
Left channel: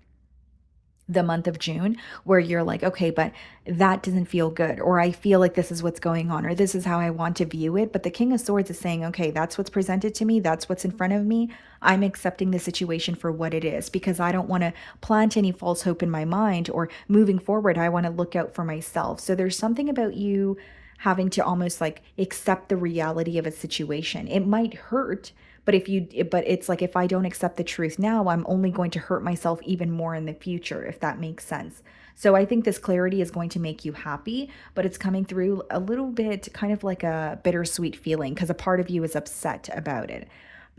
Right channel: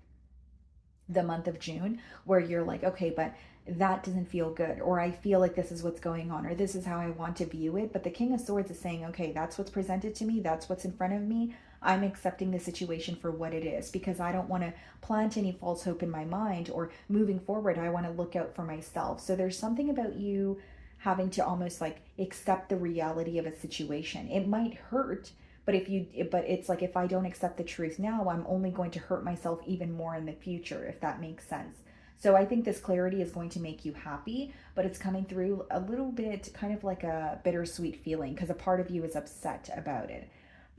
the month of June, where you're like, okay, but that doesn't feel good, or I feel like this is what's going on, or this is how I want to view it. But the King of Swords is saying, okay, that's what's presented to me, that's what's in front of me. I'm accepting the situation for what it is, because I don't want to plant any false hope in my mind, or moving forward, I want to look out for myself. So there's something about you having to almost like accept the reality of a situation. It might hurt, but it's like, if I don't accept the truth now, I'm only going to hurt myself even more in the future, if that makes sense. So I think this clarity is going to make you happy, but it's coming through a little bit kind of like a bittersweet feeling, because a part of you is upset about it.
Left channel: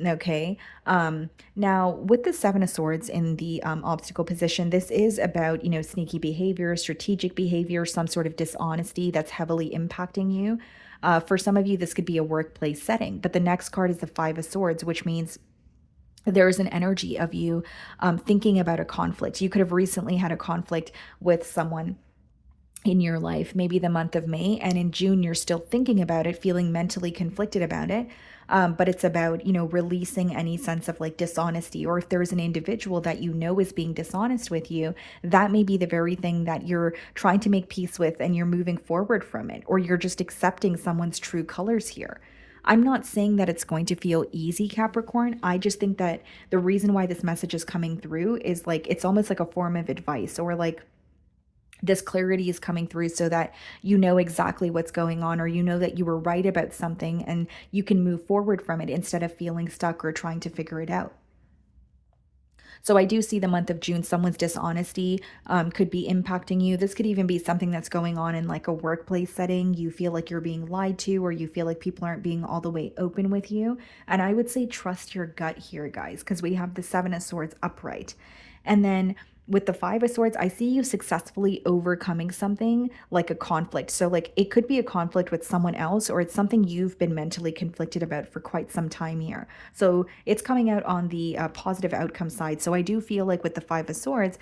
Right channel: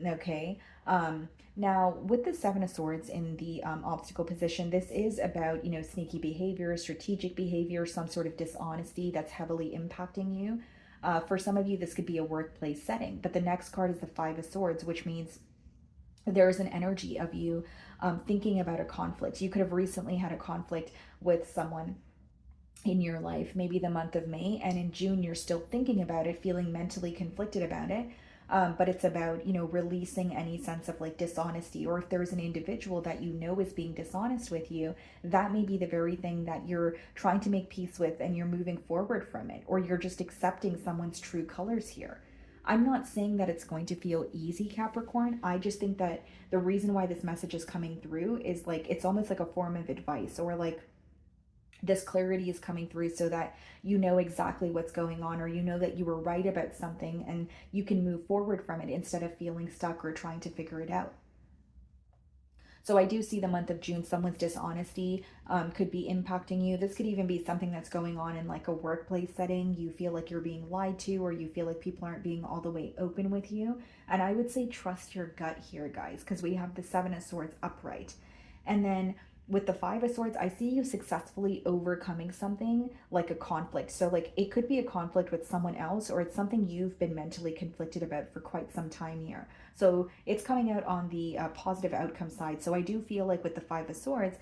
Okay. Now with the Seven of Swords in the obstacle position, this is about, sneaky behavior, strategic behavior, some sort of dishonesty that's heavily impacting you. For some of you, this could be a workplace setting. But the next card is the Five of Swords, which means there is an energy of you thinking about a conflict. You could have recently had a conflict with someone in your life, maybe the month of May, and in June you're still thinking about it, feeling mentally conflicted about it. But it's about, releasing any sense of like dishonesty, or if there's an individual that is being dishonest with you, that may be the very thing that you're trying to make peace with, and you're moving forward from it, or you're just accepting someone's true colors here. I'm not saying that it's going to feel easy, Capricorn. I just think that the reason why this message is coming through is like, it's almost like a form of advice, or like this clarity is coming through so that you know exactly what's going on, or that you were right about something and you can move forward from it instead of feeling stuck or trying to figure it out. So I do see the month of June, someone's dishonesty could be impacting you. This could even be something that's going on in like a workplace setting. You feel like you're being lied to, or you feel like people aren't being all the way open with you. And I would say trust your gut here, guys, because we have the Seven of Swords upright. And then with the Five of Swords, I see you successfully overcoming something like a conflict. So like it could be a conflict with someone else, or it's something you've been mentally conflicted about for quite some time here. So it's coming out on the positive outcome side. So I do feel like with the Five of Swords,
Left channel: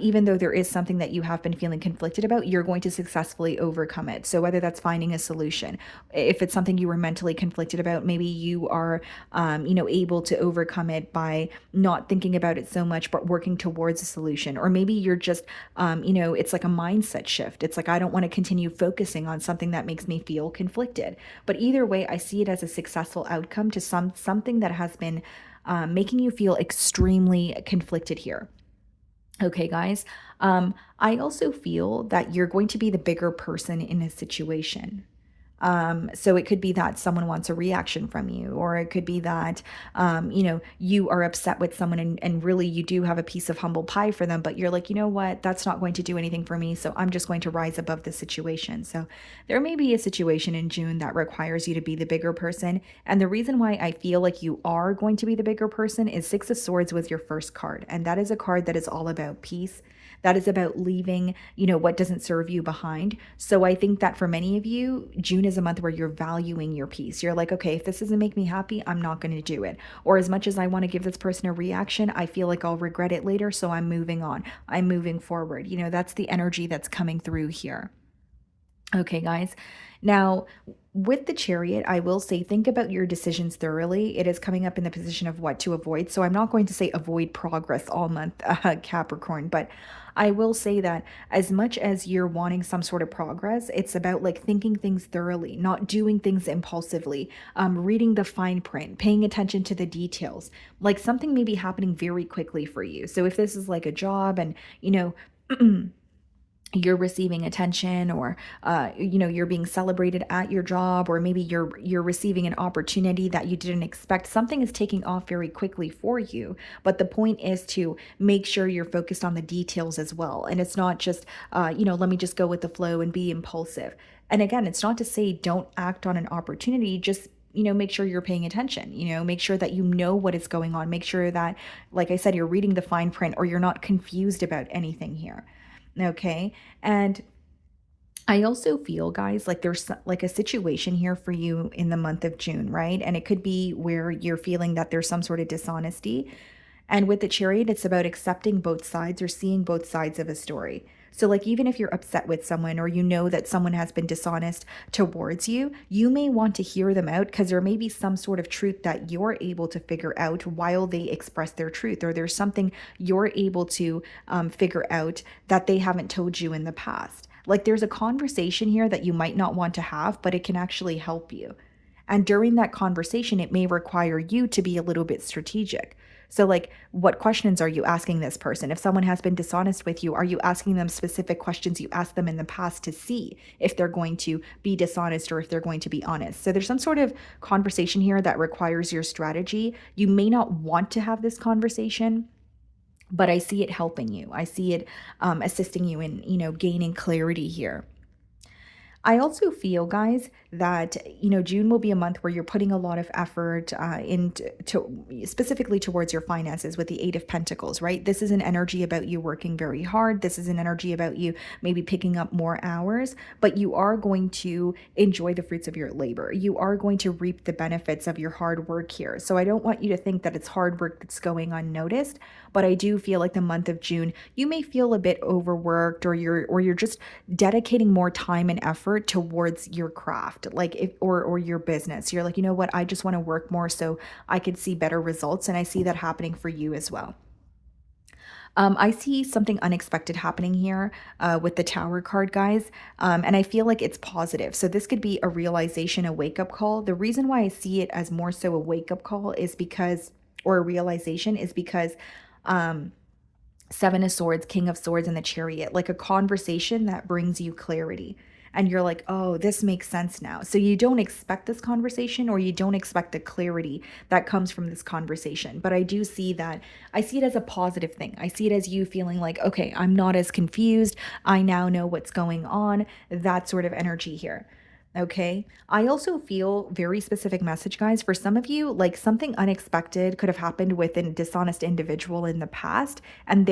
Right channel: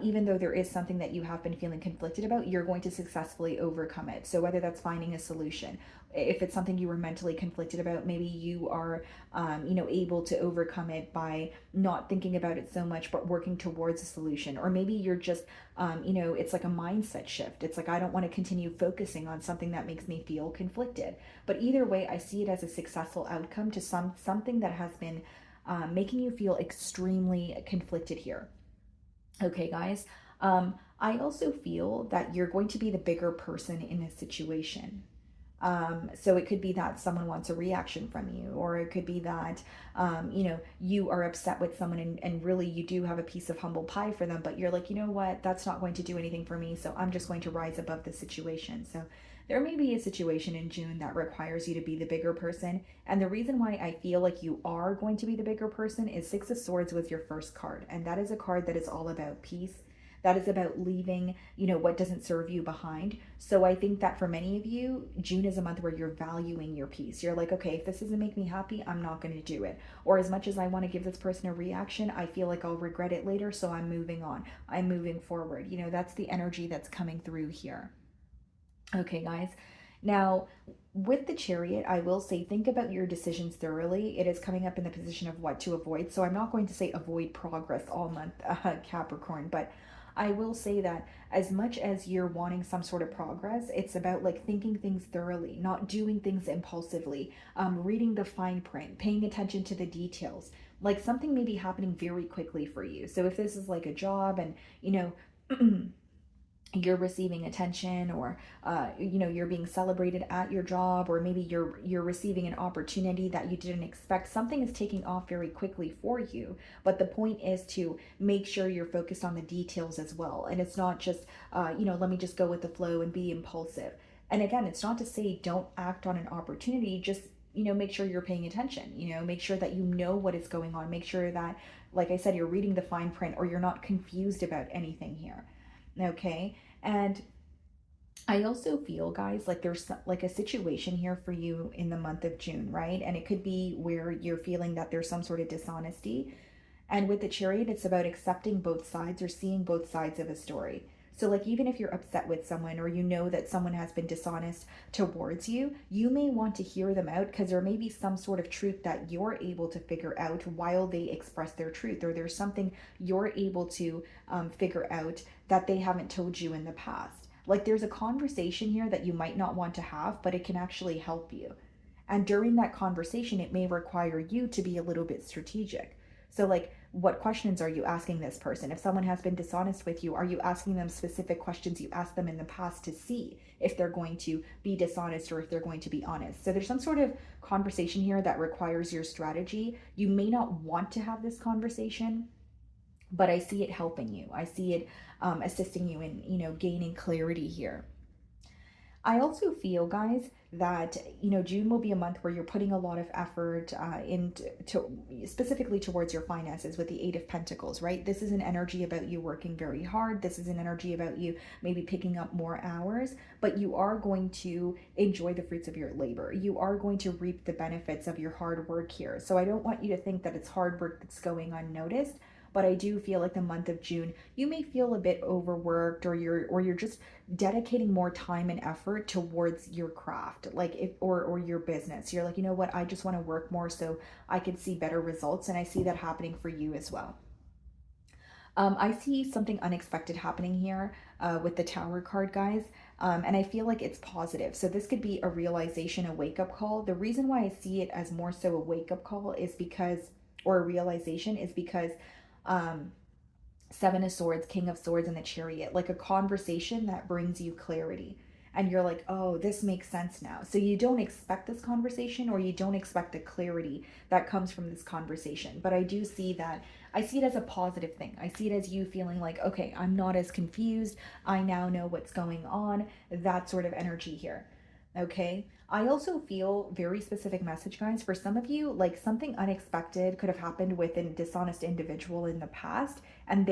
even though there is something that you have been feeling conflicted about, you're going to successfully overcome it. So whether that's finding a solution, if it's something you were mentally conflicted about, maybe you are, able to overcome it by not thinking about it so much, but working towards a solution. Or maybe you're just, it's like a mindset shift. It's like, I don't want to continue focusing on something that makes me feel conflicted. But either way, I see it as a successful outcome to something that has been making you feel extremely conflicted here. Okay, guys. I also feel that you're going to be the bigger person in a situation. So it could be that someone wants a reaction from you, or it could be that, you are upset with someone and really you do have a piece of humble pie for them, but you're like, you know what, that's not going to do anything for me. So I'm just going to rise above the situation. So there may be a situation in June that requires you to be the bigger person. And the reason why I feel like you are going to be the bigger person is Six of Swords was your first card. And that is a card that is all about peace. That is about leaving, what doesn't serve you behind. So I think that for many of you, June is a month where you're valuing your peace. You're like, okay, if this doesn't make me happy, I'm not going to do it. Or as much as I want to give this person a reaction, I feel like I'll regret it later. So I'm moving on. I'm moving forward. That's the energy that's coming through here. Okay, guys. Now, with the Chariot, I will say think about your decisions thoroughly. It is coming up in the position of what to avoid. So I'm not going to say avoid progress all month, Capricorn, but I will say that as much as you're wanting some sort of progress, it's about like thinking things thoroughly, not doing things impulsively, reading the fine print, paying attention to the details. Like something may be happening very quickly for you. So if this is like a job and, you're receiving attention, or you're being celebrated at your job, or maybe you're receiving an opportunity that you didn't expect, something is taking off very quickly for you. But the point is to make sure you're focused on the details as well, and it's not just let me just go with the flow and be impulsive. And again, it's not to say don't act on an opportunity, just make sure you're paying attention, make sure that you know what is going on, make sure that, like I said, you're reading the fine print, or you're not confused about anything here. Okay. And I also feel, guys, like there's like a situation here for you in the month of June, right? And it could be where you're feeling that there's some sort of dishonesty. And with the Chariot, it's about accepting both sides or seeing both sides of a story. So like even if you're upset with someone, or that someone has been dishonest towards you, you may want to hear them out, because there may be some sort of truth that you're able to figure out while they express their truth, or there's something you're able to figure out that they haven't told you in the past. Like there's a conversation here that you might not want to have, but it can actually help you. And during that conversation, it may require you to be a little bit strategic. So like, what questions are you asking this person? If someone has been dishonest with you, are you asking them specific questions you asked them in the past to see if they're going to be dishonest or if they're going to be honest? So there's some sort of conversation here that requires your strategy. You may not want to have this conversation, but I see it helping you. I see it assisting you in, gaining clarity here. I also feel, guys, that, June will be a month where you're putting a lot of effort specifically towards your finances with the Eight of Pentacles, right? This is an energy about you working very hard. This is an energy about you maybe picking up more hours, but you are going to enjoy the fruits of your labor. You are going to reap the benefits of your hard work here. So I don't want you to think that it's hard work that's going unnoticed, but I do feel like the month of June, you may feel a bit overworked, or you're just dedicating more time and effort towards your craft, or your business. You're like, you know what, I just want to work more so I could see better results. And I see that happening for you as well. I see something unexpected happening here with the Tower card, guys. And I feel like it's positive. So this could be a realization, a wake-up call. The reason why I see it as more so a wake-up call is because, or a realization, is because Seven of Swords, King of Swords, and the Chariot, like a conversation that brings you clarity. and you're like, oh, this makes sense now. So you don't expect this conversation, or you don't expect the clarity that comes from this conversation. But I do see that, I see it as a positive thing. I see it as you feeling like, okay, I'm not as confused. I now know what's going on. That sort of energy here. Okay. I also feel very specific message, guys. For some of you, like something unexpected could have happened with a dishonest individual in the past. And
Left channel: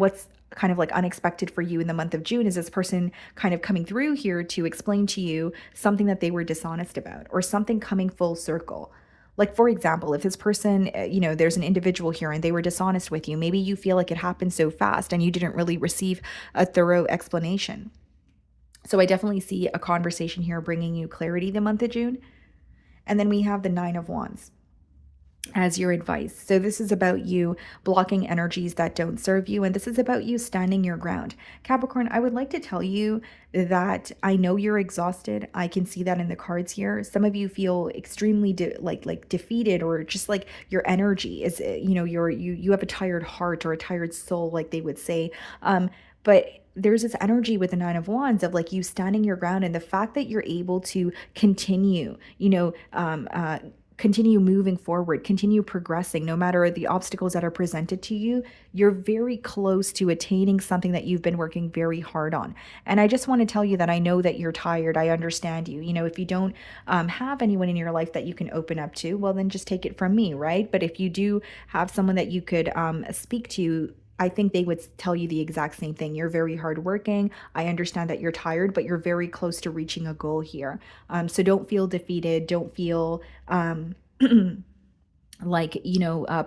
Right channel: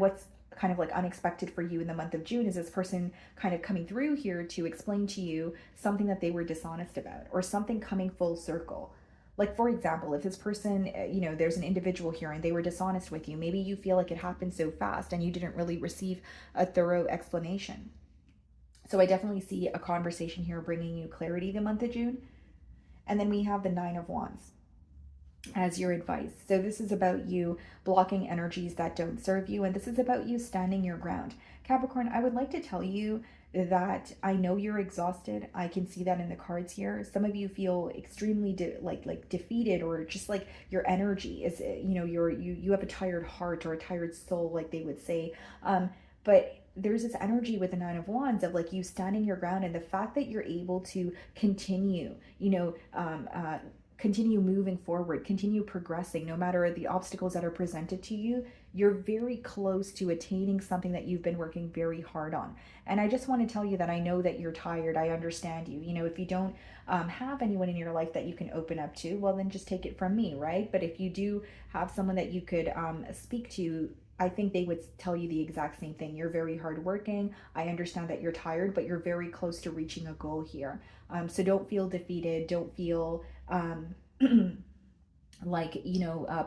what's kind of like unexpected for you in the month of June is this person kind of coming through here to explain to you something that they were dishonest about, or something coming full circle. Like, for example, if this person, there's an individual here and they were dishonest with you, maybe you feel like it happened so fast and you didn't really receive a thorough explanation. So I definitely see a conversation here bringing you clarity the month of June. And then we have the Nine of Wands as your advice. So this is about you blocking energies that don't serve you. And this is about you standing your ground. Capricorn, I would like to tell you that I know you're exhausted. I can see that in the cards here. Some of you feel extremely defeated, or just like your energy is, you have a tired heart or a tired soul, like they would say. But there's this energy with the Nine of Wands of like you standing your ground, and the fact that you're able to continue, continue moving forward, continue progressing, no matter the obstacles that are presented to you. You're very close to attaining something that you've been working very hard on. And I just want to tell you that I know that you're tired. I understand you. If you don't have anyone in your life that you can open up to, well, then just take it from me, right? But if you do have someone that you could speak to, I think they would tell you the exact same thing. You're very hardworking. I understand that you're tired, but you're very close to reaching a goal here. So don't feel defeated. Don't feel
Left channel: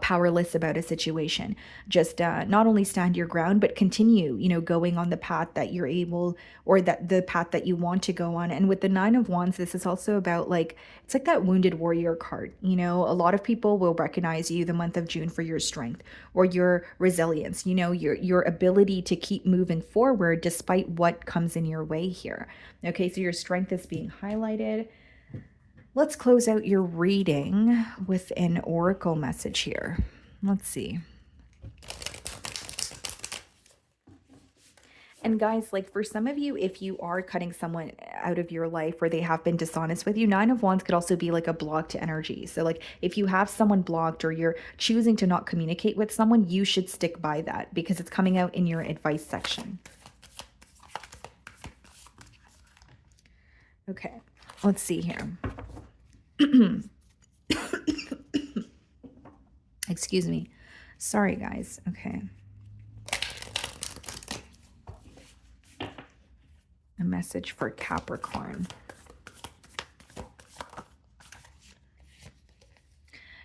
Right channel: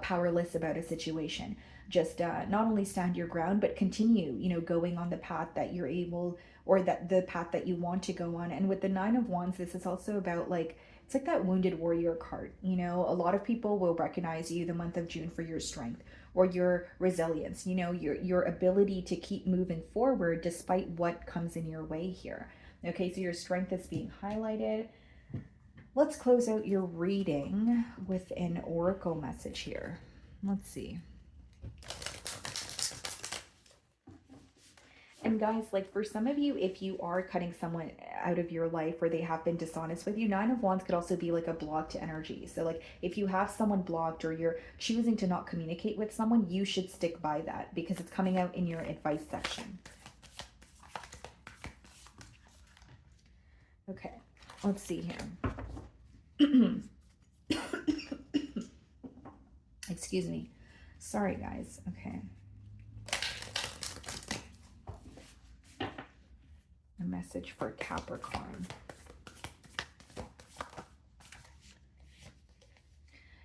powerless about a situation. Just not only stand your ground, but continue, going on the path that you're able, or that the path that you want to go on. And with the Nine of Wands, this is also about it's like that wounded warrior card. A lot of people will recognize you the month of June for your strength or your resilience, your ability to keep moving forward despite what comes in your way here. Okay, so your strength is being highlighted. Let's close out your reading with an oracle message here. Let's see. And guys, for some of you, if you are cutting someone out of your life or they have been dishonest with you, Nine of Wands could also be like a blocked energy. So if you have someone blocked, or you're choosing to not communicate with someone, you should stick by that, because it's coming out in your advice section. Okay, let's see here. Excuse me. Sorry, guys. Okay. A message for Capricorn.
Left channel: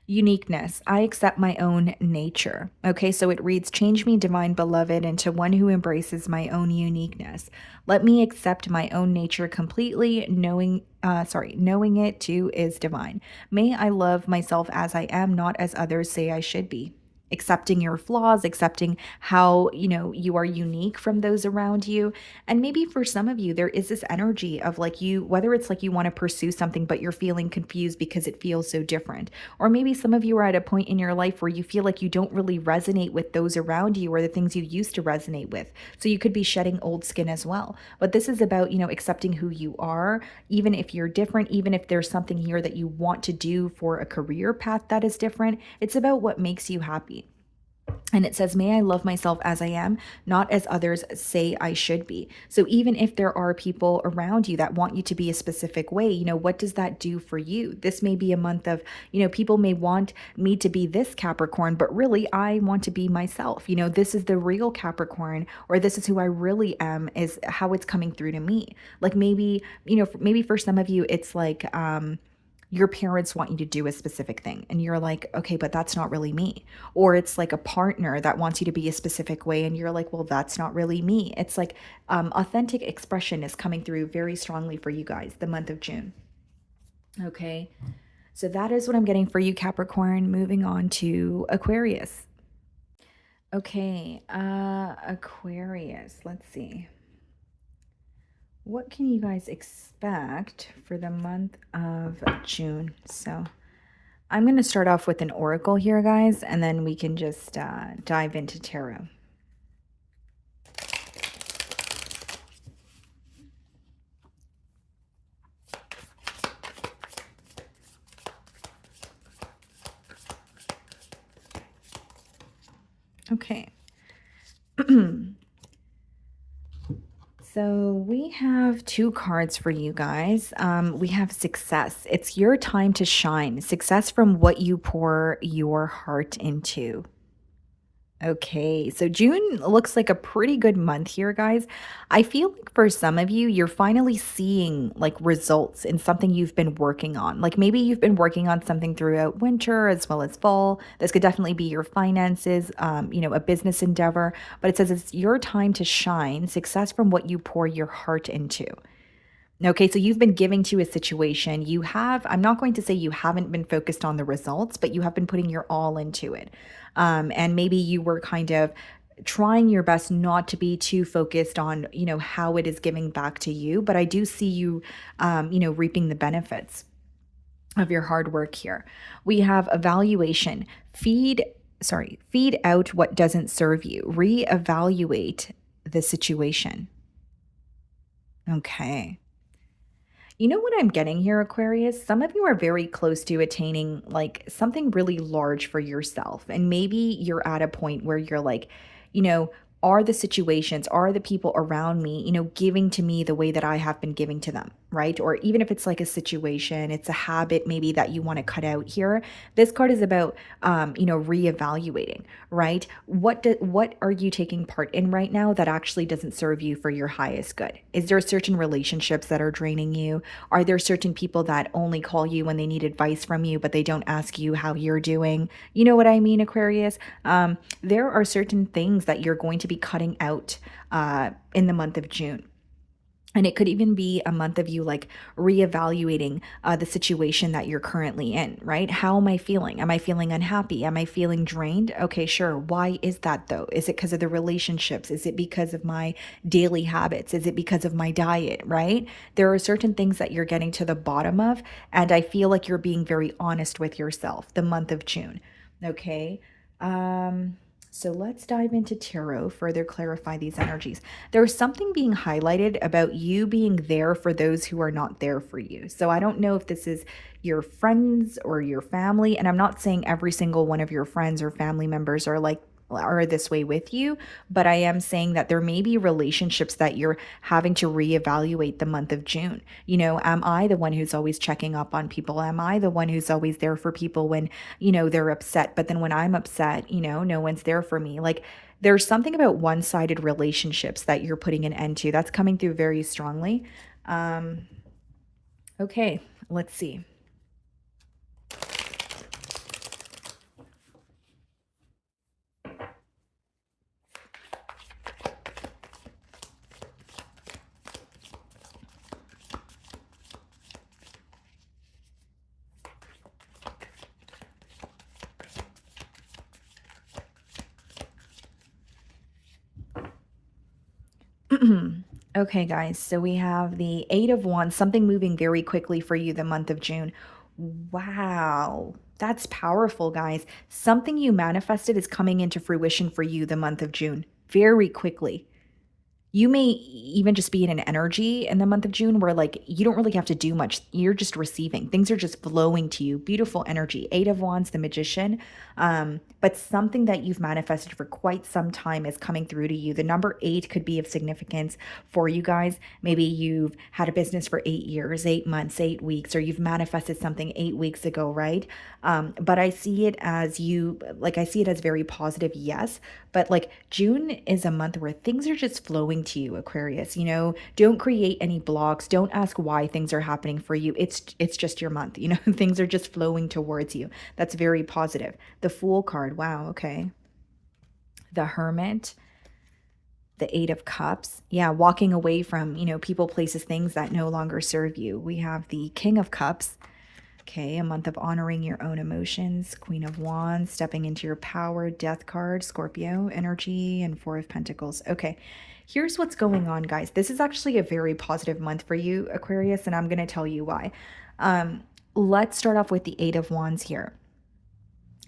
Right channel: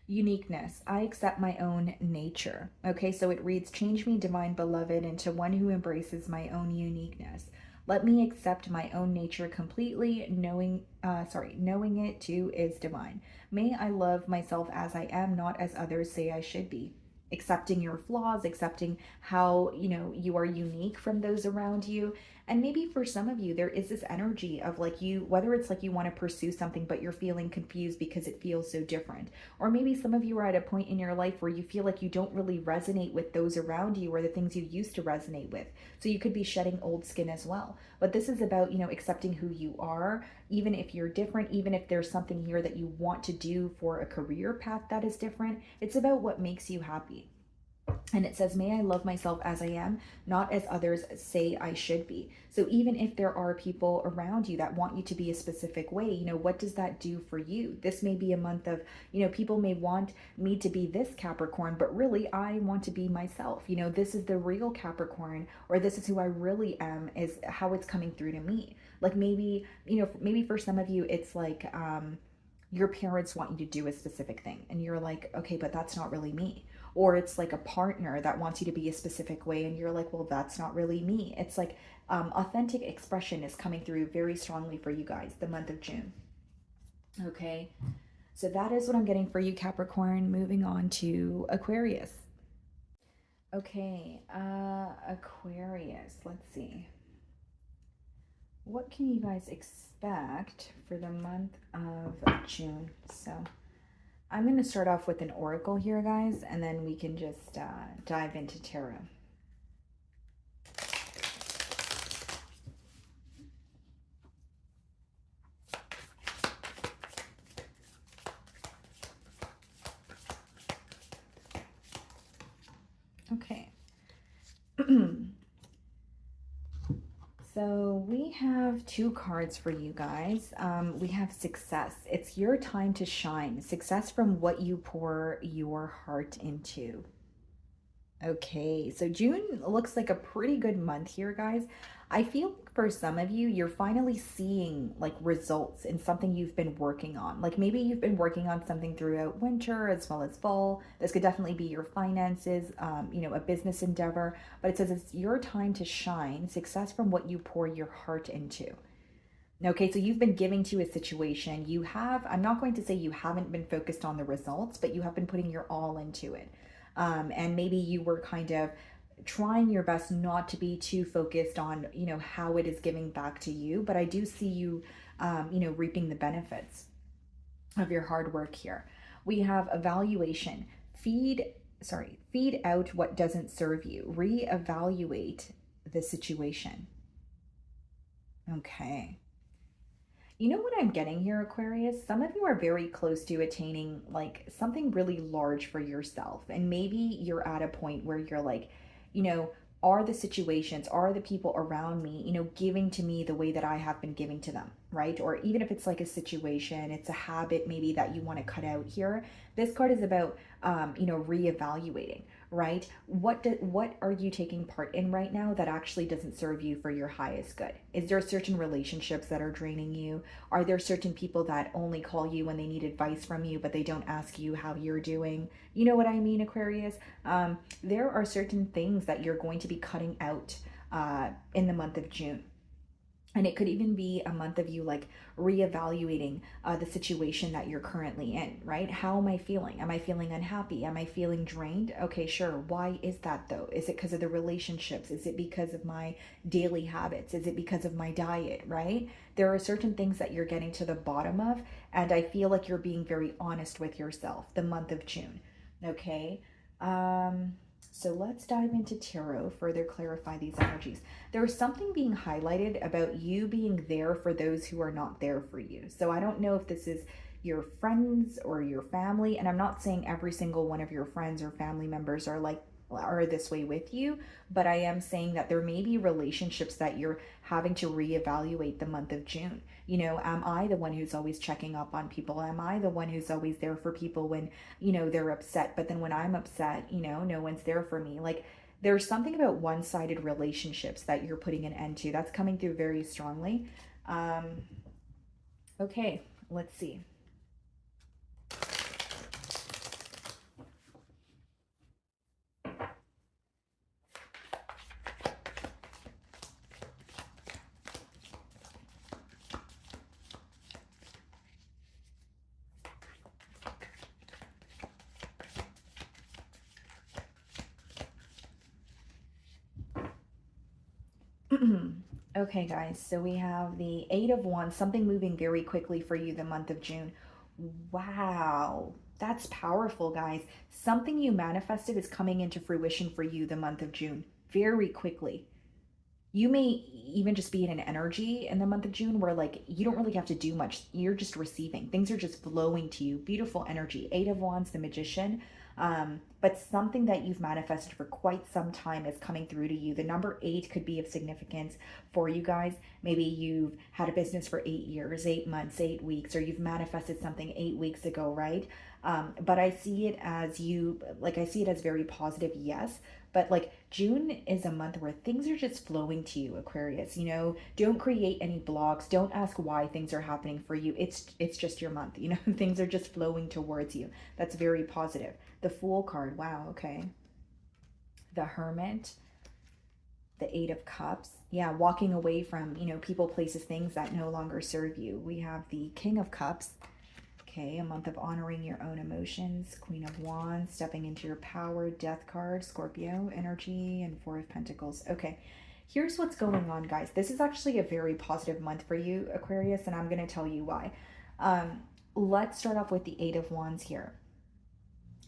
Uniqueness. I accept my own nature. Okay, so it reads, change me, divine beloved, into one who embraces my own uniqueness. Let me accept my own nature completely, knowing it too is divine. May I love myself as I am, not as others say I should be. Accepting your flaws, accepting how, you are unique from those around you. And maybe for some of you, there is this energy of whether it's you want to pursue something, but you're feeling confused because it feels so different. Or maybe some of you are at a point in your life where you feel like you don't really resonate with those around you or the things you used to resonate with. So you could be shedding old skin as well. But this is about, accepting who you are, even if you're different, even if there's something here that you want to do for a career path that is different. It's about what makes you happy. And it says, may I love myself as I am, not as others say I should be. So even if there are people around you that want you to be a specific way, what does that do for you? This may be a month of, people may want me to be this Capricorn, but really I want to be myself. This is the real Capricorn, or this is who I really am, is how it's coming through to me. Maybe for some of you, it's your parents want you to do a specific thing and you're like, okay, but that's not really me. Or it's a partner that wants you to be a specific way and you're like, well, that's not really me. It's authentic expression is coming through very strongly for you guys the month of June. Okay, so that is what I'm getting for you, Capricorn. Moving on to Aquarius. Okay, Aquarius, let's see. What can you guys expect for the month of June? So I'm going to start off with an oracle here, guys, and then we can just dive into tarot. Okay. So we have two cards for you guys. We have success. It's your time to shine. Success from what you pour your heart into. Okay, so June looks like a pretty good month here, guys. I feel like for some of you, you're finally seeing like results in something you've been working on. Like maybe you've been working on something throughout winter as well as fall. This could definitely be your finances, a business endeavor, but it says it's your time to shine, success from what you pour your heart into. Okay, so you've been giving to a situation. You have, I'm not going to say you haven't been focused on the results, but you have been putting your all into it. And maybe you were kind of trying your best not to be too focused on, how it is giving back to you. But I do see you, reaping the benefits of your hard work here. We have evaluation. Feed out what doesn't serve you. Reevaluate the situation. Okay. You know what I'm getting here, Aquarius? Some of you are very close to attaining like something really large for yourself. And maybe you're at a point where you're like, you know, are the situations, are the people around me, giving to me the way that I have been giving to them, right? Or even if it's like a situation, it's a habit maybe that you want to cut out here. This card is about, reevaluating, right? What are you taking part in right now that actually doesn't serve you for your highest good? Is there certain relationships that are draining you? Are there certain people that only call you when they need advice from you, but they don't ask you how you're doing? You know what I mean, Aquarius? There are certain things that you're going to be cutting out in the month of June. And it could even be a month of you like reevaluating the situation that you're currently in, right? How am I feeling? Am I feeling unhappy? Am I feeling drained? Okay, sure. Why is that though? Is it because of the relationships? Is it because of my daily habits? Is it because of my diet, right? There are certain things that you're getting to the bottom of. And I feel like you're being very honest with yourself the month of June. Okay. So let's dive into tarot, further clarify these energies. There's something being highlighted about you being there for those who are not there for you. So I don't know if this is your friends or your family, and I'm not saying every single one of your friends or family members are this way with you, but I am saying that there may be relationships that you're having to reevaluate the month of June. Am I the one who's always checking up on people? Am I the one who's always there for people when, they're upset? But then when I'm upset, no one's there for me. Like there's something about one-sided relationships that you're putting an end to. That's coming through very strongly. Okay, let's see. Okay, guys, so we have the Eight of Wands, something moving very quickly for you the month of June. Wow, that's powerful, guys. Something you manifested is coming into fruition for you the month of June very quickly. You may even just be in an energy in the month of June where like you don't really have to do much. You're just receiving. Things are just flowing to you. Beautiful energy. Eight of Wands, the Magician. But something that you've manifested for quite some time is coming through to you. The number 8 could be of significance for you guys. Maybe you've had a business for 8 years, 8 months, 8 weeks, or you've manifested something 8 weeks ago, right? But I see it as I see it as very positive, yes. But like June is a month where things are just flowing to you, Aquarius. Don't create any blocks. Don't ask why things are happening for you. It's just your month. Things are just flowing towards you. That's very positive. The Fool card. Wow, okay. The Hermit. The Eight of Cups. Yeah, walking away from, people, places, things that no longer serve you. We have the King of Cups. Okay, a month of honoring your own emotions. Queen of Wands, stepping into your power. Death card, Scorpio energy, and Four of Pentacles. Okay, here's what's going on, guys. This is actually a very positive month for you, Aquarius, and I'm going to tell you why. Let's start off with the Eight of Wands here.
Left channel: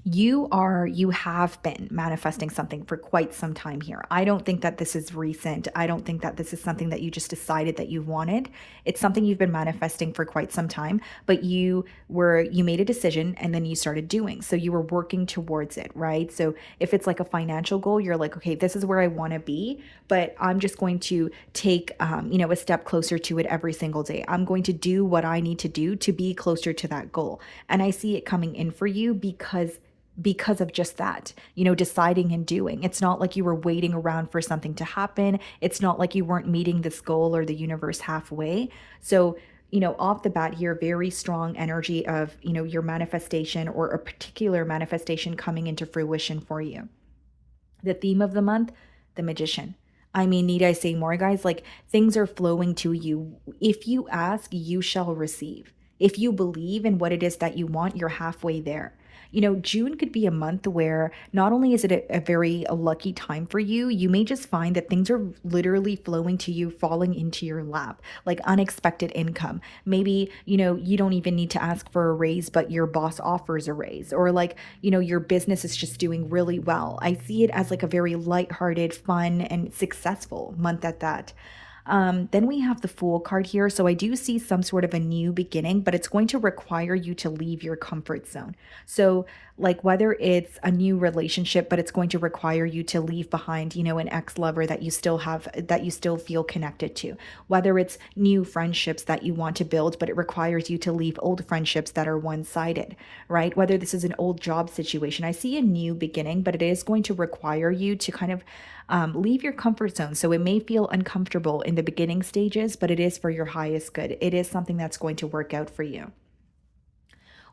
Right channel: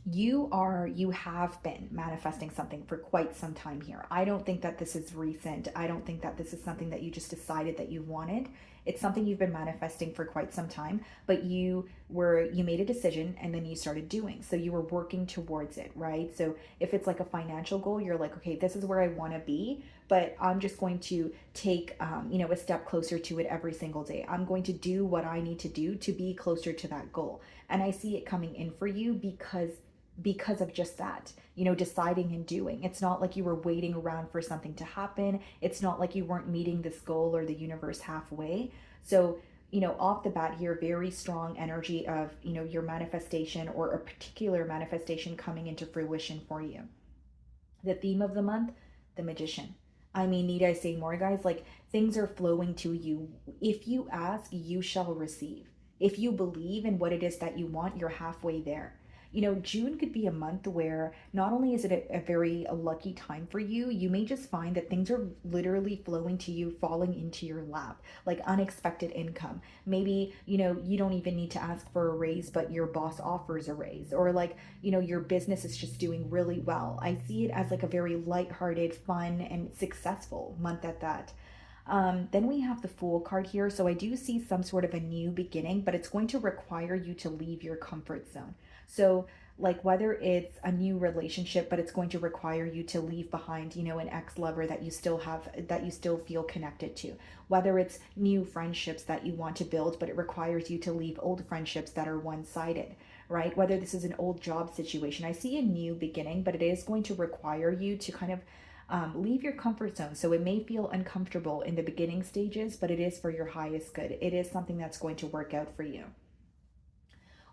you have been manifesting something for quite some time here. I don't think that this is recent. I don't think that this is something that you just decided that you wanted. It's something you've been manifesting for quite some time, but you made a decision and then you started doing. So you were working towards it, right? So if it's like a financial goal, you're like, okay, this is where I want to be, but I'm just going to take a step closer to it every single day. I'm going to do what I need to do to be closer to that goal. And I see it coming in for you because of just that, deciding and doing. It's not like you were waiting around for something to happen. It's not like you weren't meeting this goal or the universe halfway. So, off the bat here, very strong energy of, your manifestation or a particular manifestation coming into fruition for you. The theme of the month, the Magician. I mean, need I say more, guys? Like, things are flowing to you. If you ask, you shall receive. If you believe in what it is that you want, you're halfway there. June could be a month where not only is it a very lucky time for you, you may just find that things are literally flowing to you, falling into your lap, like unexpected income. Maybe, you don't even need to ask for a raise, but your boss offers a raise, or like, your business is just doing really well. I see it as like a very lighthearted, fun, and successful month at that. Then we have the Fool card here. So I do see some sort of a new beginning, but it's going to require you to leave your comfort zone. So like whether it's a new relationship, but it's going to require you to leave behind, an ex-lover that you still have, that you still feel connected to. Whether it's new friendships that you want to build, but it requires you to leave old friendships that are one-sided, right? Whether this is an old job situation. I see a new beginning, but it is going to require you to kind of leave your comfort zone. So it may feel uncomfortable in the beginning stages, but it is for your highest good. It is something that's going to work out for you.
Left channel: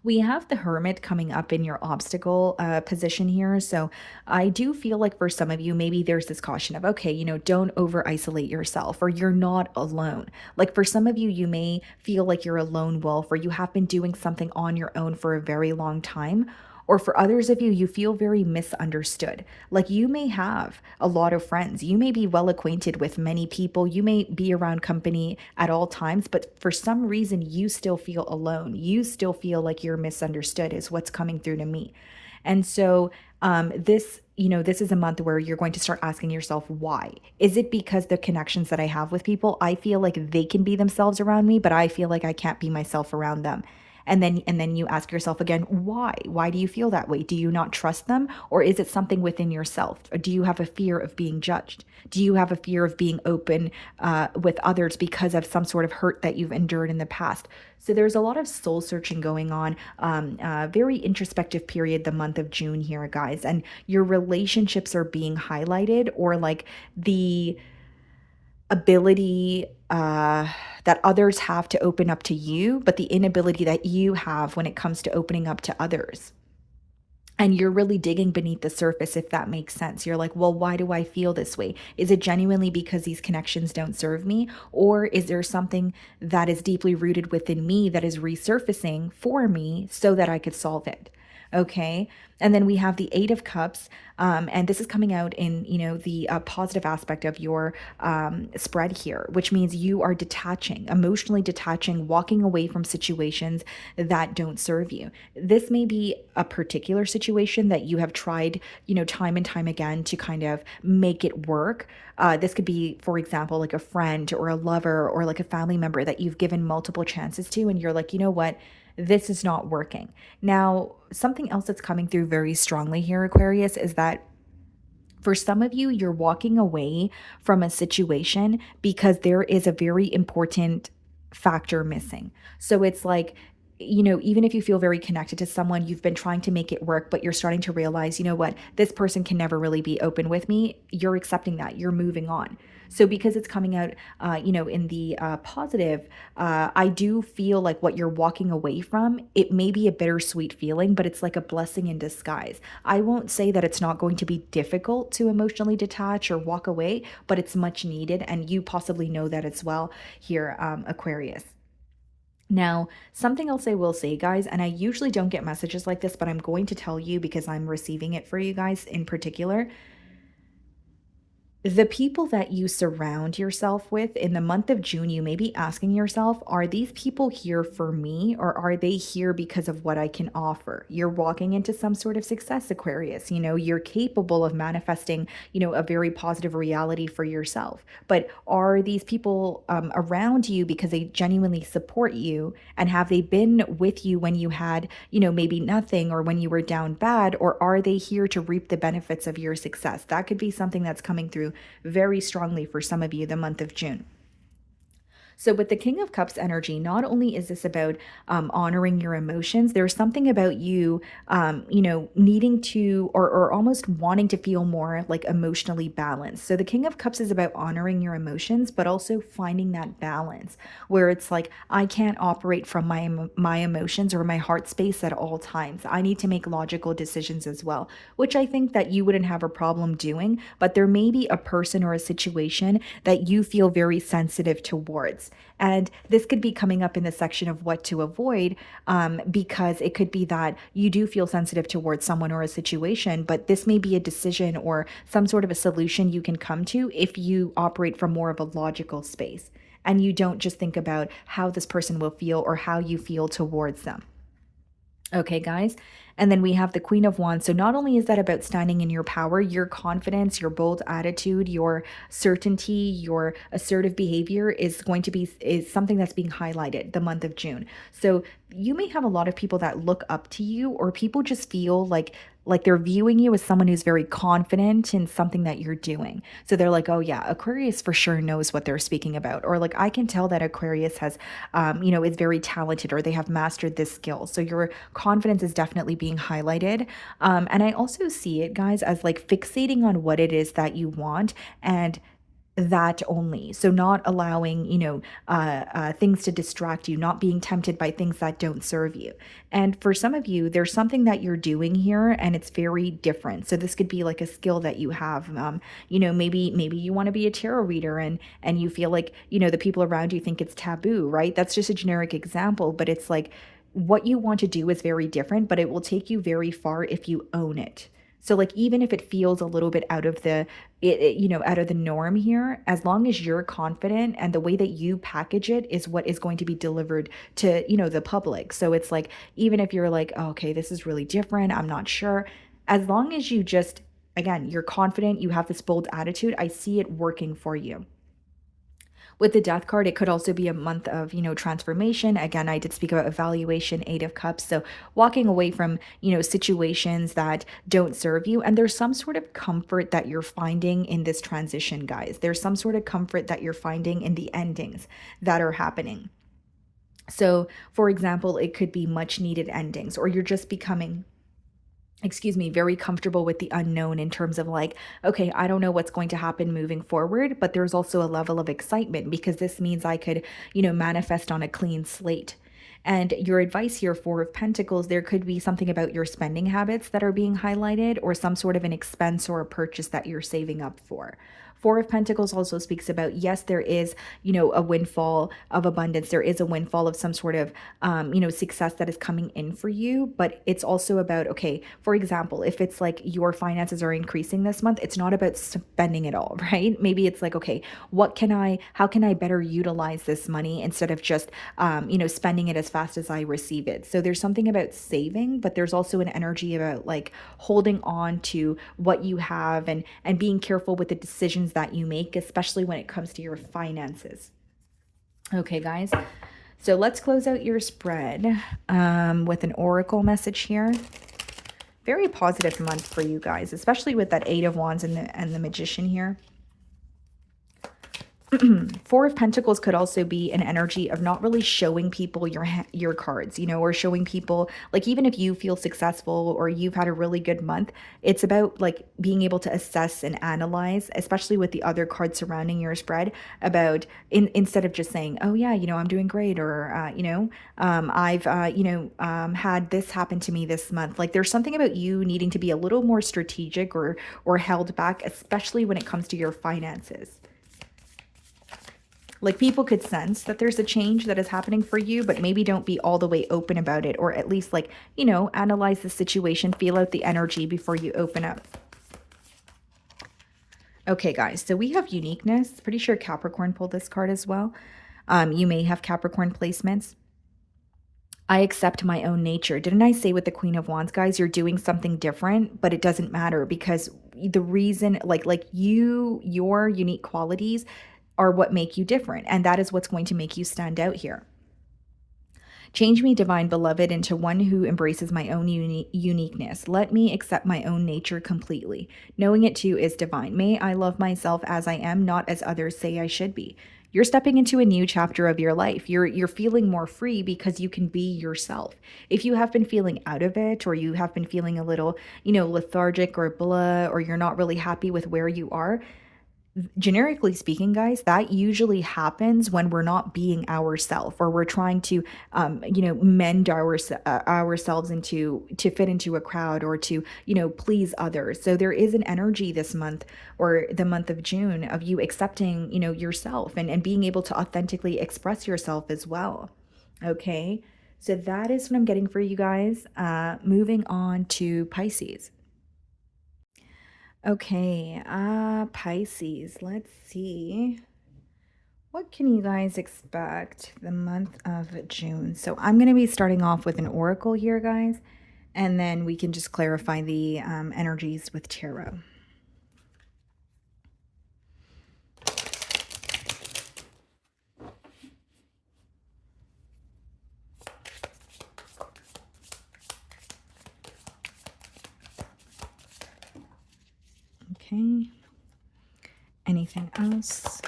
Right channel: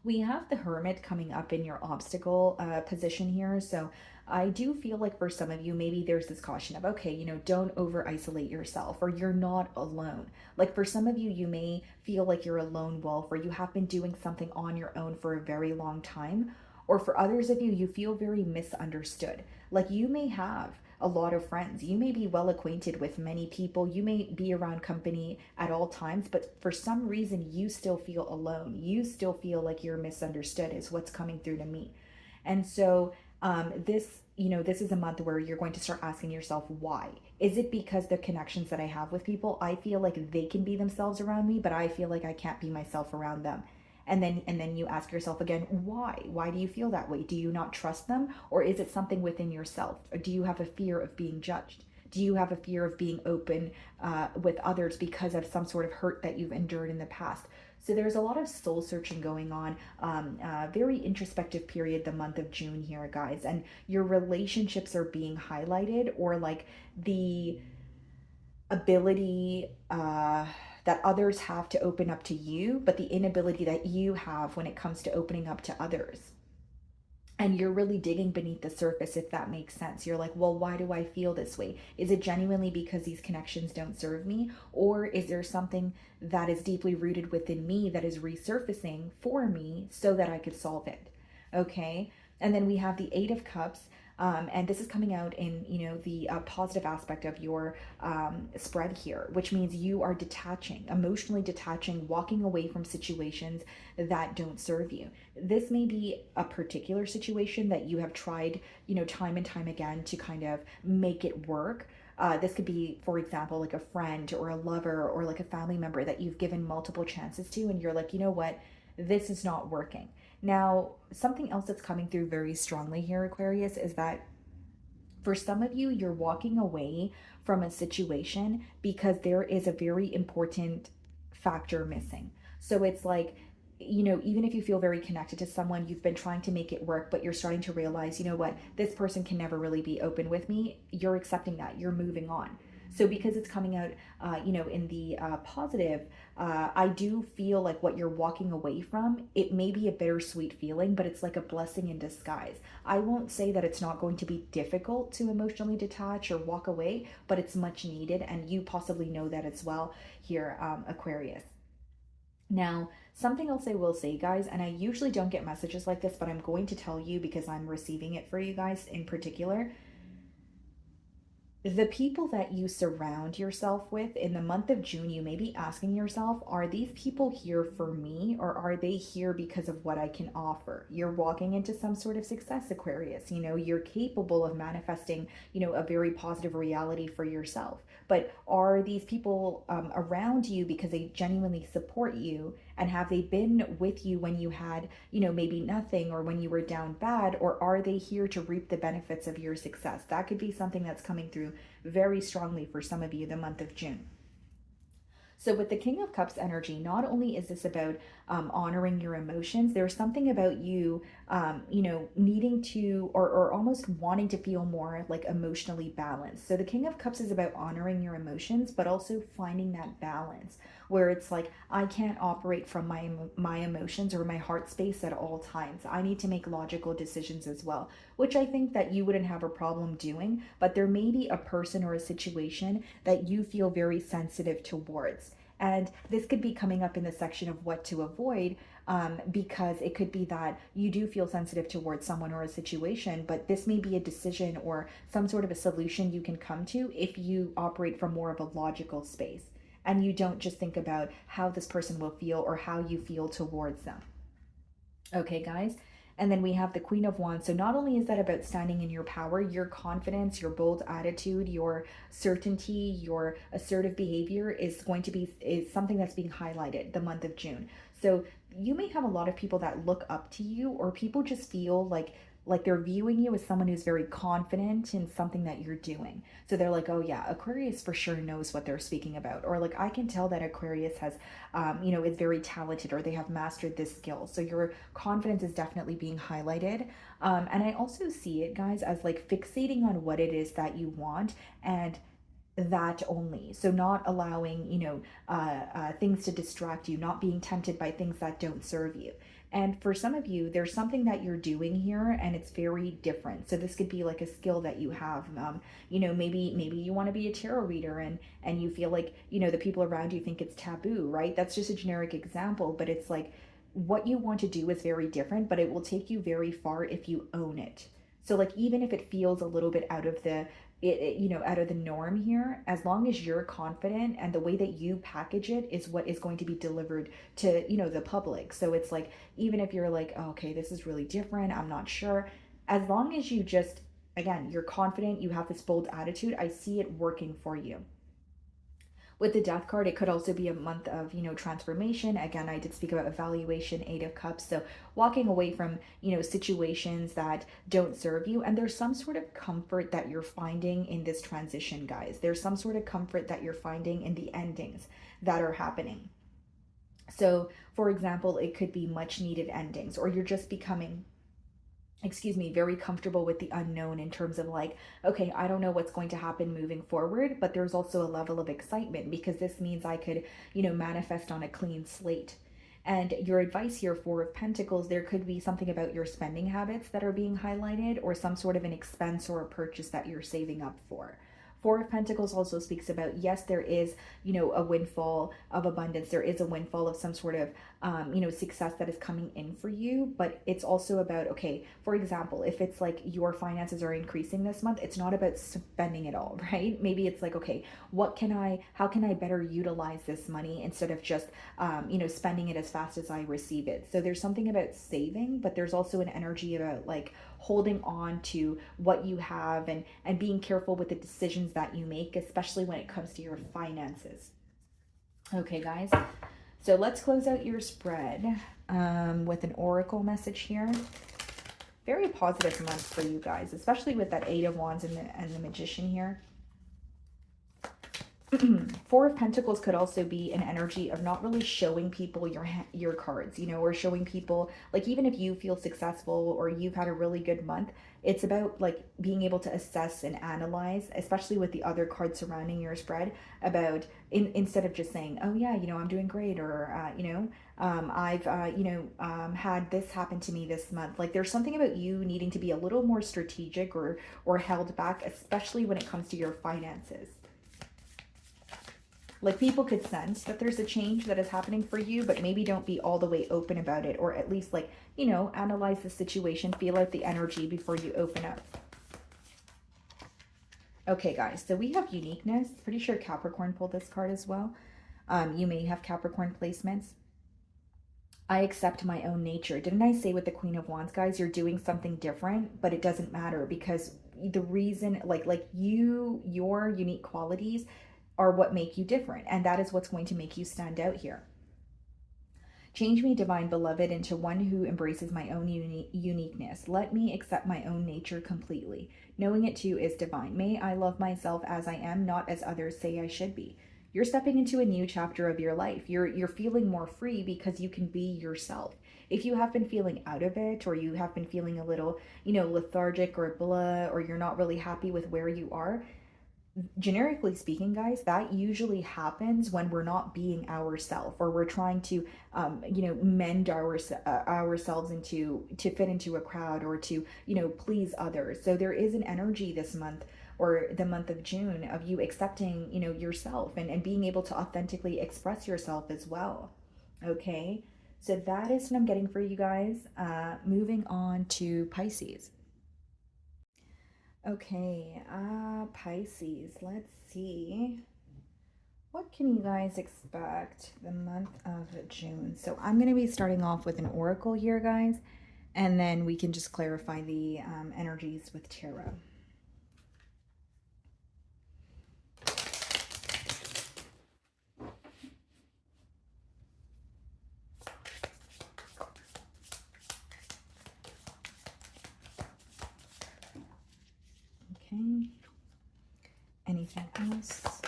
We have the Hermit coming up in your obstacle position here. So I do feel like for some of you, maybe there's this caution of, okay, don't over isolate yourself, or you're not alone. Like for some of you, you may feel like you're a lone wolf, or you have been doing something on your own for a very long time. Or for others of you, you feel very misunderstood. Like you may have a lot of friends. You may be well acquainted with many people. You may be around company at all times, but for some reason, you still feel alone. You still feel like you're misunderstood is what's coming through to me. And so this is a month where you're going to start asking yourself, why? Is it because the connections that I have with people, I feel like they can be themselves around me, but I feel like I can't be myself around them? And then you ask yourself again, why? Why do you feel that way? Do you not trust them? Or is it something within yourself? Or do you have a fear of being judged? Do you have a fear of being open with others because of some sort of hurt that you've endured in the past? So there's a lot of soul searching going on, very introspective period, the month of June here, guys. And your relationships are being highlighted, or like the ability that others have to open up to you, but the inability that you have when it comes to opening up to others. And you're really digging beneath the surface, if that makes sense. You're like, well, why do I feel this way? Is it genuinely because these connections don't serve me? Or is there something that is deeply rooted within me that is resurfacing for me so that I could solve it? Okay. And then we have the Eight of Cups. And this is coming out in, the positive aspect of your spread here, which means you are detaching, emotionally detaching, walking away from situations that don't serve you. This may be a particular situation that you have tried, time and time again to kind of make it work. This could be, for example, like a friend or a lover or like a family member that you've given multiple chances to, and you're like, you know what? This is not working. Now, something else that's coming through very strongly here, Aquarius, is that for some of you, you're walking away from a situation because there is a very important factor missing. So it's like, even if you feel very connected to someone, you've been trying to make it work, but you're starting to realize, you know what, this person can never really be open with me. You're accepting that. You're moving on. So because it's coming out, in the positive, I do feel like what you're walking away from, it may be a bittersweet feeling, but it's like a blessing in disguise. I won't say that it's not going to be difficult to emotionally detach or walk away, but it's much needed. And you possibly know that as well here, Aquarius. Now, something else I will say, guys, and I usually don't get messages like this, but I'm going to tell you because I'm receiving it for you guys in particular. the people that you surround yourself with in the month of June, you may be asking yourself, are these people here for me, or are they here because of what I can offer? You're walking into some sort of success, Aquarius. You know, you're capable of manifesting, you know, a very positive reality for yourself. But are these people around you because they genuinely support you? And have they been with you when you had, you know, maybe nothing, or when you were down bad? Or are they here to reap the benefits of your success? That could be something that's coming through very strongly for some of you the month of June. So with the King of Cups energy, not only is this about honoring your emotions, there's something about you, you know, needing to, or almost wanting to feel more like emotionally balanced. So the King of Cups is about honoring your emotions, but also finding that balance where it's like, I can't operate from my emotions or my heart space at all times. I need to make logical decisions as well, which I think that you wouldn't have a problem doing, but there may be a person or a situation that you feel very sensitive towards. And this could be coming up in the section of what to avoid, because it could be that you do feel sensitive towards someone or a situation, but this may be a decision or some sort of a solution you can come to if you operate from more of a logical space and you don't just think about how this person will feel or how you feel towards them. Okay, guys. And then we have the Queen of Wands. So not only is that about standing in your power, your confidence, your bold attitude, your certainty, your assertive behavior is something that's being highlighted the month of June. So you may have a lot of people that look up to you, or people just feel like they're viewing you as someone who's very confident in something that you're doing. So they're like, oh yeah, Aquarius for sure knows what they're speaking about. Or like, I can tell that Aquarius has, you know, is very talented, or they have mastered this skill. So your confidence is definitely being highlighted. And I also see it, guys, as like fixating on what it is that you want, and that only. So not allowing, you know, things to distract you, not being tempted by things that don't serve you. And for some of you, there's something that you're doing here and it's very different. So this could be like a skill that you have. You know, maybe you want to be a tarot reader, and you feel like, you know, the people around you think it's taboo, right? That's just a generic example, but it's like what you want to do is very different, but it will take you very far if you own it. So like, even if it feels a little bit out of the, you know, out of the norm here, as long as you're confident and the way that you package it is what is going to be delivered to, you know, the public. So it's like, even if you're like, oh, okay, this is really different, I'm not sure, as long as you just, again, you're confident, you have this bold attitude, I see it working for you. With the Death card, it could also be a month of, you know, transformation. Again, I did speak about evaluation, Eight of Cups. So walking away from, you know, situations that don't serve you. And there's some sort of comfort that you're finding in this transition, guys. There's some sort of comfort that you're finding in the endings that are happening. So, for example, it could be much needed endings, or you're just becoming, very comfortable with the unknown in terms of like, okay, I don't know what's going to happen moving forward, but there's also a level of excitement because this means I could, you know, manifest on a clean slate. And your advice here, Four of Pentacles, there could be something about your spending habits that are being highlighted, or some sort of an expense or a purchase that you're saving up for. Four of Pentacles also speaks about, yes, there is, you know, a windfall of abundance. There is a windfall of some sort of, you know, success that is coming in for you. But it's also about, okay, for example, if it's like your finances are increasing this month, it's not about spending it all, right? Maybe it's like, okay, how can I better utilize this money instead of just, you know, spending it as fast as I receive it? So there's something about saving, but there's also an energy about like holding on to what you have, and being careful with the decisions that you make, especially when it comes to your finances. Okay, guys, so let's close out your spread with an oracle message here. Very positive month for you guys, especially with that Eight of Wands and the Magician here. Four of Pentacles could also be an energy of not really showing people your cards, you know, or showing people, like, even if you feel successful or you've had a really good month, it's about like being able to assess and analyze, especially with the other cards surrounding your spread, about instead of just saying, oh yeah, you know, I'm doing great, or you know, I've you know, had this happen to me this month. Like, there's something about you needing to be a little more strategic or held back, especially when it comes to your finances. Like, people could sense that there's a change that is happening for you, but maybe don't be all the way open about it, or at least, like, you know, analyze the situation, feel out the energy before you open up. Okay, guys, so we have uniqueness. Pretty sure Capricorn pulled this card as well. You may have Capricorn placements. I accept my own nature. Didn't I say with the Queen of Wands, guys, you're doing something different, but it doesn't matter because the reason, like your unique qualities are what make you different. And that is what's going to make you stand out here. Change me, divine beloved, into one who embraces my own uniqueness. Let me accept my own nature completely. Knowing it too is divine. May I love myself as I am, not as others say I should be. You're stepping into a new chapter of your life. You're feeling more free because you can be yourself. If you have been feeling out of it, or you have been feeling a little, lethargic or blah, or you're not really happy with where you are, generically speaking, guys, that usually happens when we're not being ourselves, or we're trying to mend ourselves into to fit into a crowd, or to please others. So there is an energy this month, or the month of June, of you accepting yourself, and being able to authentically express yourself as well. Okay, so that is what I'm getting for you guys. Moving on to Pisces. Okay, Pisces, let's see. What can you guys expect the month of June? So I'm going to be starting off with an oracle here, guys, and then we can just clarify the energies with tarot. Okay. Anything else?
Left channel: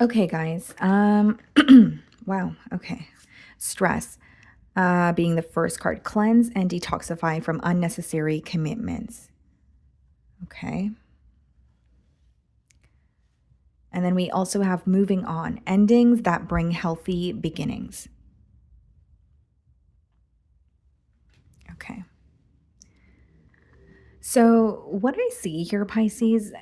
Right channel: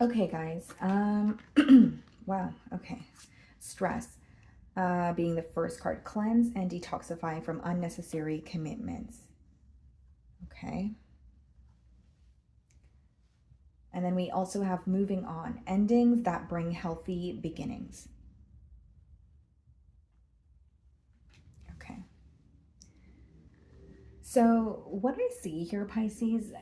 Okay, guys. Wow. Okay. Stress. Being the first card. Cleanse and detoxify from unnecessary commitments. Okay. And then we also have moving on. Endings that bring healthy beginnings. Okay. So what I see here, Pisces,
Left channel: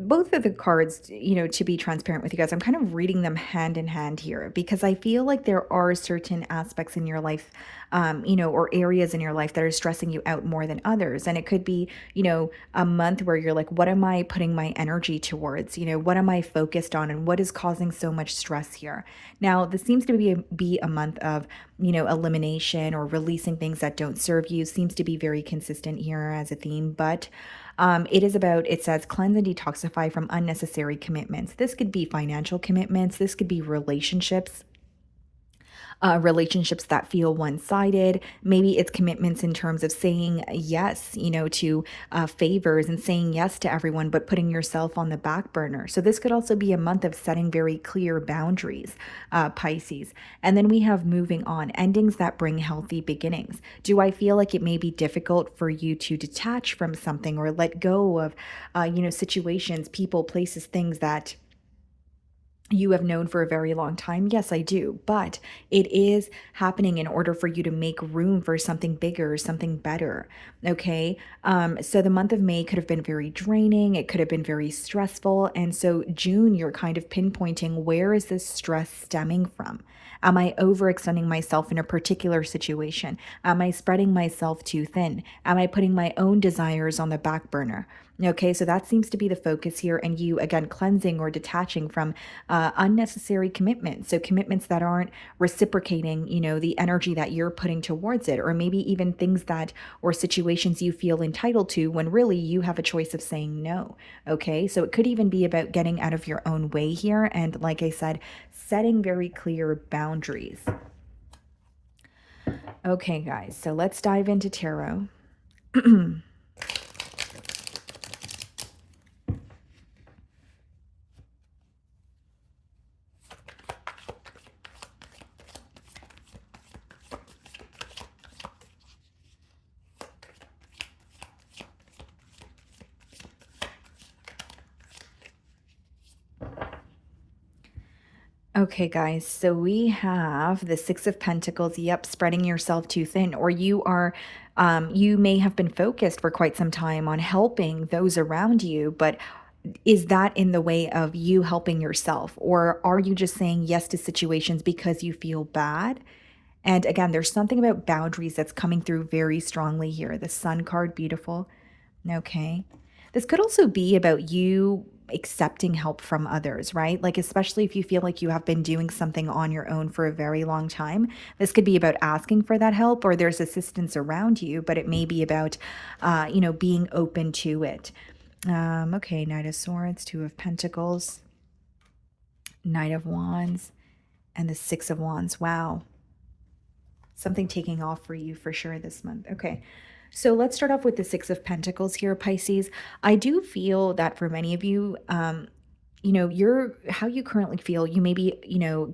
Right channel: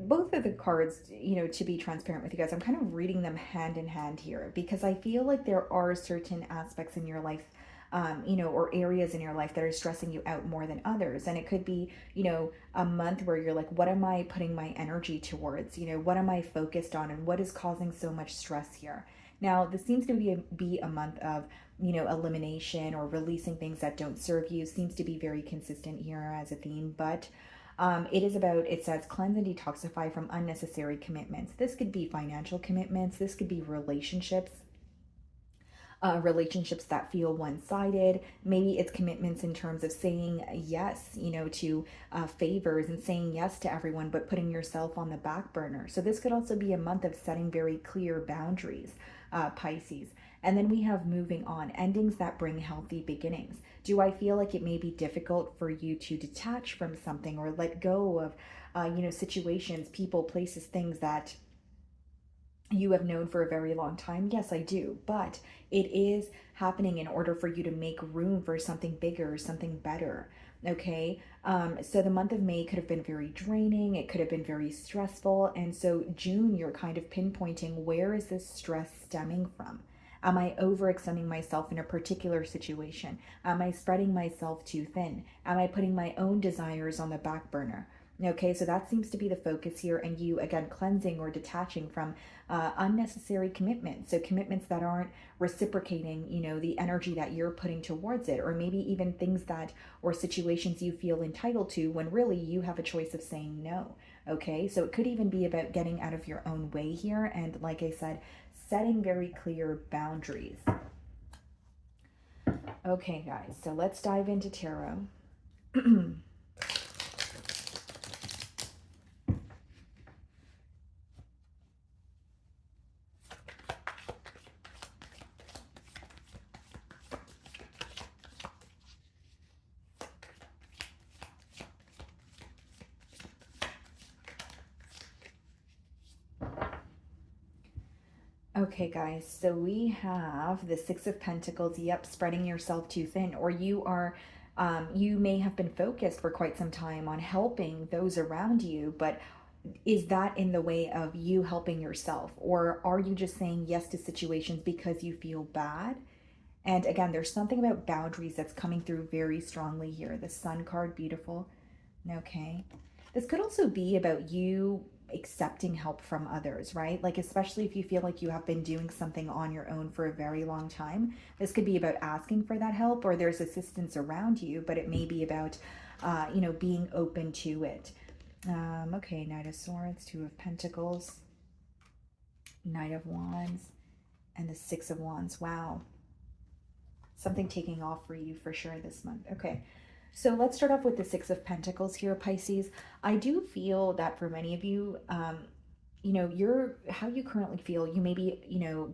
both of the cards, to be transparent with you guys, I'm kind of reading them hand in hand here, because I feel like there are certain aspects in your life, or areas in your life that are stressing you out more than others. And it could be, a month where you're like, what am I putting my energy towards? What am I focused on, and what is causing so much stress here? Now, this seems to be a month of, elimination, or releasing things that don't serve you. Seems to be very consistent here as a theme, but it says cleanse and detoxify from unnecessary commitments. This could be financial commitments. This could be relationships. Relationships that feel one-sided. Maybe it's commitments in terms of saying yes, to favors, and saying yes to everyone, but putting yourself on the back burner. So this could also be a month of setting very clear boundaries, Pisces. And then we have moving on, endings that bring healthy beginnings. Do I feel like it may be difficult for you to detach from something, or let go of, situations, people, places, things that you have known for a very long time? Yes, I do. But it is happening in order for you to make room for something bigger, something better. Okay. So the month of May could have been very draining. It could have been very stressful. And so June, you're kind of pinpointing, where is this stress stemming from? Am I overextending myself in a particular situation? Am I spreading myself too thin? Am I putting my own desires on the back burner? Okay, so that seems to be the focus here, and you, again, cleansing or detaching from unnecessary commitments. So commitments that aren't reciprocating, the energy that you're putting towards it, or maybe even things that, or situations you feel entitled to, when really you have a choice of saying no. Okay, so it could even be about getting out of your own way here, and like I said, setting very clear boundaries. Okay, guys, so let's dive into tarot. Okay, guys, so we have the Six of Pentacles. Yep, spreading yourself too thin, or you may have been focused for quite some time on helping those around you, but is that in the way of you helping yourself? Or are you just saying yes to situations because you feel bad And again, there's something about boundaries that's coming through very strongly here. The Sun card, beautiful. Okay. This could also be about you accepting help from others, right? Like, especially if you feel like you have been doing something on your own for a very long time. This could be about asking for that help, or there's assistance around you, but it may be about, being open to it. Okay, Knight of Swords, Two of Pentacles, Knight of Wands, and the Six of Wands. Wow. Something taking off for you for sure this month. Okay. So let's start off with the Six of Pentacles here, Pisces. I do feel that for many of you, how you currently feel, you may be,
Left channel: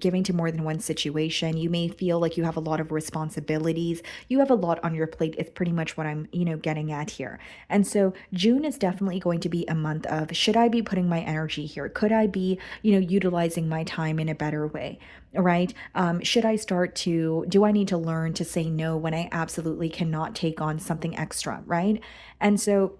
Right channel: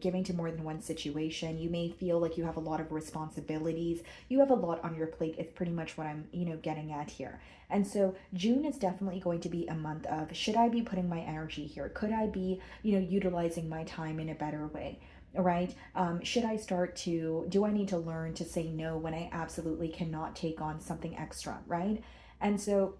giving to more than one situation. You may feel like you have a lot of responsibilities. You have a lot on your plate. It's pretty much what I'm, getting at here. And so June is definitely going to be a month of, should I be putting my energy here? Could I be, utilizing my time in a better way? Right? Should I do I need to learn to say no when I absolutely cannot take on something extra? Right? And so,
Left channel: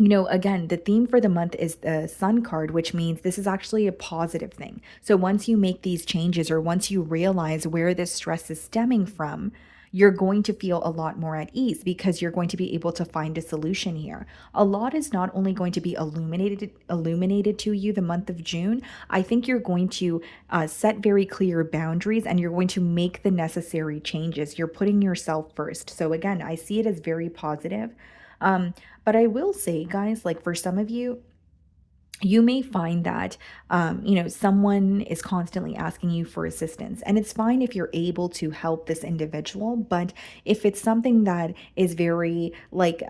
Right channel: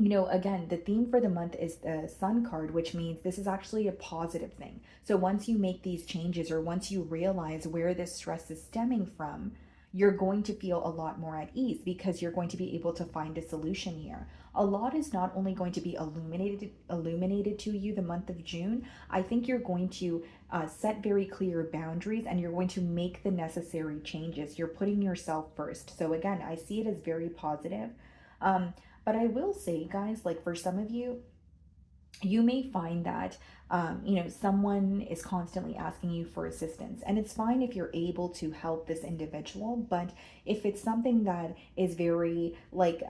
again, the theme for the month is the Sun card, which means this is actually a positive thing. So once you make these changes, or once you realize where this stress is stemming from, you're going to feel a lot more at ease, because you're going to be able to find a solution here. A lot is not only going to be illuminated to you the month of June. I think you're going to set very clear boundaries, and you're going to make the necessary changes. You're putting yourself first. So again, I see it as very positive. But I will say, guys, like for some of you, you may find that, someone is constantly asking you for assistance, and it's fine if you're able to help this individual. But if it's something that is very like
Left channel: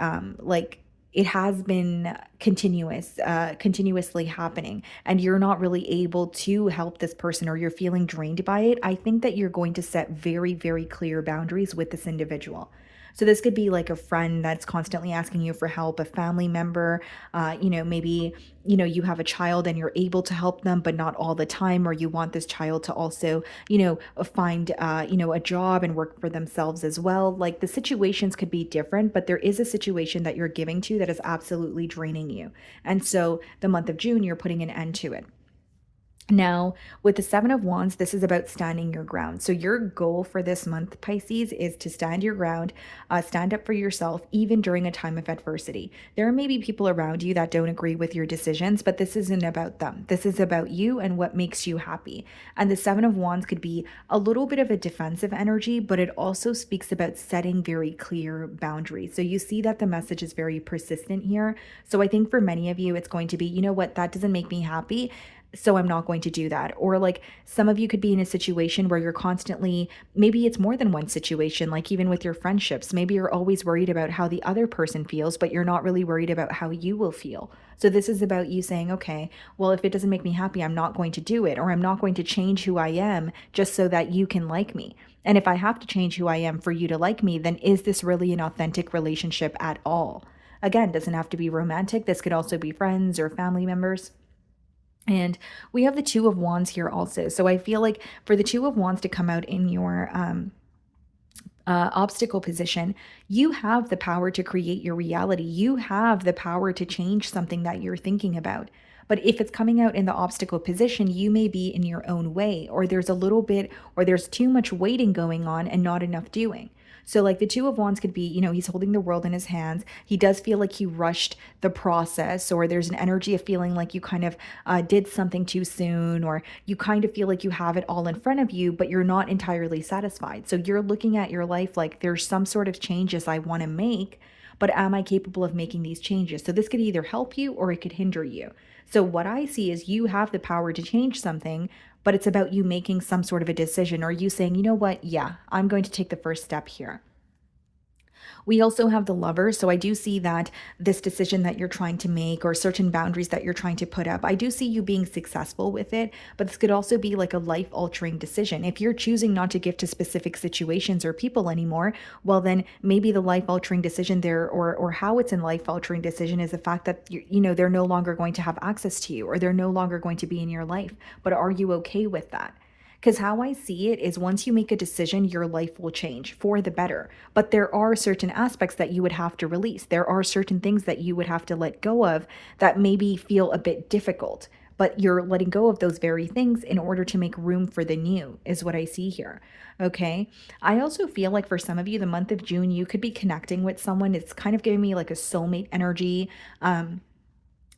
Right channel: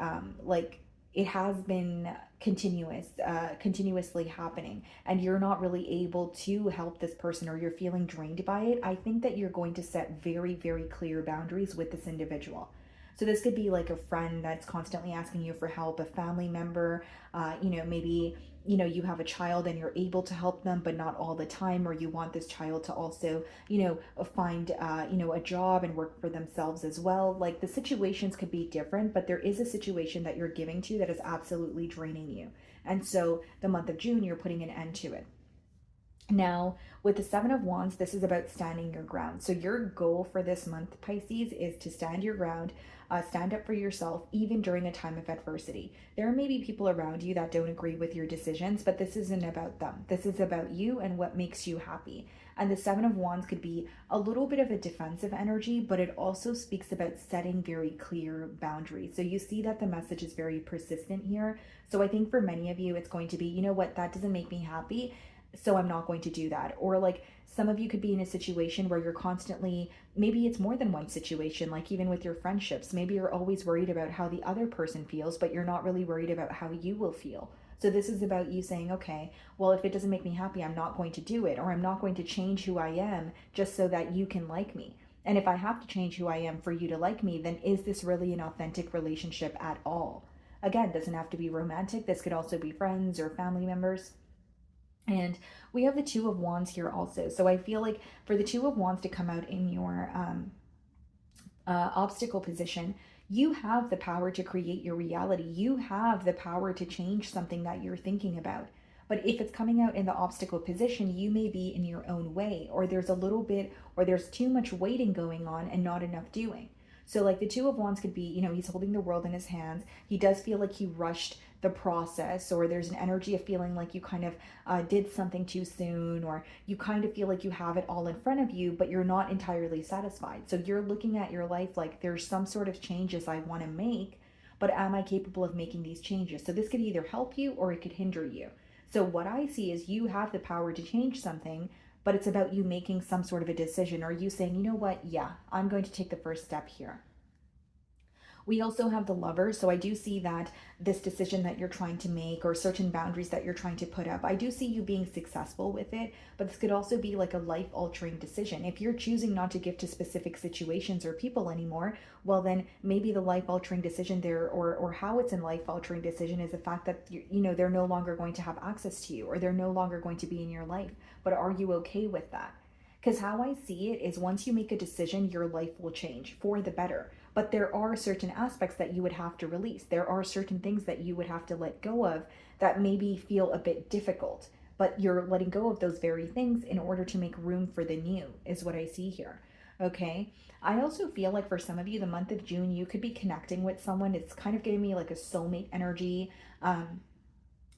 it has been continuously happening, and you're not really able to help this person, or you're feeling drained by it, I think that you're going to set very, very clear boundaries with this individual. So this could be like a friend that's constantly asking you for help, a family member, maybe, you have a child and you're able to help them, but not all the time, or you want this child to also, find, a job and work for themselves as well. Like, the situations could be different, but there is a situation that you're giving to that is absolutely draining you. And so the month of June, you're putting an end to it. Now, with the Seven of Wands, this is about standing your ground. So your goal for this month, Pisces, is to stand your ground, stand up for yourself, even during a time of adversity. There may be people around you that don't agree with your decisions, but this isn't about them. This is about you and what makes you happy. And the Seven of Wands could be a little bit of a defensive energy, but it also speaks about setting very clear boundaries. So you see that the message is very persistent here. So I think for many of you, it's going to be, you know what, that doesn't make me happy, so I'm not going to do that. Or like, some of you could be in a situation where you're constantly, maybe it's more than one situation, like even with your friendships, maybe you're always worried about how the other person feels, but you're not really worried about how you will feel. So this is about you saying, okay, well, if it doesn't make me happy, I'm not going to do it, or I'm not going to change who I am just so that you can like me. And if I have to change who I am for you to like me, then is this really an authentic relationship at all? Again, doesn't have to be romantic. This could also be friends or family members. And we have the Two of Wands here also. So I feel like for the Two of Wands to come out in your obstacle position, you have the power to create your reality. You have the power to change something that you're thinking about. But if it's coming out in the obstacle position, you may be in your own way, or there's a little bit, or there's too much waiting going on and not enough doing. So like the Two of Wands could be, he's holding the world in his hands. He does feel like he rushed the process, or there's an energy of feeling like you kind of did something too soon, or you kind of feel like you have it all in front of you, but you're not entirely satisfied. So you're looking at your life like, there's some sort of changes I want to make, but am I capable of making these changes? So this could either help you or it could hinder you. So what I see is you have the power to change something, but it's about you making some sort of a decision, or you saying, you know what, yeah, I'm going to take the first step here. We also have the Lover. So I do see that this decision that you're trying to make, or certain boundaries that you're trying to put up, I do see you being successful with it, but this could also be like a life-altering decision. If you're choosing not to give to specific situations or people anymore, well, then maybe the life-altering decision there, or how it's a life-altering decision, is the fact that they're no longer going to have access to you, or they're no longer going to be in your life. But are you okay with that? Because how I see it is, once you make a decision, your life will change for the better. But there are certain aspects that you would have to release. There are certain things that you would have to let go of that maybe feel a bit difficult. but you're letting go of those very things in order to make room for the new, is what I see here. Okay. I also feel like for some of you, the month of June, you could be connecting with someone. It's kind of giving me like a soulmate energy.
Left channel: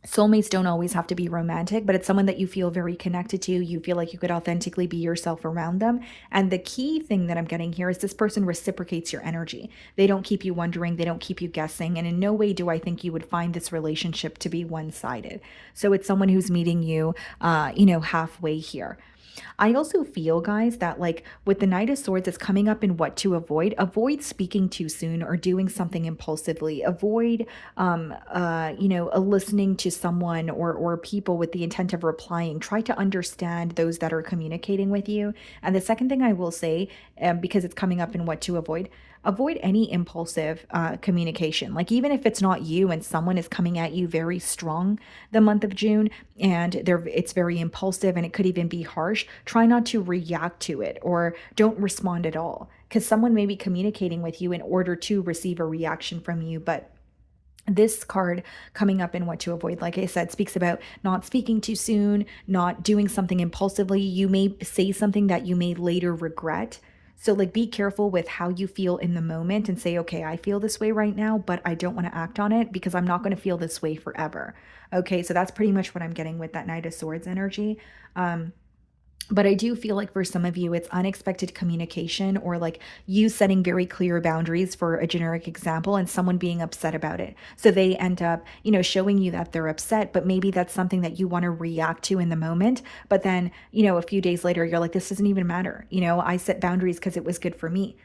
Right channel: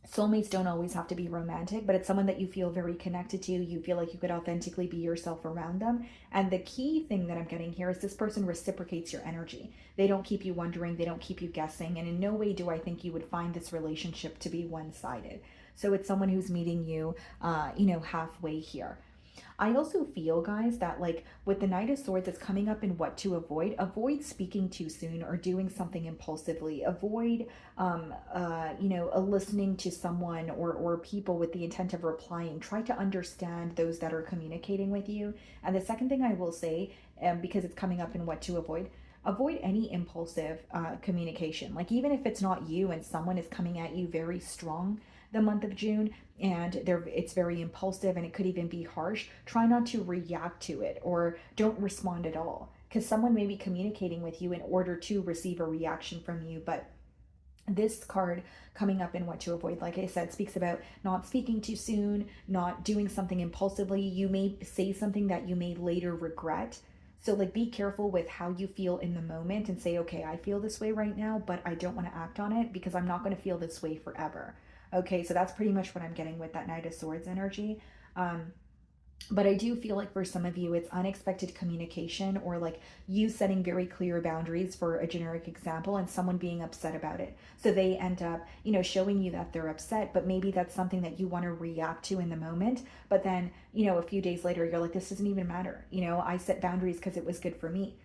Soulmates don't always have to be romantic, but it's someone that you feel very connected to. You feel like you could authentically be yourself around them. And the key thing that I'm getting here is this person reciprocates your energy. They don't keep you wondering, they don't keep you guessing. And in no way do I think you would find this relationship to be one-sided. So it's someone who's meeting you, halfway here. I also feel, guys, that like with the Knight of Swords, it's coming up in what to avoid. Avoid speaking too soon or doing something impulsively. Avoid, listening to someone or people with the intent of replying. Try to understand those that are communicating with you. And the second thing I will say, because it's coming up in what to avoid any impulsive communication. Like even if it's not you and someone is coming at you very strong the month of June and it's very impulsive and it could even be harsh, try not to react to it or don't respond at all, because someone may be communicating with you in order to receive a reaction from you. But this card coming up in what to avoid, like I said, speaks about not speaking too soon, not doing something impulsively. You may say something that you may later regret. So like be careful with how you feel in the moment and say, okay, I feel this way right now, but I don't want to act on it because I'm not going to feel this way forever. Okay, so that's pretty much what I'm getting with that Knight of Swords energy. But I do feel like for some of you, it's unexpected communication or like you setting very clear boundaries, for a generic example, and someone being upset about it. So they end up, showing you that they're upset, but maybe that's something that you want to react to in the moment. But then, a few days later, you're like, this doesn't even matter. I set boundaries because it was good for me.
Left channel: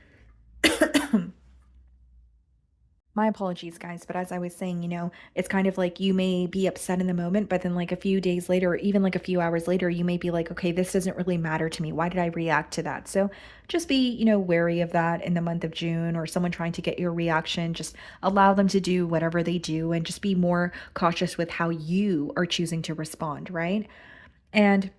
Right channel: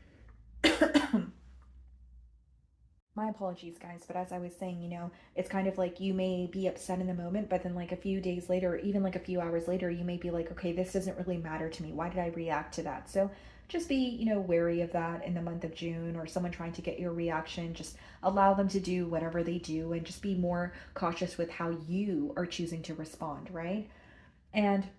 My apologies, guys, but as I was saying, it's kind of like you may be upset in the moment, but then like a few days later, or even like a few hours later, you may be like, okay, this doesn't really matter to me. Why did I react to that? So just be, wary of that in the month of June, or someone trying to get your reaction. Just allow them to do whatever they do and just be more cautious with how you are choosing to respond, right? And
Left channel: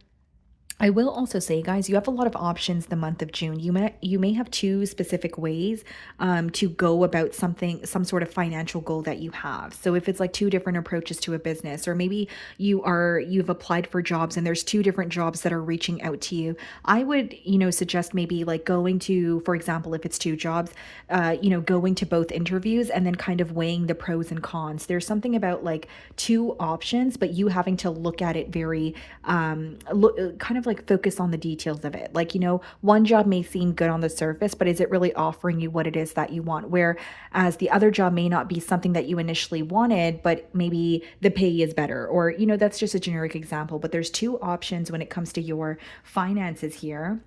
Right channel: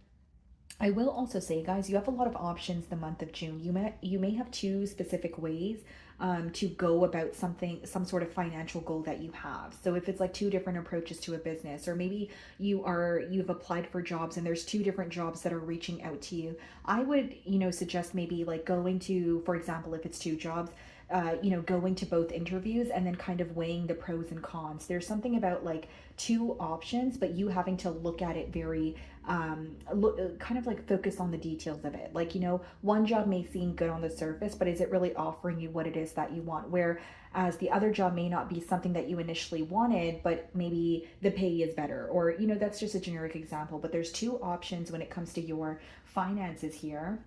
I will also say, guys, you have a lot of options the month of June. You may have two specific ways to go about some sort of financial goal that you have. So if it's like two different approaches to a business, or maybe you've applied for jobs and there's two different jobs that are reaching out to you, I would suggest maybe like going to, for example, if it's two jobs, going to both interviews and then kind of weighing the pros and cons. There's something about like two options, but you having to look at it very kind of like focus on the details of it. Like, one job may seem good on the surface, but is it really offering you what it is that you want? Whereas the other job may not be something that you initially wanted, but maybe the pay is better, or, that's just a generic example. But there's two options when it comes to your finances here.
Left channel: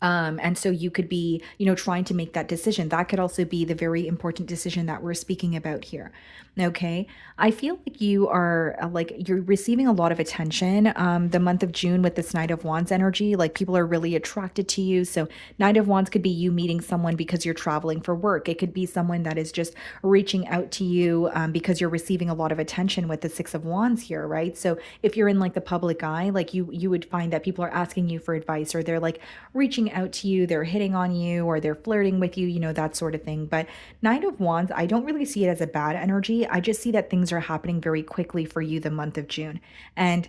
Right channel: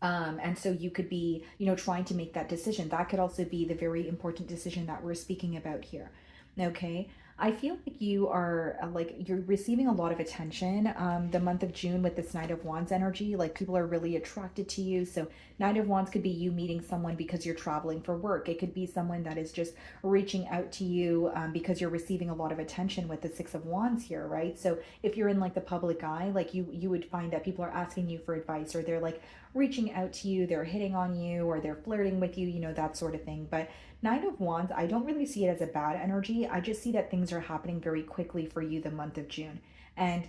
And so you could be, trying to make that decision. That could also be the very important decision that we're speaking about here. Okay. I feel like you are you're receiving a lot of attention the month of June with this Knight of Wands energy. Like people are really attracted to you. So Knight of Wands could be you meeting someone because you're traveling for work. It could be someone that is just reaching out to you because you're receiving a lot of attention with the Six of Wands here, right? So if you're in like the public eye, like you would find that people are asking you for advice, or they're like reaching out to you, they're hitting on you, or they're flirting with you, that sort of thing. But Knight of Wands, I don't really see it as a bad energy. I just see that things are happening very quickly for you the month of June. And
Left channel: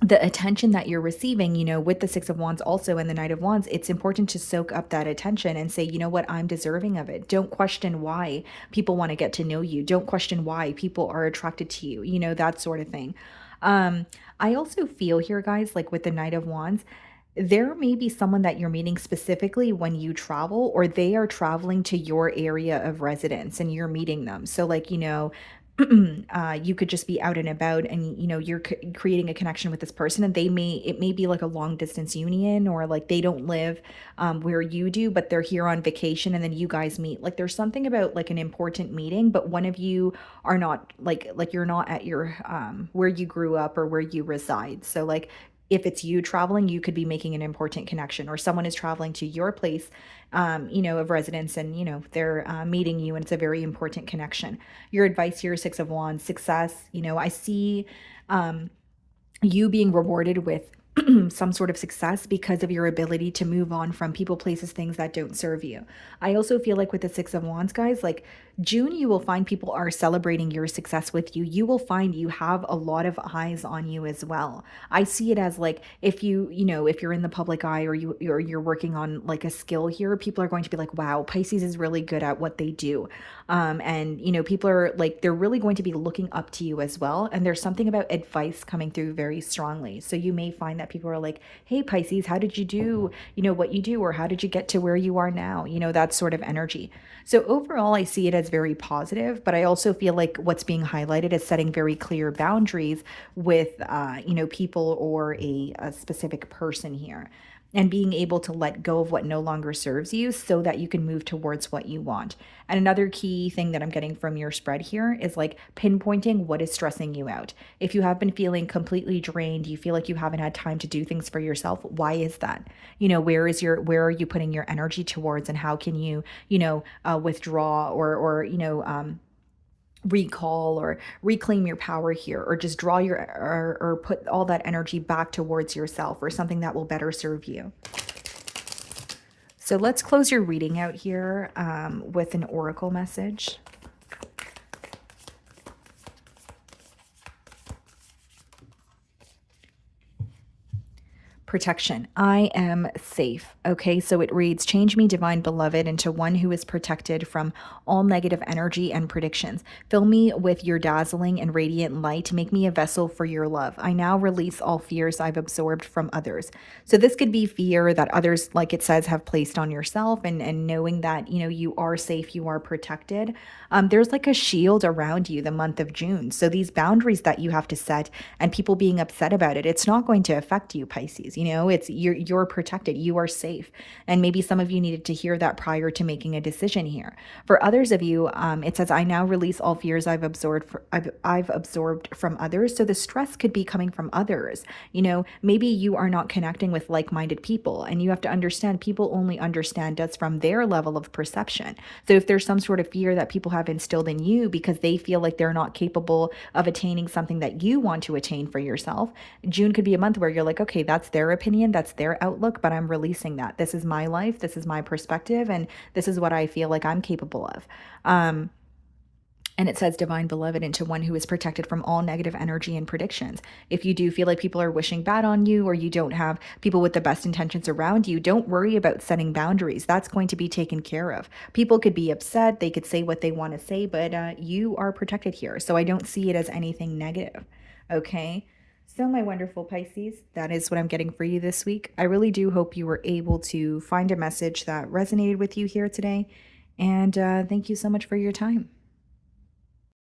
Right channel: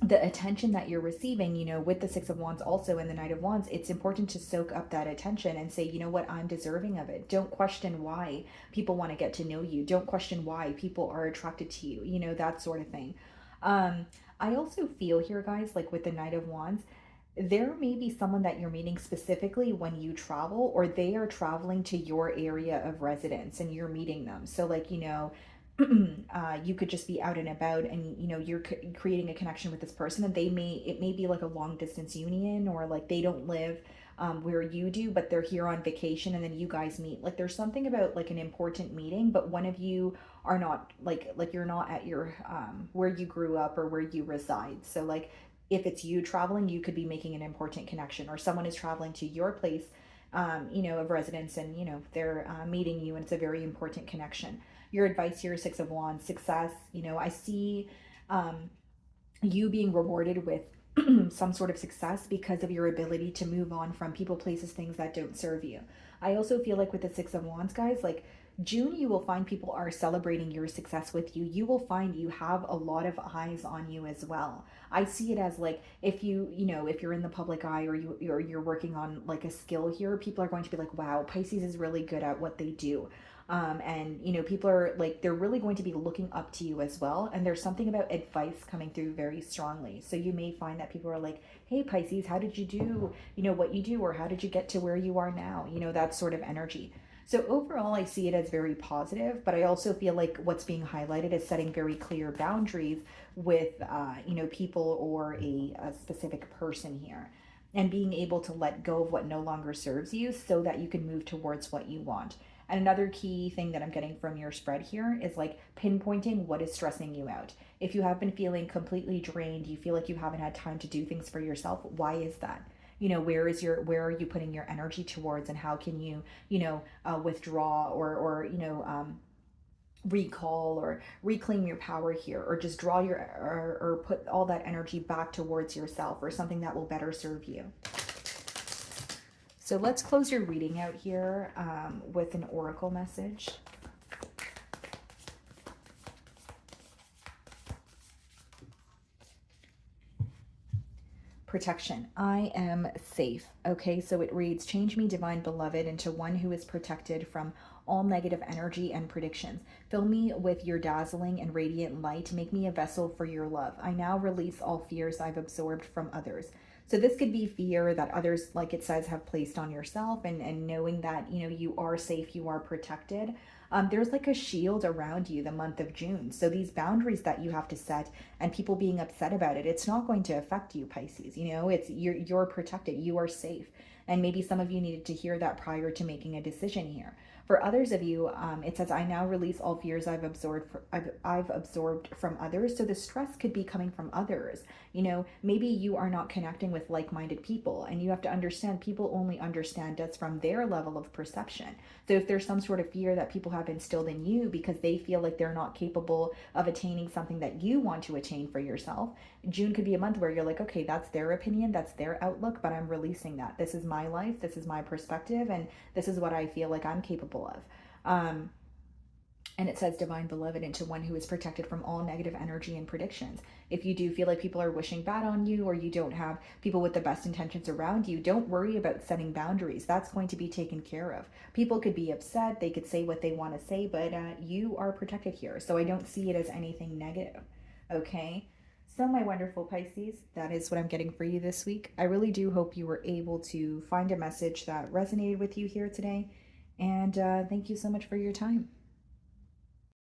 the attention that you're receiving, with the Six of Wands also and the Knight of Wands, it's important to soak up that attention and say, you know what, I'm deserving of it. Don't question why people want to get to know you. Don't question why people are attracted to you, that sort of thing. I also feel here, guys, like with the Knight of Wands, there may be someone that you're meeting specifically when you travel, or they are traveling to your area of residence and you're meeting them. So like, you could just be out and about and, you're creating a connection with this person, and it may be like a long distance union, or like they don't live where you do, but they're here on vacation and then you guys meet. Like there's something about like an important meeting, but one of you are not like you're not at your where you grew up or where you reside. So like if it's you traveling, you could be making an important connection, or someone is traveling to your place, of residence, and, they're meeting you, and it's a very important connection. Your advice here, Six of Wands, success. I see you being rewarded with some sort of success because of your ability to move on from people, places, things that don't serve you. I also feel like with the Six of Wands, guys, like June, you will find people are celebrating your success with you. You will find you have a lot of eyes on you as well. I see it as like if if you're in the public eye or you're working on like a skill here, people are going to be like, wow, Pisces is really good at what they do. And people are like, they're really going to be looking up to you as well. And there's something about advice coming through very strongly. So you may find that people are like, hey, Pisces, how did you do, what you do, or how did you get to where you are now? That sort of energy. So overall, I see it as very positive, but I also feel like what's being highlighted is setting very clear boundaries with, people or a specific person here, and being able to let go of what no longer serves you so that you can move towards what you want. And another key thing that I'm getting from your spread here is like pinpointing what is stressing you out. If you have been feeling completely drained, you feel like you haven't had time to do things for yourself, why is that? Where are you putting your energy towards, and how can you, withdraw or recall or reclaim your power here, or just draw your or put all that energy back towards yourself or something that will better serve you. So let's close your reading out here with an oracle message. Protection. I am safe. Okay, so it reads, change me, divine beloved, into one who is protected from all negative energy and predictions. Fill me with your dazzling and radiant light. Make me a vessel for your love. I now release all fears I've absorbed from others. So this could be fear that others, like it says, have placed on yourself, and knowing that, you are safe, you are protected. There's like a shield around you the month of June. So these boundaries that you have to set and people being upset about it, it's not going to affect you, Pisces. It's you're protected, you are safe. And maybe some of you needed to hear that prior to making a decision here. For others of you, it says, I now release all fears I've absorbed from others. So the stress could be coming from others. Maybe you are not connecting with like-minded people, and you have to understand people only understand us from their level of perception. So if there's some sort of fear that people have instilled in you because they feel like they're not capable of attaining something that you want to attain for yourself, June could be a month where you're like, okay, that's their opinion, that's their outlook, but I'm releasing that. This is my life, this is my perspective, and this is what I feel like I'm capable of. And it says, divine beloved, into one who is protected from all negative energy and predictions. If you do feel like people are wishing bad on you, or you don't have people with the best intentions around you, don't worry about setting boundaries. That's going to be taken care of. People could be upset, they could say what they want to say, but you are protected here. So I don't see it as anything negative. Okay. So my wonderful Pisces, that is what I'm getting for you this week. I really do hope you were able to find a message that resonated with you here today. And thank you so much for your time.